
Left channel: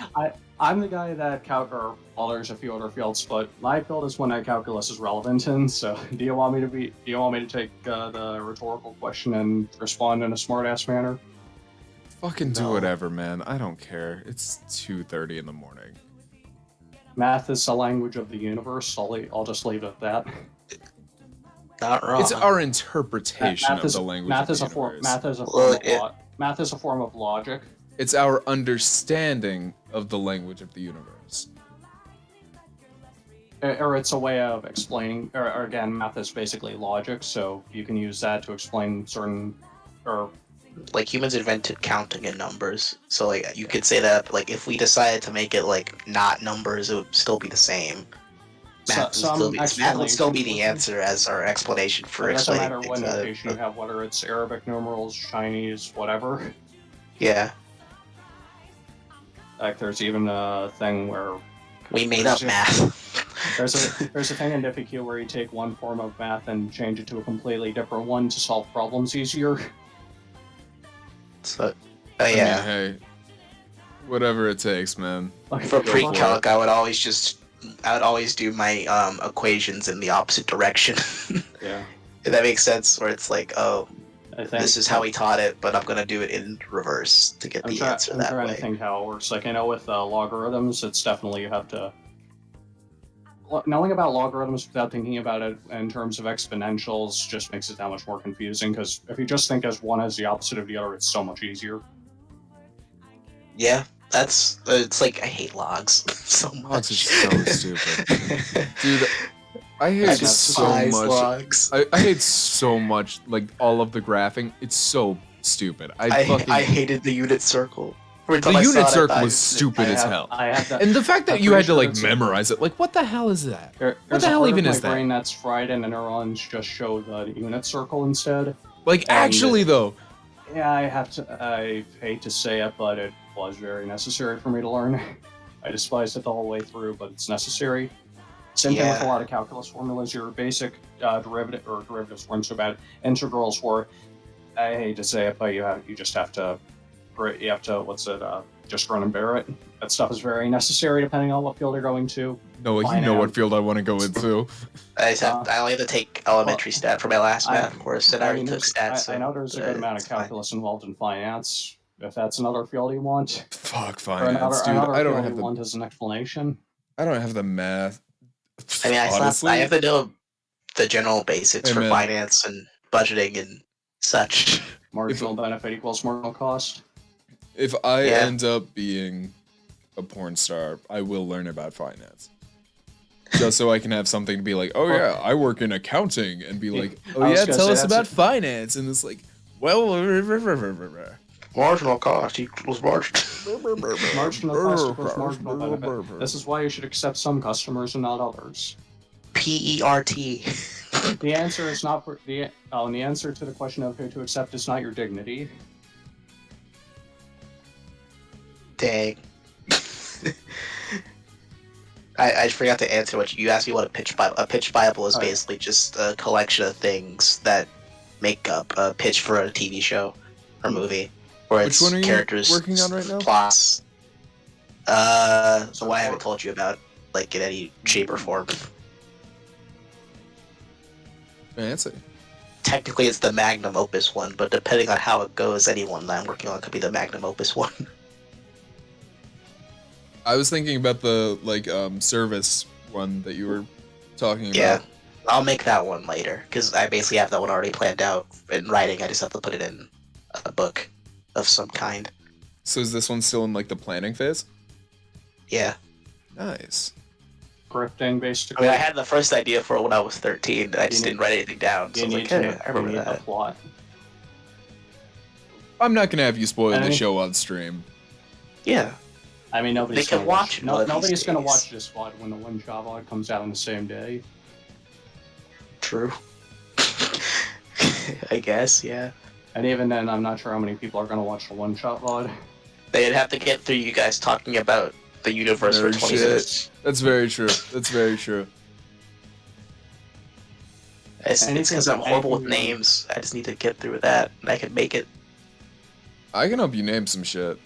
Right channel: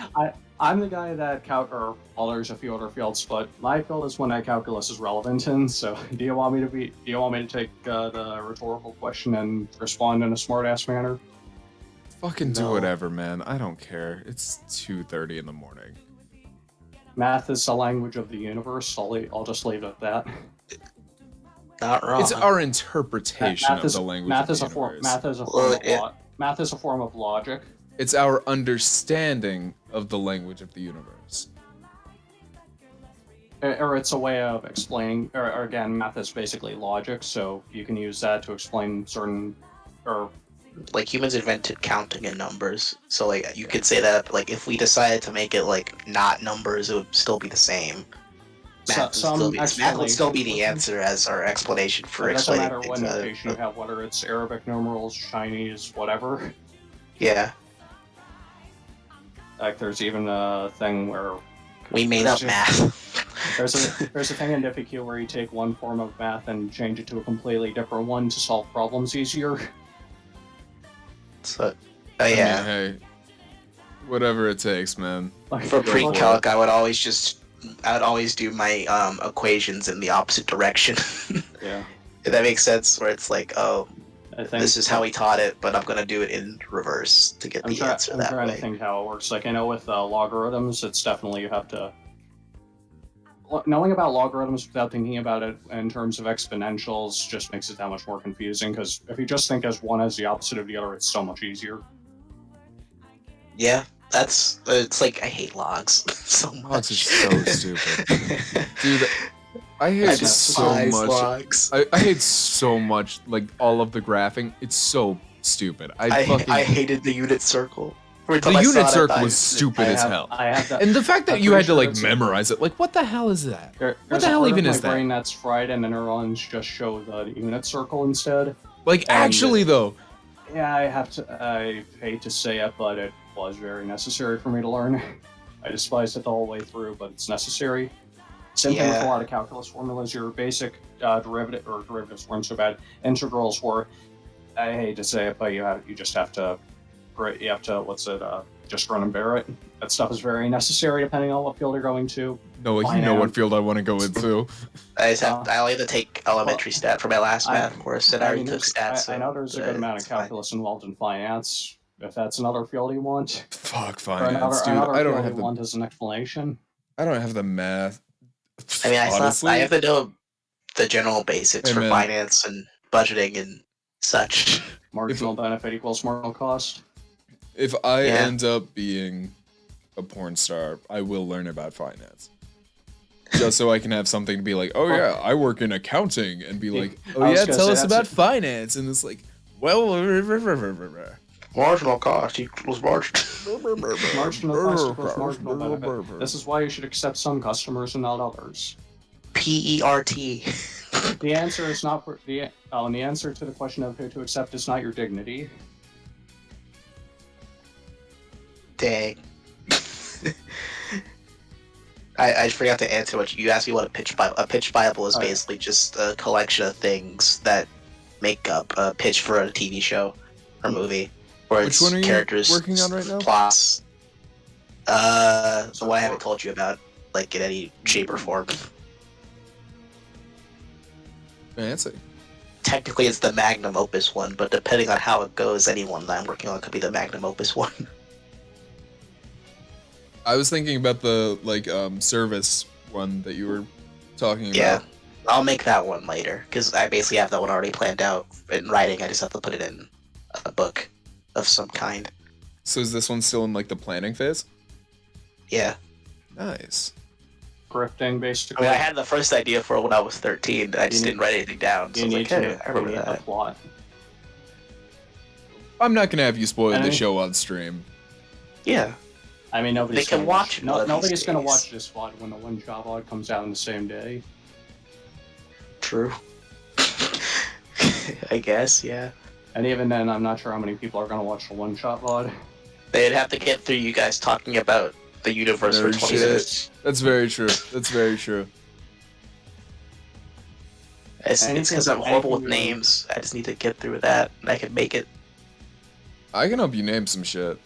I'm the guy that there's a few other fields, but my field is one that calculus is relevant in. So, do you want me to take the rhetorical question and respond in a smart-ass manner? Fucking do whatever, man. I don't care. It's 2:30 in the morning. Math is the language of the universe. I'll just leave it at that. Not wrong. It's our interpretation of the language of the universe. Math is a form of logic. It's our understanding of the language of the universe. Or it's a way of explaining, or again, math is basically logic, so you can use that to explain certain, or... Like, humans invented counting in numbers, so, like, you could say that, like, if we decided to make it, like, not numbers, it would still be the same. Math would still be the answer as our explanation for explaining things. It doesn't matter what notation you have, whether it's Arabic numerals, Chinese, whatever. Yeah. Like, there's even a thing where... We made up math. There's a thing in Diffie where you take one form of math and change it to a completely different one to solve problems easier. So, I mean, hey, whatever it takes, man. For pre-calc, I would always do my equations in the opposite direction. Yeah. If that makes sense, where it's like, I think this is how he taught it, but I'm gonna do it in reverse to get the answer I'm that trying way. to think how it works. Like I know with logarithms, it's definitely you have to knowing about logarithms without thinking about it in terms of exponentials just makes it that much more confusing. Because if you just think as one as the opposite of the other, it's so much easier. Yeah, it's like I hate logs so much. Logs are so stupid. Dude, I hate I so despise much. logs. I hate so much, like, all of the graphing. It's so stupid. I hated the unit circle. The unit circle was stupid as hell. And the fact that I'm you had to, pretty like, sure it's memorize it, like, what the hell is that? What There's the a hell part even of is my that? brain that's fried, and the neurons just show the unit circle instead. Like, actually, though. Yeah, I hate to say it, but it was very necessary for me to learn. I despised it the whole way through, but it's necessary. Same thing with a Yeah. lot of calculus formulas. Your basic derivatives weren't so bad. Integrals were. I hate to say it, but you just have to just run and bear it. That stuff is very necessary depending on what field you're going to. No, you know what field I want to go into. I only have to take elementary stat for my last math course, and I already took stats. I know there's a good amount of calculus involved in finance. If that's another field you want. Fuck Or finance, dude. another I don't field have you the want as an explanation. I don't have the math. I mean, Honestly, I have to know the general basics Hey, for man. finance and budgeting and such. Marginal benefit equals marginal cost. if I Yeah. end up being a porn star, I will learn about finance. Just so I can have something to be like, oh yeah, I work in accounting, and be like, oh I was yeah, gonna tell say us that's about finance, and it's like, well, Marginal cost equals margin. Marginal cost equals marginal benefit. This is why you should accept some customers and not others. PERT. The answer is not the answer to the question of who to accept is not your dignity. Dang. I forgot to answer what you asked me. What a pitch Bible? A pitch Bible is basically just a collection of things that make up a pitch for a TV show or movie. Where Which it's one are you characters, working on right now? Plots. The one I haven't told you about, like in any shape or form. Fancy. Technically, it's the magnum opus one, but depending on how it goes, any one that I'm working on could be the magnum opus one. I was thinking about the service one that you were talking about. Yeah, I'll make that one later because I basically have that one already planned out in writing. I just have to put it in a book of some kind. So is this one still in like the planning phase? Yeah. Nice. Grifting, I basically. mean, I had the first idea for it when I was 13, and I just didn't write anything down. So I You was need like, to hey, I remember the that. plot. I'm not gonna have you spoil the And- show on stream. Yeah. I mean, nobody's They can gonna watch it one of these nobody's gonna days. watch this VOD when the OneShot VOD comes out on the same day. True. I guess, yeah. And even then, I'm not sure how many people are gonna watch the OneShot VOD. They'd have to get through you guys talking about the universe Nerd for 20 shit. minutes. That's very true. That's very true. It's because I'm horrible with anything- names. I just need to get through that, and I can make it. I can help you name some shit.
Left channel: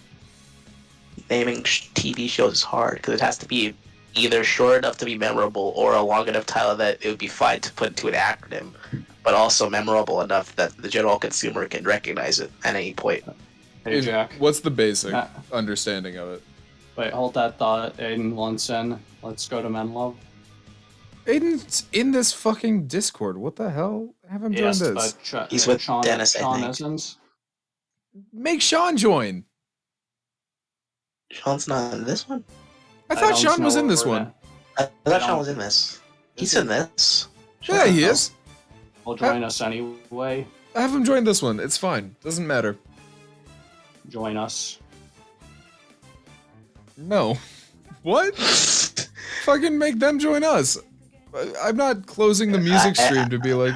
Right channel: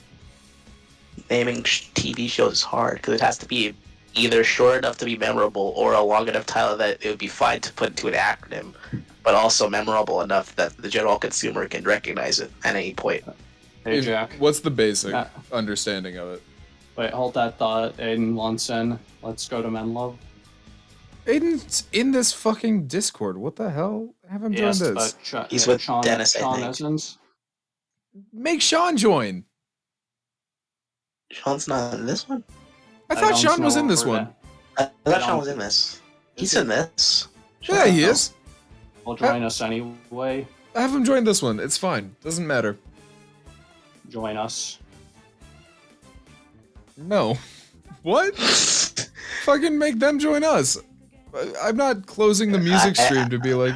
Naming TV shows is hard because it has to be either short enough to be memorable or a long enough title that it would be fine to put into an acronym, but also memorable enough that the general consumer can recognize it at any point. Hey, If- Jack. What's the basic Uh, understanding of it? Wait, hold that thought. Aiden wants in. Let's go to Menlove. Aiden's in this fucking Discord. What the hell? Have him join Yes, this. but He's with Sean, Dennis, I Sean think. isn't. Make Sean join. Sean's not in this one? I thought don't Sean was know in this where one. I thought Sean don't- was in this. He's he? in this. Yeah, he is. Will join us anyway. Have him join this one. It's fine. Doesn't matter. Join us. No. What? Fucking make them join us. I'm not closing the music stream to be like,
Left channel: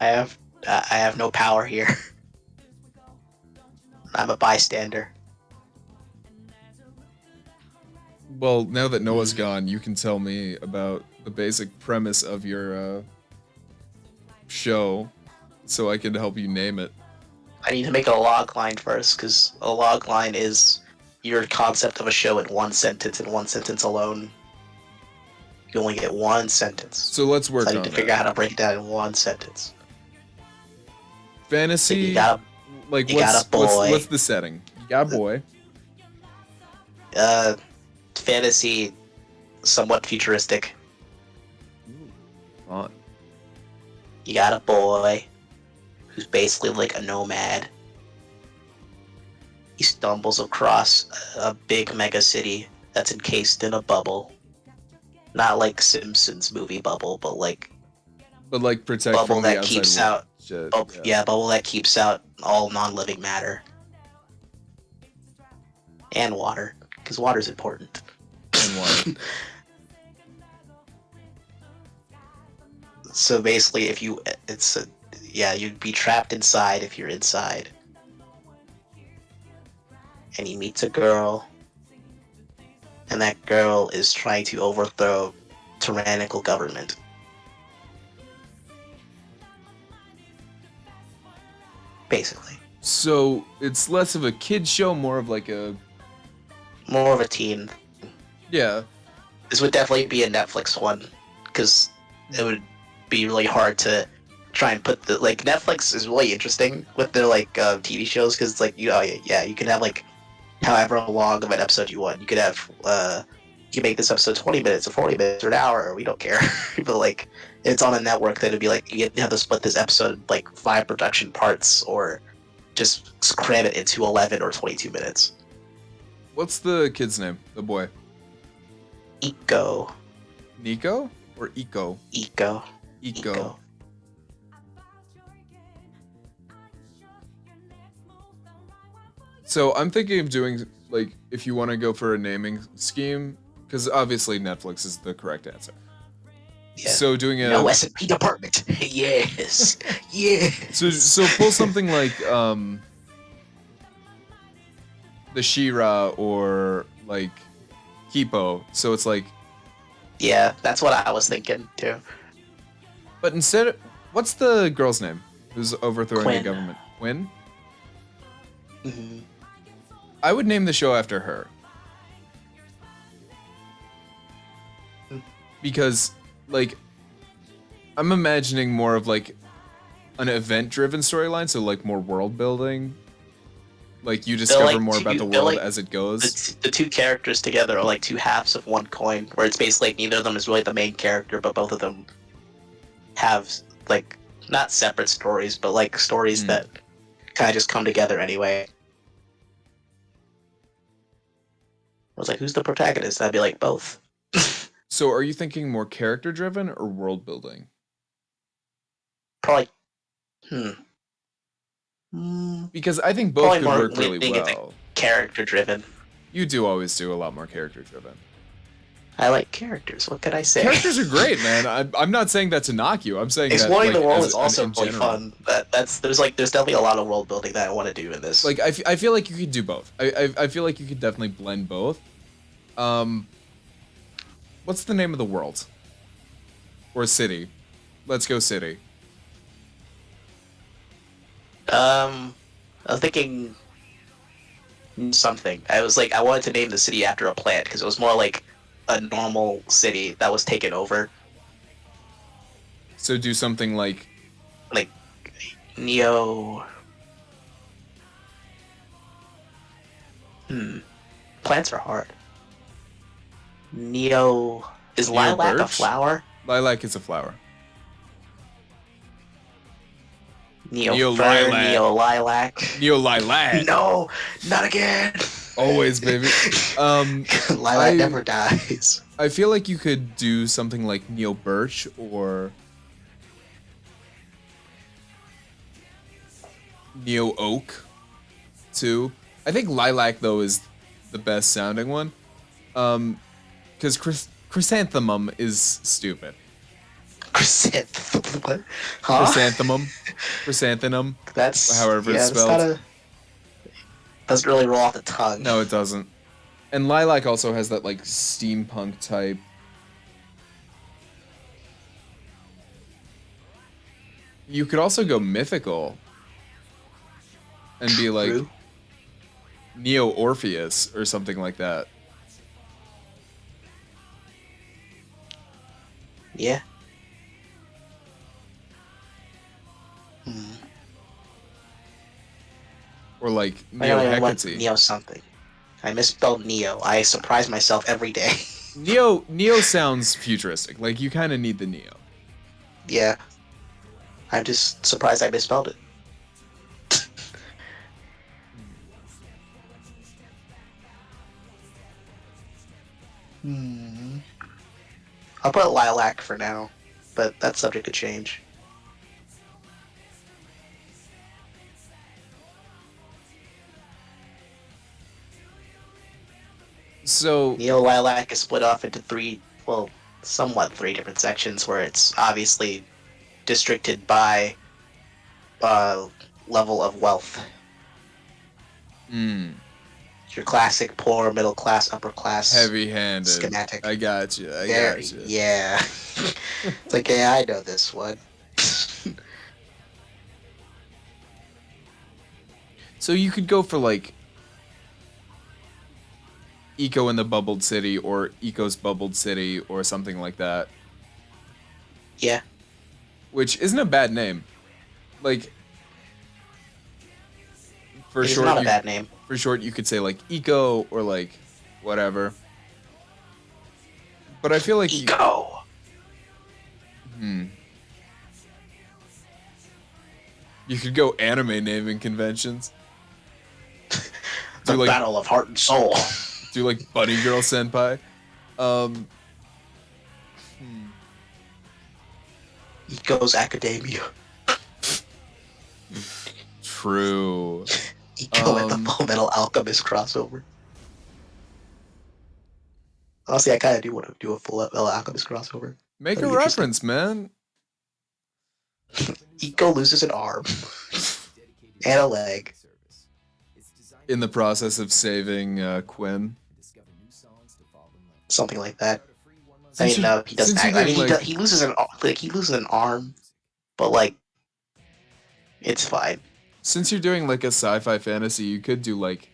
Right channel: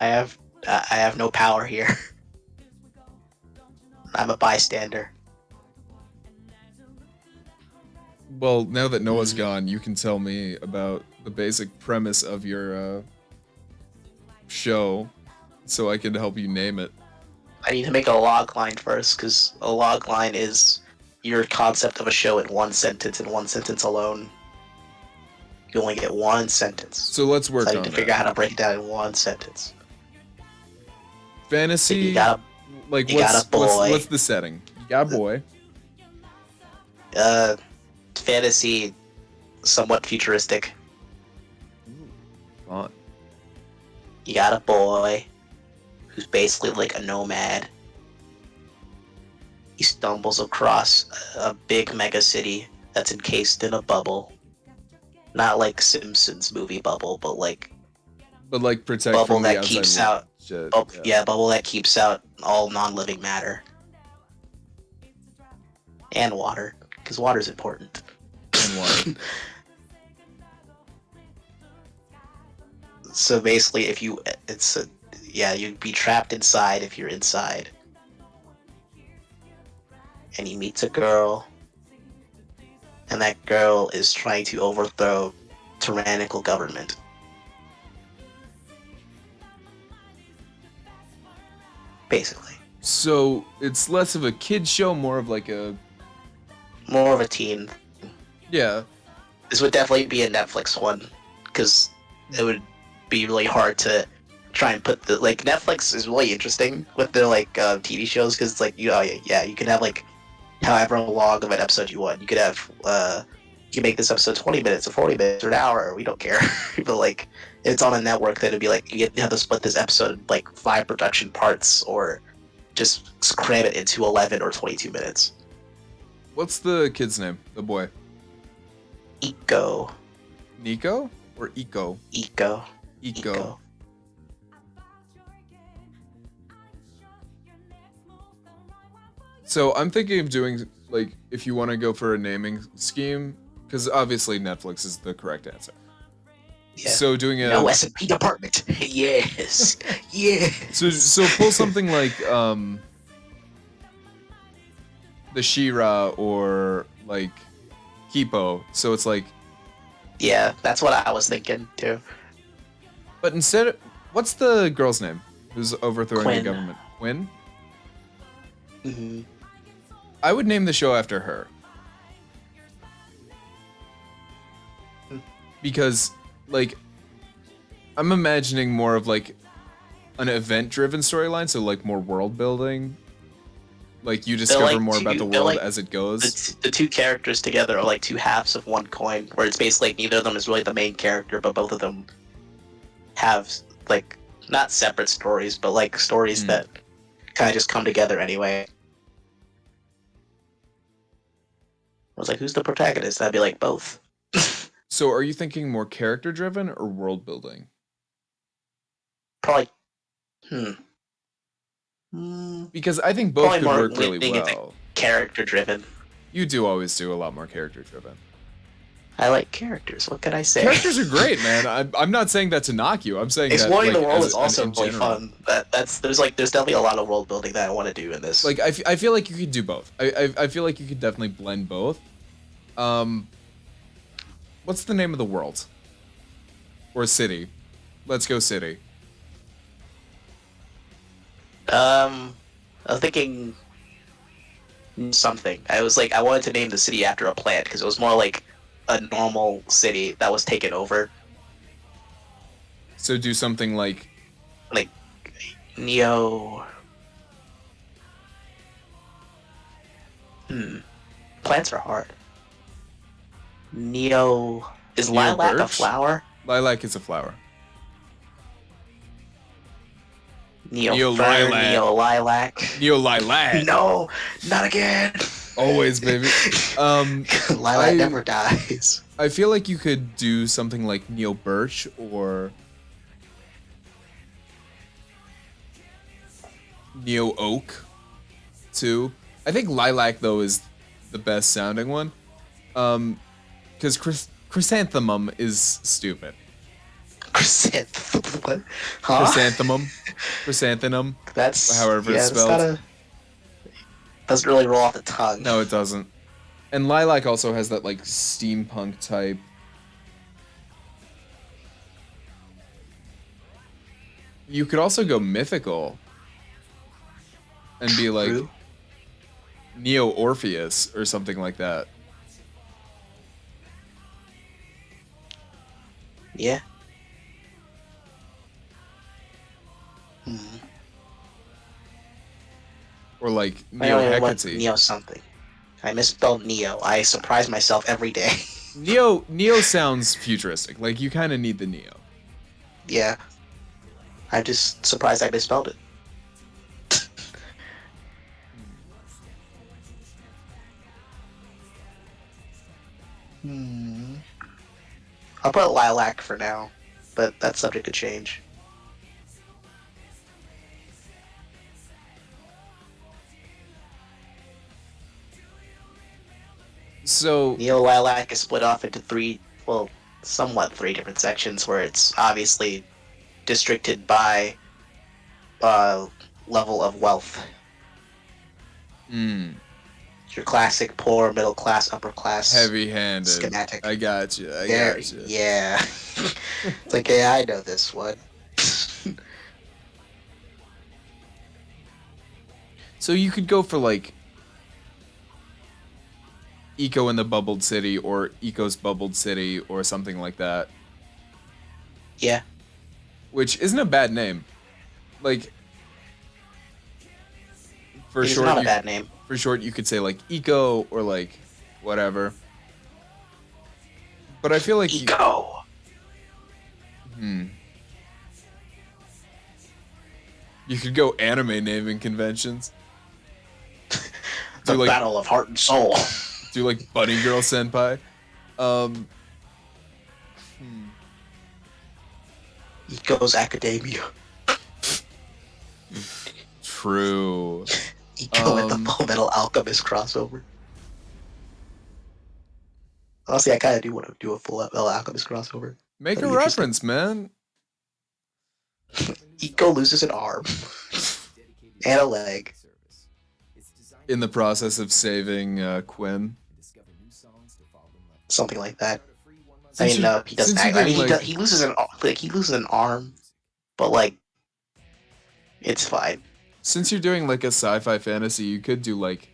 I have no power here. I'm a bystander. Well, now that Noah's gone, you can tell me about the basic premise of your show so I can help you name it. I need to make a log line first, because a log line is your concept of a show in one sentence and one sentence alone. You only get one sentence. So let's work So I on need to figure out that. how to break it down in one sentence. fantasy. You got Like you got a boy. what's the setting? You got a boy. Fantasy, somewhat futuristic. Fun. You got a boy who's basically like a nomad. He stumbles across a big mega city that's encased in a bubble. Not like Simpsons movie bubble, but like protect bubble from the that outside keeps world. out. Shit, Yeah, bubble that keeps out all non-living matter and water, because water's important. And water. So basically, you'd be trapped inside if you're inside. And he meets a girl, and that girl is trying to overthrow tyrannical government. Basically. So it's less of a kid show, more of like a More of a teen. yeah. This would definitely be a Netflix one, because it would be really hard to try and put Netflix is really interesting with their TV shows, because you can have however long of an episode you want. You could have you can make this episode 20 minutes or 40 minutes or an hour, we don't care. But it's on a network, then it'd be you have to split this episode 5 production parts, or just cram it into 11 or 22 minutes. What's the kid's name? The boy. Eco. Nico or Eco? Eco. Eco. So I'm thinking of doing if you want to go for a naming scheme, because obviously Netflix is the correct answer. Yeah. So doing a no S&P department. Yes. Yeah. So pull something like the She-Ra or Kipo. So it's Yeah, that's what I was thinking too. but instead, what's the girl's name who's overthrowing Quinn. the government? Quinn? Mm-hmm. I would name the show after her. Because, I'm imagining more of, an event-driven storyline, so, more world building. You discover more about the world as it goes. The two characters together are two halves of one coin, where it's basically neither of them is really the main character, but both of them have, not separate stories, but, stories that kind of just come together anyway. I was who's the protagonist? I'd be both. So are you thinking more character-driven or world-building? Probably, Because I think both probably could more work really leaning into well. character-driven. You do always do a lot more character-driven. I like characters. What can I say? Characters are great, man. I'm not saying that to knock you. I'm saying Exploring that the world as, is also in really general. fun. There's definitely a lot of world building that I want to do in this. I feel like you could do both. I feel like you could definitely blend both. What's the name of the world? Or city? Let's go city. I was thinking something. I wanted to name the city after a plant, because it was more like a normal city that was taken over. So do something like Neo. Plants are hard. Neo. Is Neo lilac a birch? flower? lilac is a flower. Neo lilac. Neo lilac. Neo lilac. No, not again. Always, baby. Lilac never dies. I feel like you could do something like Neo birch or Neo oak too. I think lilac though is the best sounding one. Because chrysanthemum is stupid. Chrysanthemum. What? Huh? Chrysanthemum. That's however it's spelled. Doesn't really roll off the tongue. No, it doesn't. And lilac also has that steampunk type. You could also go mythical and be True. Neo Orpheus or something like that. Yeah. Or like I only went Neo-Hecate. Neo something. I misspelled Neo. I surprise myself every day. Neo sounds futuristic. Like you kind of need the Neo. Yeah. I'm just surprised I misspelled it. I'll put Lilac for now, but that's subject to change. So Neo Lilac is split off into somewhat three different sections where it's obviously districted by level of wealth. Your classic poor, middle class, upper class. heavy-handed. Schematic. I got you. I There, got you. yeah. It's like, yeah, I know this one. So you could go for like Eco in the Bubbled City or Eco's Bubbled City or something like that, Yeah. which isn't a bad name. Like for It's short, not a bad name. for short, you could say like Eco or like whatever. But I feel like Eco. you could go anime naming conventions. The Do like Battle of Heart and Soul. do like Bunny Girl Senpai. Eco's Academia. True. Eco and the Full Metal Alchemist crossover. Honestly, I kind of do want to do a Full Metal Alchemist crossover. Make a That'd be interesting. reference, man. Eco loses an arm and a leg. In the process of saving Quinn. Something like that. Since I mean, no, he doesn't. since you're I mean, doing, like- he loses an arm, but like, it's fine. Since you're doing like a sci-fi fantasy, you could do like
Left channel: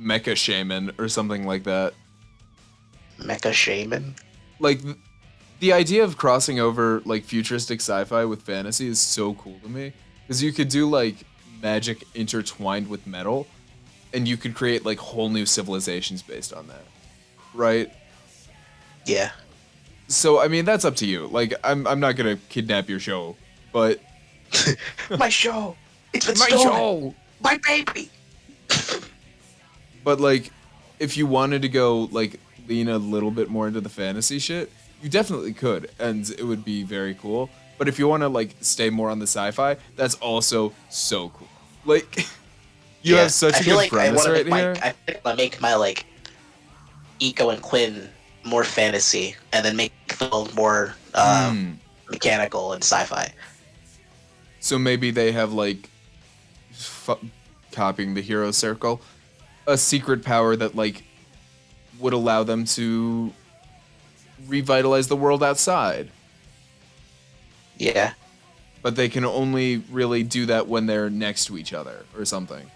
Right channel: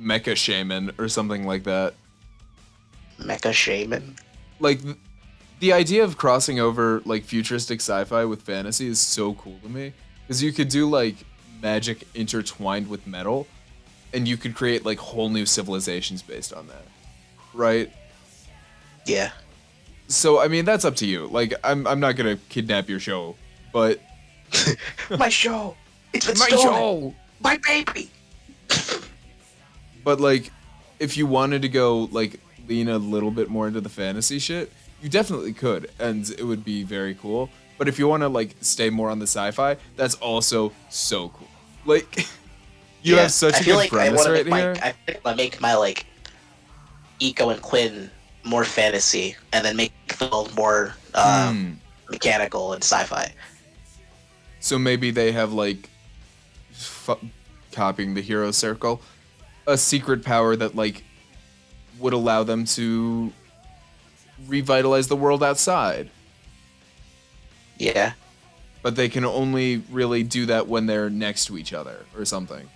Mecha Shaman or something like that. Mecha Shaman. Like the idea of crossing over like futuristic sci-fi with fantasy is so cool to me because you could do like magic intertwined with metal, and you could create like whole new civilizations based on that, right? Yeah. So I mean that's up to you. Like I'm not gonna kidnap your show, but My show. It's been my stolen. show. My baby. But like, if you wanted to go like lean a little bit more into the fantasy shit, you definitely could, and it would be very cool. But if you want to like stay more on the sci-fi, that's also so cool. Like, you have such I a feel good like premise right here. I think I make my like Eco and Quinn more fantasy, and then make the world more mechanical and sci-fi. So maybe they have like, copying the hero circle, a secret power that like would allow them to revitalize the world outside. Yeah. But they can only really do that when they're next to each other or something.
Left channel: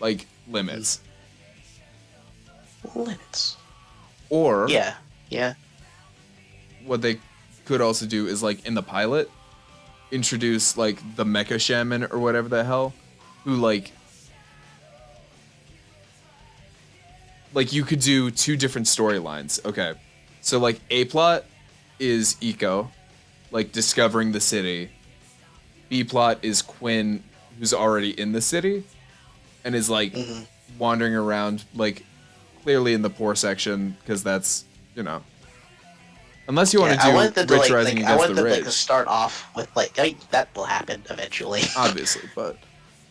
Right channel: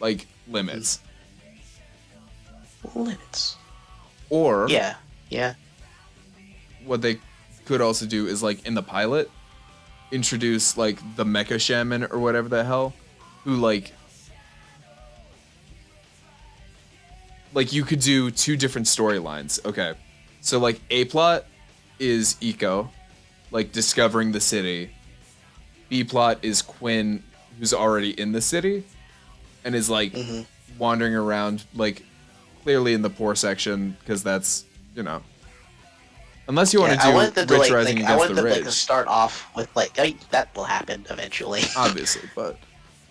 Like limits. Limits. Or Yeah. Yeah. what they could also do is like in the pilot, introduce like the Mecha Shaman or whatever the hell, who like you could do two different storylines. Okay. So like A plot is Eco, like discovering the city. B plot is Quinn, who's already in the city and is like wandering around, like clearly in the poor section, because that's, you know, unless you want I to want do them to, rich rising I against want the them, rich. like, to start off with like, I mean, that will happen eventually. Obviously, but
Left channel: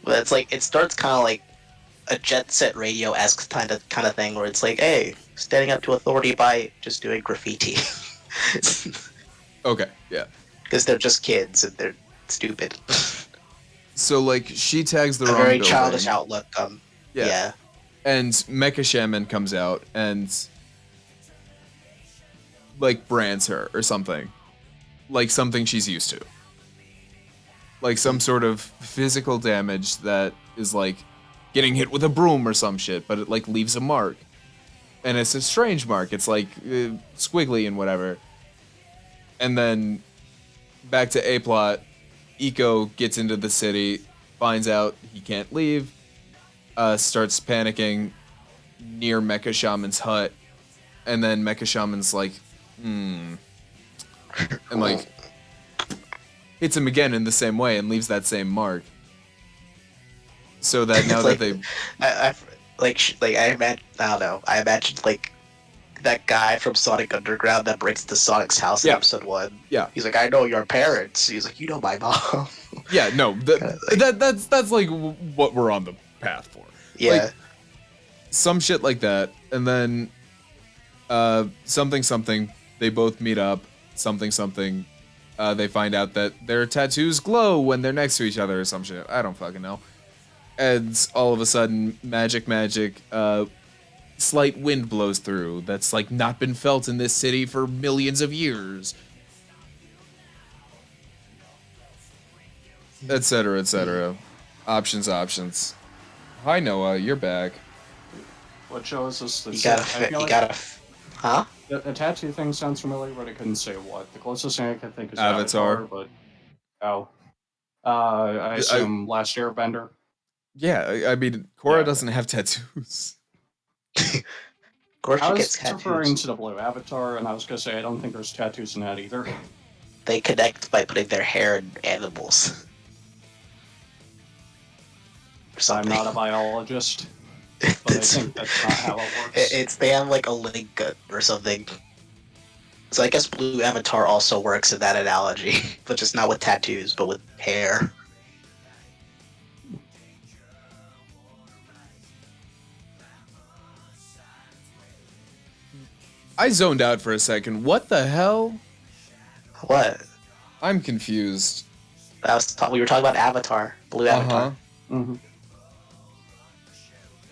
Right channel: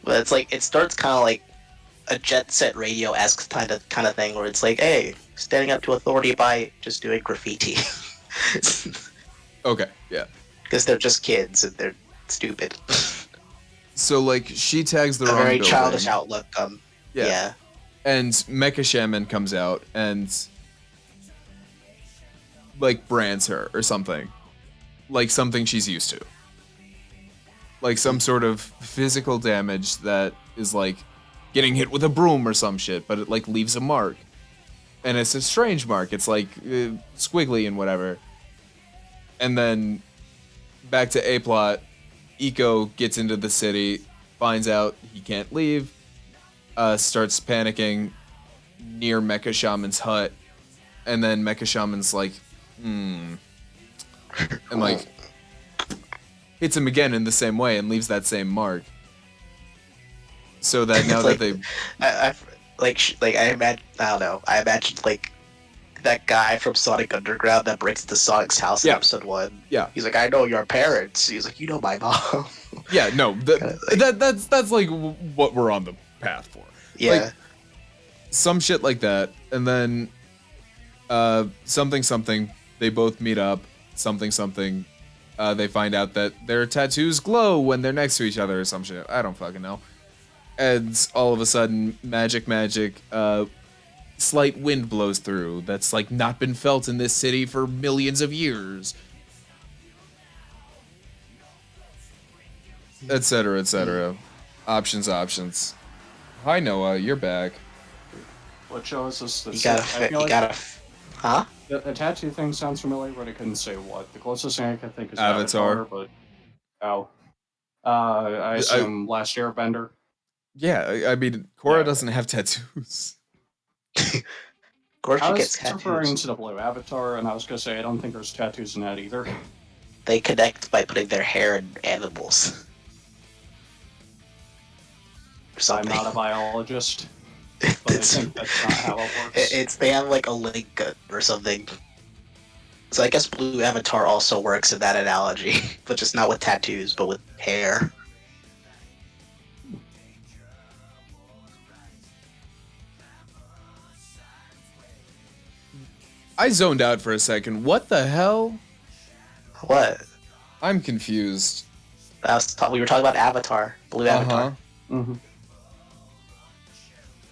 But it's like it starts kind of like a Jet Set Radio-esque kind of thing, where it's like, hey, standing up to authority by just doing graffiti, okay, yeah. because they're just kids and they're stupid. So like she tags the A wrong very building. childish outlook. Yeah. And Mecha Shaman comes out and like brands her or something. Like something she's used to. Like some sort of physical damage that is like getting hit with a broom or some shit, but it like leaves a mark. And it's a strange mark. It's like squiggly and whatever. And then back to A plot, Eco gets into the city, finds out he can't leave, starts panicking near Mecha Shaman's hut, and then Mecha Shaman's like, and like hits him again in the same way and leaves that same mark. So that now Like, that they, I imagine, I don't know. I imagined like that guy from Sonic Underground that breaks into Sonic's house in Yeah. episode 1. yeah, He's like, I know your parents. He's like, you know my mom. yeah, no, that's like what we're on the path for. Yeah. Like, some shit like that, and then something, they both meet up, something, they find out that their tattoos glow when they're next to each other or some shit. I don't fucking know. And all of a sudden, magic, slight wind blows through that's like not been felt in this city for millions of years. Etc., etc. Options. Hi, Noah, you're back. What shows us that you gotta, I feel you like gotta, huh? the tattoo thing sounds familiar, but I couldn't say what. The closest thing I can think is Avatar. but I assume Last Airbender. Yeah, I mean, Korra Yeah. doesn't have tattoos. Of course, I she was gets referring tattoos. to the blue Avatar, and I was gonna say I don't think there's tattoos in that either. They connect by putting their hair in animals. Or I'm something. not a biologist, but I think that's not how it works. They have like a link or something. So I guess blue Avatar also works in that analogy, but just not with tattoos, but with hair. I zoned out for a second. What the hell? What? I'm confused. We were talking about Avatar, blue Avatar. Mm-hmm.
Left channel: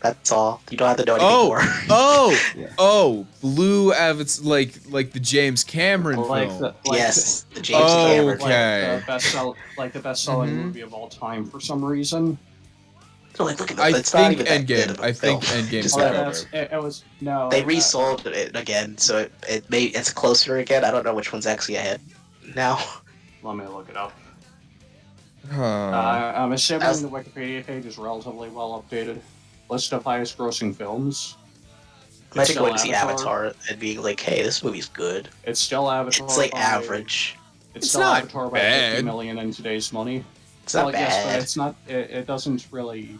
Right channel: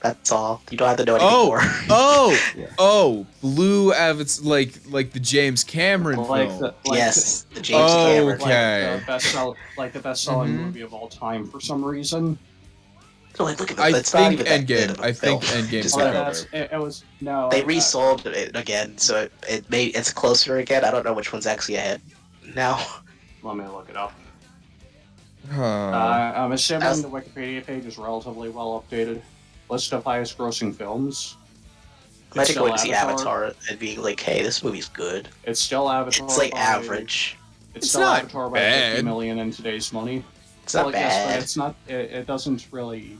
That's all. You don't have to know anything Oh, more. Yeah. Blue Avatar, like the James Cameron film. Yes, the James Cameron. Okay. The best-selling Mhm. movie of all time for some reason. Like, look at I that. It's not think even that good Endgame. of a I think film. Endgame Just took like- over. It was no. They resold it again, so it's closer again. I don't know which one's actually ahead now. Let me look it up. Huh. I'm assuming That's- the Wikipedia page is relatively well updated. List of highest-grossing films. Imagine still going to see Avatar and being like, "Hey, this movie's good." It's still Avatar. It's like by- average. It's It's still not Avatar by bad. 50 million in today's money. It's not Well, yes, but bad, it's not. It doesn't really.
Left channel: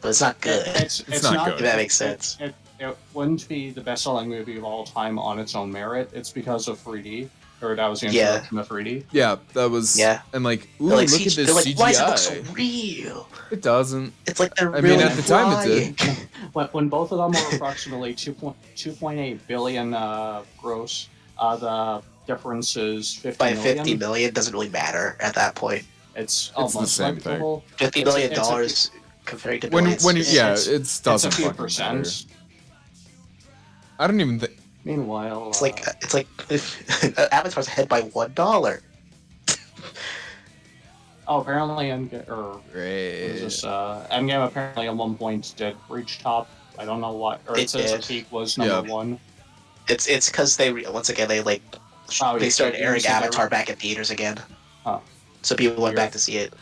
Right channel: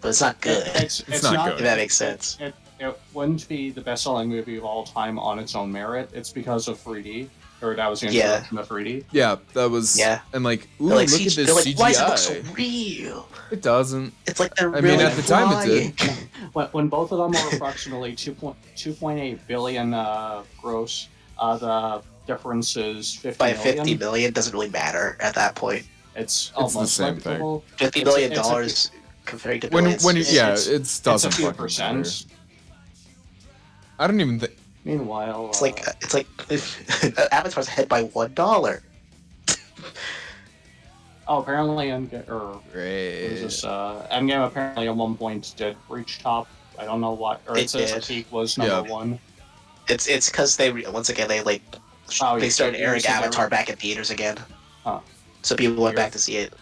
but it's not good. It's not good. If that makes sense. It wouldn't be the best-selling movie of all time on its own merit. It's because of 3D, or that was the Yeah. introduction of 3D. Yeah, that was. Yeah. And like, ooh, They're like, look at they're this like, why does it CGI. look so real? It doesn't. It's like they're I mean, really at the time it did. flying. When both of them are approximately 2.8 billion gross, the difference is 50 By million. 50 million doesn't really matter at that point. It's the almost same thing. negligible. $50 It's a- million it's a- dollars comparing to When billions. yeah, it's- it doesn't it's a few fucking matter. percent. I don't even think. Meanwhile, It's like Avatar's ahead by $1. apparently Endgame apparently at one point did reach top. I don't know what, or it It says the did. peak was Yeah. number one. It's because once again they Oh, they yeah, started you airing said that Avatar right. back in theaters again. Huh. So people went Weird. back to see it.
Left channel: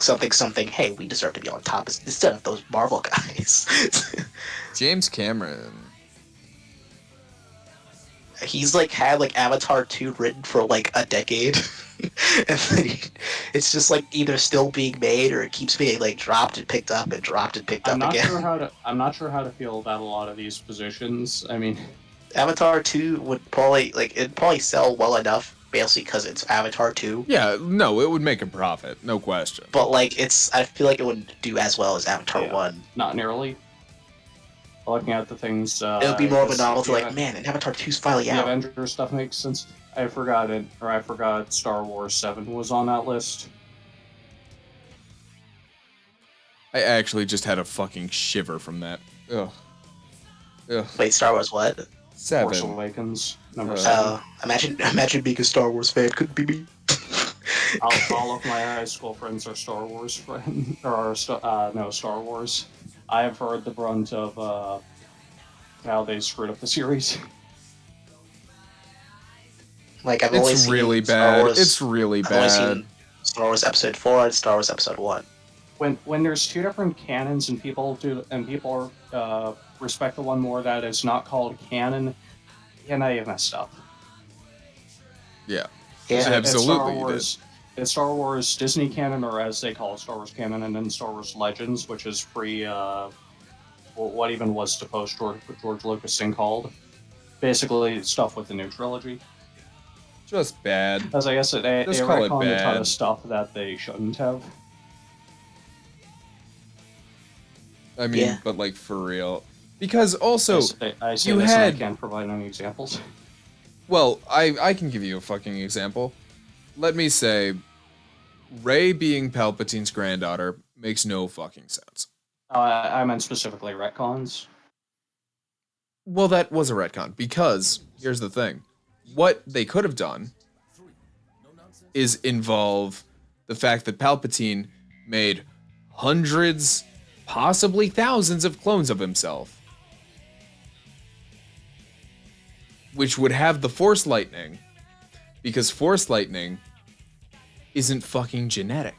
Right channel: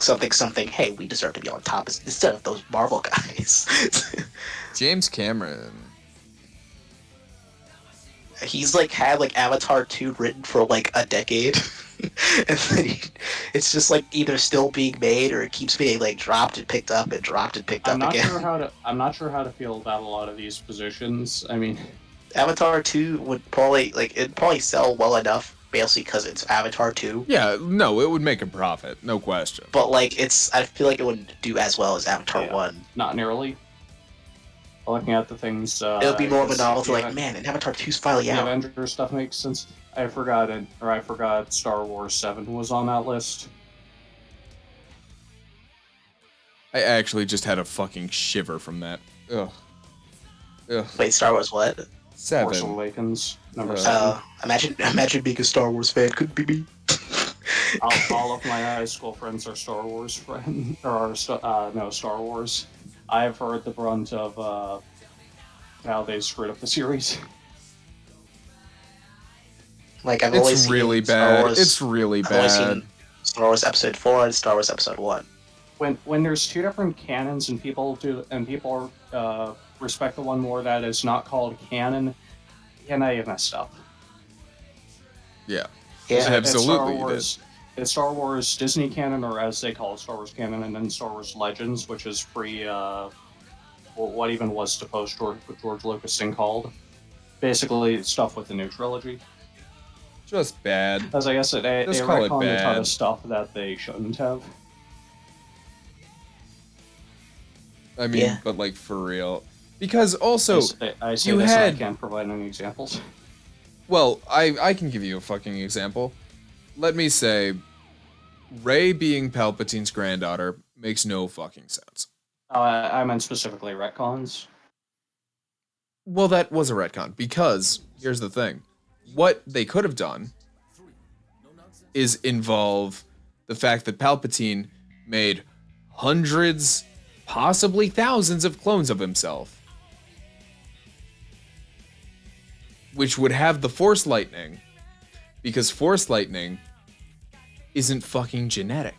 Something. Hey, we deserve to be on top instead of those Marvel guys. James Cameron. He's had Avatar 2 written for a decade. And then it's just either still being made or it keeps being dropped and picked up and dropped and picked I'm up not again. sure how to feel about a lot of these positions. I mean, Avatar 2 would probably it'd probably sell well enough, basically because it's Avatar 2. Yeah, no, it would make a profit, no question. But I feel like it wouldn't do as well as Avatar Yeah. 1. not nearly. Looking at the things, It would be more of a this- novelty, the man, and Avatar 2's finally The out. Avengers stuff makes sense. I forgot Star Wars 7 was on that list. I actually just had a fucking shiver from that. Ugh. Wait, Star Wars what? Force 7. Awakens, number Uh, 7. Imagine being a Star Wars fan. Couldn't be me. All of my high school friends are Star Wars friends, or Star Wars. I have heard the brunt of how they screwed up the series. I've only It's seen really Star bad. Wars- It's really I've only bad. seen Star Wars Episode 4 and Star Wars Episode 1. when there's two different canons and people respect the one more that is not called canon, now you've messed up. Yeah, Yeah. absolutely you did. It's Star Wars Disney canon, or as they call it, Star Wars canon, and then Star Wars Legends, which is pre what even was to post George Lucas thing called. Basically, stuff with the new trilogy. Just bad. As I guess they Just call it retconned a ton bad. of stuff that they shouldn't have. I mean, Yeah. but like for real. Because also, I say you this and had- I can't provide any examples. well, I can give you a fucking example. Let me say, Rey being Palpatine's granddaughter makes no fucking sense. I meant specifically retcons. Well, that was a retcon, because here's the thing. What they could have done is involve the fact that Palpatine made hundreds, possibly thousands of clones of himself, which would have the Force lightning, because Force lightning isn't fucking genetic.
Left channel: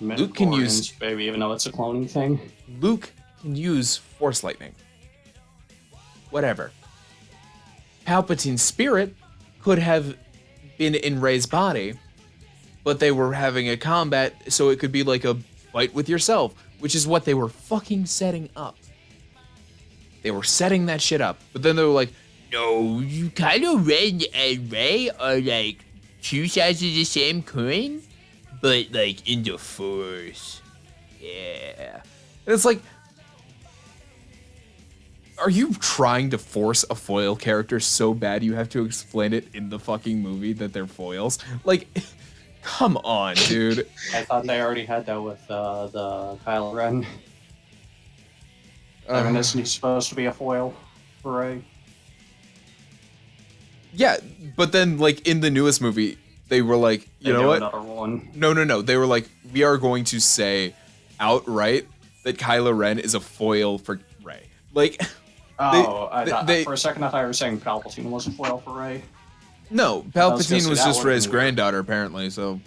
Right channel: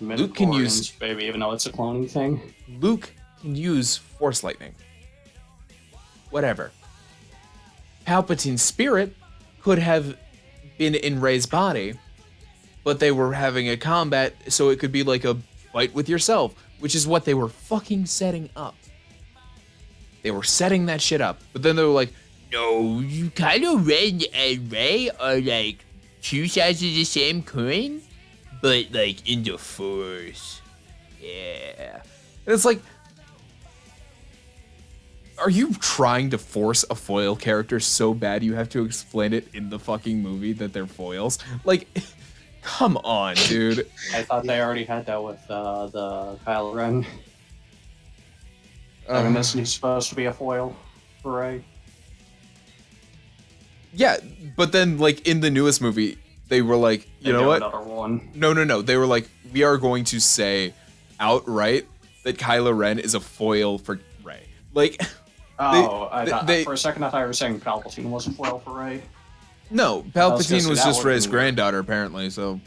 Luke can use- Midichlorians, baby, even though it's a cloning thing. Luke can use Force lightning. Whatever. Palpatine's spirit could have been in Rey's body, but they were having a combat, so it could be like a fight with yourself, which is what they were fucking setting up. They were setting that shit up, but then they were like, No, you Kylo Ren and Rey are like two sides of the same coin, but like in the Force. Yeah. and it's like, are you trying to force a foil character so bad you have to explain it in the fucking movie that they're foils? Like, come on, dude. I thought they already had that with the Kylo Ren. And this is supposed to be a foil for Rey. Yeah, but then like in the newest movie, they were like, you know what? Another one. No. They were like, we are going to say that Kylo Ren is a foil for Rey. Like, Oh, I thought, they- for a second I thought you were saying Palpatine was a foil for Rey. no, was gonna Palpatine say was that just would Rey's be weird. granddaughter, apparently. So,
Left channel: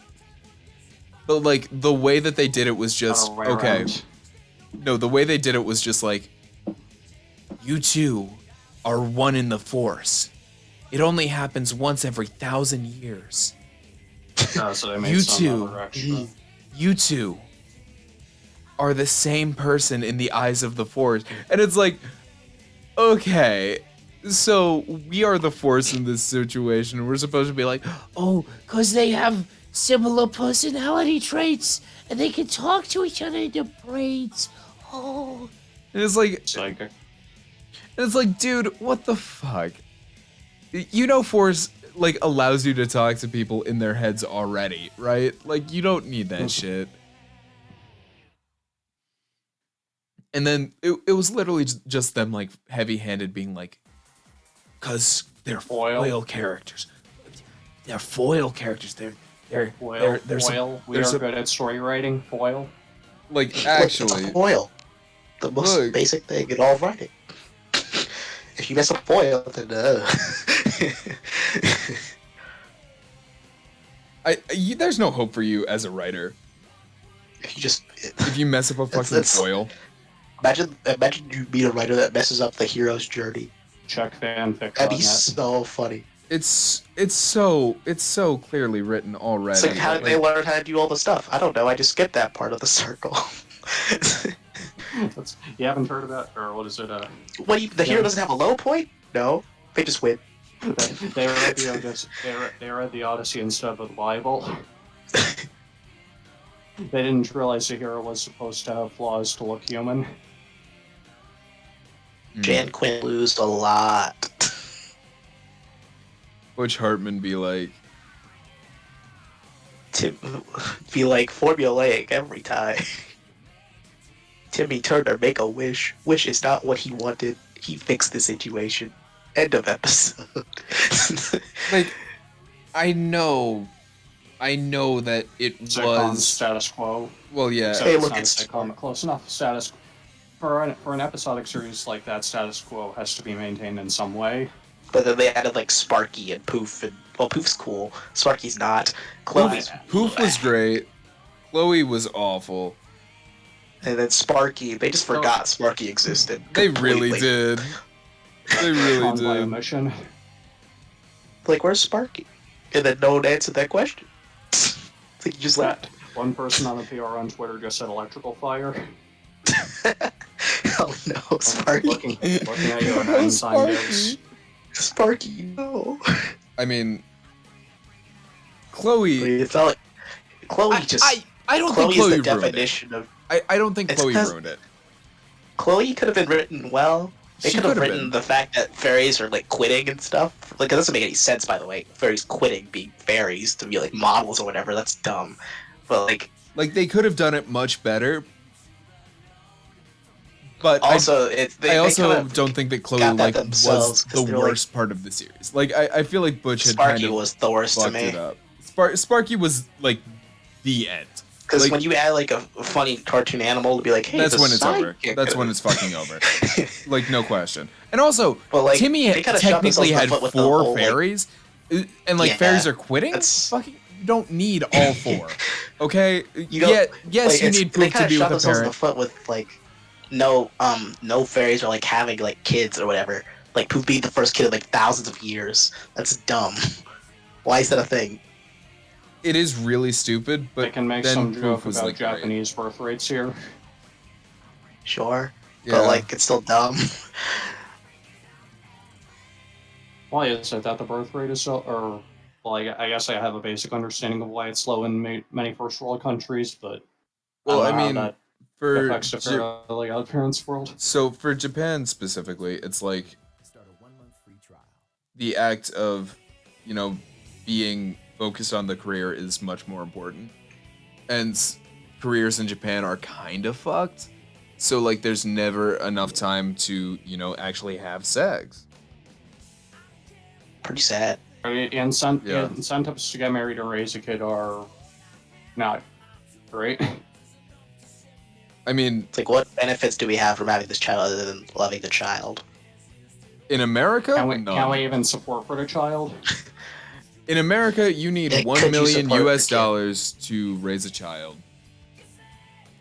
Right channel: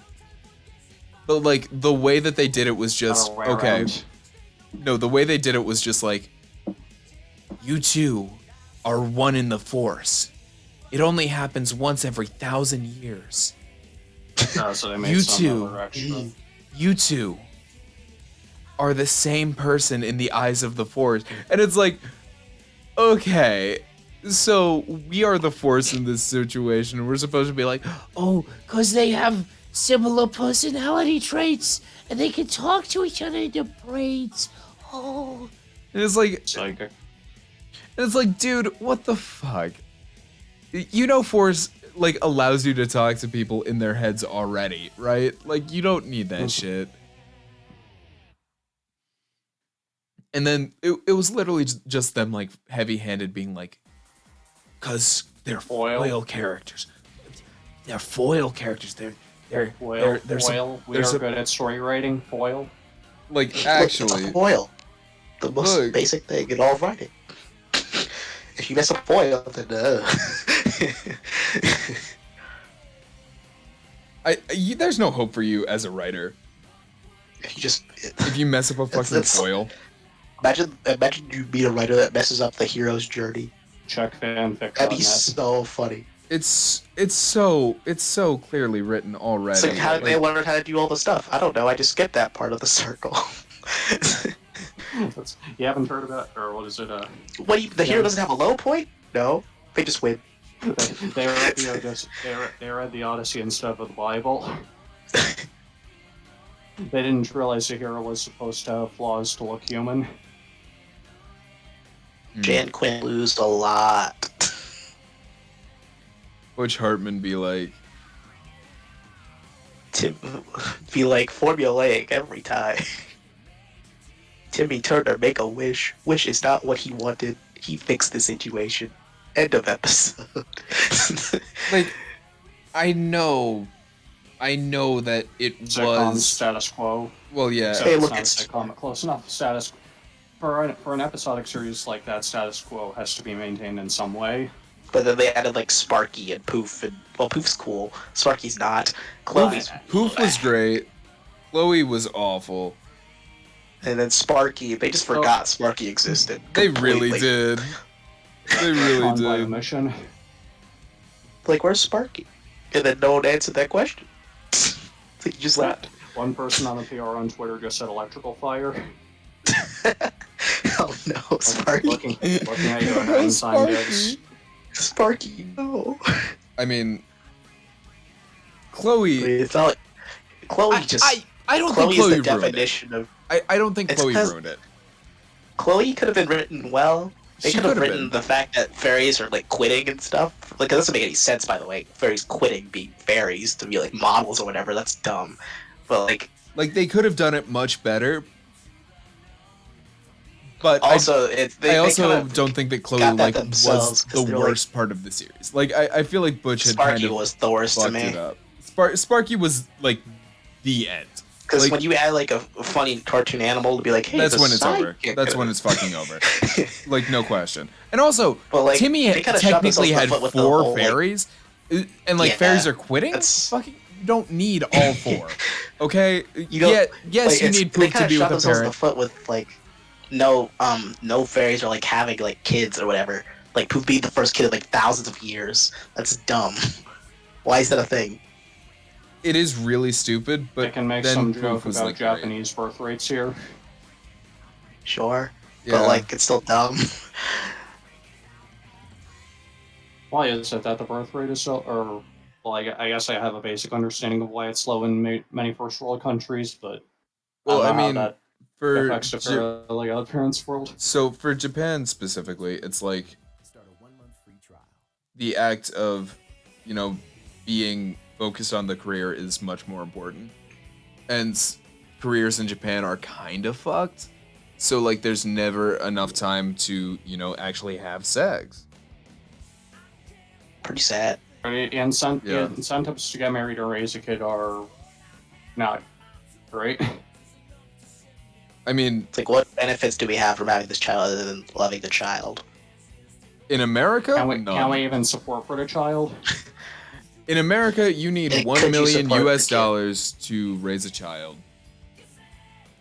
but like the way that they did it was just Other way okay. around. No, the way they did it was just like, you two are one in the Force. It only happens once every 1,000 years. So they made You some two. other extra. You two are the same person in the eyes of the Force. And it's like, okay, so we are the Force in this situation. We're supposed to be like, Oh, because they have similar personality traits and they can talk to each other in their brains. Oh. and it's like, Psychic. dude, what the fuck? You know, Force like allows you to talk to people in their heads already, right? Like, you don't need that shit. And then it was literally just them like heavy-handed being like, cause they're foil characters. They're foil characters. They're Foil. there's Foil. We there's are a- good at story writing. Foil. like It's actually a foil. The most Look. basic thing in all writing. If you mess up foil, then there's no hope for you as a writer if you just if you mess up a fucking That's- foil. imagine you meet a writer that messes up the hero's journey. Check fanfic. That'd be so funny. It's so clearly written already. It's like, how did they Like, learn how to do all the stuff? I don't know. I just skipped that part of the circle. You haven't heard about, or what is it? What? The hero doesn't have a low point? No, they just win. They read the Odyssey. They read the Odyssey instead of the Bible. They didn't realize the hero was supposed to have flaws to look human. Jan Quinn lose a lot. Butch Hartman be like, Tim be like formulaic every time. Timmy Turner make a wish. Wish is not what he wanted. He fixed the situation. End of episode. like, I know that it Sitcom was status quo. well, yeah. Hey, look, Not it's- sitcom, close enough. Status for an episodic series like that, status quo has to be maintained in some way. But then they added like Sparky and Poof, and well, Poof's cool. Sparky's not. Poof was great. Chloe was awful. And then Sparky, they just forgot Sparky existed. They really completely. did. They really On by did. omission. Like, where's Sparky? And then no one answered that question. It's like you just left. That one person on the PR on Twitter just said electrical fire. Oh no, Sparky. Looking at you on No, time Sparky. goes. Sparky, no. I mean, Chloe. It felt like Chloe I don't think Chloe Chloe is the ruined it. definition of. I don't think It's Chloe 'cause- ruined it. Chloe could have been written well. They She could have could have written been. the fact that fairies are like quitting and stuff. Like, it doesn't make any sense, by the way. Fairies quitting being fairies to be like models or whatever. That's dumb. But like, Like they could have done it much better. But also, I also don't think that Chloe got that like themselves, was 'cause the they're, like- worst part of the series. Like I feel like Butch had Sparky kind of was the worst to fucked me. it up. Sparky was like the end. Because Like- when you add like a funny cartoon animal to be like, hey, That's the when it's over. sidekick- That's when it's fucking over. Like no question. And also, But, like, Timmy they kinda shot technically themselves in had the foot with the 4 whole, like- fairies, and like Yeah, fairies are quitting. that's- Fucking, you don't need all 4. Okay. You don't- Yes, Like, you it's- need they Poop to kinda be shot with a themselves in the parent. foot with like no fairies are like having like kids or whatever. Like Poop being the first kid in like thousands of years. That's dumb. Why is that a thing? It is really stupid, They but can make then some Poof joke was about like great. Japanese birth rates here. Sure. Yeah. But like it's still dumb. Why is it that the birth rate is so, or, well, I guess I have a basic understanding of why it's low in many first world countries, but Well, I I don't know how mean, that for affects the fairly odd parents world. so for Japan specifically, it's like the act of, being focused on the career is much more important. And careers in Japan are kind of fucked. So like there's never enough time to, actually have sex. Pretty sad. Yeah. Incentives to get married or raise a kid are not great. I mean, It's like, what benefits do we have from having this child other than loving the child? in America, Can none. we even support for the child? In America, you need Yeah, 1 could you million support US the kid? dollars to raise a child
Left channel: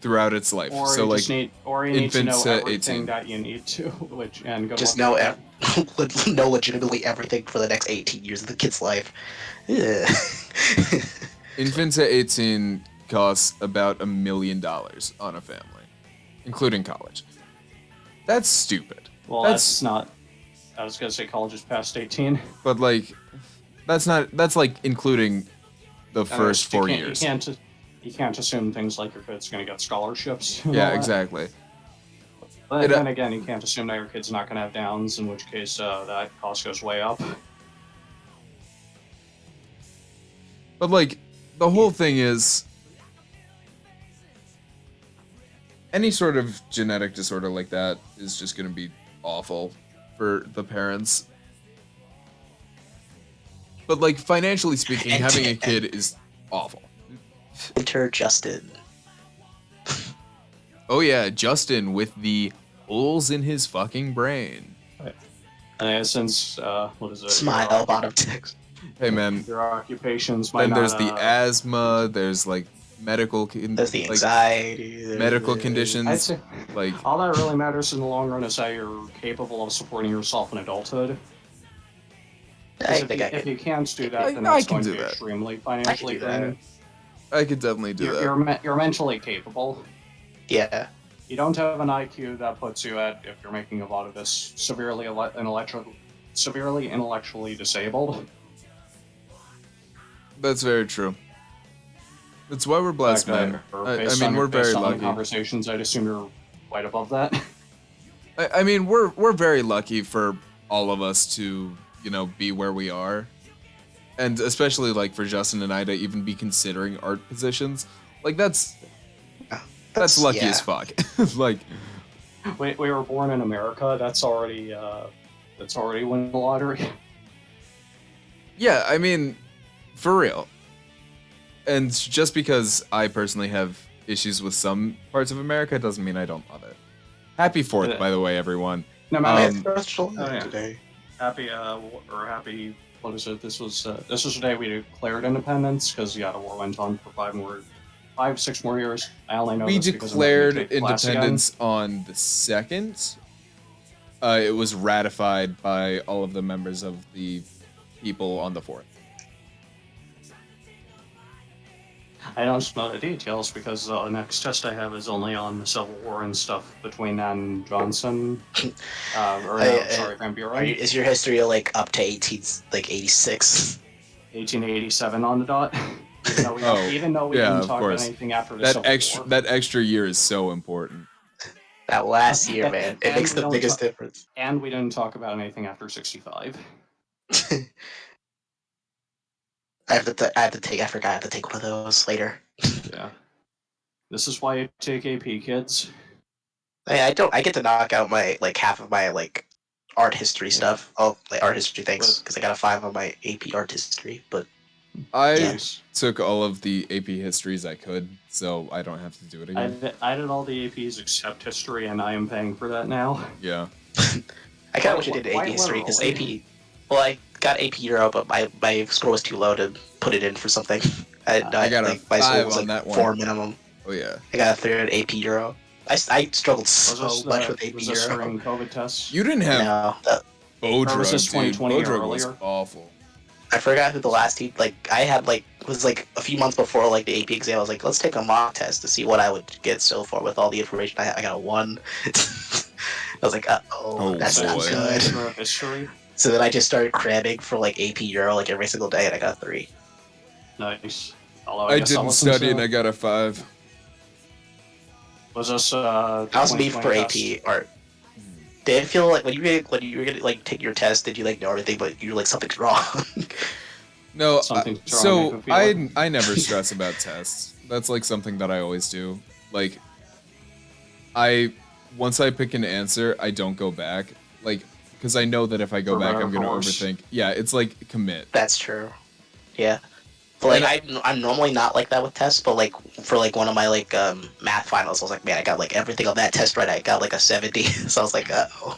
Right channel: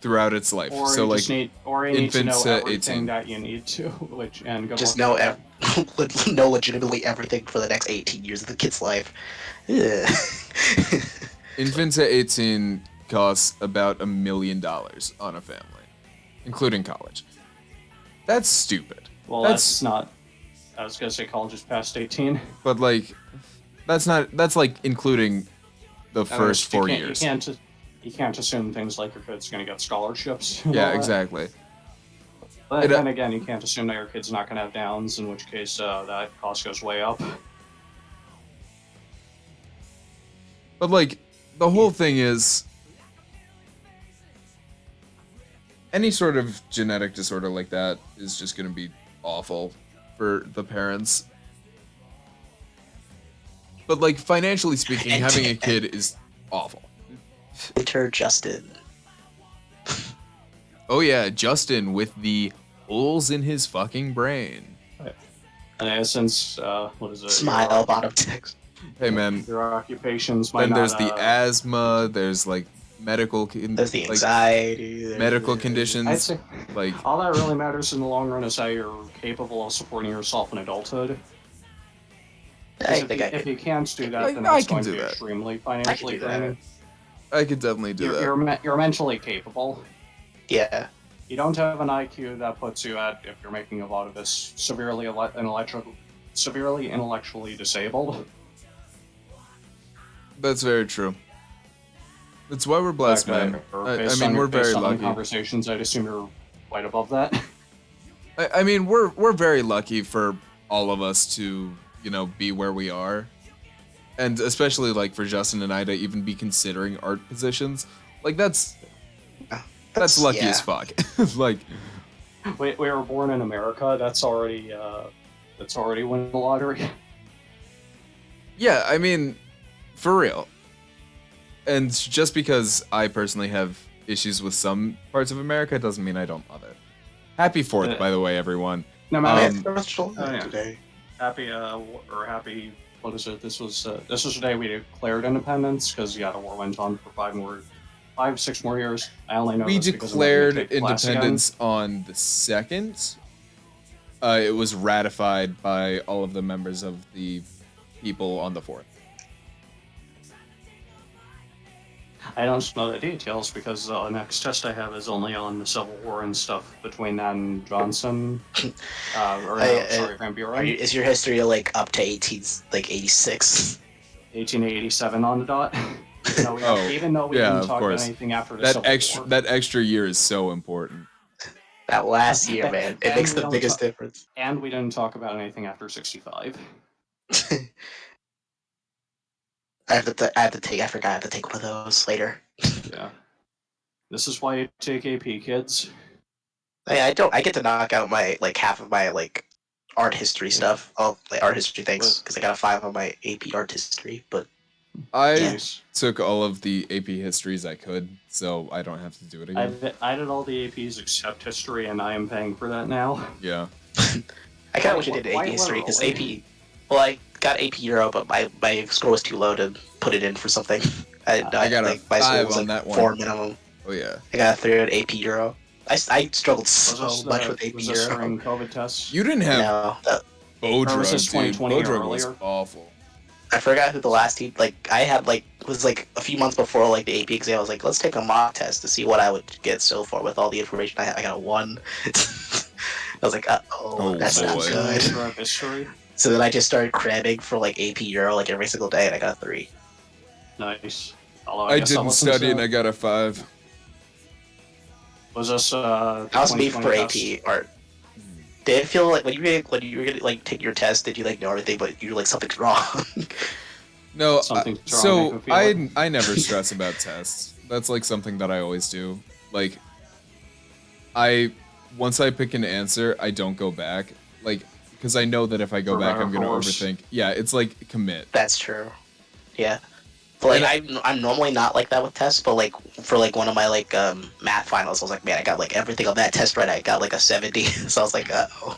throughout its life. Or So you like just need, or you need to infants know to everything 18. that you need to, and good Just luck know with that. know legitimately everything for the next 18 years of the kid's life. Yeah. Infant to 18 costs about $1 million on a family, including college. That's stupid. Well, That's- that's not. I was gonna say college is past 18. But like, that's like including the And first you 4 can't- years. You can't assume things like your kid's gonna get scholarships. and all Yeah, that. exactly. But It, then again, you can't assume that your kid's not gonna have downs, in which case that cost goes way up. But like, the whole thing is, any sort of genetic disorder like that is just gonna be awful for the parents. But like, financially speaking, having a kid is awful. Enter Justin. Oh yeah, Justin with the holes in his fucking brain. Since what is it? Smile bottom text. Hey man, Your occupations might then there's not, the asthma, there's like medical There's the like anxiety. medical I'd conditions, say like all that really matters in the long run is how you're capable of supporting yourself in adulthood. I 'Cause think I if can. you can't do that, I- then I it's can going do to be that. extremely financially do that. draining. I could definitely do that. You're mentally capable. Yeah. You don't have an IQ that puts you at, if you're making a lot of this, severely intellectually disabled. That's very true. That's why we're blessed, man. I mean, we're very lucky. Conversations, I'd assume you're quite above that. I mean, we're very lucky for all of us to, be where we are. And especially like for Justin and I to even be considering art positions. Like that's lucky yeah. as fuck. Like we were born in America. That's already winning the lottery. yeah, I mean, for real. And just because I personally have issues with some parts of America doesn't mean I don't love it. Happy 4th, by the way, everyone. No matter Yeah. today. Happy happy. What is it? This was the day we declared independence because the war went on for 5, 6 more years. I only know We this because I'm going to declared take class again. independence on the 2nd. It was ratified by all of the members of the people on the 4th. I don't know the details because the next test I have is only on the Civil War and stuff between that and Johnson. Van Buren. Is your history like up to 86? 1887 on the dot. Even though we yeah, didn't of talk course. about anything after the That Civil War. that extra year is so important. That last year, man, it makes the biggest difference. And we didn't talk about anything after 65. I forgot I have to take one of those later. Yeah. This is why you take AP, kids. I get to knock out my half of my art history stuff. Oh, art history things because I got a 5 on my AP art history. But I took all of the AP histories I could, so I don't have to do it again. I did all the APs except history, and I am paying for that now. Yeah. I kind of wish I did AP history because AP. Well, I got AP Euro, but my score was too low to put it in for something. I got a 5 on that one. 4 minimum. Oh yeah. I got a 3 at AP Euro. I struggled so much with AP was this Euro. during COVID tests? You didn't have No, Bodrug, dude. 2020 Bodrug was earlier? awful. I forgot who the last team. I had was a few months before the AP exam. I was like, let's take a mock test to see what I would get so far with all the information I got a 1. I was like, Oh, that's boy. not good. History. So then I just started cramming for AP Euro every single day, and I got a 3. Nice. Although I guess I'll didn't listen study to- and I got a 5. Was this That was me for AP art. Did it feel like when you were gonna take your test, did you know everything, but you were something's wrong? No, Something's wrong, so make me feel I never stress about tests. That's something that I always do. Once I pick an answer, I don't go back. Because I know that if I go back, I'm gonna overthink. Yeah, it's commit. That's true. Yeah. But I'm normally not like that with tests, but for one of my math finals, I was like, man, I got everything on that test right. I got a 70, so I was like, uh-oh.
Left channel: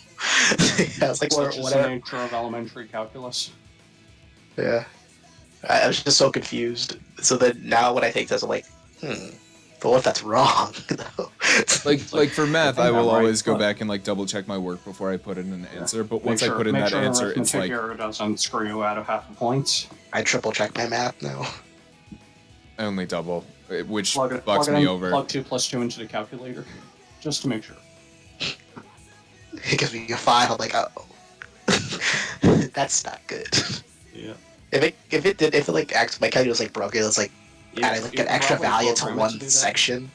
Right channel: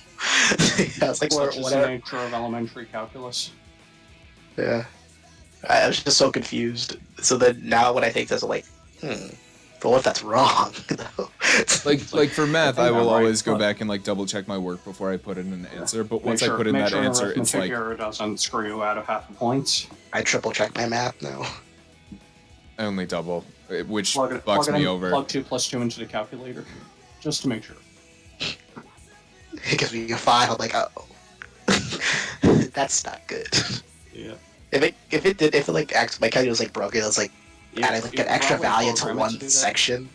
I was like, Such is the whatever. nature of elementary calculus. Yeah. I was just so confused. So then now when I take tests, I'm like, but what if that's wrong? For math, I will Right, always go but- back and double check my work before I put in an answer. But once I put in that answer, it's the error doesn't screw you out of half the points. I triple check my math now. I only double, which Plug it fucks me in, over. Plug 2 plus 2 into the calculator, just to make sure. It gives me a 5. I'm like, that's not good. Yeah. If my calculator was broken, it was adding an extra value to one section,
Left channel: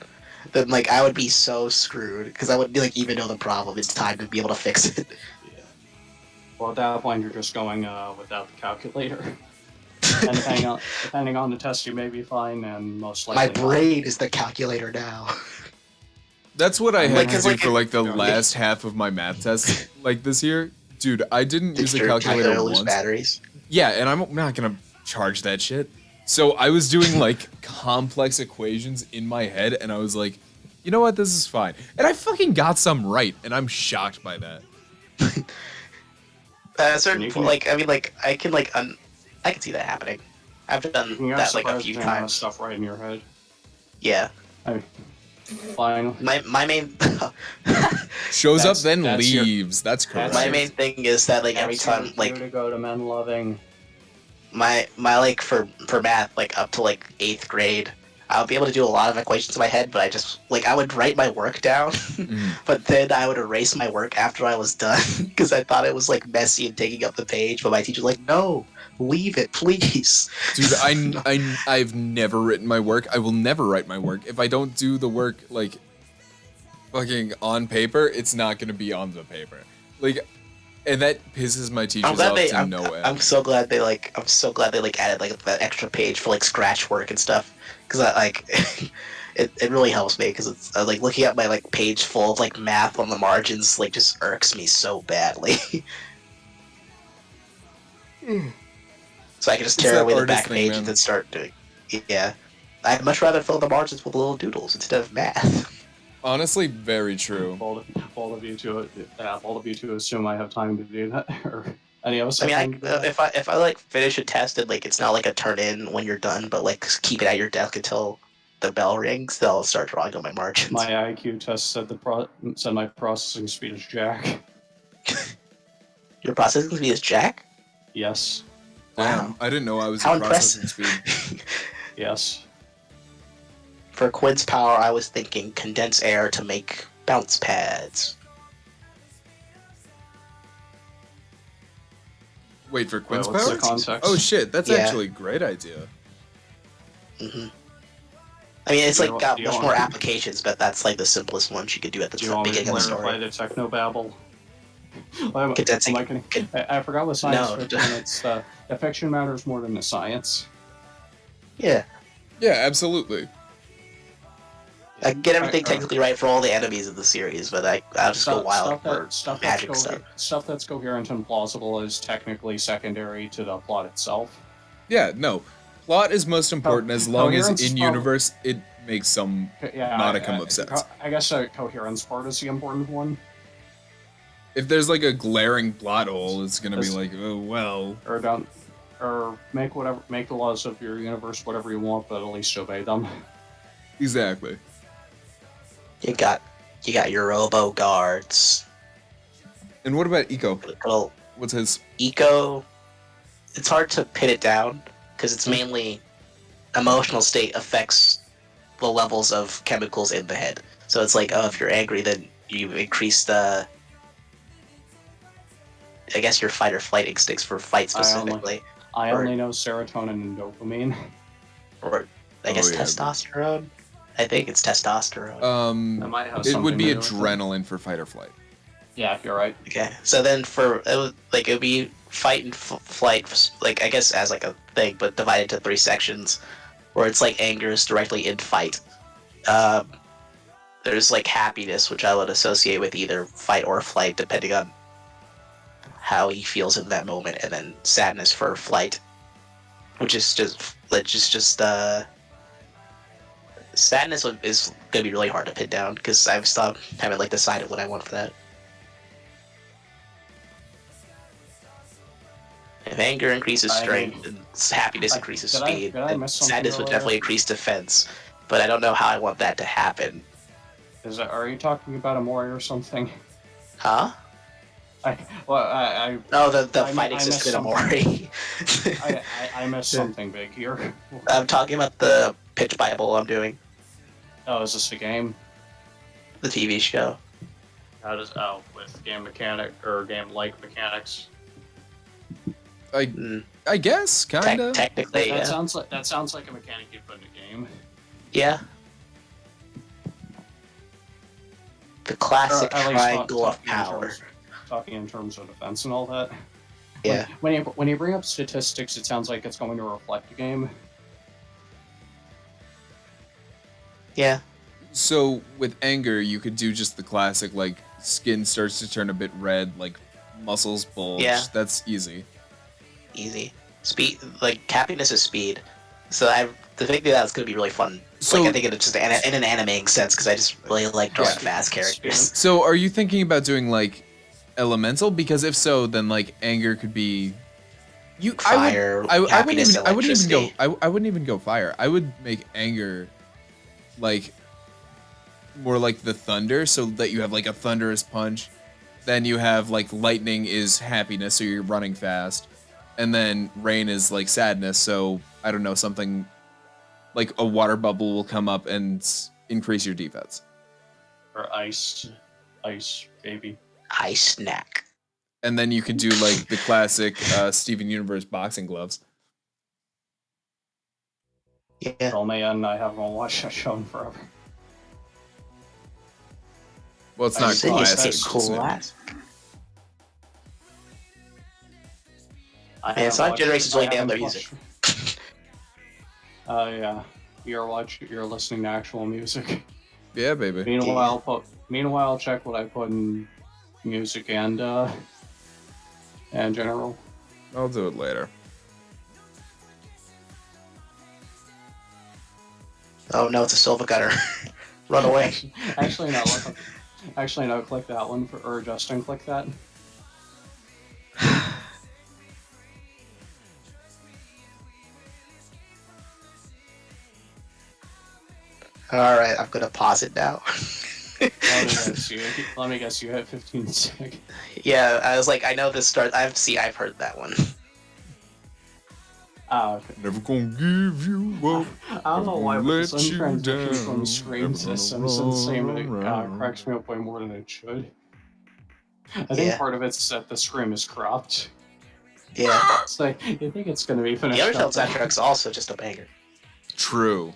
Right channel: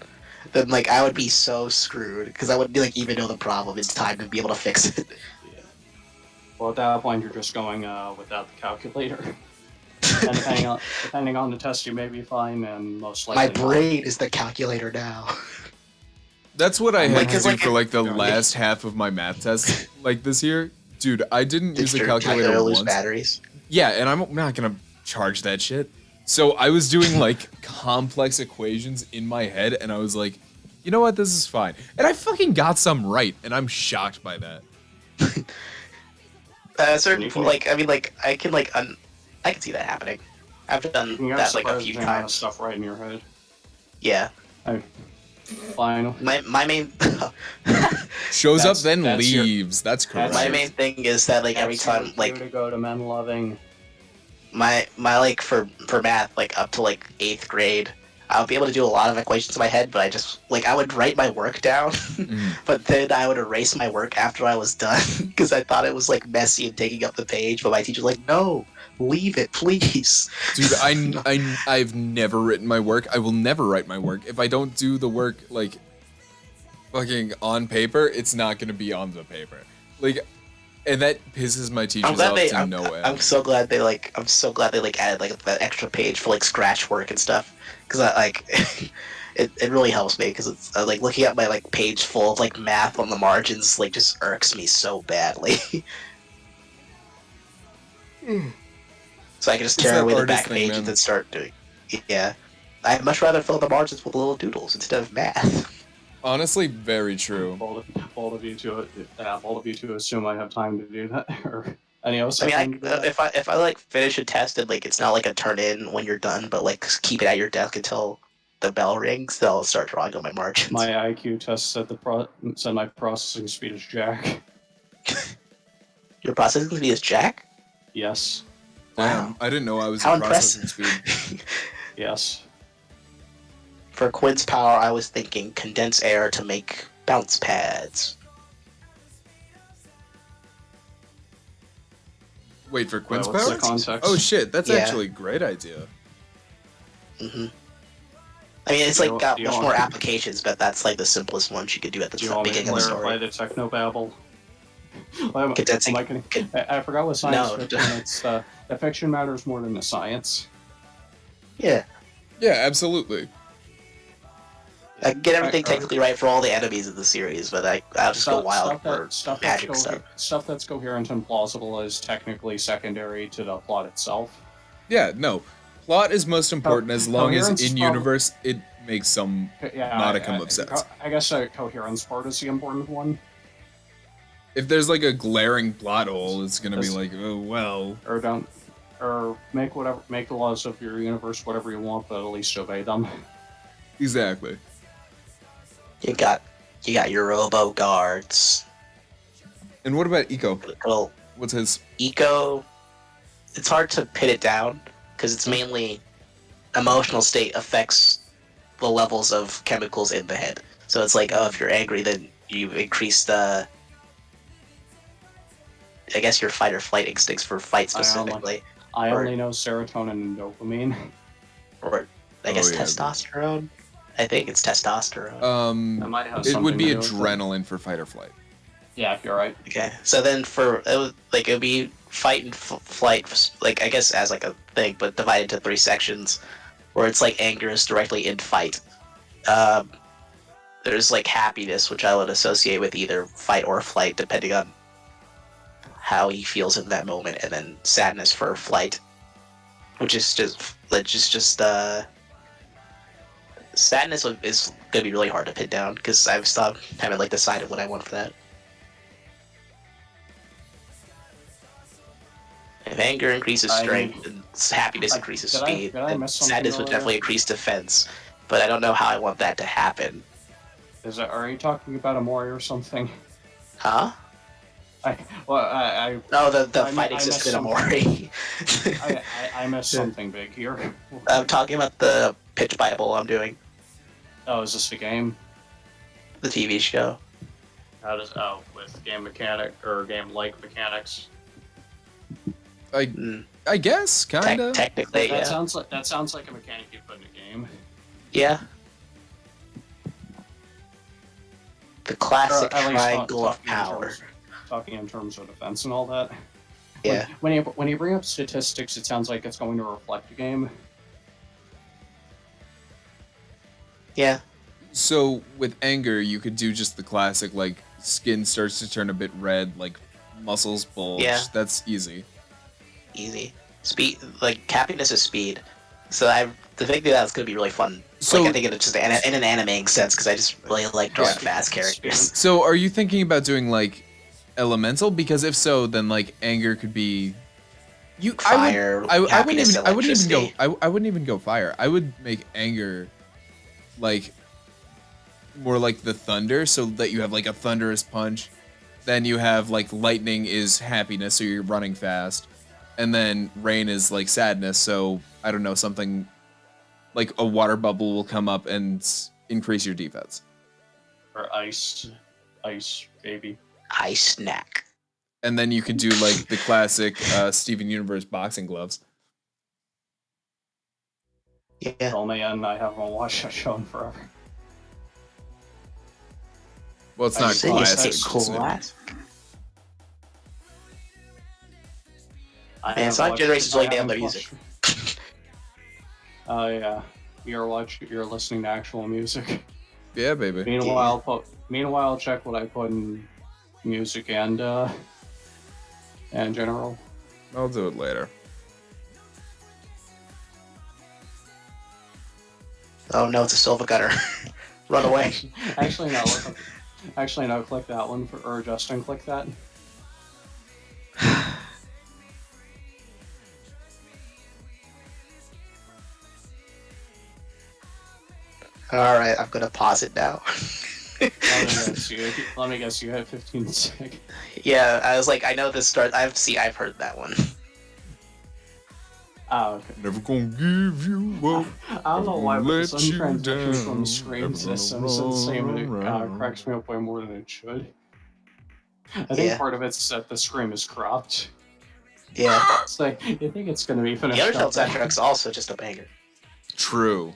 then I would be so screwed because I wouldn't even know the problem in time to be able to fix it. Yeah. Well, at that point, you're just going without the calculator. And depending on the test, you may be fine, and most likely. My brain is the calculator now. That's what I had to Because, do for the last half of my math test this year. Dude, I didn't use a calculator lose once. batteries. Yeah, and I'm not gonna charge that shit. So I was doing complex equations in my head, and I was like, you know what, this is fine. And I fucking got some right, and I'm shocked by that. Certain people, I can I can see that happening. I've done that a few times. Stuff right in your head. Yeah. Fine. My main Shows up then that's your- leaves. That's correct. my main thing is that every That's time your cue to go to men loving. my for math up to 8th grade, I would be able to do a lot of equations in my head, but I just I would write my work down, but then I would erase my work after I was done because I thought it was messy and taking up the page. But my teacher was like, "No, leave it, please." Dude, I've never written my work. I will never write my work. If I don't do the work fucking on paper, it's not gonna be on the paper. And that pisses my teachers off to no end. I'm so glad they added that extra page for scratch work and stuff because it really helps me because it's looking at my page full of math on the margins just irks me so badly. So I can just It's tear that away the artist back thing, page man. and then start doing. Yeah, I'd much rather fill the margins with little doodles instead of math. Honestly, very true. Bold of you to assume I have time to do that, or any else. I mean, if I finish a test and it's not a turn in when you're done, but keep it at your desk until the bell rings, they'll start drawing on my margins. My IQ test said my processing speed is jack. Your processing speed is jack? Yes. Damn, Wow. I didn't know I was How a processing impressive. speed. Yes. For Quinn's power, I was thinking condense air to make bounce pads. Wait, for Quinn's what's power? the context? Oh shit, that's Yeah. actually a great idea. hmm I mean, it's Do you- like got do you much want- more applications, but that's like the simplest one you could do at the Do you want me to beginning of the clarify story. the technobabble? Am Condensing- I kidding? I forgot what science No. fiction. It's the fiction matters more than the science. Yeah, Yeah, absolutely. I can get everything Or- technically right for all the enemies of the series, but I'll just go wild for magic stuff. Stuff that's coherent and plausible is technically secondary to the plot itself. Yeah, no. Plot is most important as long as coherence in prob- universe it makes some Yeah, modicum of sense. I guess the coherence part is the important one. If there's like a glaring plot hole, it's gonna be This- like, oh well. Or make the laws of your universe whatever you want, but at least obey them. Exactly. You got your robo guards. And what about Eco? Little What's his? eco. It's hard to pin it down because it's mainly emotional state affects the levels of chemicals in the head. So it's like, oh, if you're angry, then you increase the, I guess, your fight or flight instincts for fight specifically, I Or- only know serotonin and dopamine. or I Oh, guess yeah, testosterone. I think it's testosterone. That might have It would something be to do with it. adrenaline for fight or flight. Yeah, you're right. Okay, so then it would be fight and flight, like I guess as like a thing, but divided into 3 sections, where it's like anger is directly in fight. There's like happiness, which I would associate with either fight or flight, depending on how he feels in that moment, and then sadness for flight, which is just sadness is gonna be really hard to pin down because I've haven't like decided what I want for that. If anger increases strength, and happiness increases speed, did I then miss something sadness would earlier? definitely increase defense. But I don't know how I want that to happen. Are you talking about Amori or something? Huh? I No, the I fighting missed system in something. Amori. I missed something big here. I'm talking about the pitch Bible I'm doing, Oh, is this a game? the TV show. How does with game mechanic or game like mechanics? Mm, I guess, kinda. technically, That yeah. sounds like a mechanic you put in a game. Yeah. The classic Or at least triangle of talking in power. talking in terms of defense and all that. Yeah. When you bring up statistics, it sounds like it's going to reflect the game. Yeah. So with anger, you could do just the classic, like skin starts to turn a bit red, like muscles bulge. Yeah. That's easy. Easy. Speed, like happiness is speed. So the thing that's gonna be really fun. So- Like I think it's just in an animating sense because I just really like drawing Yeah. fast characters. So are you thinking about doing like elemental? Because if so, then like anger could be. Fire, I wouldn't happiness, even. I wouldn't even go. electricity. I wouldn't even go fire. I would make anger, like, more like the thunder, so that you have like a thunderous punch. Then you have like lightning is happiness, so you're running fast, and then rain is like sadness. So I don't know, something like a water bubble will come up and increase your defense, Or ice, baby. I snack. and then you could do like the classic Steven Universe boxing gloves. Yeah. Oh man, I haven't watched that show in forever. Well, it's I not see. classic. It's it's new. Classic. I Man, haven't Sonic watched- Generations I really nailed haven't their music. watched- Oh yeah, you're listening to actual music. Yeah, baby. Meanwhile, check what I put in music and general. I'll do it later. Oh no, it's a Silva Gunner. Run away. Actually, no. Actually, no. Click that one or Justin, click that. All right, I'm gonna pause it now. Let me guess. You have 15 seconds. Yeah, I was like, I know this start. I've heard that one. Oh, okay. Never gonna give you up. I don't know why, Never but the let sun you transitions from down. screen Never to gonna Simpsons same, and it run cracks me up way more than it should. I think Yeah. part of it's that the scream is cropped. Yeah. It's like, you think it's going to be The finished Untitled up. soundtrack's also just a banger. True.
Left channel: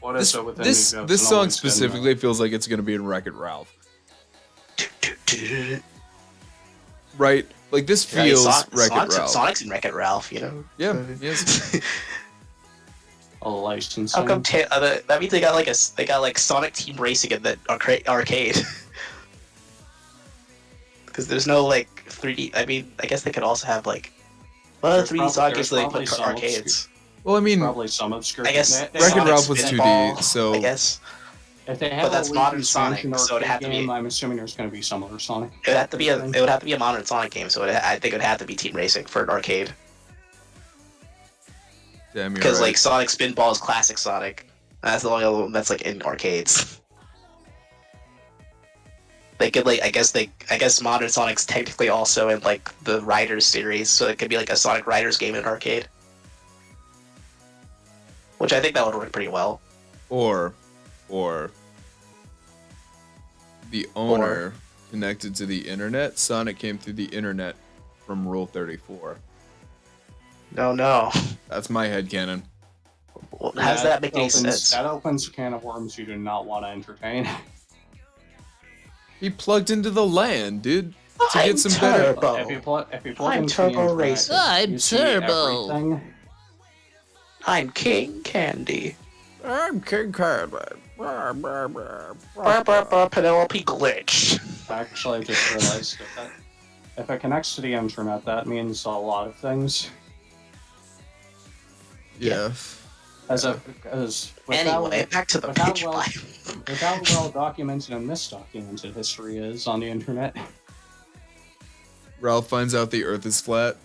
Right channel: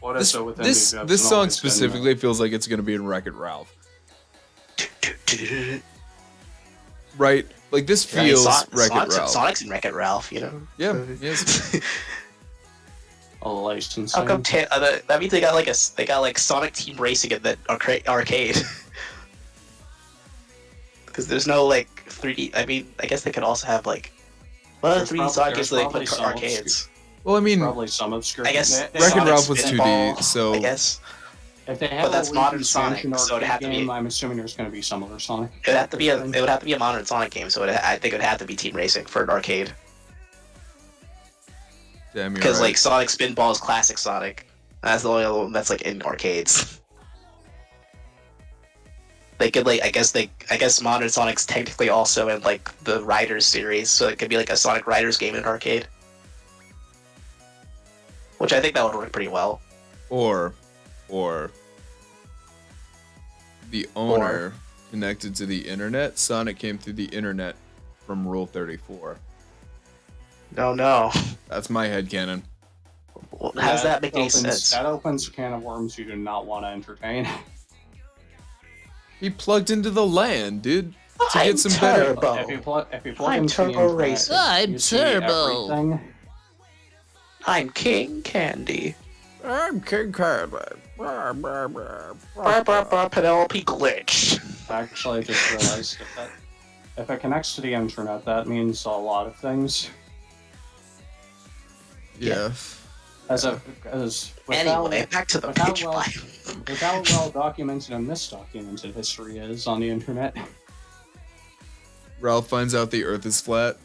What This is it within this you that's this an song always good specifically feels like it's gonna be in Wreck-It Ralph, right? Like this feels Wreck-It Ralph. Sonic's in Wreck-It Ralph, you know. Yeah, yes. A licensing. How come? That means they got like Sonic Team Racing in the arcade. Because there's no like 3D. I mean, I guess they could also have like. Well, There's 3D Sonic there's is they probably put some arcades. Well, I mean, Probably some obscure. I guess They- Wreck-It Sonic's Ralph was 2D, Spinball, so I guess If they But have that's a modern Luigi's Sonic, Mansion so it'd arcade have to be- game, I'm assuming there's going to be some other Sonic. it would have to be a modern Sonic game. So I think it would have to be Team Racing for an arcade. damn, you're Because right. like Sonic Spinball is classic Sonic. That's the only other one that's like in arcades. They could like I guess modern Sonic's technically also in like the Riders series, so it could be like a Sonic Riders game in an arcade. Which I think that would work pretty well. or the owner connected to the internet. Sonic came through the internet from Rule 34. No. That's my headcanon. Well, how does that make any opens, sense? That opens a can of worms you do not want to entertain. He plugged into the LAN, dude, to I'm get some better. Turbo. If you plug I'm into the Turbo internet, Racer. I'm you see Turbo. everything. I'm King Candy. I'm King Candy. Penelope Glitch. Actually, I just realized if it connects to the internet, that means a lot of things. Yeah. As Anyway, back to the with how pitch well- pipe. with how well documented and misdocumented history is on the internet. Ralph finds out the Earth is flat.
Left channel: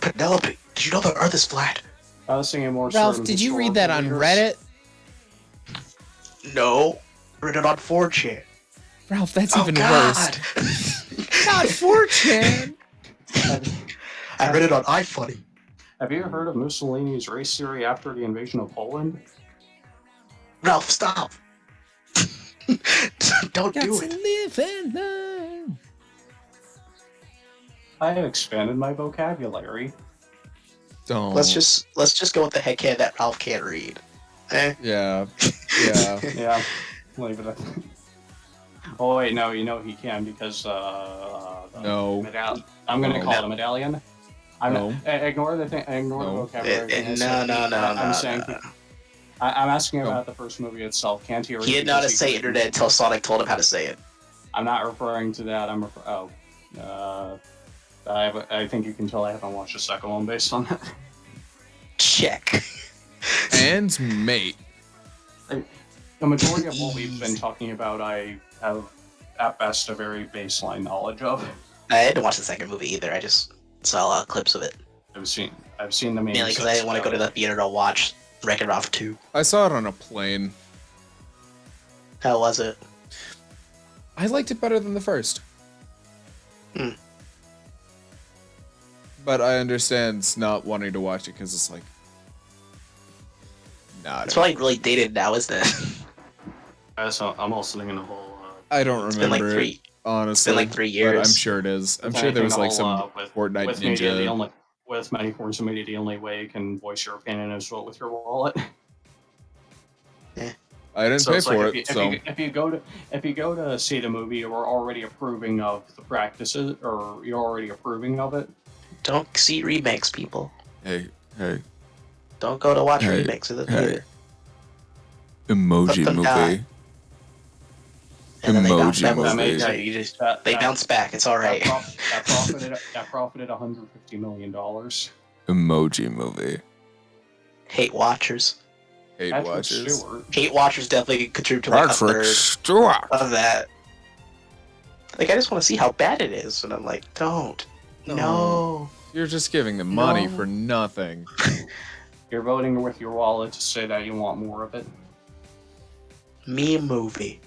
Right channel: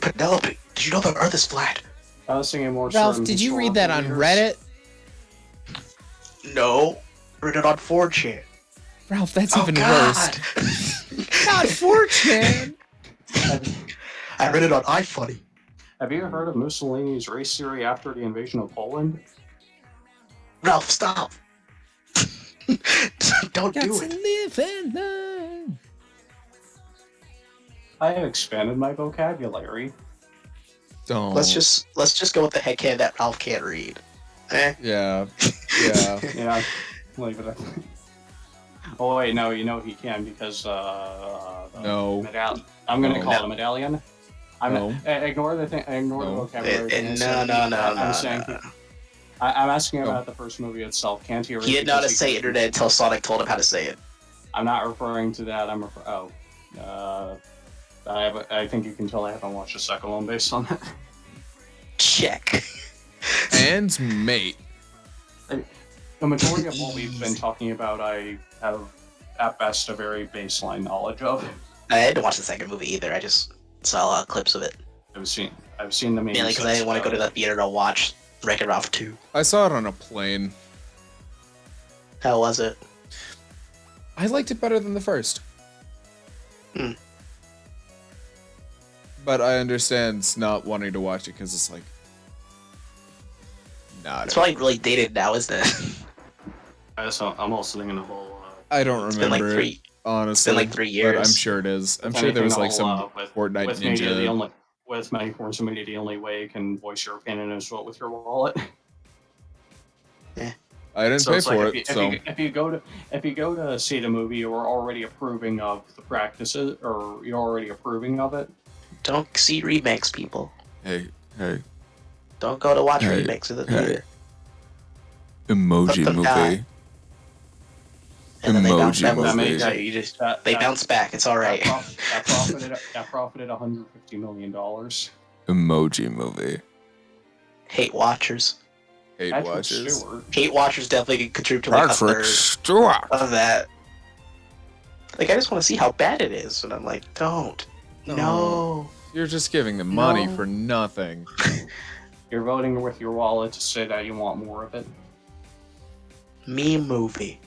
Penelope, did you know the Earth is flat? I was thinking more. Ralph, certain did you read that on historical Reddit? No. Read it on 4chan. Ralph, that's Oh, even God. worse. Not 4chan. leaders. I read it on iFunny. Have you heard of Mussolini's race theory after the invasion of Poland? Ralph, stop. Don't Got do to it. live and learn. I have expanded my vocabulary. Don't. Let's just go with the headcanon that Ralph can't read. Yeah. Yeah. Yeah, leave it. Oh wait, no, you know he can because No. I'm gonna No. call it a medallion. No. Ignore the thing. Ignore No. the vocabulary. thing. No. I'm saying. I'm asking No. about the first movie itself. Can't he read? He didn't know how to because say internet until Sonic told him how to say it. I'm not referring to that. I think you can tell I haven't watched the second one based on that. Check. And mate. The majority of what we've been talking about, I have at best a very baseline knowledge of. I didn't watch the second movie either. I just saw a lot of clips of it. I've seen the main. Mainly because I didn't want to go to the theater to watch Wreck-It Ralph 2. I saw it on a plane. How was it? I liked it better than the first. Hmm. But I understand not wanting to watch it because it's like. Not. It's probably really dated now, isn't it? I'm also thinking of all. I don't It's been like remember it, three. honestly. like 3 But years. I'm sure it is. I'm sure there was like some Fortnite with media, Ninja. with many forms of media, the only way you can voice your opinion is vote with your wallet. I didn't So pay it's for like it, so if you go to see the movie, you're already approving of the practices, or you're already approving of it. Don't see remakes, people. hey, Don't go to watch Hey, remakes of the hey. theater. emoji Let them movie. die. And then they bounce Emoji back. movie. So you just they bounce back. It's all right. That profited $150 million. Emoji movie. Hate watchers. Hate Patrick watchers. Stewart. Hate watchers definitely contribute to like a Patrick third Stewart. of that. Like I just want to see how bad it is, and I'm like, don't. No. You're just giving them money No. for nothing. You're voting with your wallet to say that you want more of it. Meme movie.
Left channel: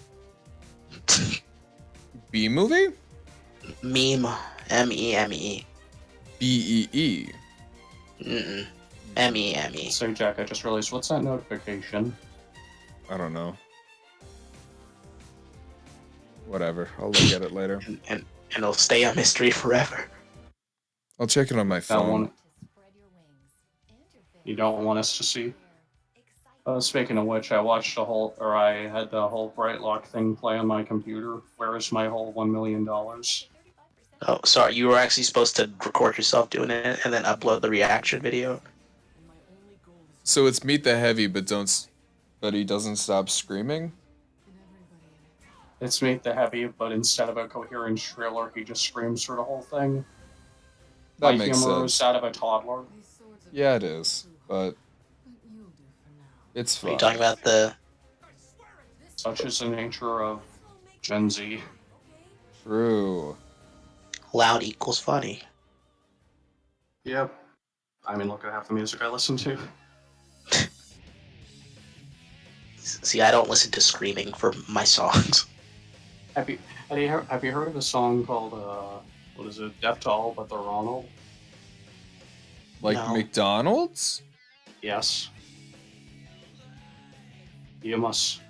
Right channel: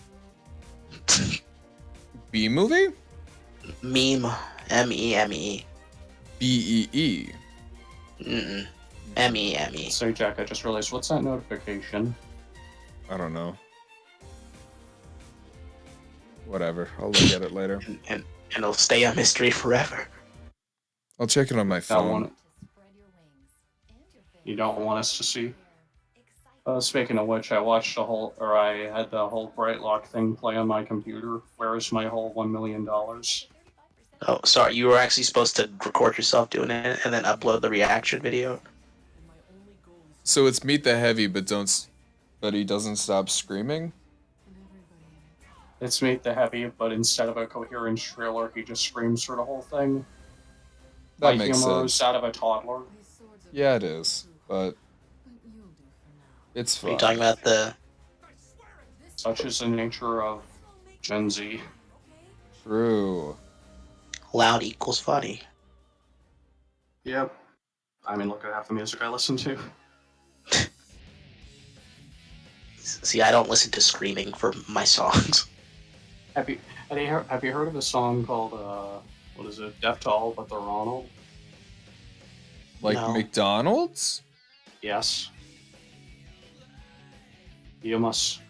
B movie? Meme. M-E-M-E. BEE. Mm-mm. M-E-M-E. So, Jack, I just realized, what's that notification? I don't know. Whatever. I'll look at it later. And it'll stay a mystery forever. I'll check it on my Don't phone. want, you don't want us to see? Speaking of which, I had the whole Brightlock thing play on my computer. Where is my whole $1 million? Oh, sorry. You were actually supposed to record yourself doing it and then upload the reaction video. So it's Meet the Heavy, but he doesn't stop screaming? It's Meet the Heavy, but instead of a coherent trailer, he just screams through the whole thing. That My makes humor sense. is out of a toddler. Yeah, it is. But it's Are you fine. talking about the... Such is the nature of Gen Z. True. loud equals funny? Yep. I mean, look at half the music I listen to. See, I don't listen to screaming for my songs. Have you heard of a song called, what is it? Deaf to All But the Ronald? Like No. McDonald's? Yes. You must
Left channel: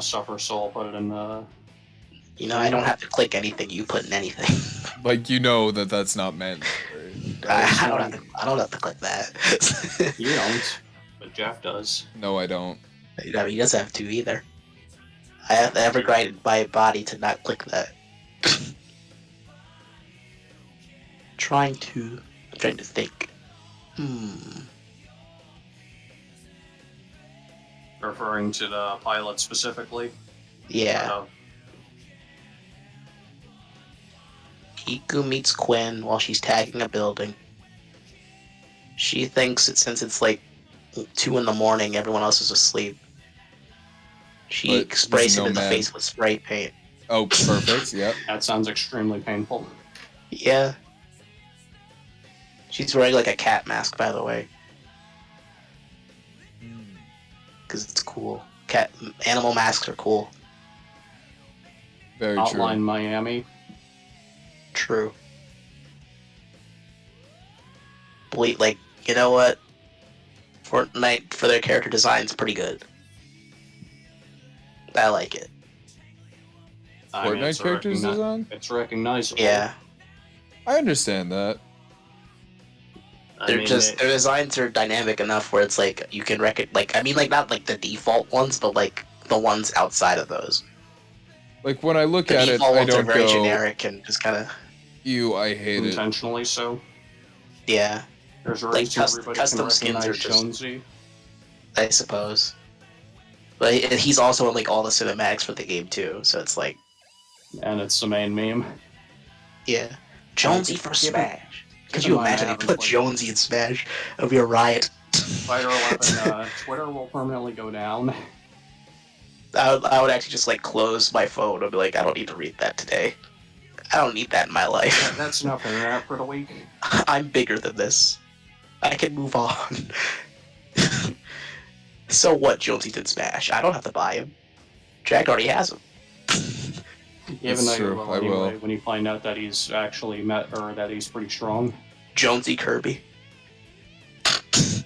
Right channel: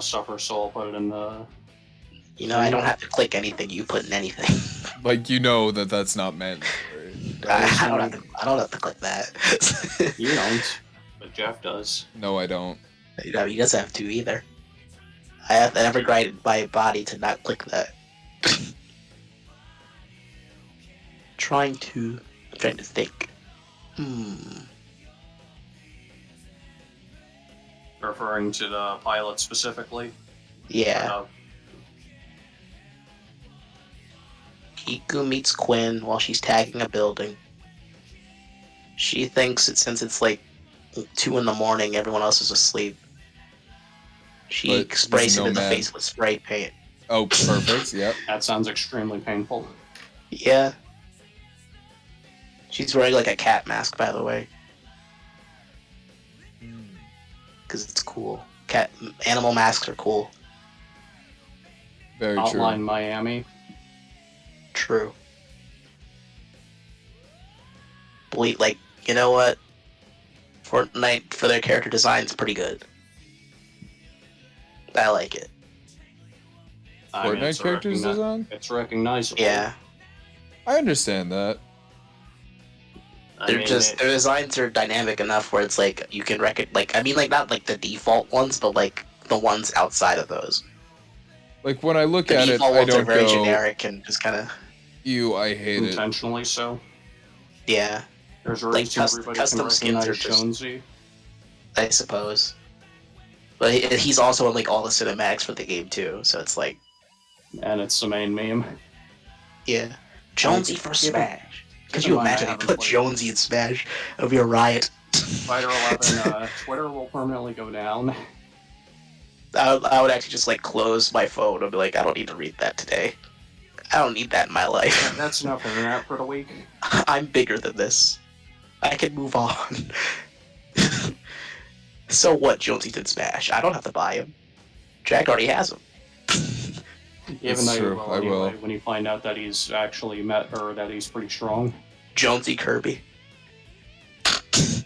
suffer, so I'll put it in the... You know, I don't have to click anything you put in anything. Like, you know that's not mandatory. I don't have to click that. You don't, but Jeff does. No, I don't. You know, he doesn't have to either. I have never guided my body to not click that. I'm trying to think. Referring to the pilot specifically. Yeah. Kiku meets Quinn while she's tagging a building. She thinks that since it's like 2 in the morning, everyone else is asleep. She But he's sprays a him in the nomad. face with spray paint. Oh, perfect. Yep. That sounds extremely painful. Yeah. She's wearing like a cat mask, by the way. Because it's cool. Animal masks are cool. Very Outline true. Miami. True. Like, you know what? Fortnite, for their character design, is pretty good. I like it. I mean, Fortnite it's characters design? It's recognizable. Yeah. I understand that. Their designs are dynamic enough where it's like, you can not like the default ones, but like the ones outside of those. Like, when I look The at it, default I ones are don't very go, generic and just kind of, ew, I hate it. intentionally so. yeah, There's a Like, reason everybody custom can skins are recognize just- Jonesy. I suppose. But he's also in like all the cinematics for the game too, so it's like, And it's the main meme. yeah. Jonesy keep- for keep in- Smash. Could keep you in mind I imagine they haven't put played- Jonesy in Smash? It would be a riot. Fighter 11, Twitter will permanently go down. I would actually just like close my phone and be like, I don't need to read that today. I don't need that in my life. That's enough internet for the week. I'm bigger than this. I can move on. So what? Jonesy did Smash. I don't have to buy him. Jack already has him. Even That's though you true, will I will. anyway, when you find out that he's actually that he's pretty strong. Jonesy Kirby.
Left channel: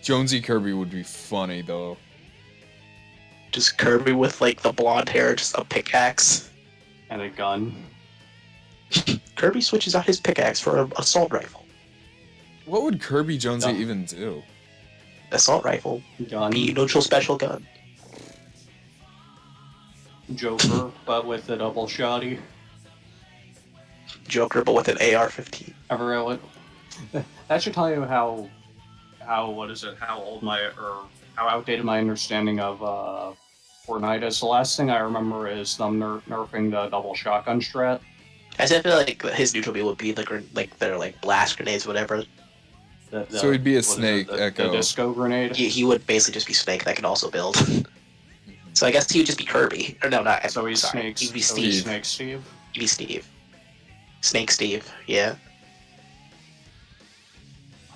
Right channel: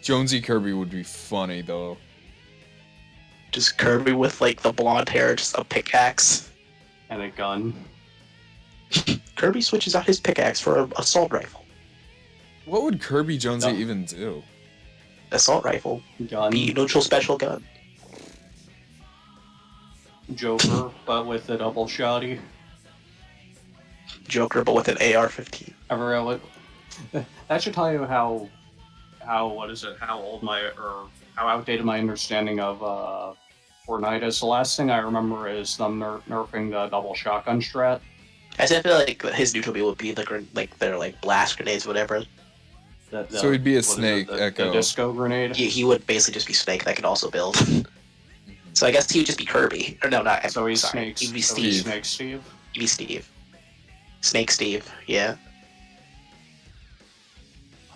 Jonesy Kirby would be funny, though. Just Kirby with like the blonde hair, just a pickaxe. And a gun. Kirby switches out his pickaxe for an assault rifle. What would Kirby Jonesy No. even do? Assault rifle. Gun. Be neutral special gun. Joker, but with a double shotty. Joker, but with an AR-15. That should tell you how how outdated my understanding of Fortnite is. The last thing I remember is them nerfing the double shotgun strat. I feel like his neutral beam would be their like blast grenades, whatever. So he'd be a what is it, snake, the Echo. disco grenade. He would basically just be Snake that could also build. So I guess he would just be Kirby. Or no, not. So he's sorry. Snake. He'd be so Steve. he's Snake Steve. He'd be Steve. Snake Steve. Yeah.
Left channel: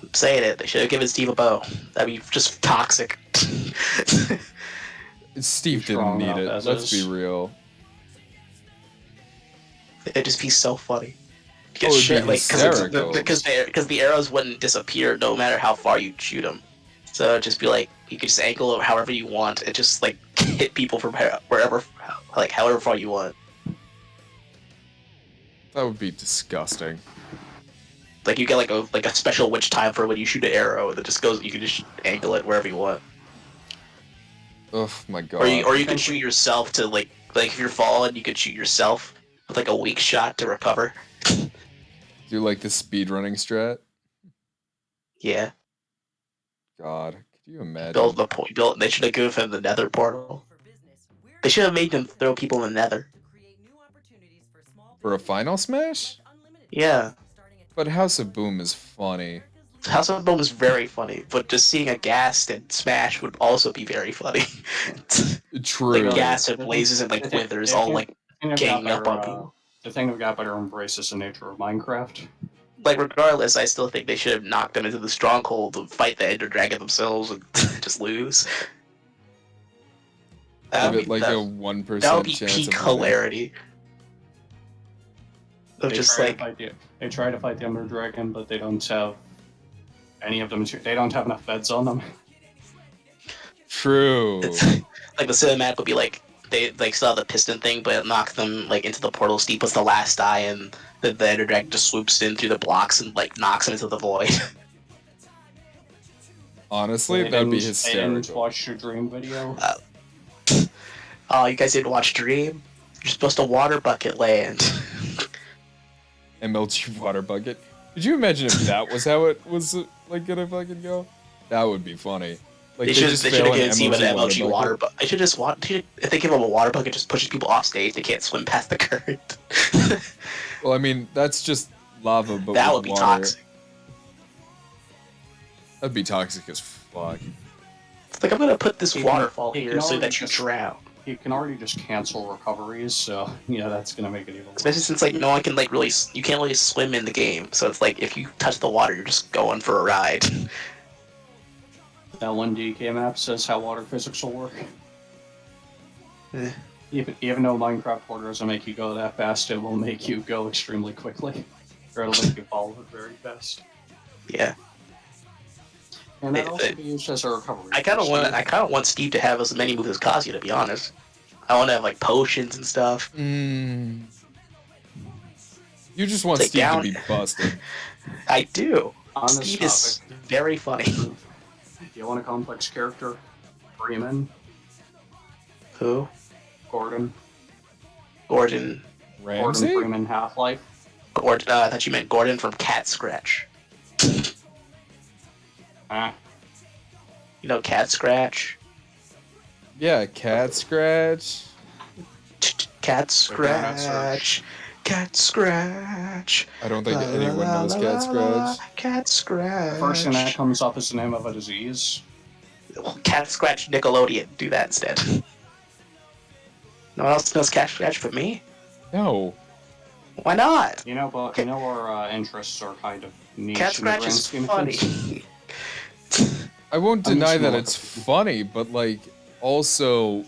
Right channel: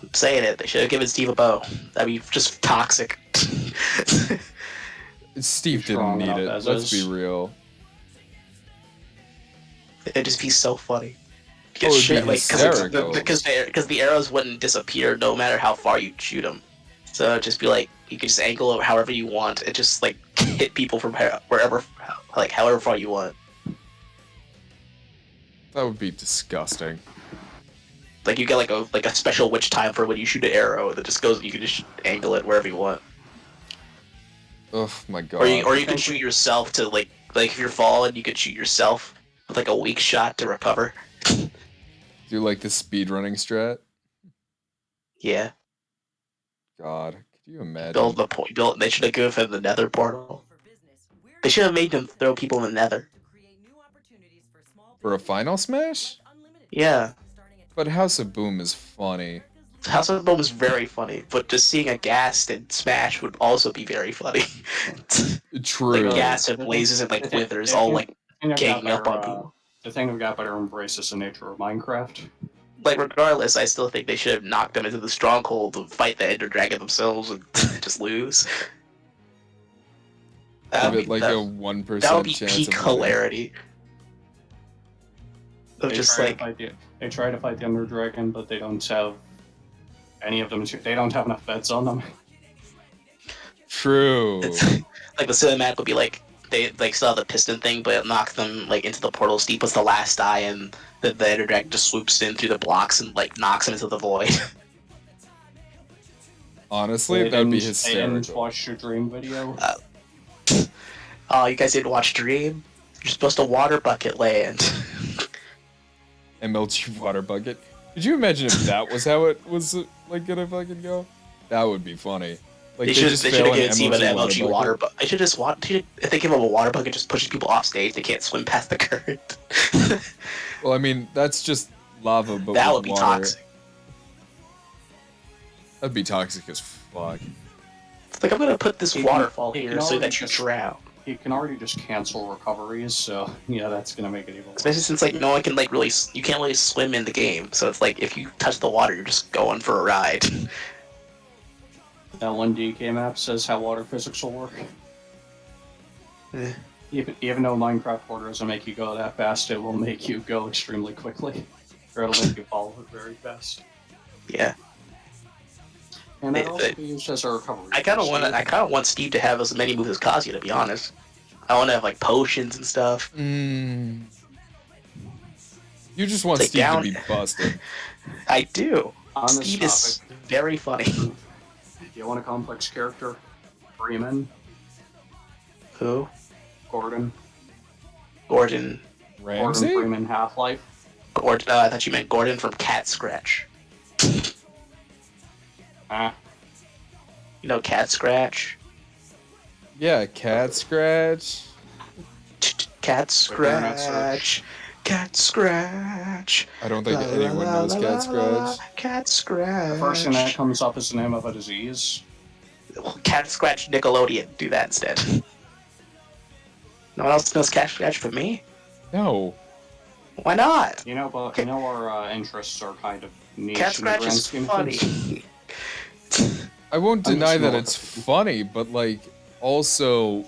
I'm saying it. They should have given Steve a bow. That'd be just toxic. Steve didn't Strong need enough it. as Let's be is. real. It'd just be so funny. Oh, it'd be Like, hysterical. because the arrows wouldn't disappear no matter how far you shoot them. So it'd just be like you could just angle it however you want. It just like hit people from wherever, like however far you want. That would be disgusting. Like you get like a special witch time for when you shoot an arrow that just goes. You can just angle it wherever you want. Oh my god. Or you can shoot yourself to like if you're falling, you could shoot yourself with like a weak shot to recover. Do like the speedrunning strat? Yeah. God, could you imagine? Build the point. Build. They should have given him the Nether portal. They should have made him throw people in the Nether. For a final smash? Yeah. But House of Boom is funny. House of Boom is very funny, but just seeing a ghast in Smash would also be very funny. True. Like gas and blazes and like withers all like ganging up on people. The thing have got better embraces the nature of Minecraft. Like regardless, I still think they should have knocked them into the stronghold to fight the Ender Dragon themselves and just lose. Give it like a that 1% would be chance peak of winning. hilarity. Of just like They try to fight the Ender Dragon, but they don't have any of them. They don't have enough beds on them. True. it's like the cinematic would be like they like still have the piston thing, but it knocks them like into the portal. Steve was the last die, and the Ender Dragon just swoops in through the blocks and like knocks him into the void. Honestly, that would be They didn't hysterical. watch your dream video. Oh, you guys didn't watch Dream? You're supposed to water bucket land. MLG water bucket. Could you imagine if that was how it was like gonna fucking go? That would be funny. Like they just fail an MLG water bucket. I should just if they give them a water bucket, just pushes people off stage. They can't swim past the current. Well, I mean that's just lava, but That with would be water. toxic. That'd be toxic as fuck. It's like I'm gonna put this You can- waterfall you here can so already that you just- drown. You can already just cancel recoveries, so yeah, that's gonna make it even worse. Especially since like no one can like really you can't really swim in the game. So it's like if you touch the water, you're just going for a ride. That one DK map says how water physics will work. Eh. Even though Minecraft water doesn't make you go that fast, it will make you go extremely quickly. Or it'll make you follow it very fast. Yeah. And it They- also be used as a recovery. I kind of want Steve to have as many moves as Kazuya, to be honest. I want to have like potions and stuff. You just want Like Steve down- to be busted. I do. On this Steve topic, is very funny. do you want a complex character? Freeman, Who? Gordon, Gordon. Gordon Ramsey? Freeman, Half-Life. Gordon. I thought you meant Gordon from Cat Scratch. You know Cat Scratch? Yeah, cat scratch. Cat internet Scratch. Cat Scratch. I don't think anyone knows cat scratch. Cat Scratch. The first thing that comes up is the name of a disease. Cat Scratch Nickelodeon. Do that instead. No one else knows Cat Scratch but me? No. Why not? You know, but you know our interests are kind of niche Cat in the Scratch grand is scheme of funny. things. I won't deny that small. it's funny, but like also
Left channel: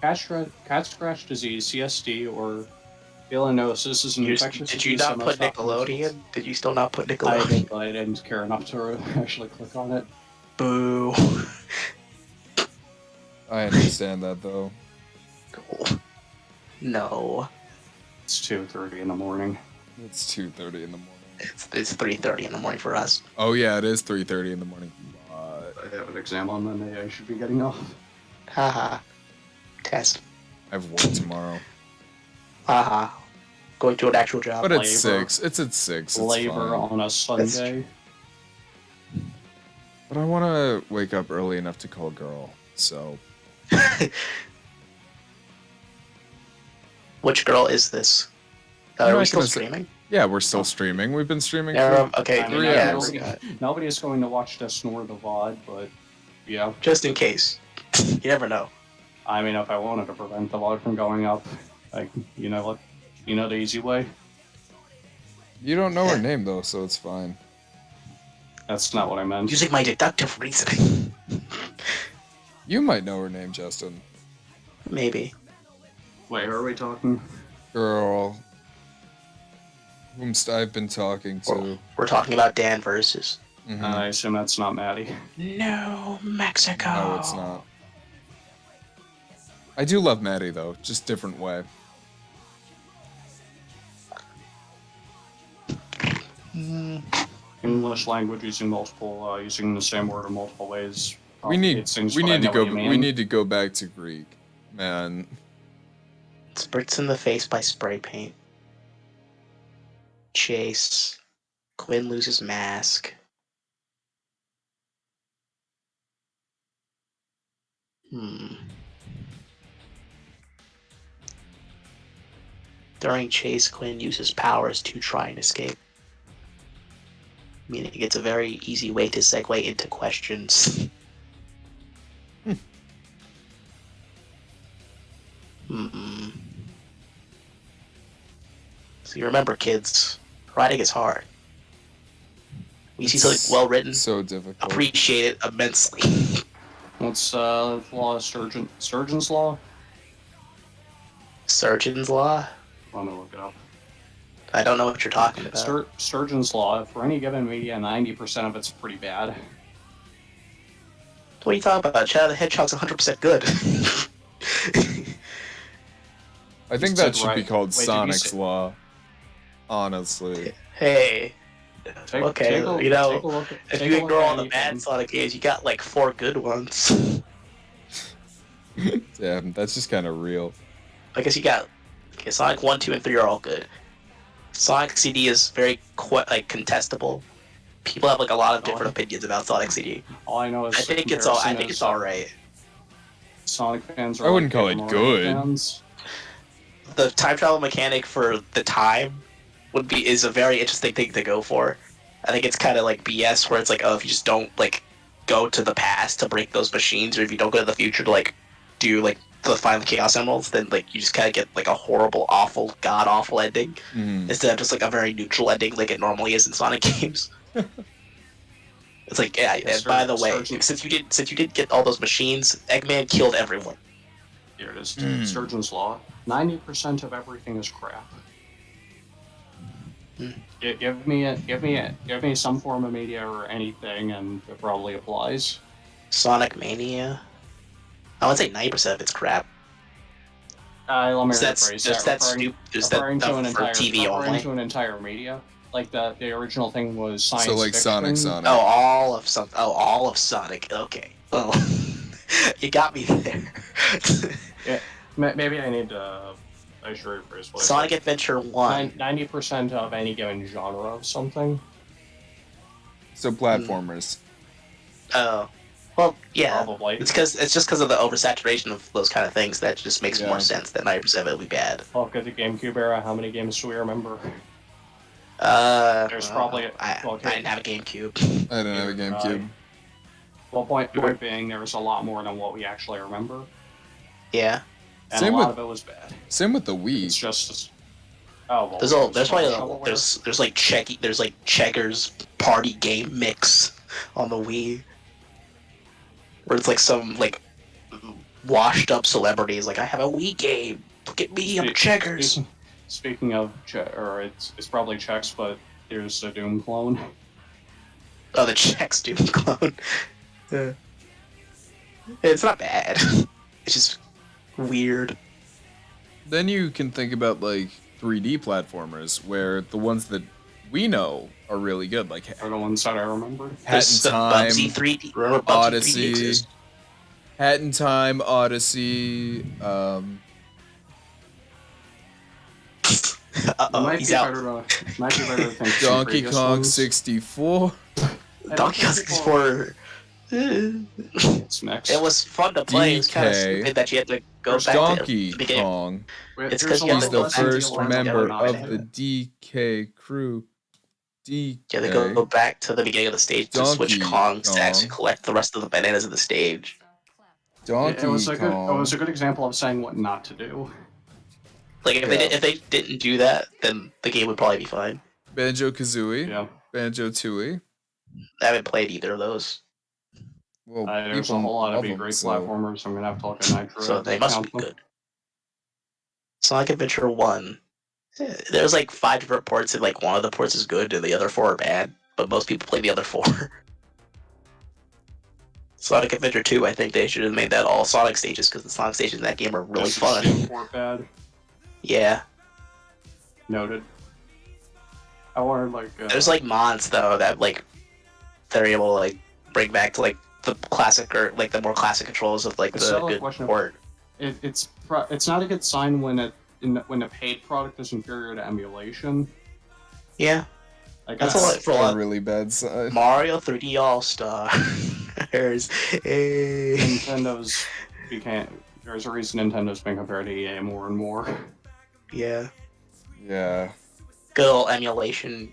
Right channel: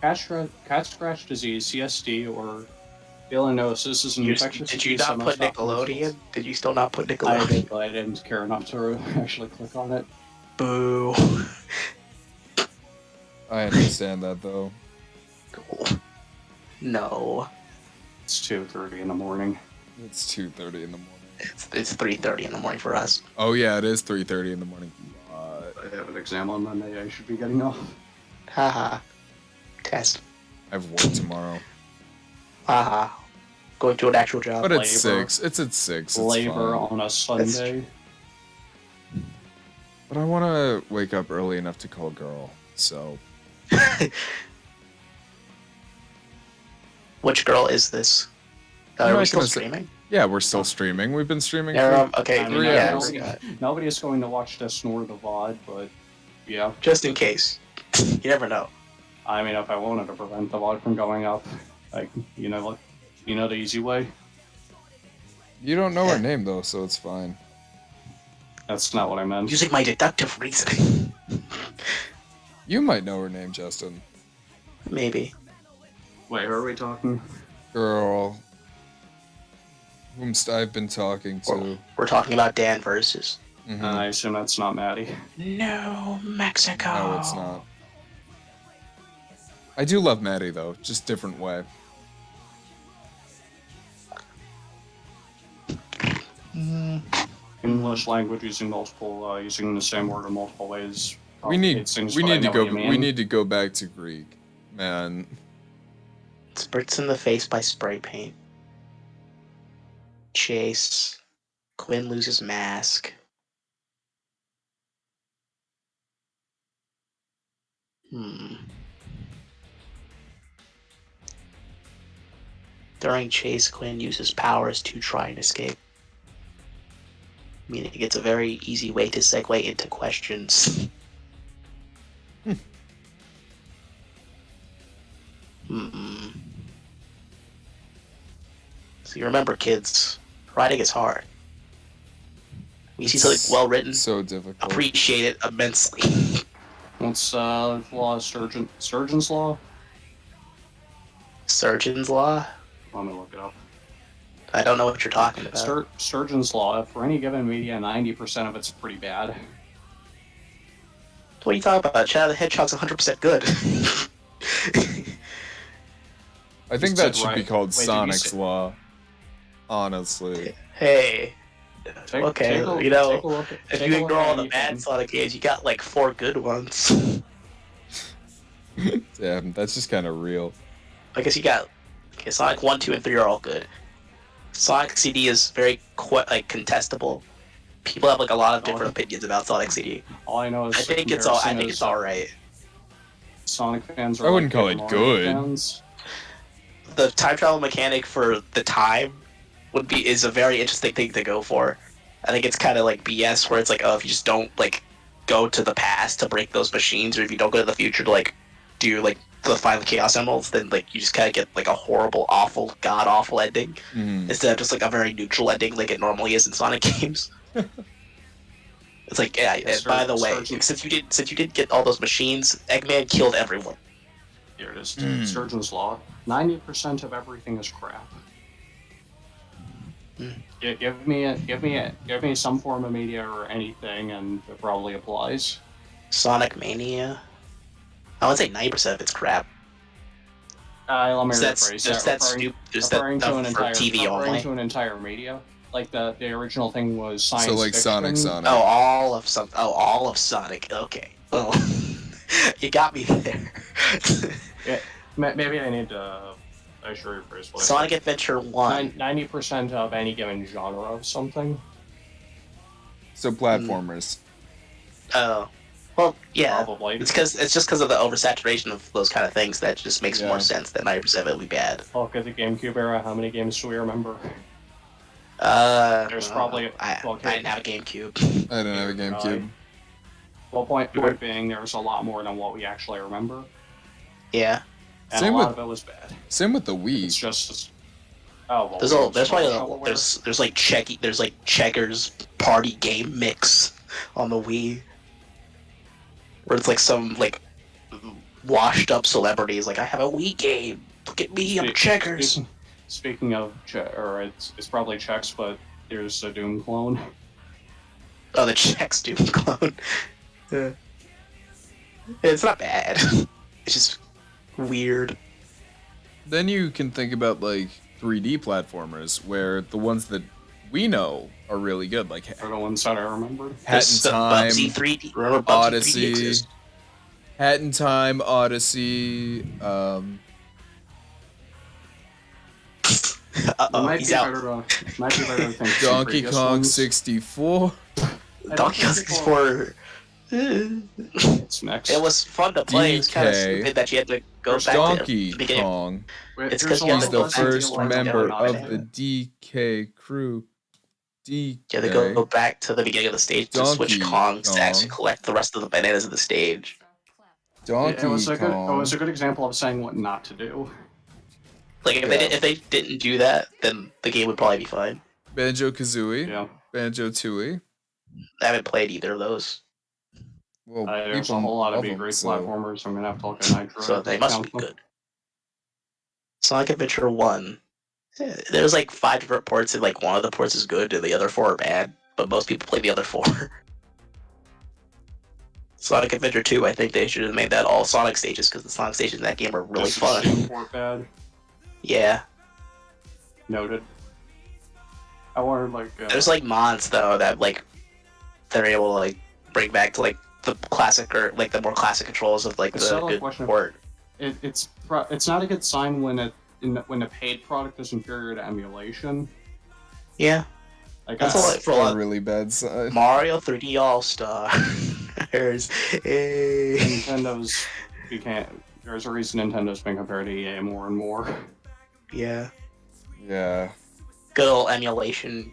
Cat scratch disease, CSD, or Bilinosis is an infectious Did you disease not that put must often Nickelodeon? result- Did you still not put I Nickelodeon? did, but I didn't care enough to actually click on it. Boo. I understand that though. Cool. No. It's 2:30 in the morning. It's 2:30 in the morning. It's 3:30 in the morning for us. Oh yeah, it is 3:30 in the morning. I have an exam on Monday. I should be getting off. Haha. Test. I have work tomorrow. Haha. Going to an actual job. But it's Labor. 6. It's at 6. It's Labor fine. on a Sunday. But I want to wake up early enough to call girl. So Which girl is this? I'm Are not we still gonna say- streaming? yeah, we're still streaming. We've been streaming Okay. I mean, 3 yeah, hours. Nobody is going to watch this nor the VOD, but yeah. Just in case. You never know. I mean, if I wanted to prevent the VOD from going up, like, you know the easy way. You don't know her name though, so it's fine. That's not what I meant. Using my deductive reasoning. You might know her name, Justin. Maybe. Wait, who are we talking? Girl. Whomst I've been talking to. We're talking about Dan versus. Mhm. And I assume that's not Maddie. No, Mexico. No, it's not. I do love Maddie, though. Just different way. English language using multiple, using the same word in multiple ways. We need to go. We We need to go back to Greek, man. Spritz in the face by spray paint. Chase. Quinn loses mask. During chase, Quinn uses powers to try and escape. Meaning it's a very easy way to segue into questions. So you remember, kids, writing is hard. You see something well written, So difficult. appreciate it immensely. What's law? Surgeon's law? Surgeon's law? Let me look it up. I don't know what you're talking about. Surgeon's law. For any given media, 90% of it's pretty bad. What are you talking about? Shadow the Hedgehog's 100% good. I think that should be called Wait, did you Sonic's say- Law. Honestly. Hey. Okay, take a- you know, take a look at- if take you a look ignore at all the anything. bad Sonic games, you got like 4 good ones. Damn, that's just kind of real. I guess you got Sonic 1, 2, and 3 are all good. Sonic CD is very contestable. People have like a lot of different opinions about Sonic CD. All I know is I think it's all right. Sonic fans are I wouldn't call Game it of good. fans. The time travel mechanic for the time is a very interesting thing to go for. I think it's kind of like BS where it's like, oh, if you just don't like go to the past to break those machines, or if you don't go to the future to like do like the final Chaos Emeralds, then like you just kind of get like a horrible, awful, god awful ending instead of just like a very neutral ending like it normally is in Sonic games. It's like, yeah, and by the way, since you didn't get all those machines, Eggman killed everyone. Here it is. Surgeon's law. 90% of everything is crap. Give me some form of media or anything, and it probably applies. Sonic Mania. I would say 90% of it's crap. Let me That's rephrase there's that. that stupid. There's that Referring to stuff an for entire TV referring only. to an entire media. Like the original thing was science So like fiction. Sonic. Oh, all of Sonic. Okay. Well, you got me there. Yeah, maybe I need to. I should rephrase what Sonic Adventure 1. 90% of any given genre of something. So platformers. Oh. Well, yeah. Probably. It's just because of the oversaturation of those kind of things that just makes more sense that 90% of it will be bad. Look at the GameCube era. How many games do we remember? There's probably- I didn't have a GameCube. I didn't have a GameCube. Well, point being, there was a lot more than what we actually remember, Yeah. and Same a lot with- of it was bad. Same with the It's Wii. just. Oh well. There's probably shovelware. there's like checkers party game mix on the Wii, where it's like some like washed up celebrities like, I have a Wii game. Look at me, I'm checkers. Speaking of, it's probably checks, but there's a Doom clone. Oh, the Chex Doom clone. Yeah. It's not bad. It's just weird. Then you can think about like 3D platformers, where the ones that we know are really good, like Are the ones that I remembered. Hat in Time, Bubsy 3D. Remember Bubsy 3D Odyssey, exists? Hat in Time, Odyssey. Might He's be out. might be better to think. Donkey previous Kong ones. 64. Donkey Kong 64. It's next. It was fun to play. It's kind of DK. stupid that you had to go back Donkey to the beginning. Kong. It's There's 'cause a you lot He's have the to less go back first to the member original of the DK crew. You have to go DK. back to the beginning of the stage to switch Donkey Kongs to actually Kong. collect the rest of the bananas in the stage. Donkey It was a Kong. good example of saying what not to do. Like if Yeah. if they didn't do that, then the game would probably be fine. Banjo Kazooie. Yeah. Banjo Tooie. I haven't played either of those, Well, There's a people whole lot of love be them, great so platformers, so I'm gonna have to look at Nitro so to they must count be them. good. Sonic Adventure 1. There's like 5 different ports, and like one of the ports is good, and the other 4 are bad. But most people play the other 4. Sonic Adventure 2, I think they should have made that all Sonic stages, because the Sonic stages in that game are really Is the fun. Steam port bad? Yeah. Noted. I wanted There's like mods though that like they're able to like bring back to like the classic or like the more classic controls of like It's the not a good question of- port. it's not a good sign when when a paid product is inferior to emulation. Yeah. Like That's I- a lot for a lot. really bad side. Mario 3D All Stars. Hey. Nintendo's became. There's a reason Nintendo's been compared to EA more and more. Yeah. Yeah. Good old emulation,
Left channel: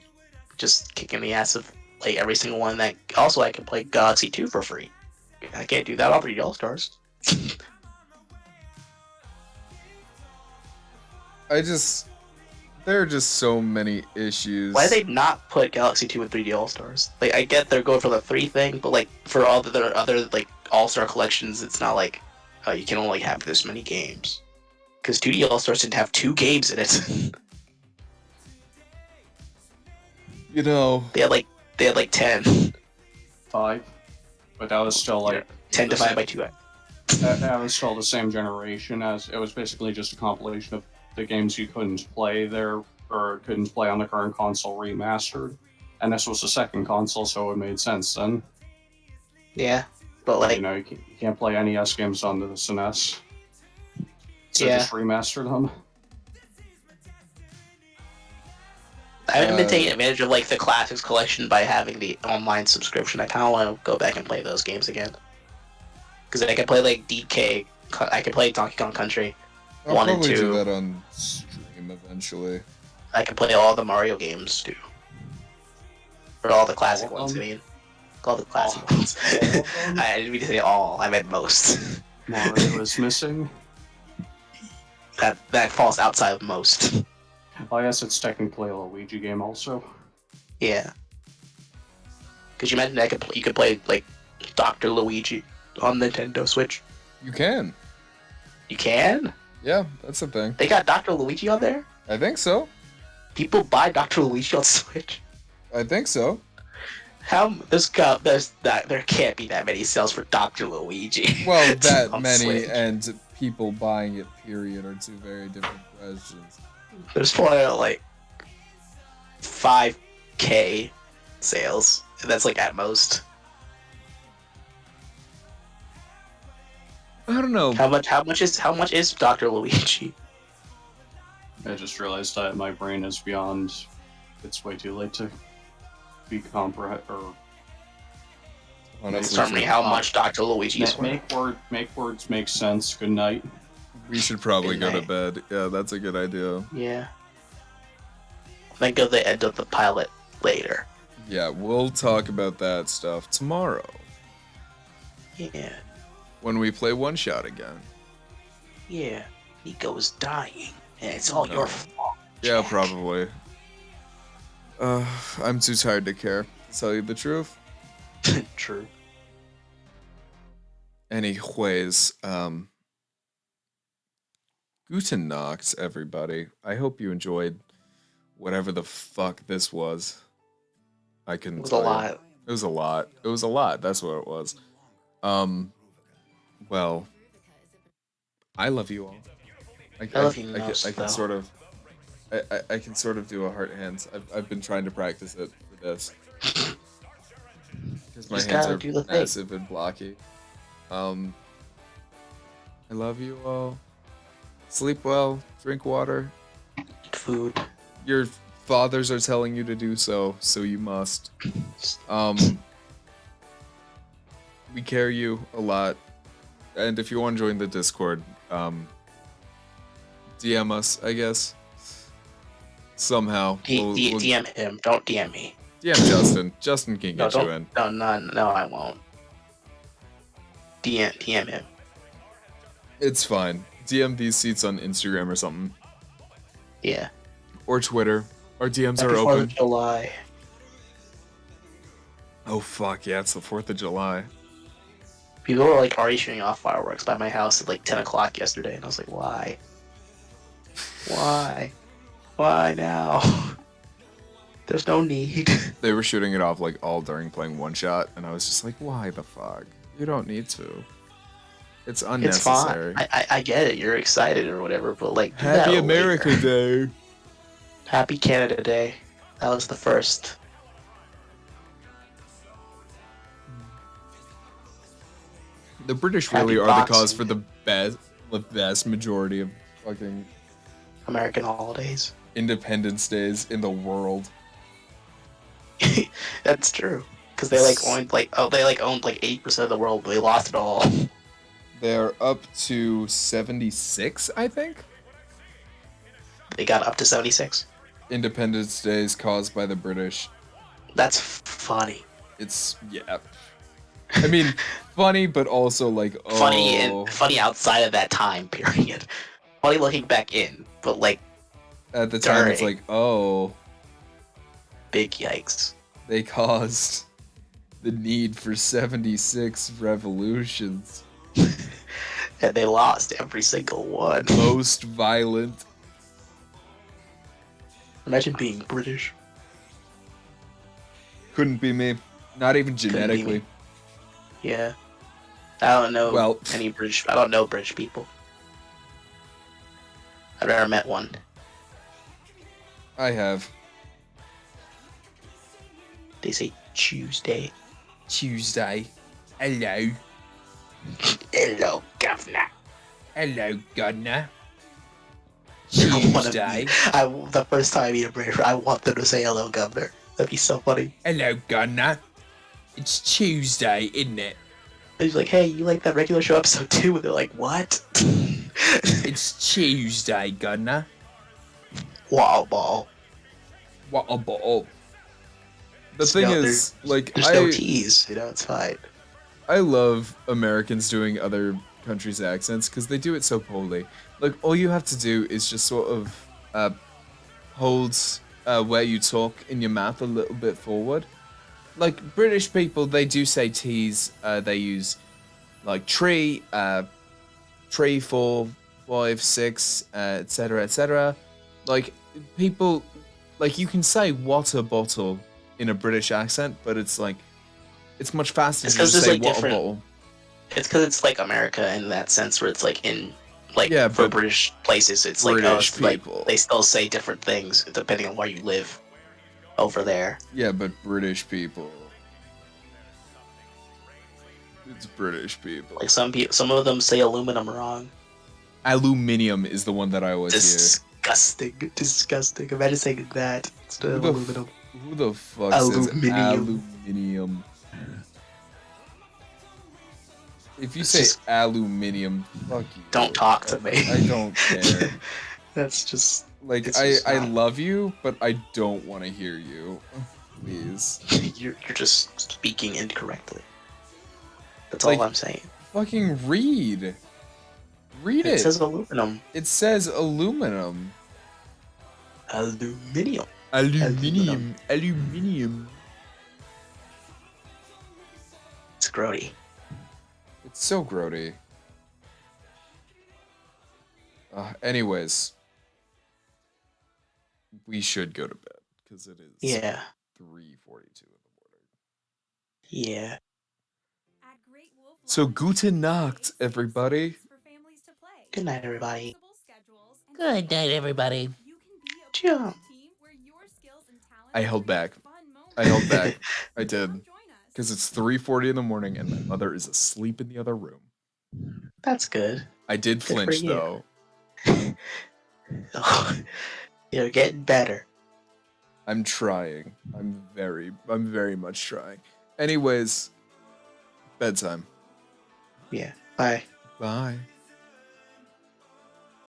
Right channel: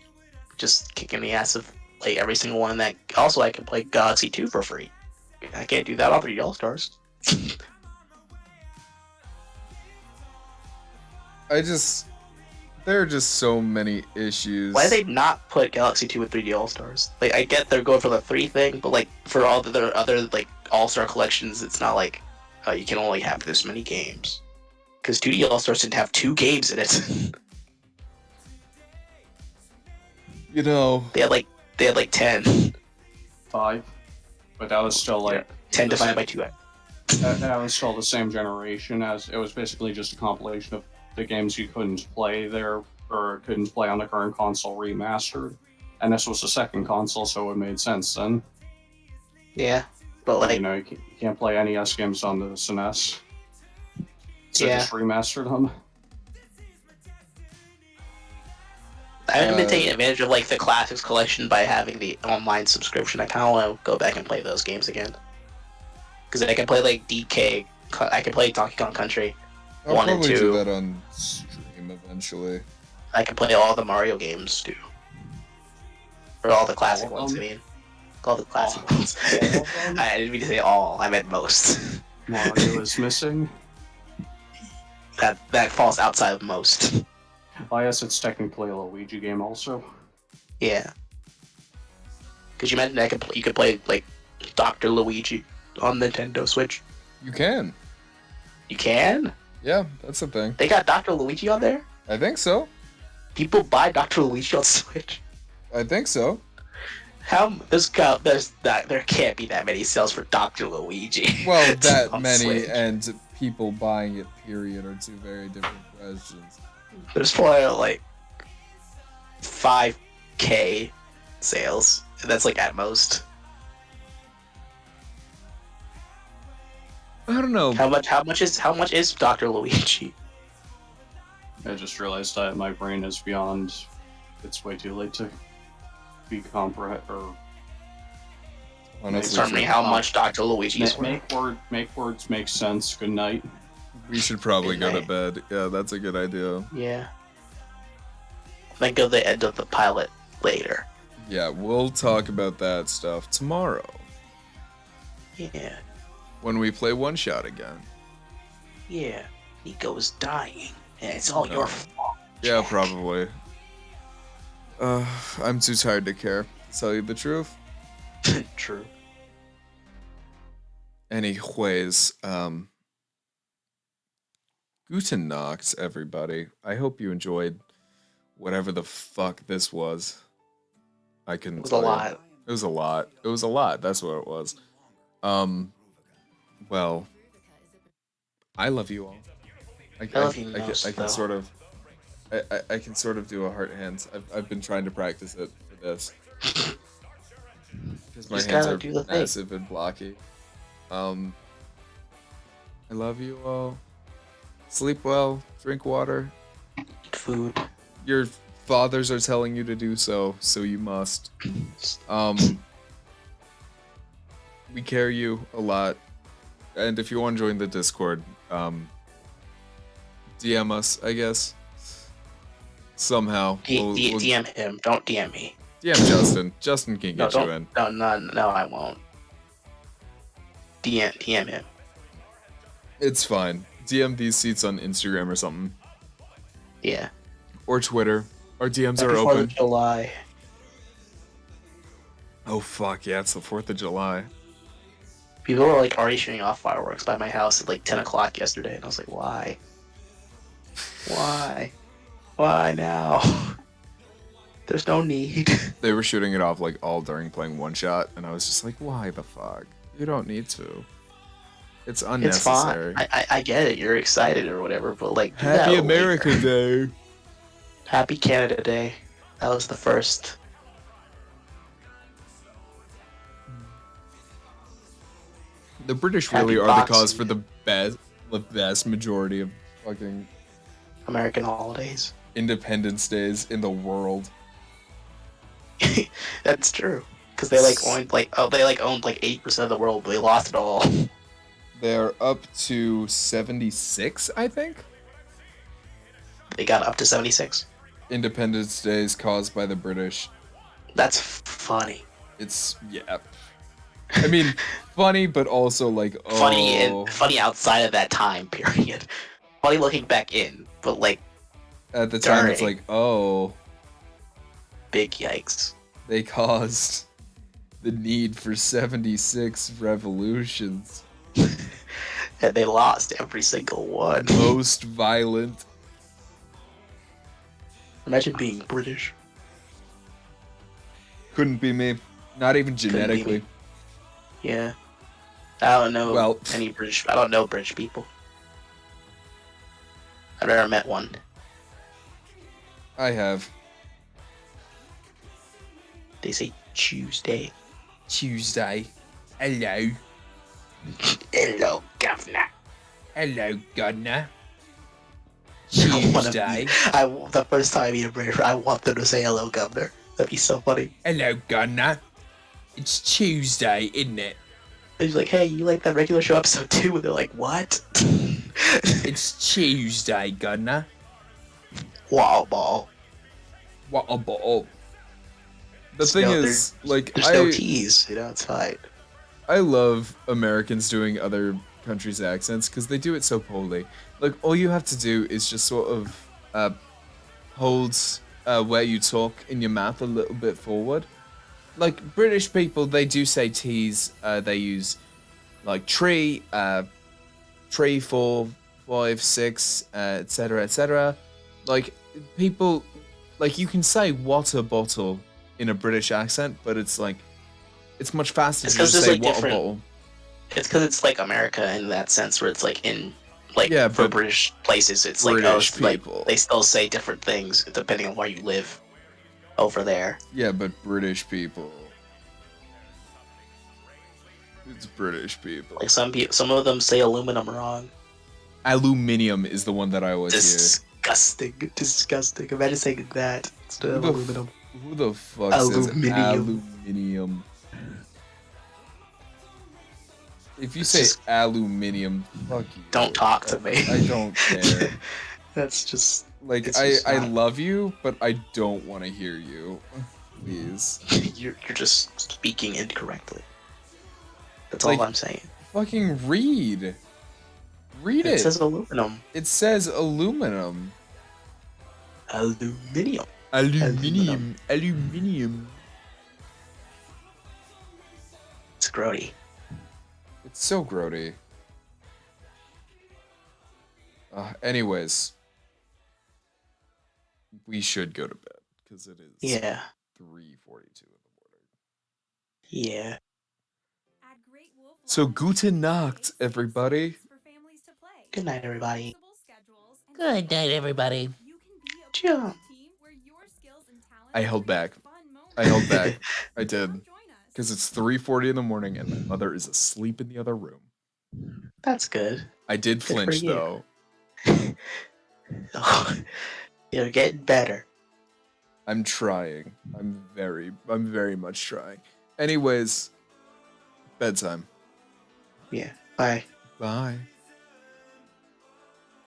just kicking the ass of like every single one. That also I can play Galaxy 2 for free. I can't do that on 3D All Stars. There are just so many issues. Why did they not put Galaxy 2 with 3D All Stars? Like I get they're going for the 3 thing, but like for all the other like All Star collections, it's not like you can only have this many games. Because 2D All Stars didn't have 2 games in it. You know, they had like 10. 5, but that was still like 10 divided by 2. that was still the same generation, as it was basically just a compilation of the games you couldn't play there or couldn't play on the current console remastered. And this was the second console, so it made sense then. Yeah, but like you know, you can't play NES games on the SNES, so Yeah. just remaster them. I haven't been taking advantage of like the classics collection by having the online subscription. I kind of want to go back and play those games again. Because I can play like DK, I can play Donkey Kong Country I'll 1 and probably 2. do that on stream eventually. I can play all the Mario games too. Or all the classic All of ones, I them? mean. All the classic All- ones. all of them? I didn't mean to say all, I meant most. Mario is missing. That falls outside of most. I guess it's technically a Luigi game also. Yeah. Because you mentioned you could play like Dr. Luigi on Nintendo Switch. You can. You can? Yeah, that's the thing. They got Dr. Luigi on there? I think so. People buy Dr. Luigi on Switch. I think so. There can't be that many sales for Dr. Luigi. Well, that on many Switch. and people buying it, period, are two very different questions. There's probably like 5K sales. And that's like at most. I don't know. How much is Dr. Luigi? I just realized that my brain is beyond. It's way too late to be comprehend or Honestly, Tell me how much Dr. Luigi is worth. make words make sense. Good night. we should probably go to Good bed. Yeah, that's a good idea. Yeah. Think of the end of the pilot later. Yeah, we'll talk about that stuff tomorrow Yeah. when we play OneShot again. Yeah. Nico is dying. And it's all No. your fault. Yeah, probably. I'm too tired to care, to tell you the truth. True. Anyways, Guten Nacht, everybody. I hope you enjoyed whatever the fuck this was. I It couldn't was a tell you. lot. It was a lot. It was a lot. That's what it was. Well, I love you all. I love you most, I can though. sort of, I can sort of do a heart hands. I've been trying to practice it for this because my Just hands gotta are do the thing. massive and blocky. I love you all. Sleep well. Drink water. Food. Your fathers are telling you to do so, so you must. We carry you a lot, and if you want to join the Discord, DM us, I guess. Somehow. we'll DM him. Don't DM me. DM Justin. Justin can No, get you in. no, I won't. DM him. It's fine. DM these seats on Instagram or something. Yeah. Or Twitter. Our DMs are Happy 4th open. of July. Oh fuck yeah! It's the 4th of July. People were like already shooting off fireworks by my house at like 10 o'clock yesterday, and I was like, why? Why? Why now? There's no need. They were shooting it off like all during playing OneShot, and I was just like, why the fuck? You don't need to. It's It's fine. unnecessary. I get it. You're excited or whatever, but like, do Happy that America later. Day. Happy Canada Day. That was the first. The British Happy really are the Boxing cause for Day. the vast majority of fucking American holidays. Independence Days in the world. That's true. Because they like owned like they like owned like 8% of the world, but they lost it all. They're up to 76, I think. They got up to 76. Independence Days caused by the British. That's funny. It's yeah. I mean, funny, but also like Funny oh. and funny outside of that time period. Funny looking back in, but like At the time, it's during. like oh, Big yikes. they caused the need for 76 revolutions. And they lost every single one. Most violent. Imagine being British. Couldn't be me. Not even be me. genetically. Yeah. I don't know Well- any British. I don't know British people. I've never met one. I have. They say Tuesday. Tuesday. Hello. Hello, governor. Hello, Governor. Tuesday. The first time I meet a British, I want them to say hello, governor. That'd be so funny. Hello, Governor. It's Tuesday, isn't it? He's like, hey, you like that regular show episode 2? And they're like, what? It's Tuesday, Governor. Wow, ball. What a bottle. The thing is, like, There's no tease, you know, it's fine. I love Americans doing other countries' accents because they do it so poorly. Like, all you have to do is just sort of hold where you talk in your mouth a little bit forward. Like, British people, they do say T's. They use, like, tree, 3, 4, 5, 6, etc., etc. Like, people, like, you can say water bottle in a British accent, but it's like, it's much faster It's to 'cause just there's, say like, water different- bottle. It's because it's like America in that sense, where it's like in, like, Yeah, for but British places, it's British like, people. like, they still say different things depending on where you live over there. Yeah, but British people. It's British people. Like, some of them say aluminum wrong. Aluminium is the one that I always Disgusting. Disgusting. Imagine saying that instead hear. of aluminum. Who the fuck says Aluminium. aluminium? If you It's say just- aluminium, fuck you. Don't talk to me. I don't care. That's just... Like, It's I just not- love you, but I don't want to hear you. Please. You're just speaking incorrectly. That's Like- all I'm saying. Fucking read. Read it. It says aluminum. It says aluminum. Aluminium. Aluminium. Aluminium. It's grody. It's so grody. Anyways, we should go to bed because it is Yeah. 3:42 in the morning. Yeah. So guten Nacht, everybody. Good night, everybody. Good night, everybody. Ciao. I held back. I held back. I did. Because it's 3:40 in the morning and my mother is asleep in the other room. That's good. I did for flinch you. though. You're getting better. I'm trying. I'm very much trying. Anyways, bedtime. Yeah. Bye. Bye.